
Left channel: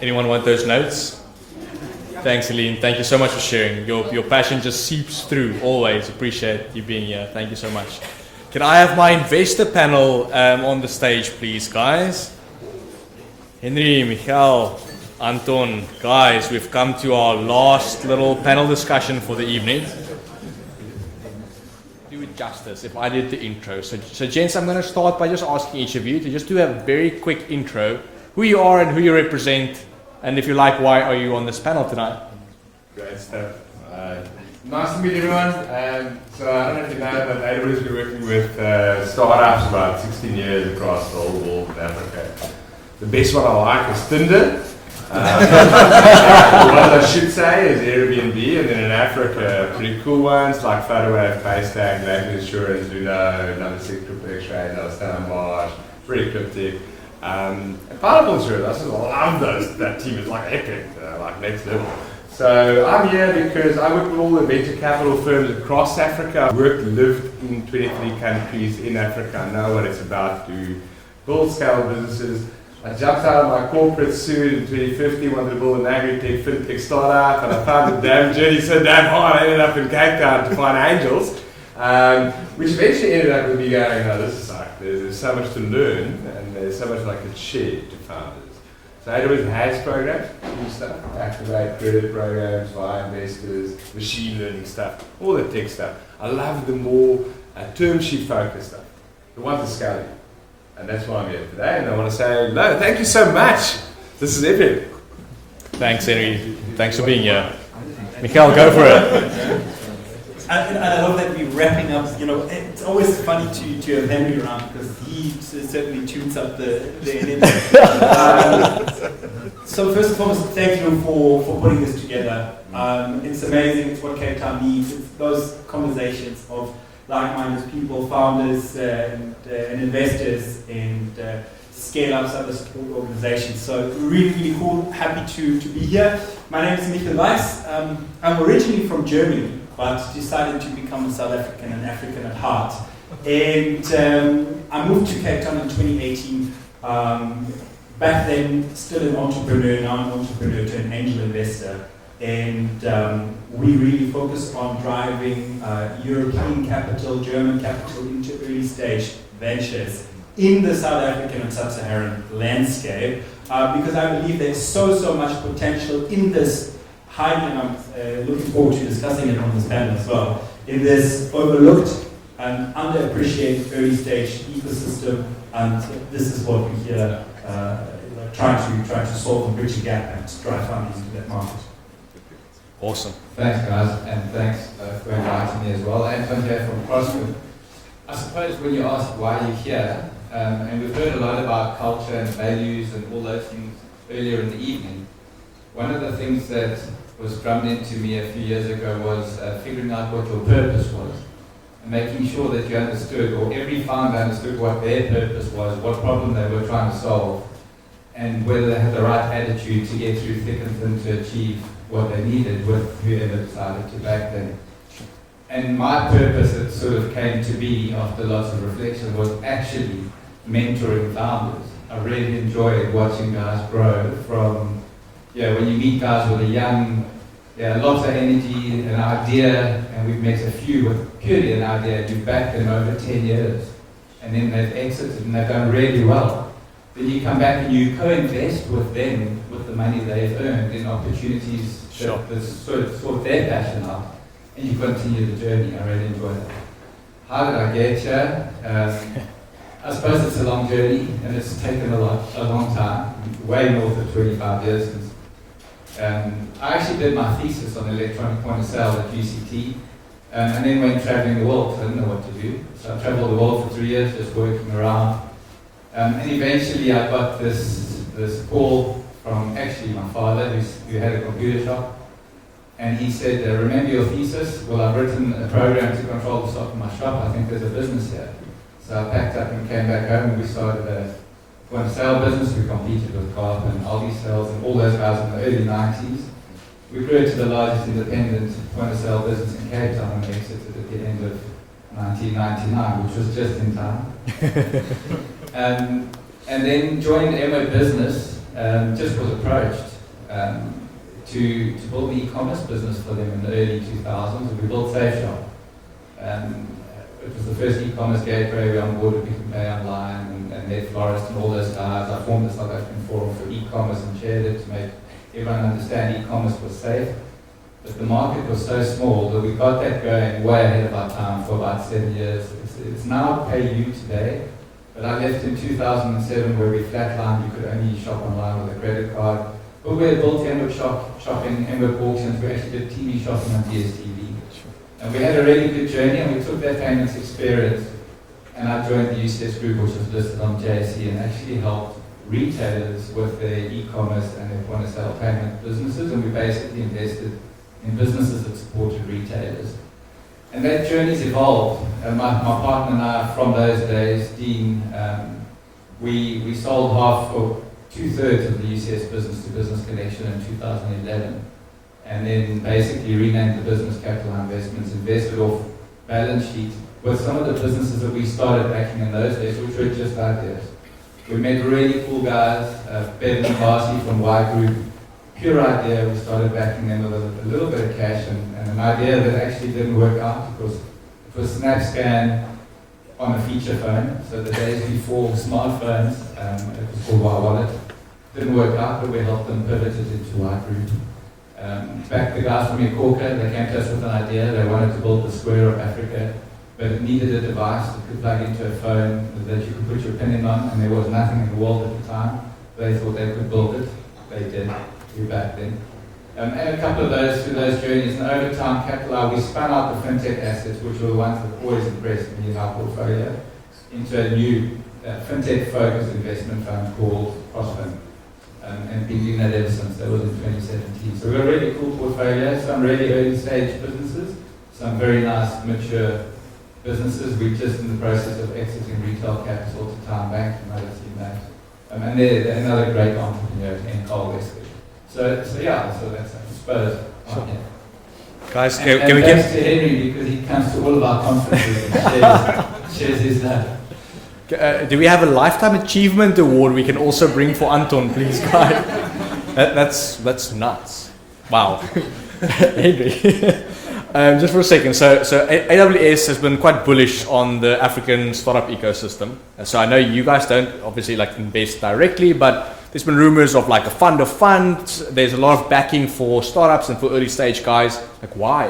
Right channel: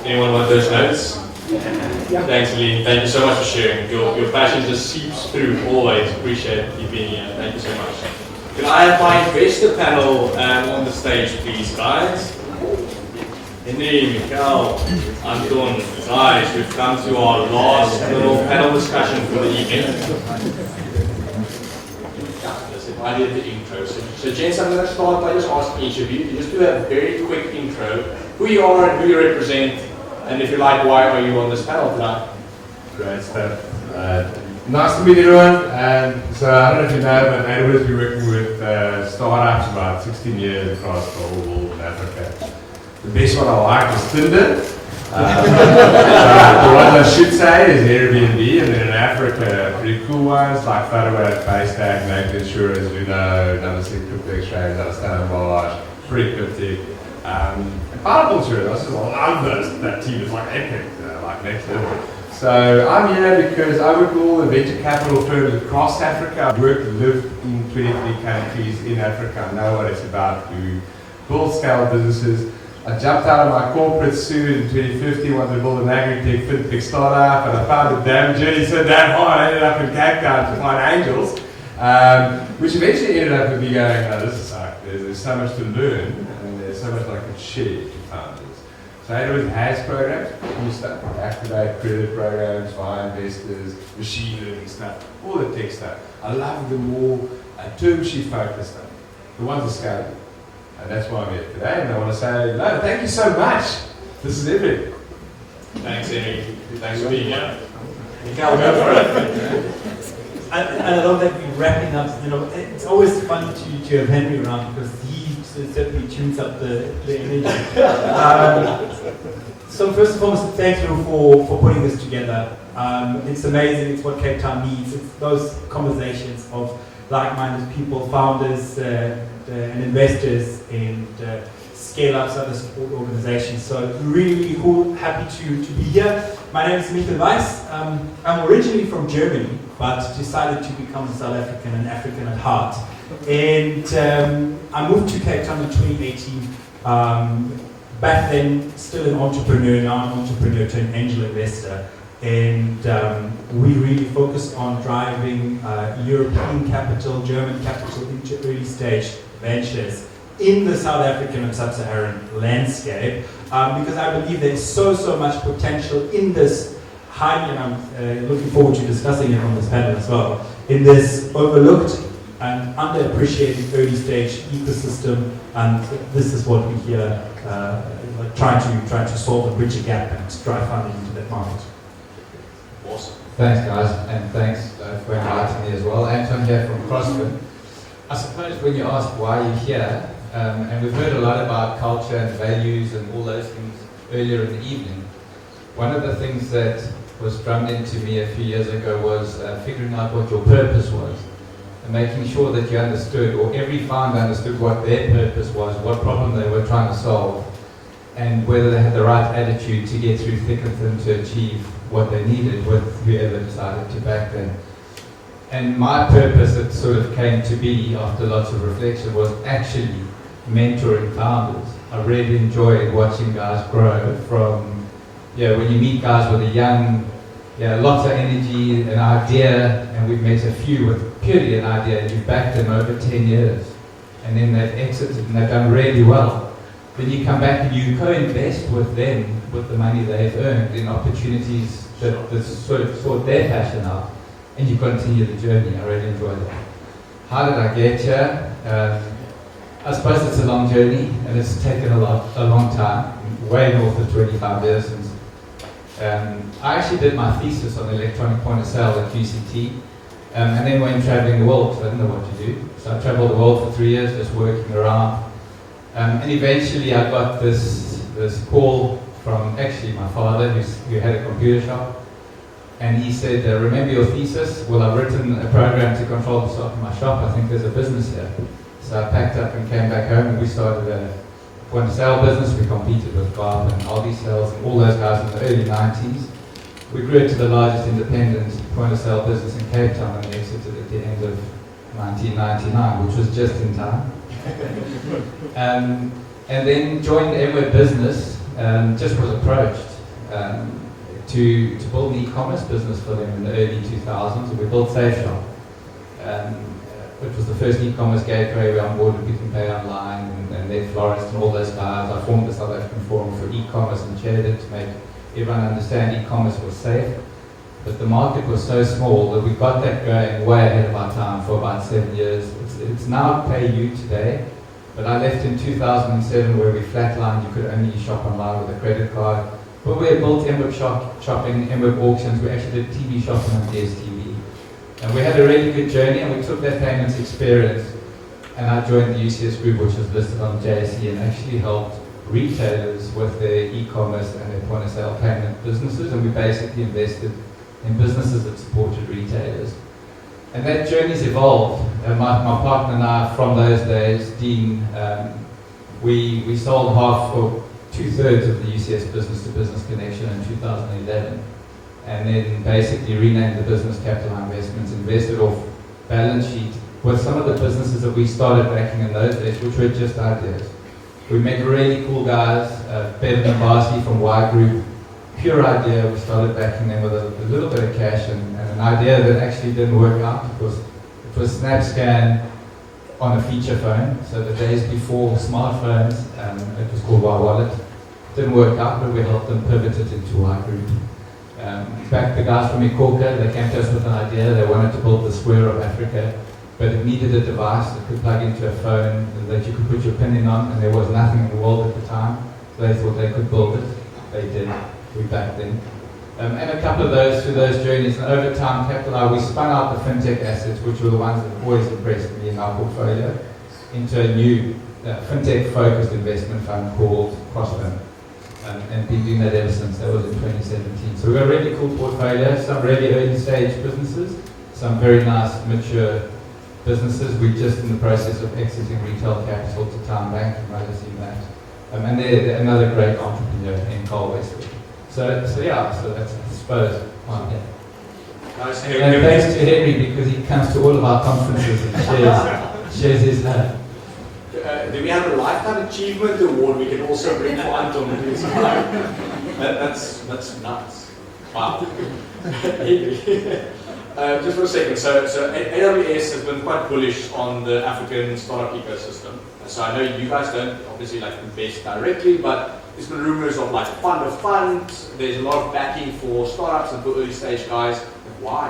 Anyone want those notes? Thanks, Aline. Thank you so much for sharing. Your passion just seeps through always. Appreciate you being here. Thank you so much. Can I have my investor panel on the stage, please, guys? Henry, Michael, Anton, guys, we've come to our last little panel discussion for the evening. Justice, if I did the intro. So gents, I'm going to start by just asking each of you to just do a very quick intro, who you are and who you represent, and if you like, why are you on this panel tonight? Great stuff. Nice to meet everyone. So I don't know if you know, but I've always been working with startups about 16 years across the whole world in Africa. The best one I like is Tinder. What I should say is Airbnb, and then in Africa, pretty cool ones like Photoweb, Paystack, Bank Insurance, Judo, Number 6 Crypto Exchange, Outstanding Marsh, pretty cryptic. Pineapple Insurance, I just love that team. It's like epic, like next level. So I'm here because I work with all the venture capital firms across Africa. I've worked and lived in 23 countries in Africa. I know what it's about to build scale businesses. I jumped out of my corporate suit in 2015, wanted to build an agri-tech fintech startup, and I found the damn journey so damn hard. I ended up in Cape Town to find angels, which eventually ended up with me going, oh, this is like, there's so much to learn, and there's so much I can share to founders. So AWS has programs, cool stuff, activate credit programs, via investors, machine learning stuff, all the tech stuff. I love the more term sheet focused stuff, the ones that scale you. And that's why I'm here today, and I want to say, no, thank you so much. This is epic. Thanks, Henry. Thanks for being here. Mikhail, go for it. I love that we're wrapping up. You know, it's always funny to have Henry around because he certainly tunes up the energy. So first and foremost, thank you for putting this together. It's amazing. It's what Cape Town needs. It's those conversations of like-minded people, founders and investors, and scale-ups, other support organizations. So really, really cool. Happy to be here. My name is Michael Weiss. I'm originally from Germany, but decided to become a South African and African at heart. And I moved to Cape Town in 2018. Back then, still an entrepreneur, now an entrepreneur to an angel investor. And we really focus on driving European capital, German capital into early stage ventures in the South African and Sub-Saharan landscape, because I believe there's so much potential in this highly, and I'm looking forward to discussing it on this panel as well, in this overlooked and underappreciated early stage ecosystem, and this is what we're here trying to solve and bridge a gap and drive funding into that market. Awesome. Thanks, guys, and thanks for inviting me as well. Anton here from CrossFit. I suppose when you ask why you're here, and we've heard a lot about culture and values and all those things earlier in the evening, one of the things that was drummed into me a few years ago was figuring out what your purpose was, and making sure that you understood, or every founder understood what their purpose was, what problem they were trying to solve, and whether they had the right attitude to get through thick and thin to achieve what they needed with whoever decided to back them. And my purpose that sort of came to be after lots of reflection was actually mentoring founders. I really enjoyed watching guys grow from, when you meet guys with a young, lots of energy, an idea, and we've met a few with purely an idea, you've backed them over 10 years, and then they've exited and they've done really well. Then you come back and you co-invest with them, with the money they've earned in opportunities that sort their passion out, and you continue the journey. I really enjoyed it. How did I get here? I suppose it's a long journey, and it's taken a long time, way north of 25 years since. I actually did my thesis on electronic point of sale at UCT, and then went traveling the world because I didn't know what to do. So I traveled the world for 3 years, just working around. And eventually I got this call from actually my father, who had a computer shop. And he said, remember your thesis? Well, I've written a program to control the stock in my shop. I think there's a business here. So I packed up and came back home, and we started a point of sale business. We competed with Garb and Aldi Sales and all those guys in the early 90s. We grew to the largest independent point of sale business in Cape Town and exited at the end of 1999, which was just in time. And then joined MO Business, just was approached to build the e-commerce business for them in the early 2000s. We built SafeShop. It was the first e-commerce gateway. We onboarded Pick and Pay Online and Ned Florist and all those guys. I formed the South African Forum for e-commerce and shared it to make everyone understand e-commerce was safe. But the market was so small that we got that going way ahead of our time for about 7 years. It's now PayU today, but I left in 2007 where we flatlined. You could only shop online with a credit card. But we built Emwood Shopping, Emwood Auctions. We actually did TV shopping on DSTV. And we had a really good journey, and we took that payments experience, and I joined the UCS Group, which was listed on JSE, and actually helped retailers with their e-commerce and their point-of-sale payment businesses, and we basically invested in businesses that supported retailers. And that journey's evolved. My partner and I, from those days, Dean, we sold half or 2/3 of the UCS business-to-business connection in 2011, and then basically renamed the business Capital Investments, invested off balance sheet with some of the businesses that we started backing in those days, which were just ideas. We met really cool guys, Ben and Barsi from Y Group, pure idea. We started backing them with a little bit of cash and an idea that actually didn't work out. It was SnapScan on a feature phone, so the days before smartphones. It was called Y Wallet. Didn't work out, but we helped them pivot it into Y Group. Back the guys from Ikorka, they came to us with an idea. They wanted to build the Square of Africa, but it needed a device that could plug into a phone that you could put your pin in on, and there was nothing in the world at the time. They thought they could build it. They did. We backed them. And a couple of those through those journeys, and over time, Capital, we spun out the fintech assets, which were the ones that always impressed me in our portfolio, into a new fintech-focused investment fund called Crossfund. And been doing that ever since. That was in 2017. So we've got a really cool portfolio, some really early stage businesses, some very nice mature businesses. We're just in the process of accessing retail capital to Town Bank, you might have seen that. And they're another great entrepreneur in Carl Westwood. So that's, I suppose, okay. Guys, and thanks to Henry, because he comes to all of our conferences and shares his love. Do we have a Lifetime Achievement Award we can also bring for Anton, please, guys? That's nuts. Wow. Henry. Just for a second, so AWS has been quite bullish on the African startup ecosystem. And so I know you guys don't obviously invest directly, but there's been rumors of a fund of funds. There's a lot of backing for startups and for early stage guys. Why?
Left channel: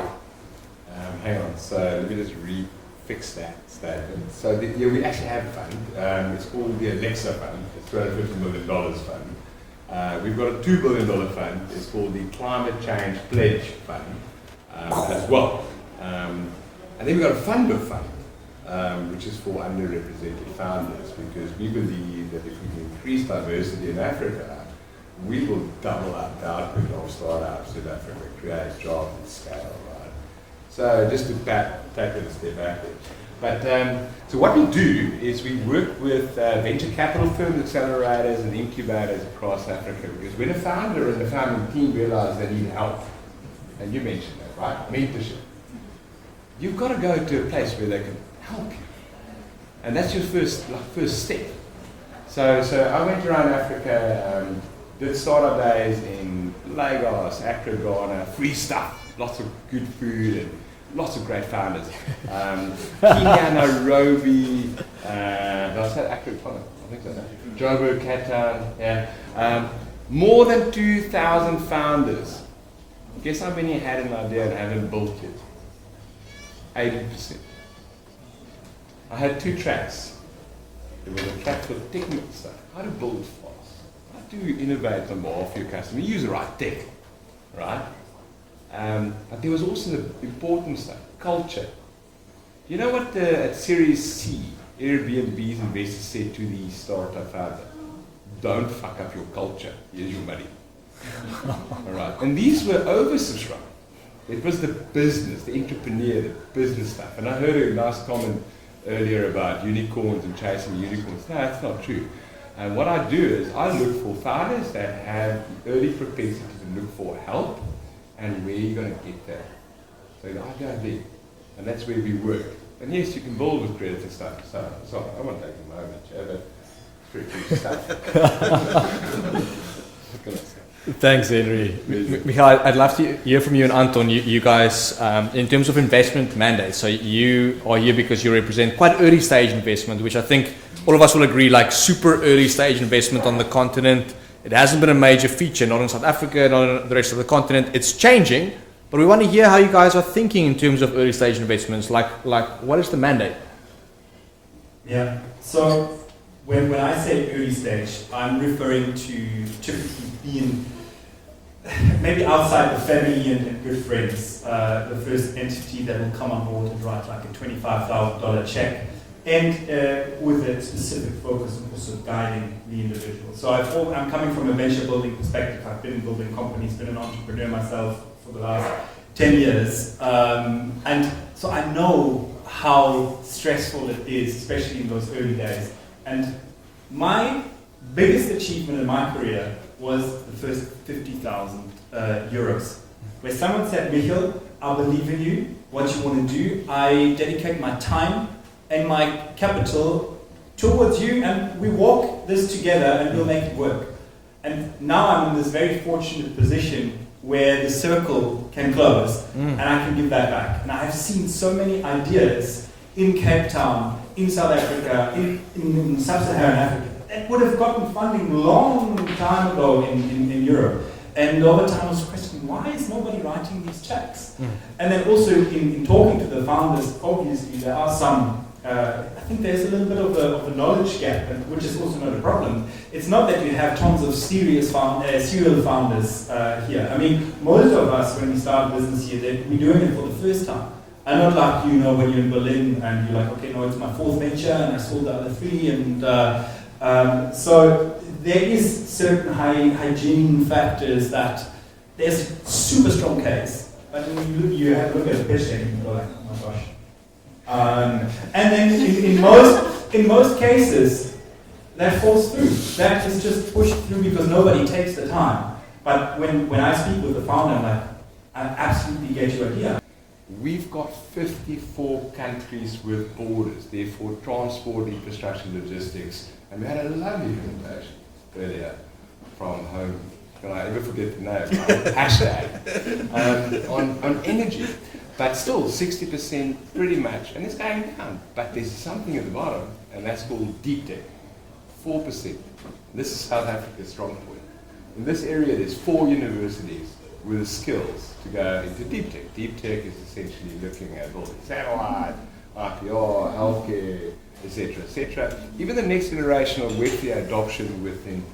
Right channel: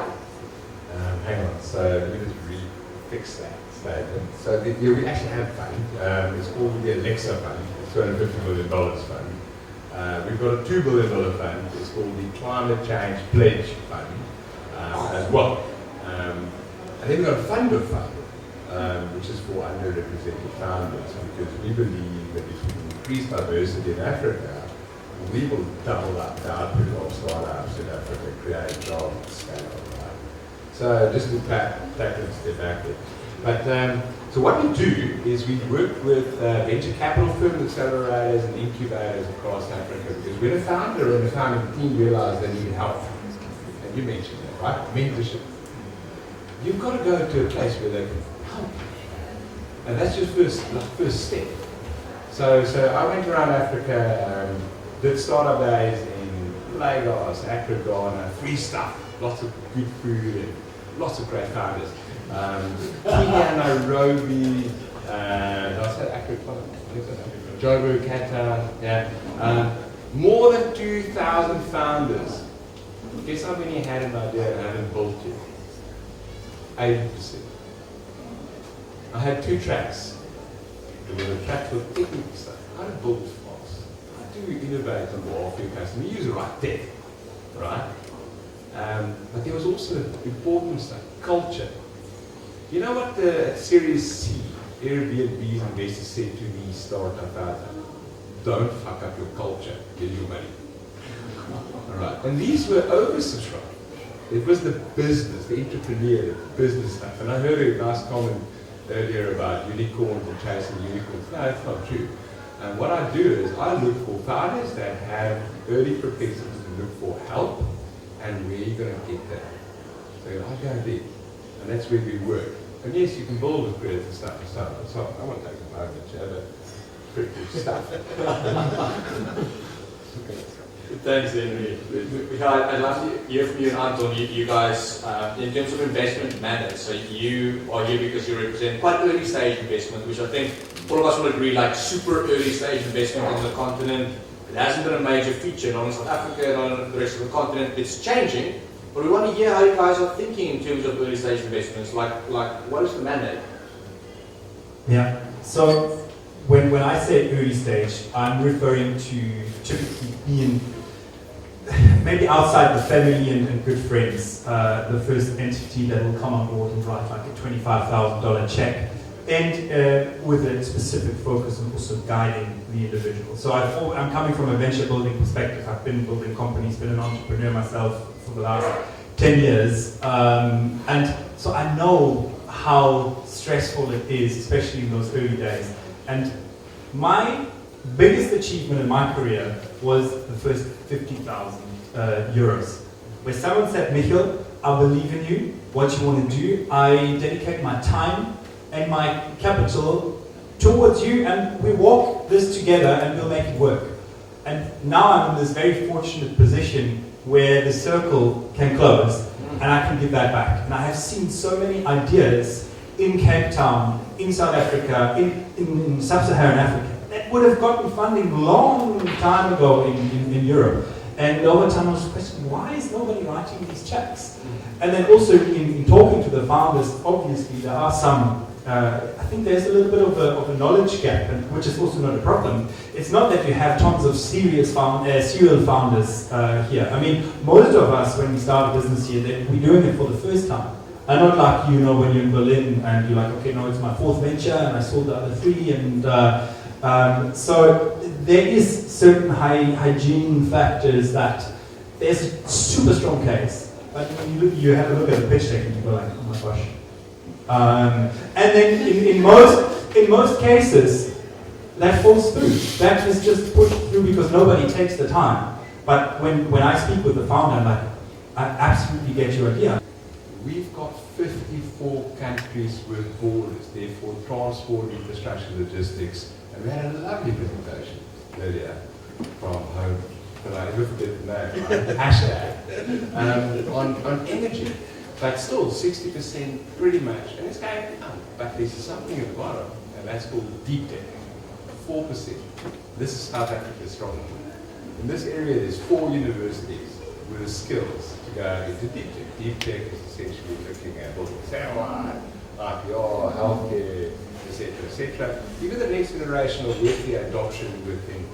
Hang on, so let me just refix that statement. So we actually have a fund. It's called the Alexa Fund. It's got a $50 million fund. We've got a $2 billion fund. It's called the Climate Change Pledge Fund. As well. And then we've got a fund of fund, which is for underrepresented founders, because we believe that if we increase diversity in Africa, we will double up the output of startups in Africa, create jobs and scale. Right? So just to take it a step backward. But so what we do is we work with venture capital firms, accelerators and incubators across Africa, because when a founder and a founding team realize they need help, and you mentioned that, right? Mentorship. You've got to go to a place where they can help you. And that's your first step. So I went around Africa, did startup days in Lagos, Accra, Ghana, free stuff, lots of good food and lots of great founders. Kenya, Nairobi, Joburg, Cape Town, more than 2,000 founders. Guess how many had an idea and haven't built it? 80%. I had 2 tracks. There was a track for technical stuff, how to build fast, how to innovate on behalf of your customer, use the right tech, right? But there was also the important stuff, culture. You know what the Series C, Airbnb's investors said to the startup founders? Don't fuck up your culture, here's your money. All right. And these were oversubscribed. It was the business, the entrepreneur, the business stuff. And I heard a nice comment earlier about unicorns and chasing unicorns. No, it's not true. And what I do is I look for founders that have early propensities and look for help and where you're going to get that. So I go there. And that's where we work. And yes, you can build with creative stuff. So I won't take the moment. You have a stuff. Thanks, Henry. Michael, I'd love to hear from you and Anton. You guys, in terms of investment mandates, so you are here because you represent quite early stage investment, which I think all of us will agree, super early stage investment on the continent. It hasn't been a major feature, not in South Africa, not in the rest of the continent. It's changing, but we want to hear how you guys are thinking in terms of early stage investments. Like what is the mandate? Yeah. So when I say early stage, I'm referring to typically being maybe outside the family and good friends, the first entity that will come on board and write like a $25,000 check, and with a specific focus on also guiding the individual. So I'm coming from a venture building perspective. I've been building companies, been an entrepreneur myself for the last 10 years, and so I know how stressful it is, especially in those early days. And my biggest achievement in my career was the first 50,000 euros, where someone said, Michael, I believe in you, what you want to do, I dedicate my time and my capital towards you, and we walk this together and we'll make it work. And now I'm in this very fortunate position where the circle can close and I can give that back. And I have seen so many ideas in Cape Town, in South Africa, in sub-Saharan Africa, that would have gotten funding a long time ago in Europe. And over time I was questioning, why is nobody writing these checks? And then also in talking to the founders, obviously there are some I think there's a little bit of a knowledge gap, which is also not a problem. It's not that we have tons of serial founders here. I mean, most of us, when we start a business here, we're doing it for the first time. And not like, you know, when you're in Berlin and you're like, okay, no, it's my fourth venture and I sold the other three. And so there is certain hygiene factors that there's a super strong case. But when you have a look at the pitch deck and you go like, oh my gosh. And then in most cases, that falls through. That is just pushed through because nobody takes the time. But when I speak with the founder, I'm like, I absolutely get your idea. We've got 54 countries with borders, therefore transport, infrastructure, logistics, and we had a lovely presentation earlier from home. I never forget the name, hashtag, on energy. But still, 60% pretty much, and it's going down. But there's something at the bottom, and that's called deep tech, 4%. This is South Africa's strong point. In this area, there's 4 universities with the skills to go into deep tech. Deep tech is essentially looking at building satellite, IPR, healthcare, etc., etc. Even the next generation of Web3 adoption within.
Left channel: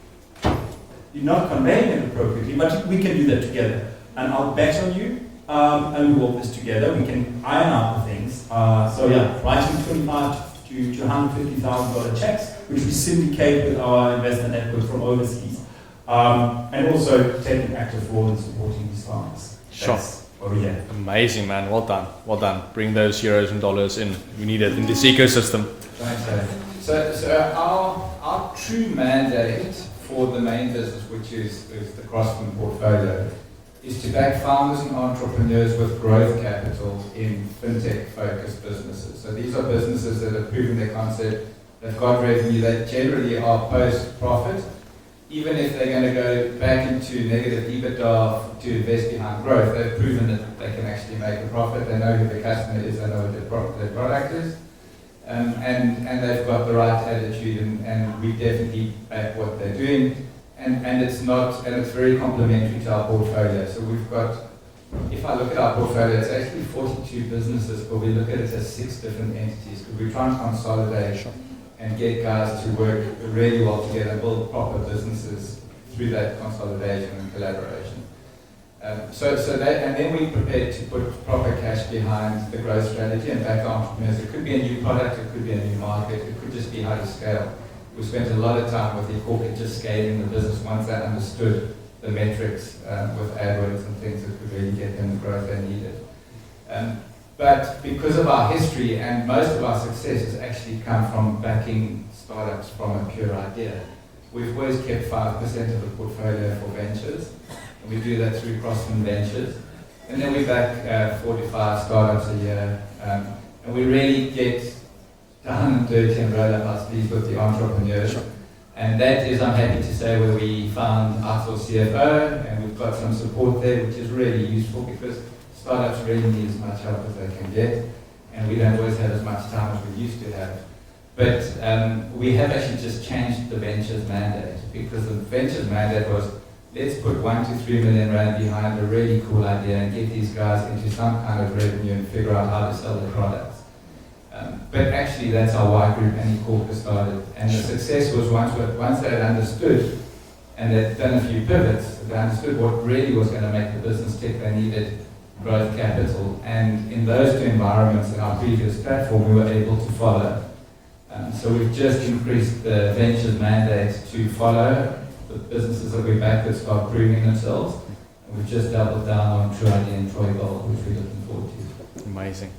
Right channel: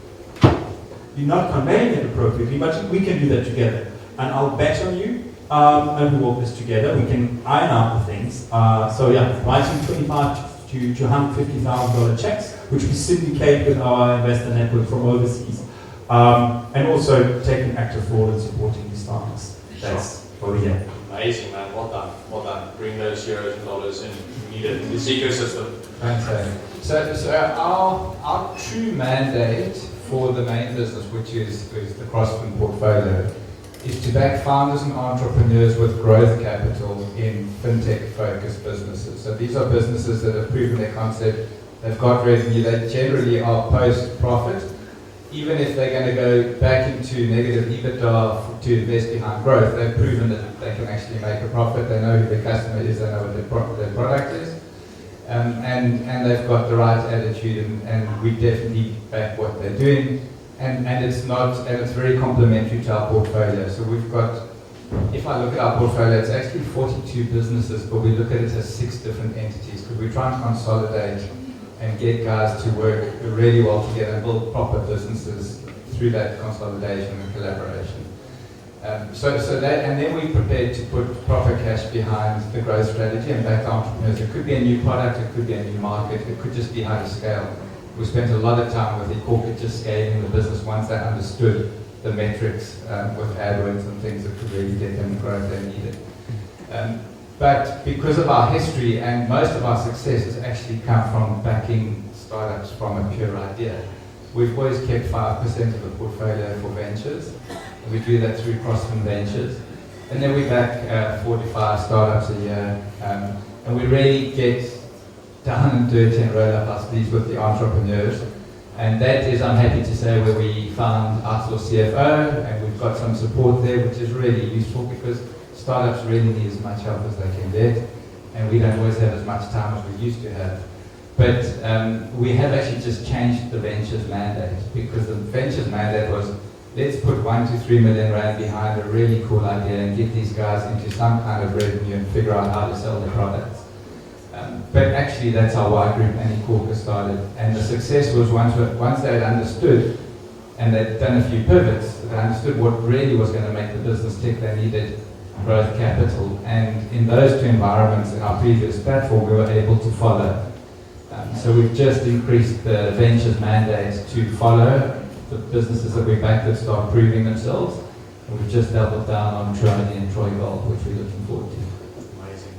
You're not conveying it appropriately, but we can do that together. And I'll bet on you. And we walk this together. We can iron out the things. So yeah, writing $25,000 to $150,000 checks, which we syndicate with our investor network from overseas, and also taking active role in supporting these startups. That's over here. Amazing, man. Well done. Well done. Bring those euros and dollars in. We need it in this ecosystem. Thanks, Dave. So our true mandate for the main business, which is the Crossman portfolio, is to back founders and entrepreneurs with growth capital in fintech-focused businesses. So these are businesses that have proven their concept, they've got revenue, they generally are post-profit. Even if they're going to go back into negative EBITDA to invest behind growth, they've proven that they can actually make a profit, they know who their customer is, they know what their product is, and they've got the right attitude, and we definitely back what they're doing. And it's very complementary to our portfolio. So we've got, if I look at our portfolio, it's actually 42 businesses, but we look at it as 6 different entities because we try and consolidate and get guys to work really well together and build proper businesses through that consolidation and collaboration. And then we prepared to put proper cash behind the growth strategy and back entrepreneurs. It could be a new product, it could be a new market, it could just be how to scale. We spent a lot of time with the corporate just scaling the business once they understood the metrics with AdWords and things that could really get them the growth they needed. But because of our history and most of our success has actually come from backing startups from a pure idea. We've always kept 5% of the portfolio for ventures. And we do that through Crossman Ventures. And then we back 45 startups a year. And we really get down and dirty and roll up our sleeves with the entrepreneurs. And that is, I'm happy to say, where we found our CFO, and we've got some support there, which is really useful because startups really need as much help as they can get, and we don't always have as much time as we used to have. But we have actually just changed the ventures mandate, because the ventures mandate was, let's put 1 to 3 million rand behind a really cool idea and get these guys into some kind of revenue and figure out how to sell the products. But actually that's how Y Group and eCorca started. And the success was once they had understood and they'd done a few pivots, they understood what really was going to make the business tick, they needed growth capital. And in those 2 environments in our previous platform, we were able to follow. So we've just increased the ventures mandate to follow the businesses that we back that start proving themselves. And we've just doubled down on Trony and Troy Gold, which we're looking forward to. Amazing.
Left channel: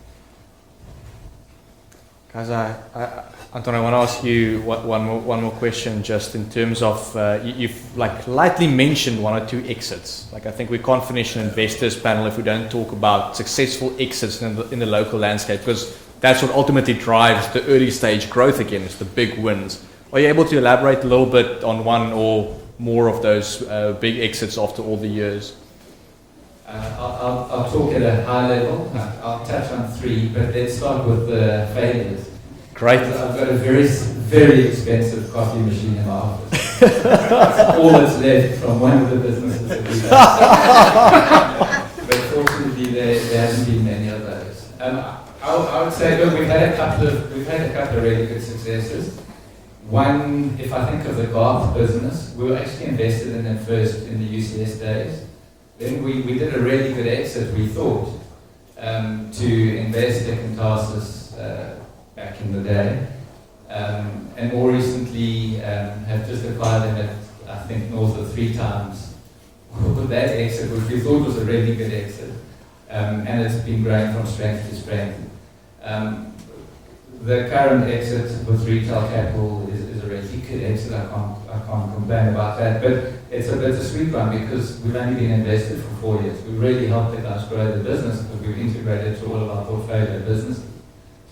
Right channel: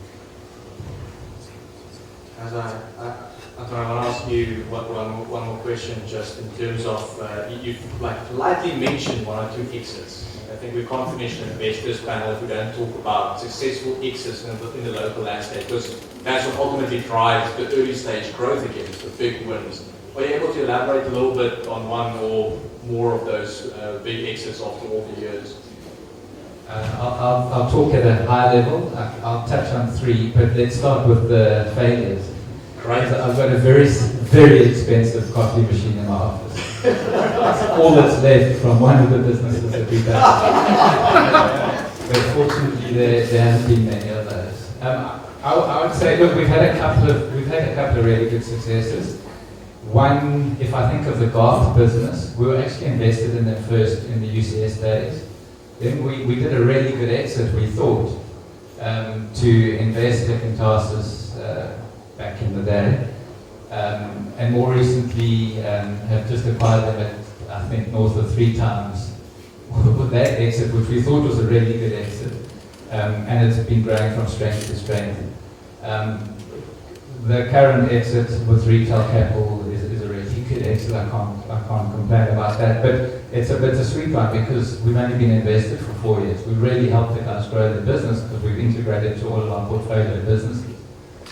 Anton, I want to ask you one more question, just in terms of you've like lightly mentioned 1 or 2 exits. Like I think we can't finish an investors panel if we don't talk about successful exits in the local landscape, because that's what ultimately drives the early stage growth again. It's the big wins. Are you able to elaborate a little bit on 1 or more of those big exits after all the years? I'll talk at a high level. I'll touch on 3, but let's start with the failures. Great. So I've got a very, very expensive coffee machine in my office. That's all that's left from one of the businesses that we've done. But fortunately, there hasn't been many of those. I would say, look, we've had a couple of really good successes. One, if I think of the Garth business, we were actually invested in it first in the UCS days. Then we did a really good exit, we thought, to invest in classes back in the day. And more recently have just acquired them at, I think, north of 3 times that exit, which we thought was a really good exit. And it's been growing from strength to strength. The current exit with retail capital is a really good exit. I can't complain about that. But it's a sweet one because we've only been invested for 4 years. We've really helped the guys grow the business because we've integrated to all of our portfolio businesses.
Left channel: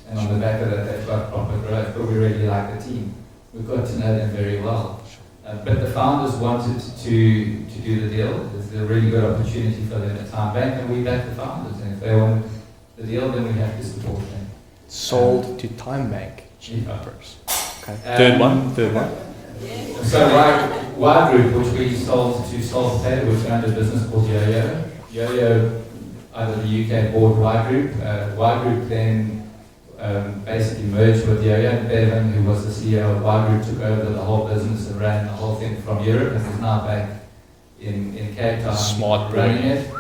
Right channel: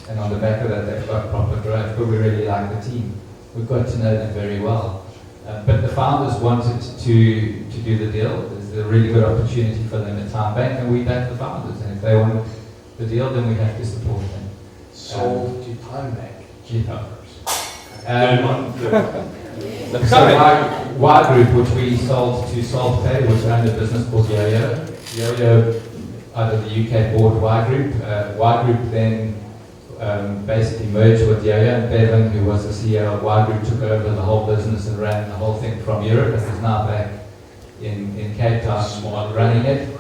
And on the back of that, they've got proper growth. But we really like the team. We've got to know them very well. But the founders wanted to do the deal. There's a really good opportunity for them at Time Bank, and we back the founders. And if they want the deal, then we have to support them. Sold to Time Bank. Cheaper. Third one. So Y Group, which we sold to Solvay, which owned a business called Yo-Yo. Yo-Yo, out of the UK, bought Y Group. Y Group then basically merged with Yo-Yo, and Bevan, who was the CEO of Y Group, took over the whole business and ran the whole thing from Europe, and is now back in Cape Town. Smart running it.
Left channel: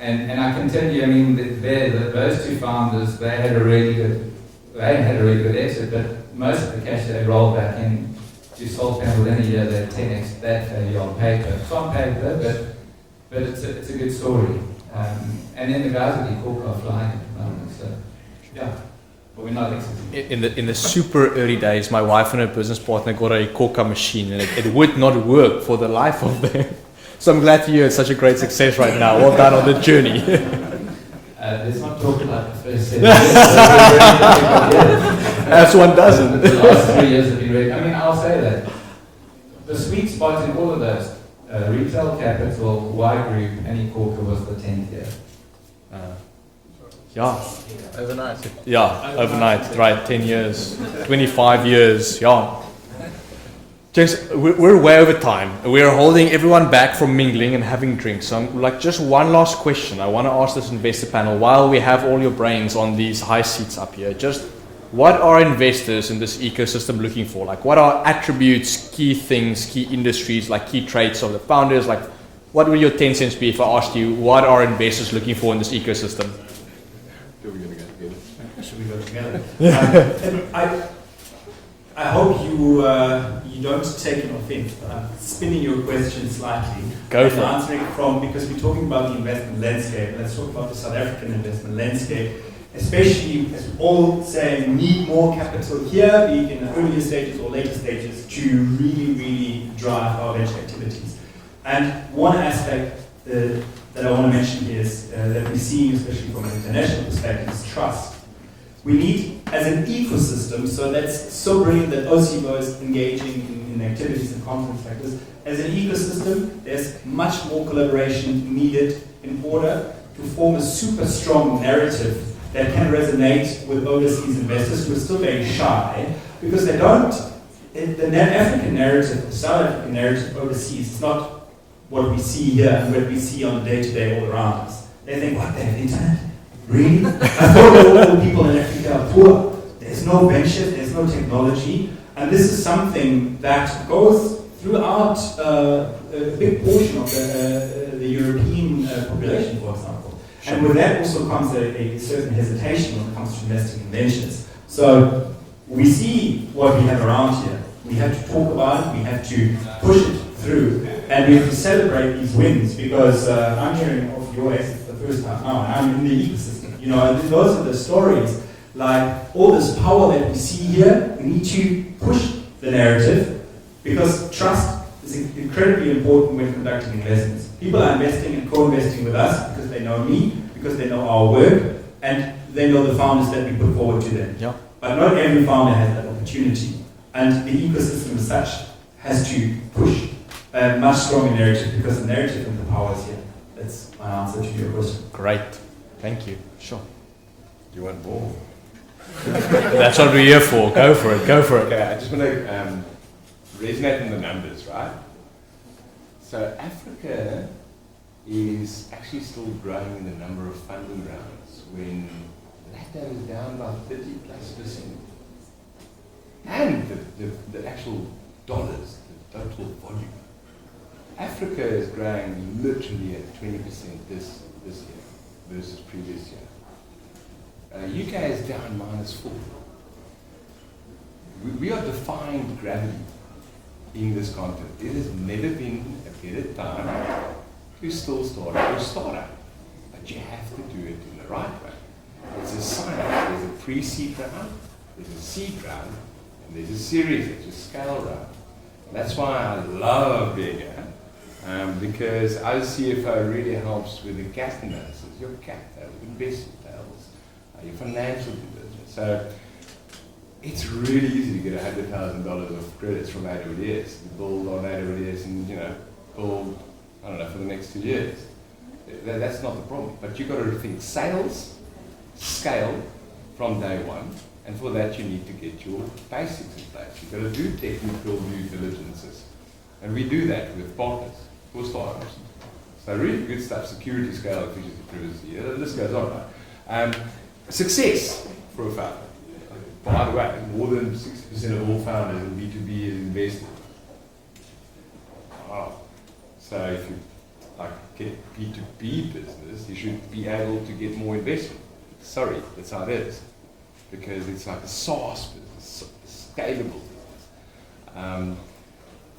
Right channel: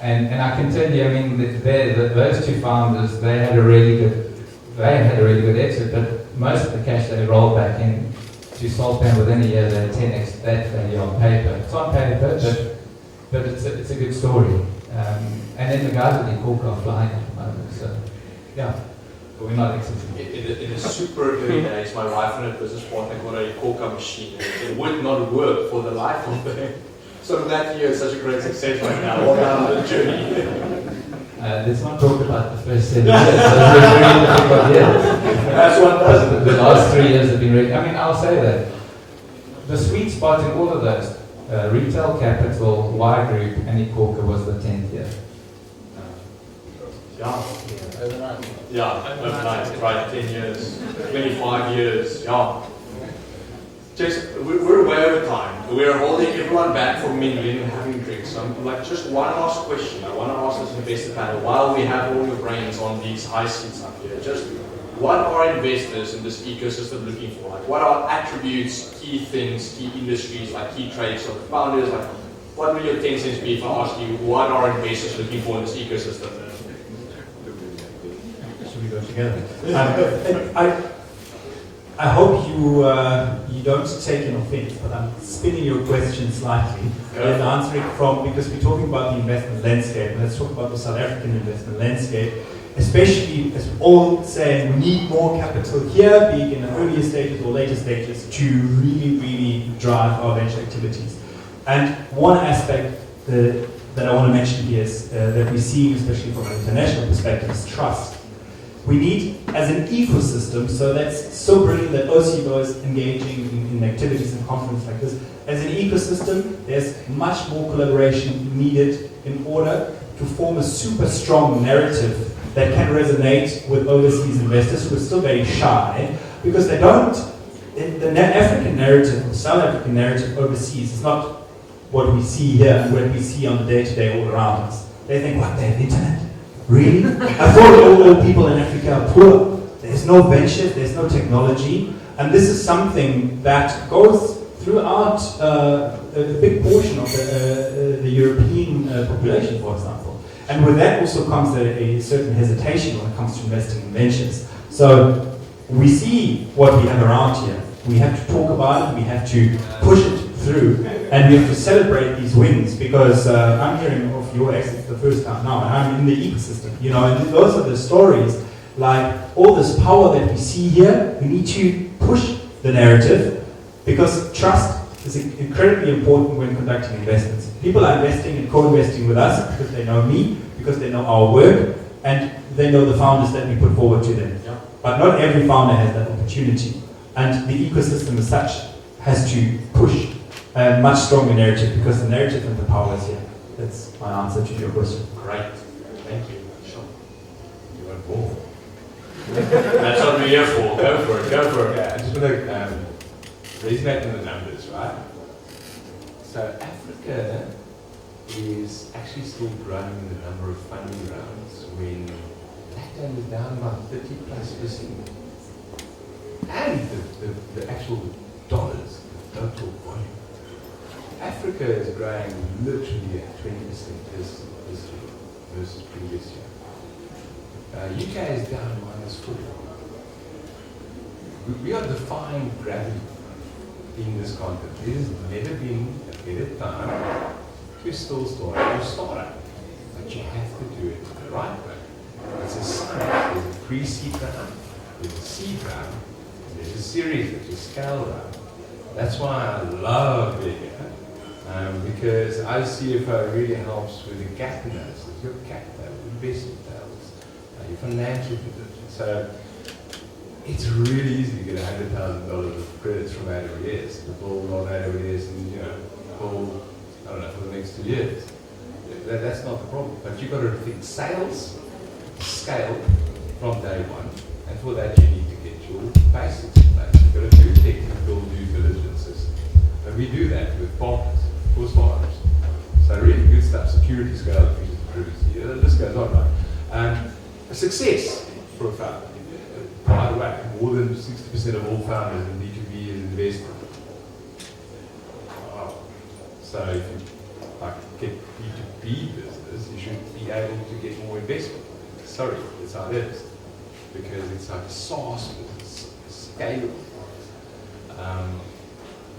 And I can tell you, I mean, those two founders, they had a really good exit, but most of the cash they rolled back in to Solpan within a year. They're 10x that value on paper. It's on paper, but it's a good story. And then the guys at the Cork are flying at the moment. So yeah, but we're not exiting. In the super early days, my wife and her business partner got a Corka machine, and it would not work for the life of them. So I'm glad to hear it's such a great success right now. Well done on the journey. Let's not talk about the first 7 years. That's one doesn't. The last 3 years have been really, I mean, I'll say that. The sweet spot in all of those, retail capital, Y Group, and Ecorca was the 10th year. Yeah. Overnight. Yeah, overnight, right, 10 years, 25 years, yeah. Just, we're way over time. We're holding everyone back from mingling and having drinks. So I'm like, just one last question. I want to ask this investor panel, while we have all your brains on these high seats up here, just what are investors in this ecosystem looking for? Like, what are attributes, key things, key industries, like key traits of the founders? Like, what will your 10 cents be if I asked you, what are investors looking for in this ecosystem? Should we go together? I hope you don't take an offense, but I'm spinning your question slightly. Go for it. Answering from, because we're talking about the investment landscape. Let's talk about the South African investment landscape, especially as we all say, we need more capital here, be it in the earlier stages or later stages, to really drive our venture activities. And one aspect that I want to mention here is that we see, especially from an international perspective, is trust. We need, as an ecosystem, so that's so brilliant that OCBO is engaging in activities and conferences like this. As an ecosystem, there's much more collaboration needed in order to form a super strong narrative that can resonate with overseas investors who are still very shy, because they don't, the African narrative, the South African narrative overseas is not what we see here and what we see on the day-to-day all around us. They think, what, they have internet? Really? I thought that all people in Africa are poor. There's no venture, there's no technology, and this is something that goes throughout a big portion of the European population, for example. And with that also comes a certain hesitation when it comes to investing in ventures. So we see what we have around here. We have to talk about it, we have to push it through, and we have to celebrate these wins, because I'm hearing of your exit for the first time now, and I'm in the ecosystem, you know, and those are the stories, like all this power that we see here. We need to push the narrative, because trust is incredibly important when conducting investments. People are investing and co-investing with us because they know me, because they know our work, and they know the founders that we put forward to them. Yeah. But not every founder has that opportunity, and the ecosystem as such has to push a much stronger narrative, because the narrative and the power is here. That's my answer to your question. Great. Thank you. Sure. You weren't born. That's what we're here for. Go for it. Go for it. Okay, I'm just going to resonate on the numbers, right? So Africa is actually still growing in the number of funding rounds when that is down about 30+%. And the actual dollars, the total volume. Africa is growing literally at 20% this year versus previous year. UK is down -4%. We are defying gravity in this continent. There has never been a better time to still start a startup. But you have to do it in the right way. There's a science, there's a pre-seed round, there's a seed round, and there's a series, there's a scale round. That's why I love being here. Because our CFO really helps with the gap analysis, your cap, investment levels, your financial position. So it's really easy to get $100,000 of credits from AWS, to build on AWS and, build, I don't know, for the next 2 years. That's not the problem. But you've got to think sales, scale from day one, and for that you need to get your basics in place. You've got to do technical due diligences. And we do that with partners. For startups. So really good stuff, security, scale, efficiency, this goes on, right? Success for a founder. By the way, more than 60% of all founders in B2B is invested. Wow. So if you get B2B business, you should be able to get more investment. Sorry, that's how it is. Because it's like a SaaS business, scalable.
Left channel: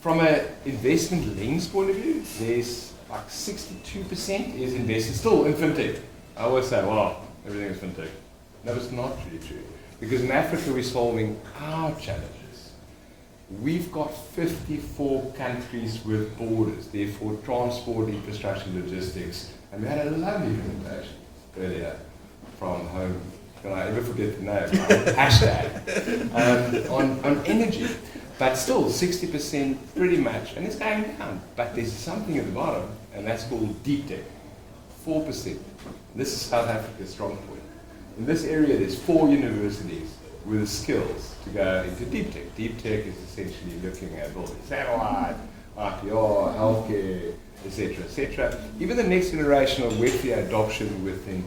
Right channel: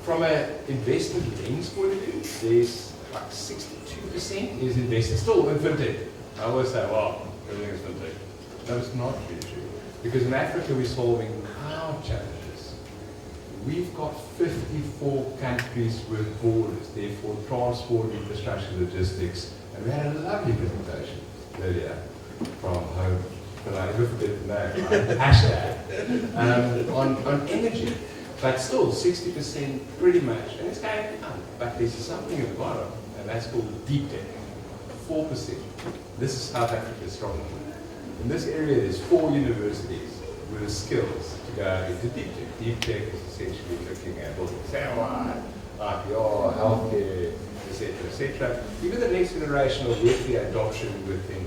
From an investment lens point of view, there's like 62% is invested still in fintech. I always say, well, everything is fintech. No, it's not really true. Because in Africa, we're solving our challenges. We've got 54 countries with borders, therefore transport, infrastructure, logistics, and we had a lovely presentation earlier from home. Can I never forget the name? Hashtag. On energy. But still, 60% pretty much, and it's going down. But there's something at the bottom, and that's called deep tech. 4%. This is South Africa's strong point. In this area, there's 4 universities with the skills to go into deep tech. Deep tech is essentially looking at both satellite, IPR, healthcare, etc., etc. Even the next generation of Web3 adoption within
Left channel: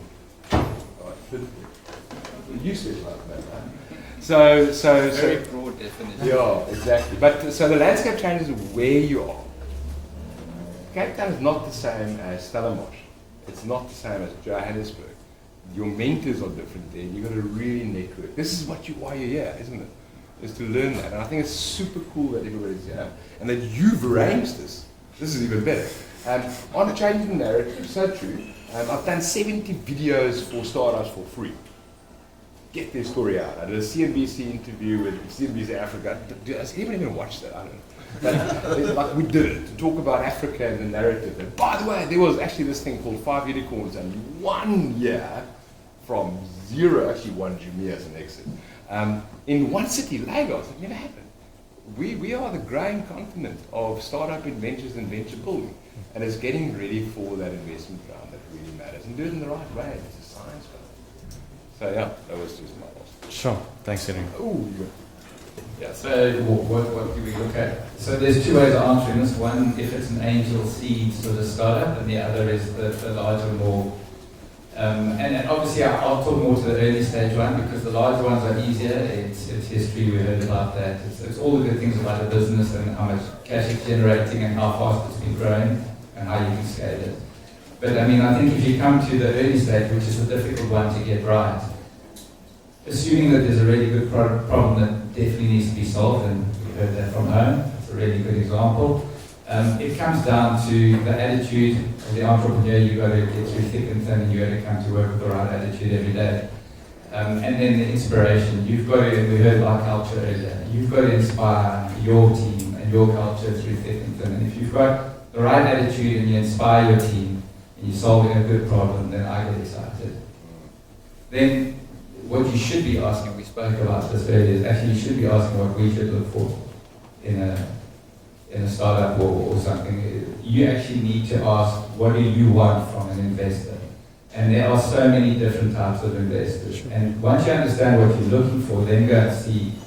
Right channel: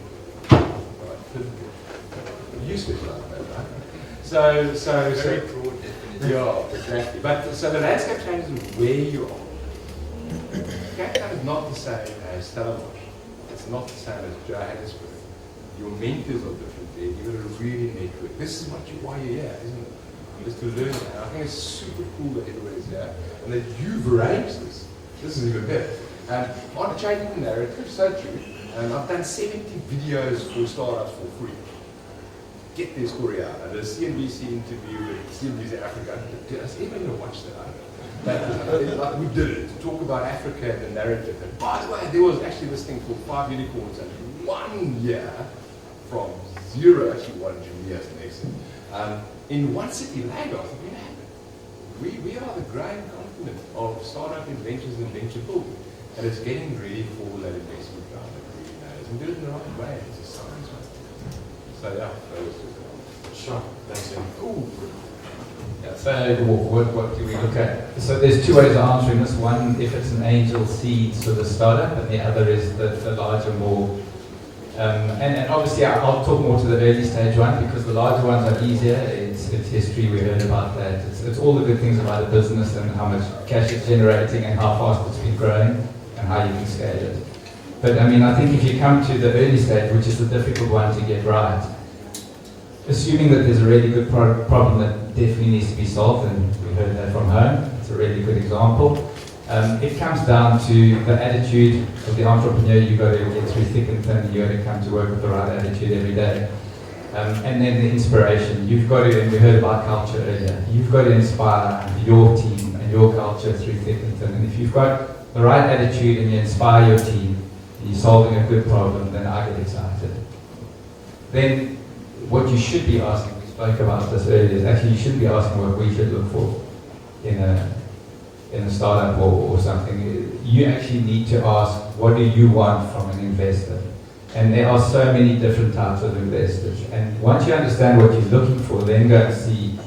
usage like that, right? So very broad definition. Yeah, exactly. But so the landscape changes where you are. Cape Town is not the same as Stellenbosch. It's not the same as Johannesburg. Your mentors are different there. You've got to really network. This is why you're here, isn't it? Is to learn that. And I think it's super cool that everybody's here and that you've arranged this. This is even better. On changing the narrative, so true. I've done 70 videos for startups for free. Get their story out. I did a CNBC interview with CNBC Africa. Is anyone going to watch that? I don't know. But we did it to talk about Africa and the narrative. And by the way, there was actually this thing called 5 unicorns and 1 year from 0, actually 1 Jumia as an exit. In one city, Lagos, it's going to happen. We are the growing continent of startup adventures and venture building. And it's getting ready for that investment round that really matters. And do it in the right way. It's a science. So yeah, that was just Sure. Thanks, Henry. Ooh. Yeah, so what do we look at? So there's 2 ways of answering this. One, if it's an angel seed with a startup, and the other is the larger, more. And obviously I'll talk more to the early stage one because the larger ones are easier. It's history, we heard about that. It's all the good things about the business and how much cash it's generating and how fast it's been growing and how you can scale it. But I mean, I think if you come to the early stage, which is the difficult one to get right, assuming that there's a really good problem that definitely needs to be solved, and we heard that from home, it's a really good example. It comes down to the attitude of the entrepreneur. You've got to get through thick and thin, and you've got to come to work with the right attitude every day. And then the inspiration. You've got to, and we heard about culture earlier, you've got to inspire your team and your culture through thick and thin. And if you've got the right attitude and you inspire your team, you're solving a good problem, then I get excited. Then what you should be asking, we spoke about this earlier, is actually you should be asking what we should look for in a startup or something. You actually need to ask, what do you want from an investor? And there are so many different types of investors. And once you understand what you're looking for, then go and see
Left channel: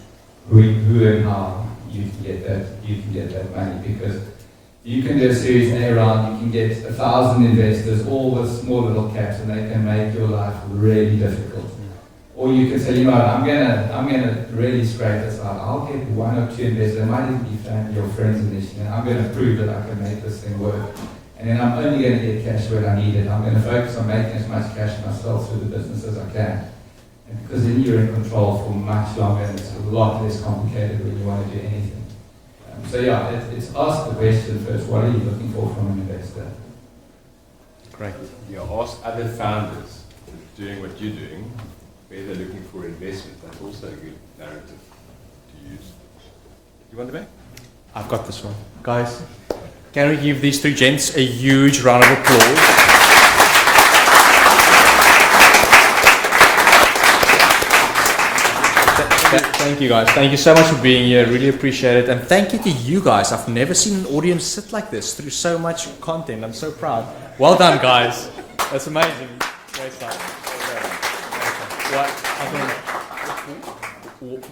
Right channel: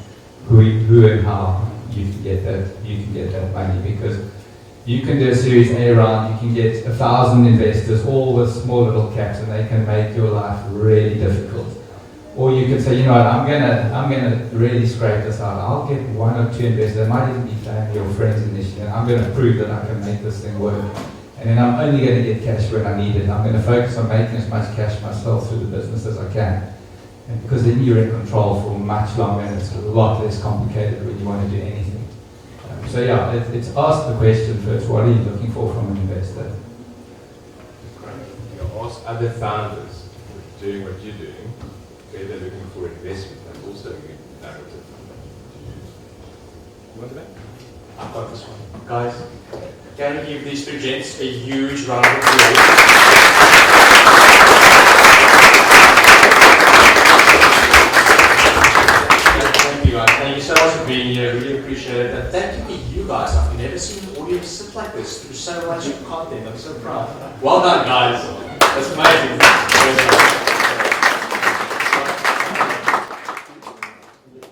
who and how you can get that money. Because you can do a Series A round, you can get 1,000 investors, all with small little caps, and they can make your life really difficult. Or you can say, you know what, I'm gonna really scrape this out. I'll get 1 or 2 investors. They might even be family or friends initially. And I'm gonna prove that I can make this thing work. And then I'm only gonna get cash when I need it. I'm gonna focus on making as much cash myself through the business as I can. And because then you're in control for much longer, and it's a lot less complicated when you want to do anything. So yeah, it's ask the question first, what are you looking for from an investor? Great. You ask other founders doing what you're doing, whether they're looking for investment, and also a good narrative to use. You want the back? I've got this one. Guys, can we give these 2 gents a huge round of applause? Thank you guys. Thank you so much for being here. Really appreciate it. And thank you to you guys. I've never seen an audience sit like this through so much content. I'm so proud. Well done, guys. That's amazing.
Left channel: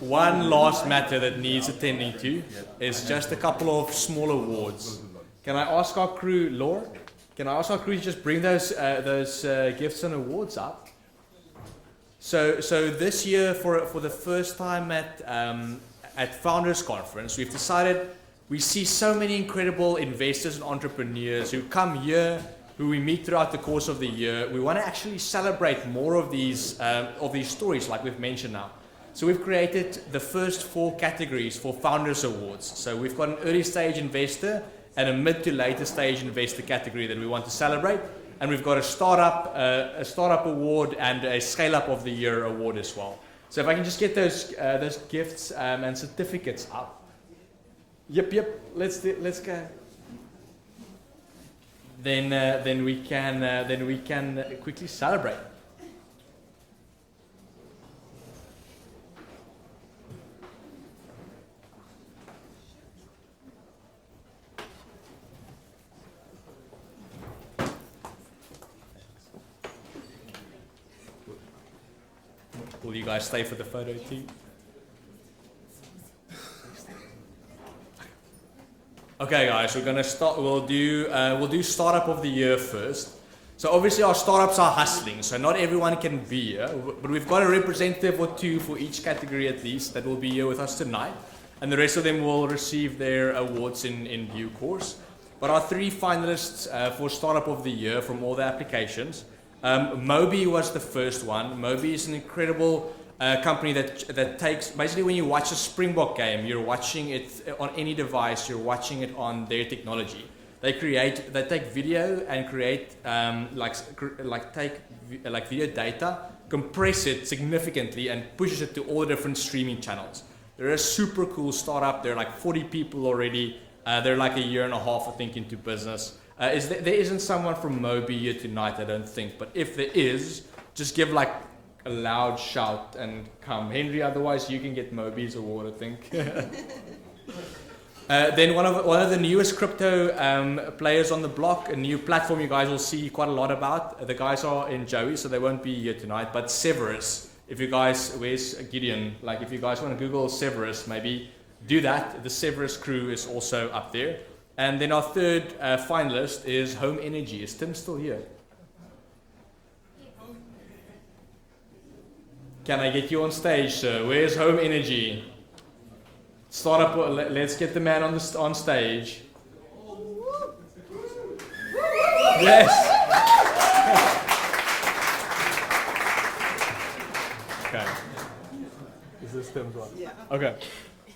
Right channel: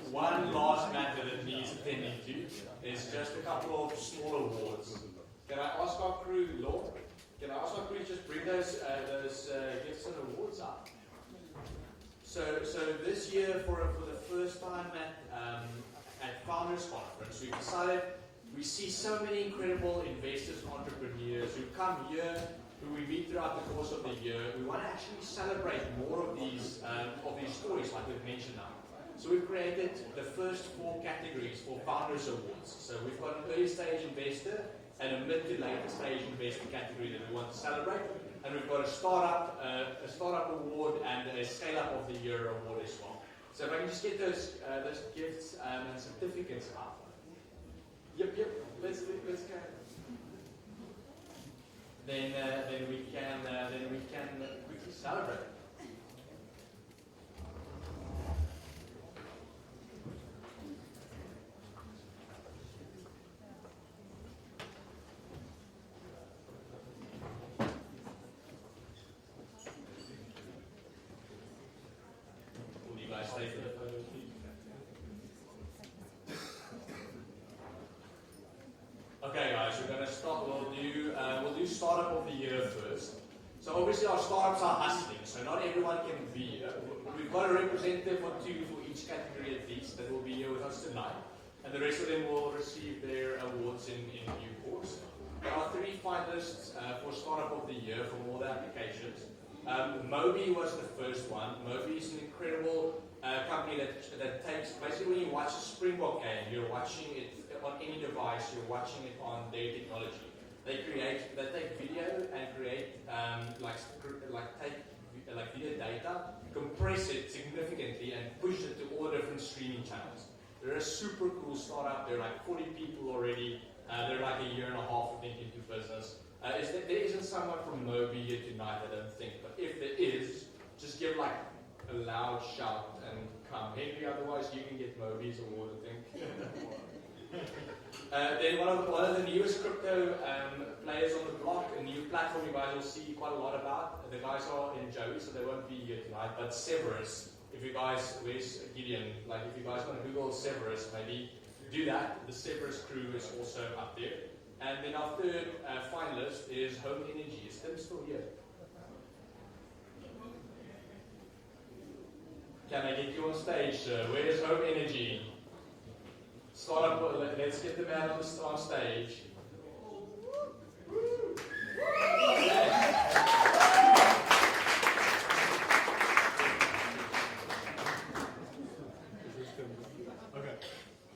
One last matter that needs attending to is just a couple of small awards. Can I ask our crew, Laura? Can I ask our crew to just bring those gifts and awards up? So this year, for the first time at Founders Conference, we've decided we see so many incredible investors and entrepreneurs who come here, who we meet throughout the course of the year. We want to actually celebrate more of these stories, like we've mentioned now. So we've created the first 4 categories for Founders Awards. So we've got an early stage investor and a mid to later stage investor category that we want to celebrate. And we've got a startup award and a scale up of the year award as well. So if I can just get those gifts and certificates up. Yep. Let's go. Then we can quickly celebrate. Will you guys stay for the photo too? Okay, guys, we're gonna start. We'll do startup of the year first. So obviously our startups are hustling, so not everyone can be here, but we've got a representative or 2 for each category at least that will be here with us tonight, and the rest of them will receive their awards in due course. But our 3 finalists for startup of the year from all the applications. Moby was the first one. Moby is an incredible company that takes, basically when you watch a Springbok game, you're watching it on any device, you're watching it on their technology. They take video and create, take video data, compress it significantly and pushes it to all the different streaming channels. They're a super cool startup. They're like 40 people already. They're like a year and a half, I think, into business. There isn't someone from Moby here tonight, I don't think, but if there is, just give like a loud shout and come. Henry, otherwise you can get Moby's award, I think. Then one of the newest crypto players on the block, a new platform you guys will see quite a lot about. The guys are in Joey, so they won't be here tonight, but Severus, if you guys, where's Gideon? Like if you guys want to Google Severus, maybe do that. The Severus crew is also up there. And then our 3rd finalist is Home Energy. Is Tim still here? Can I get you on stage, sir? Where's Home Energy? Startup. Let's get the man on stage. Yes. Okay. Is this Tim's one? Yeah. Okay.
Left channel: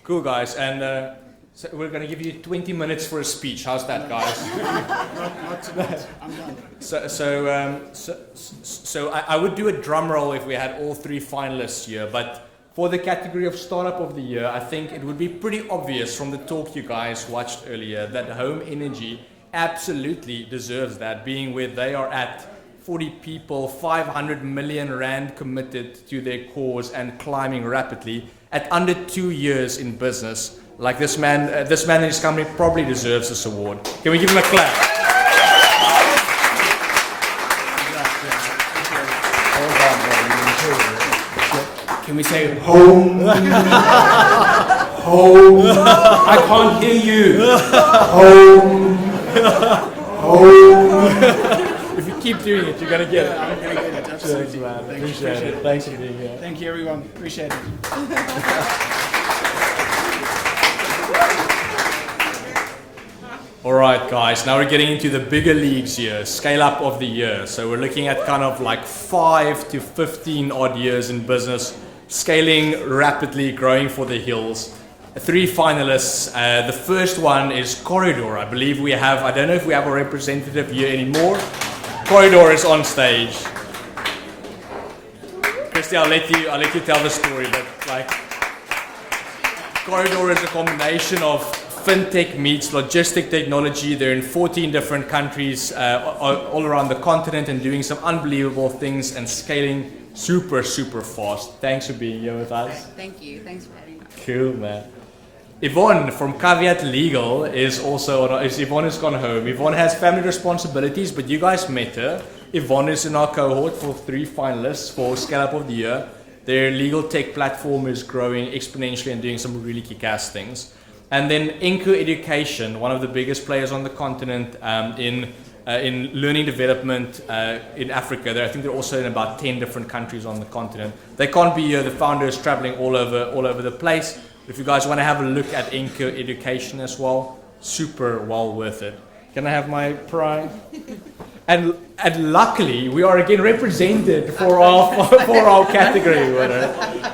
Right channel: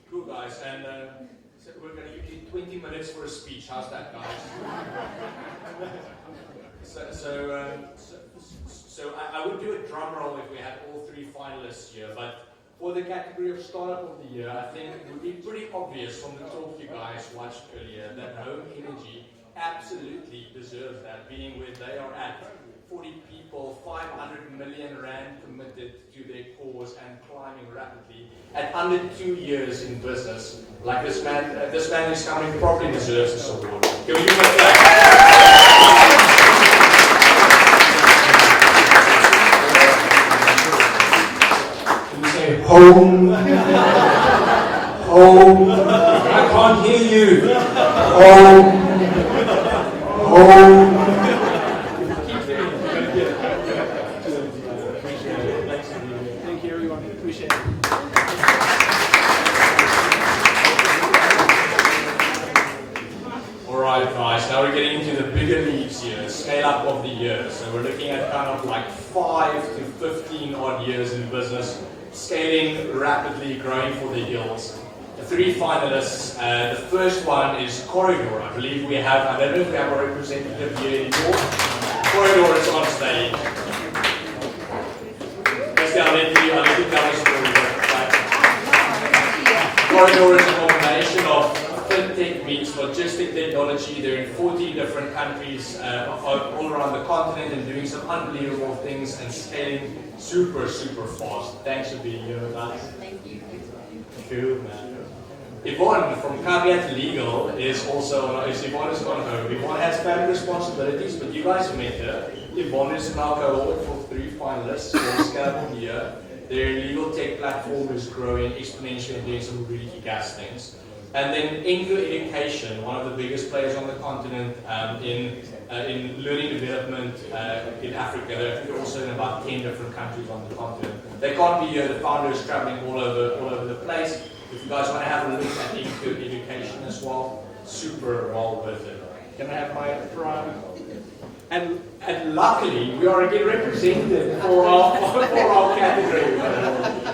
Cool, guys, and. So we're going to give you 20 minutes for a speech. How's that, guys? Not too bad. I'm done. So I would do a drum roll if we had all 3 finalists here, but for the category of startup of the year, I think it would be pretty obvious from the talk you guys watched earlier that Home Energy absolutely deserves that, being where they are at 40 people, 500 million rand committed to their cause and climbing rapidly at under 2 years in business. Like this man and his company probably deserves this award. Can we give him a clap? Can we say home? Home. I can't hear you. Home. Home. If you keep doing it, you're gonna get it. Absolutely, man. Appreciate it. Thanks for being here. Thank you, everyone. Appreciate it. Alright guys, now we're getting into the bigger leagues here, scale up of the year. So we're looking at kind of like 5 to 15 odd years in business, scaling rapidly, growing for the hills. 3 finalists. The first one is Corridor. I believe we have, I don't know if we have a representative here anymore. Corridor is on stage. Christy, I'll let you tell the story. Corridor is a combination of fintech meets logistic technology. They're in 14 different countries all around the continent and doing some unbelievable things and scaling super fast. Thanks for being here with us. Thank you. Thanks for having me. Cool, man. Yvonne from Caveat Legal is also on. Yvonne has gone home. Yvonne has family responsibilities, but you guys met her. Yvonne is in our cohort for 3 finalists for Scale Up of the Year. Their legal tech platform is growing exponentially and doing some really kick-ass things. And then Inco Education, one of the biggest players on the continent in learning development in Africa. I think they're also in about 10 different countries on the continent. They can't be here. The founder is traveling all over the place. If you guys want to have a look at Inco Education as well, super well worth it. Can I have my prime? And luckily, we are again represented for our category.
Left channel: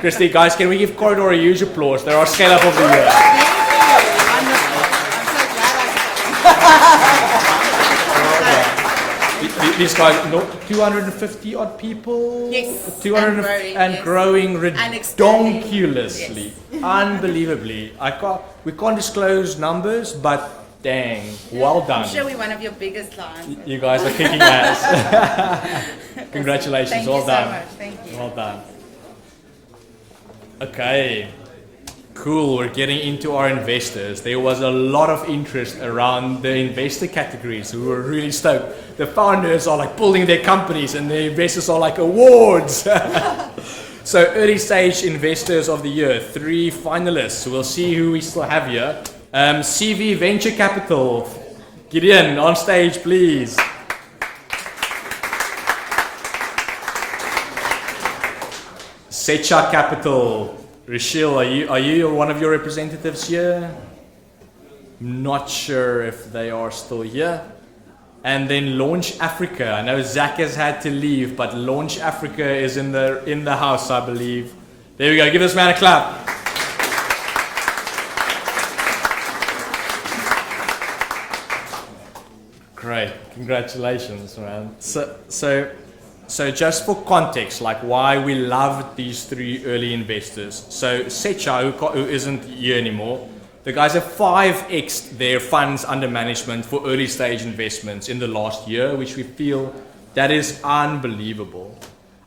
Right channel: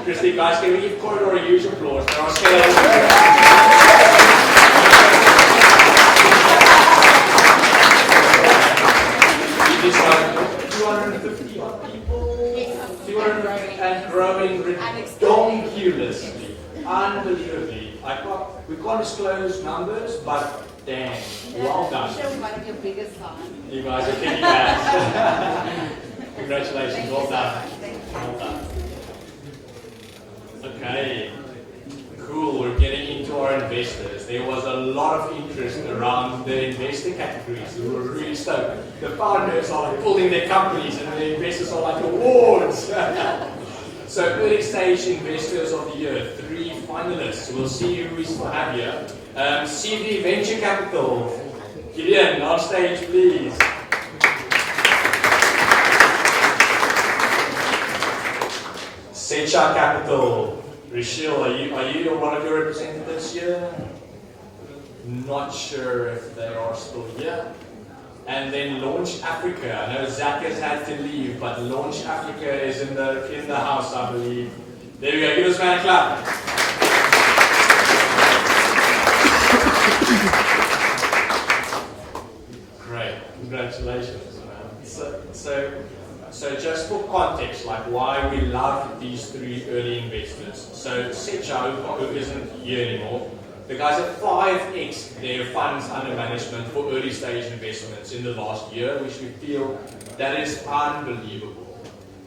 Christy, guys, can we give Corridor a huge applause? There are scale levels in here. These guys, 250 odd people? Yes. 200 and growing redonkulously. Unbelievably. We can't disclose numbers, but dang, well done. I'm sure we're one of your biggest clients. You guys are kicking ass. Congratulations, Thank well you done. so much. Thank you. Well done. Okay, cool. We're getting into our investors. There was a lot of interest around the investor categories. We were really stoked. The founders are like building their companies and the investors are like awards. So early stage investors of the year, 3 finalists. We'll see who we still have here. CV Venture Capital. Gideon, on stage, please. Secha Capital. Rachel, are you one of your representatives here? Not sure if they are still here. And then Launch Africa. I know Zach has had to leave, but Launch Africa is in the house, I believe. There we go. Give this man a clap. Great. Congratulations, man. So just for context, like why we love these 3 early investors. So Secha, who isn't here anymore, the guys have 5x'd their funds under management for early stage investments in the last year, which we feel that is unbelievable.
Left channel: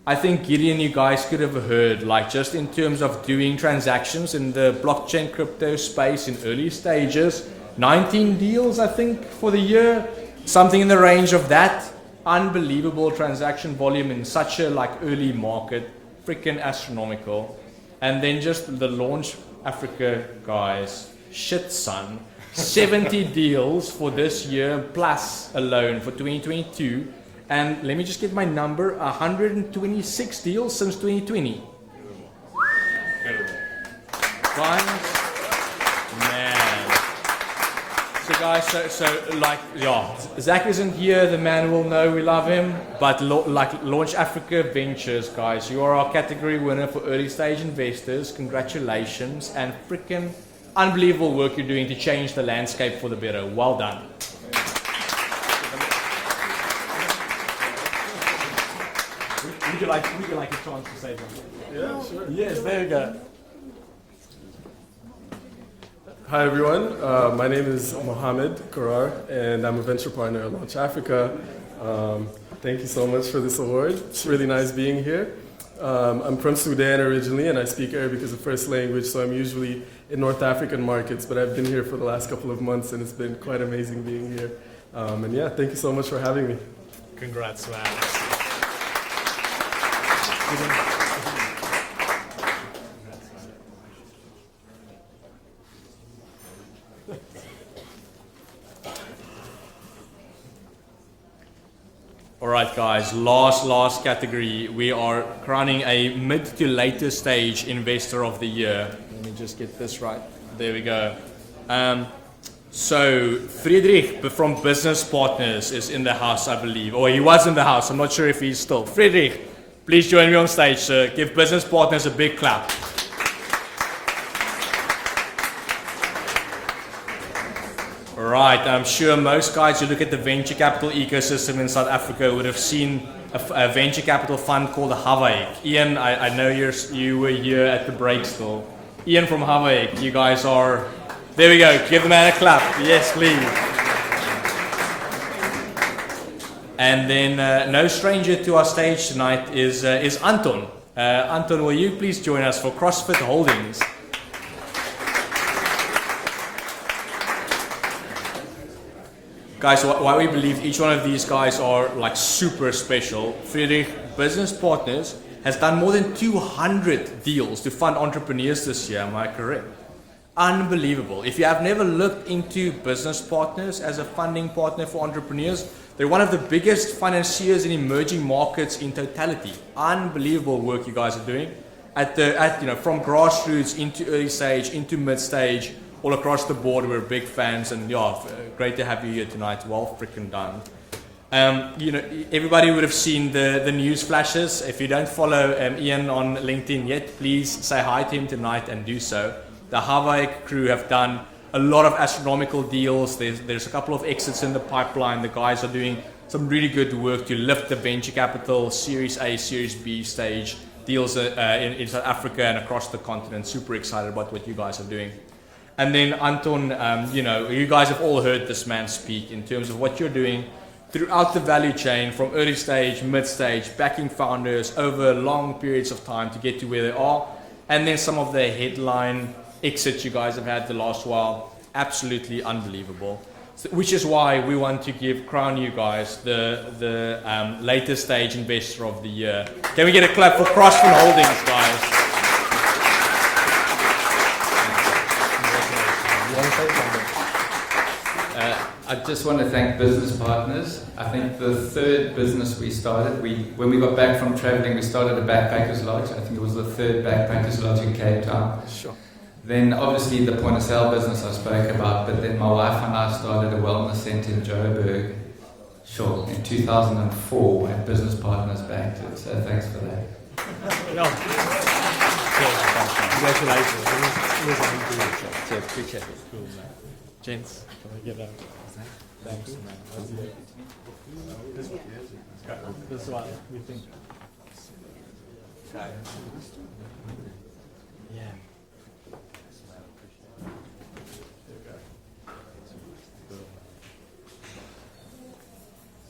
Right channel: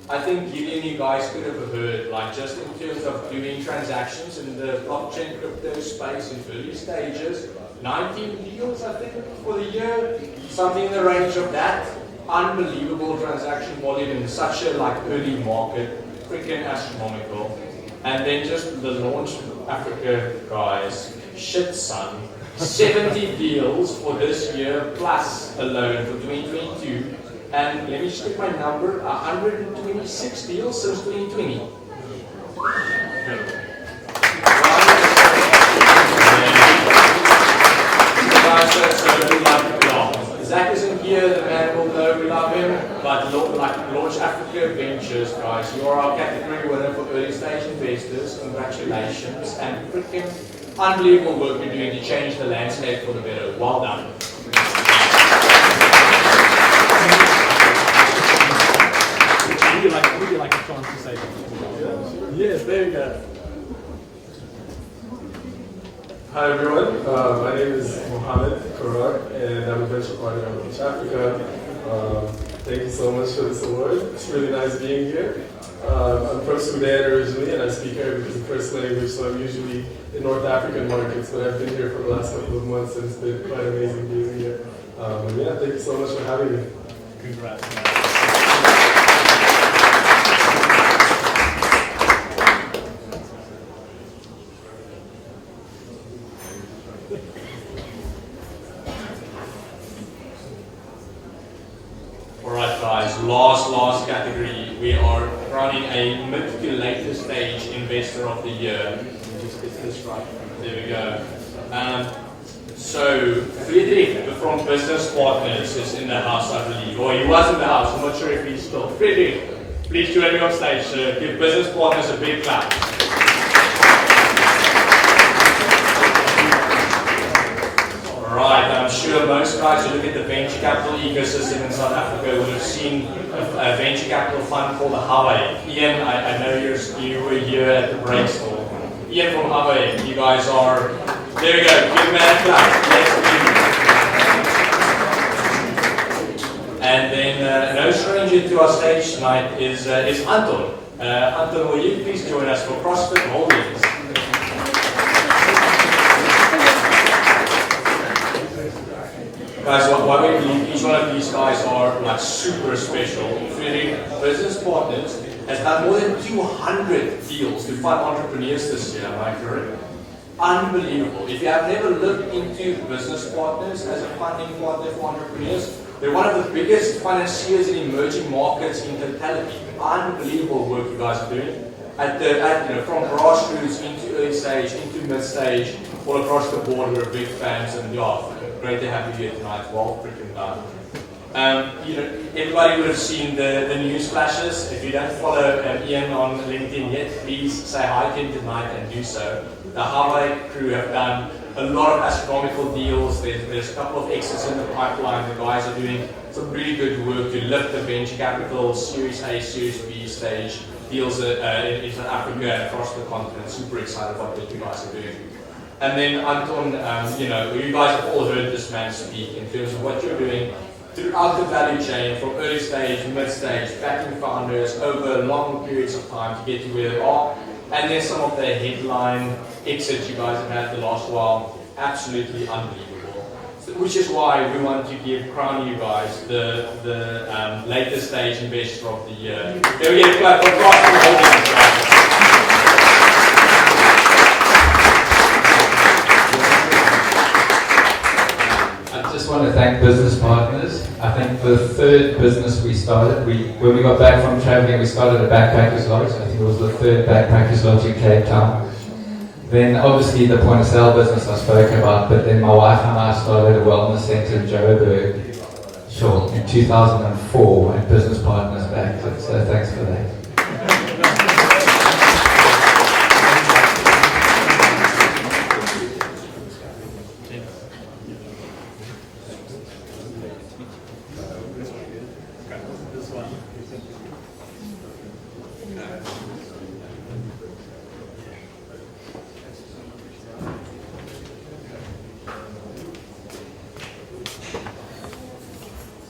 I think Gideon, you guys could have heard, like just in terms of doing transactions in the blockchain crypto space in early stages, 19 deals I think for the year, something in the range of that. Unbelievable transaction volume in such a like early market, freaking astronomical. And then just the Launch Africa guys, shit son, 70 deals for this year plus alone for 2022. And let me just get my number, 126 deals since 2020. Zach isn't here, the man will know we love him, but like Launch Africa Ventures, guys, you are our category winner for early stage investors. Congratulations, and freaking unbelievable work you're doing to change the landscape for the better. Well done. Would you like a chance to say something? Yes, there you go. Hi everyone, my name is Mohammed Karar and I'm a venture partner at Launch Africa. Thank you so much for this award. It's really nice being here. I'm from Sudan originally and I speak Arabic as a first language, so I'm usually in North African markets, but I've been here for the last couple of months and it's been quite amazing being here. And yeah, thank you so much for having me. Congrats, man. Alright guys, last category. We are crowning a mid to later stage investor of the year. Let me just get this right. There we go. So Friedrich from Business Partners is in the house, I believe. Or he was in the house, I'm not sure if he's still. Friedrich, please join me on stage. Give Business Partners a big clap. Right, I'm sure most guys who look at the venture capital ecosystem in South Africa would have seen a venture capital fund called Hawaii. Ian, I know you were here at the brainstorm. Ian from Hawaii, you guys are, there we go, give him a clap. Yes, please. And then no stranger to our stage tonight is Anton. Anton, will you please join us for CrossFit Holdings? Guys, why we believe each one of these guys are like super special. Friedrich Business Partners has done more than 200 deals to fund entrepreneurs this year, am I correct? Unbelievable. If you have never looked into Business Partners as a funding partner for entrepreneurs, they're one of the biggest financiers in emerging markets in totality. Unbelievable work you guys are doing. From grassroots into early stage, into mid stage, all across the board, we're big fans, and yeah, great to have you here tonight. Well freaking done. Everybody would have seen the news flashes. If you don't follow Ian on LinkedIn yet, please say hi to him tonight and do so. The Hawaii crew have done a lot of astronomical deals. There's a couple of exits in the pipeline. The guys are doing some really good work to lift the venture capital, Series A, Series B stage deals in South Africa and across the continent. Super excited about what you guys are doing. And then Anton, you guys have all heard this man speak in terms of what you're doing throughout the value chain, from early stage, mid stage, backing founders over long periods of time to get to where they are. And then some of the headline exits you guys have had the last while, absolutely unbelievable. So, which is why we want to crown you guys the later stage investor of the year. Can we get a clap for CrossFit Holdings, guys? I just want to thank Business Partners. I think the third business we started, when we got back from traveling, we started a backpackers lodge. I think it was the third backpackers lodge in Cape Town. Then obviously the point of sale business I spoke about, but then my wife and I started a wellness center in Joburg, in 2004 when Business Partners backed it. So thanks for that.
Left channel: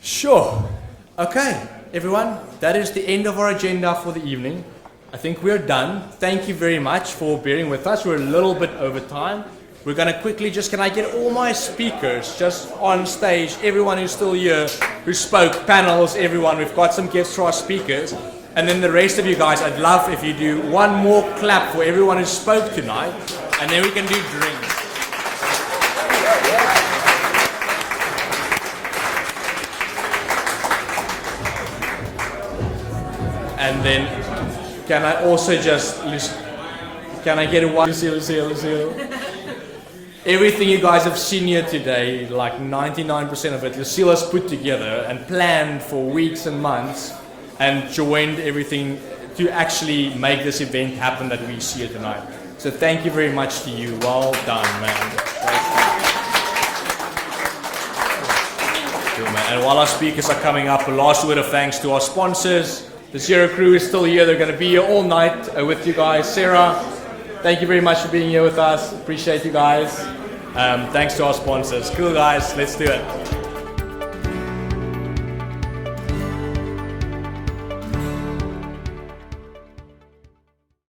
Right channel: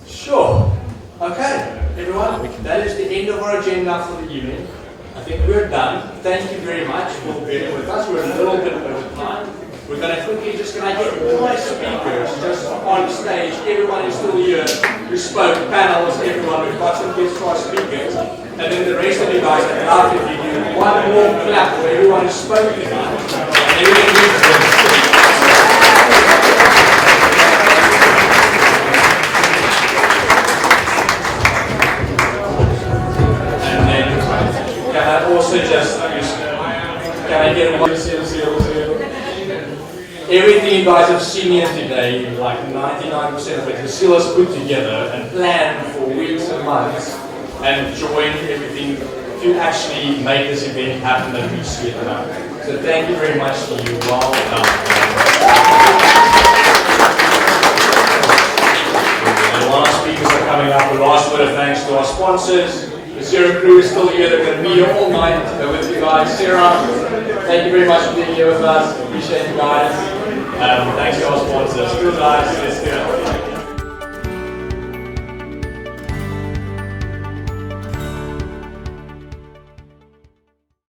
Sure. Okay, everyone, that is the end of our agenda for the evening. I think we're done. Thank you very much for bearing with us. We're a little bit over time. We're going to quickly can I get all my speakers just on stage, everyone who's still here, who spoke, panels, everyone. We've got some gifts to our speakers. And then the rest of you guys, I'd love if you do one more clap for everyone who spoke tonight. And everyone also can I get a one? Everything you guys have seen here today, like 99% of it, Cecila's put together and planned for weeks and months and joined everything to actually make this event happen that we see tonight. So thank you very much to you. Well done. And while our speakers are coming up, a last word of thanks to our sponsors. The Sarah crew is still here. They're going to be here all night with you guys. Sarah, thank you very much for being here with us. Appreciate you guys. Thanks to our sponsors. Cool guys, let's do it.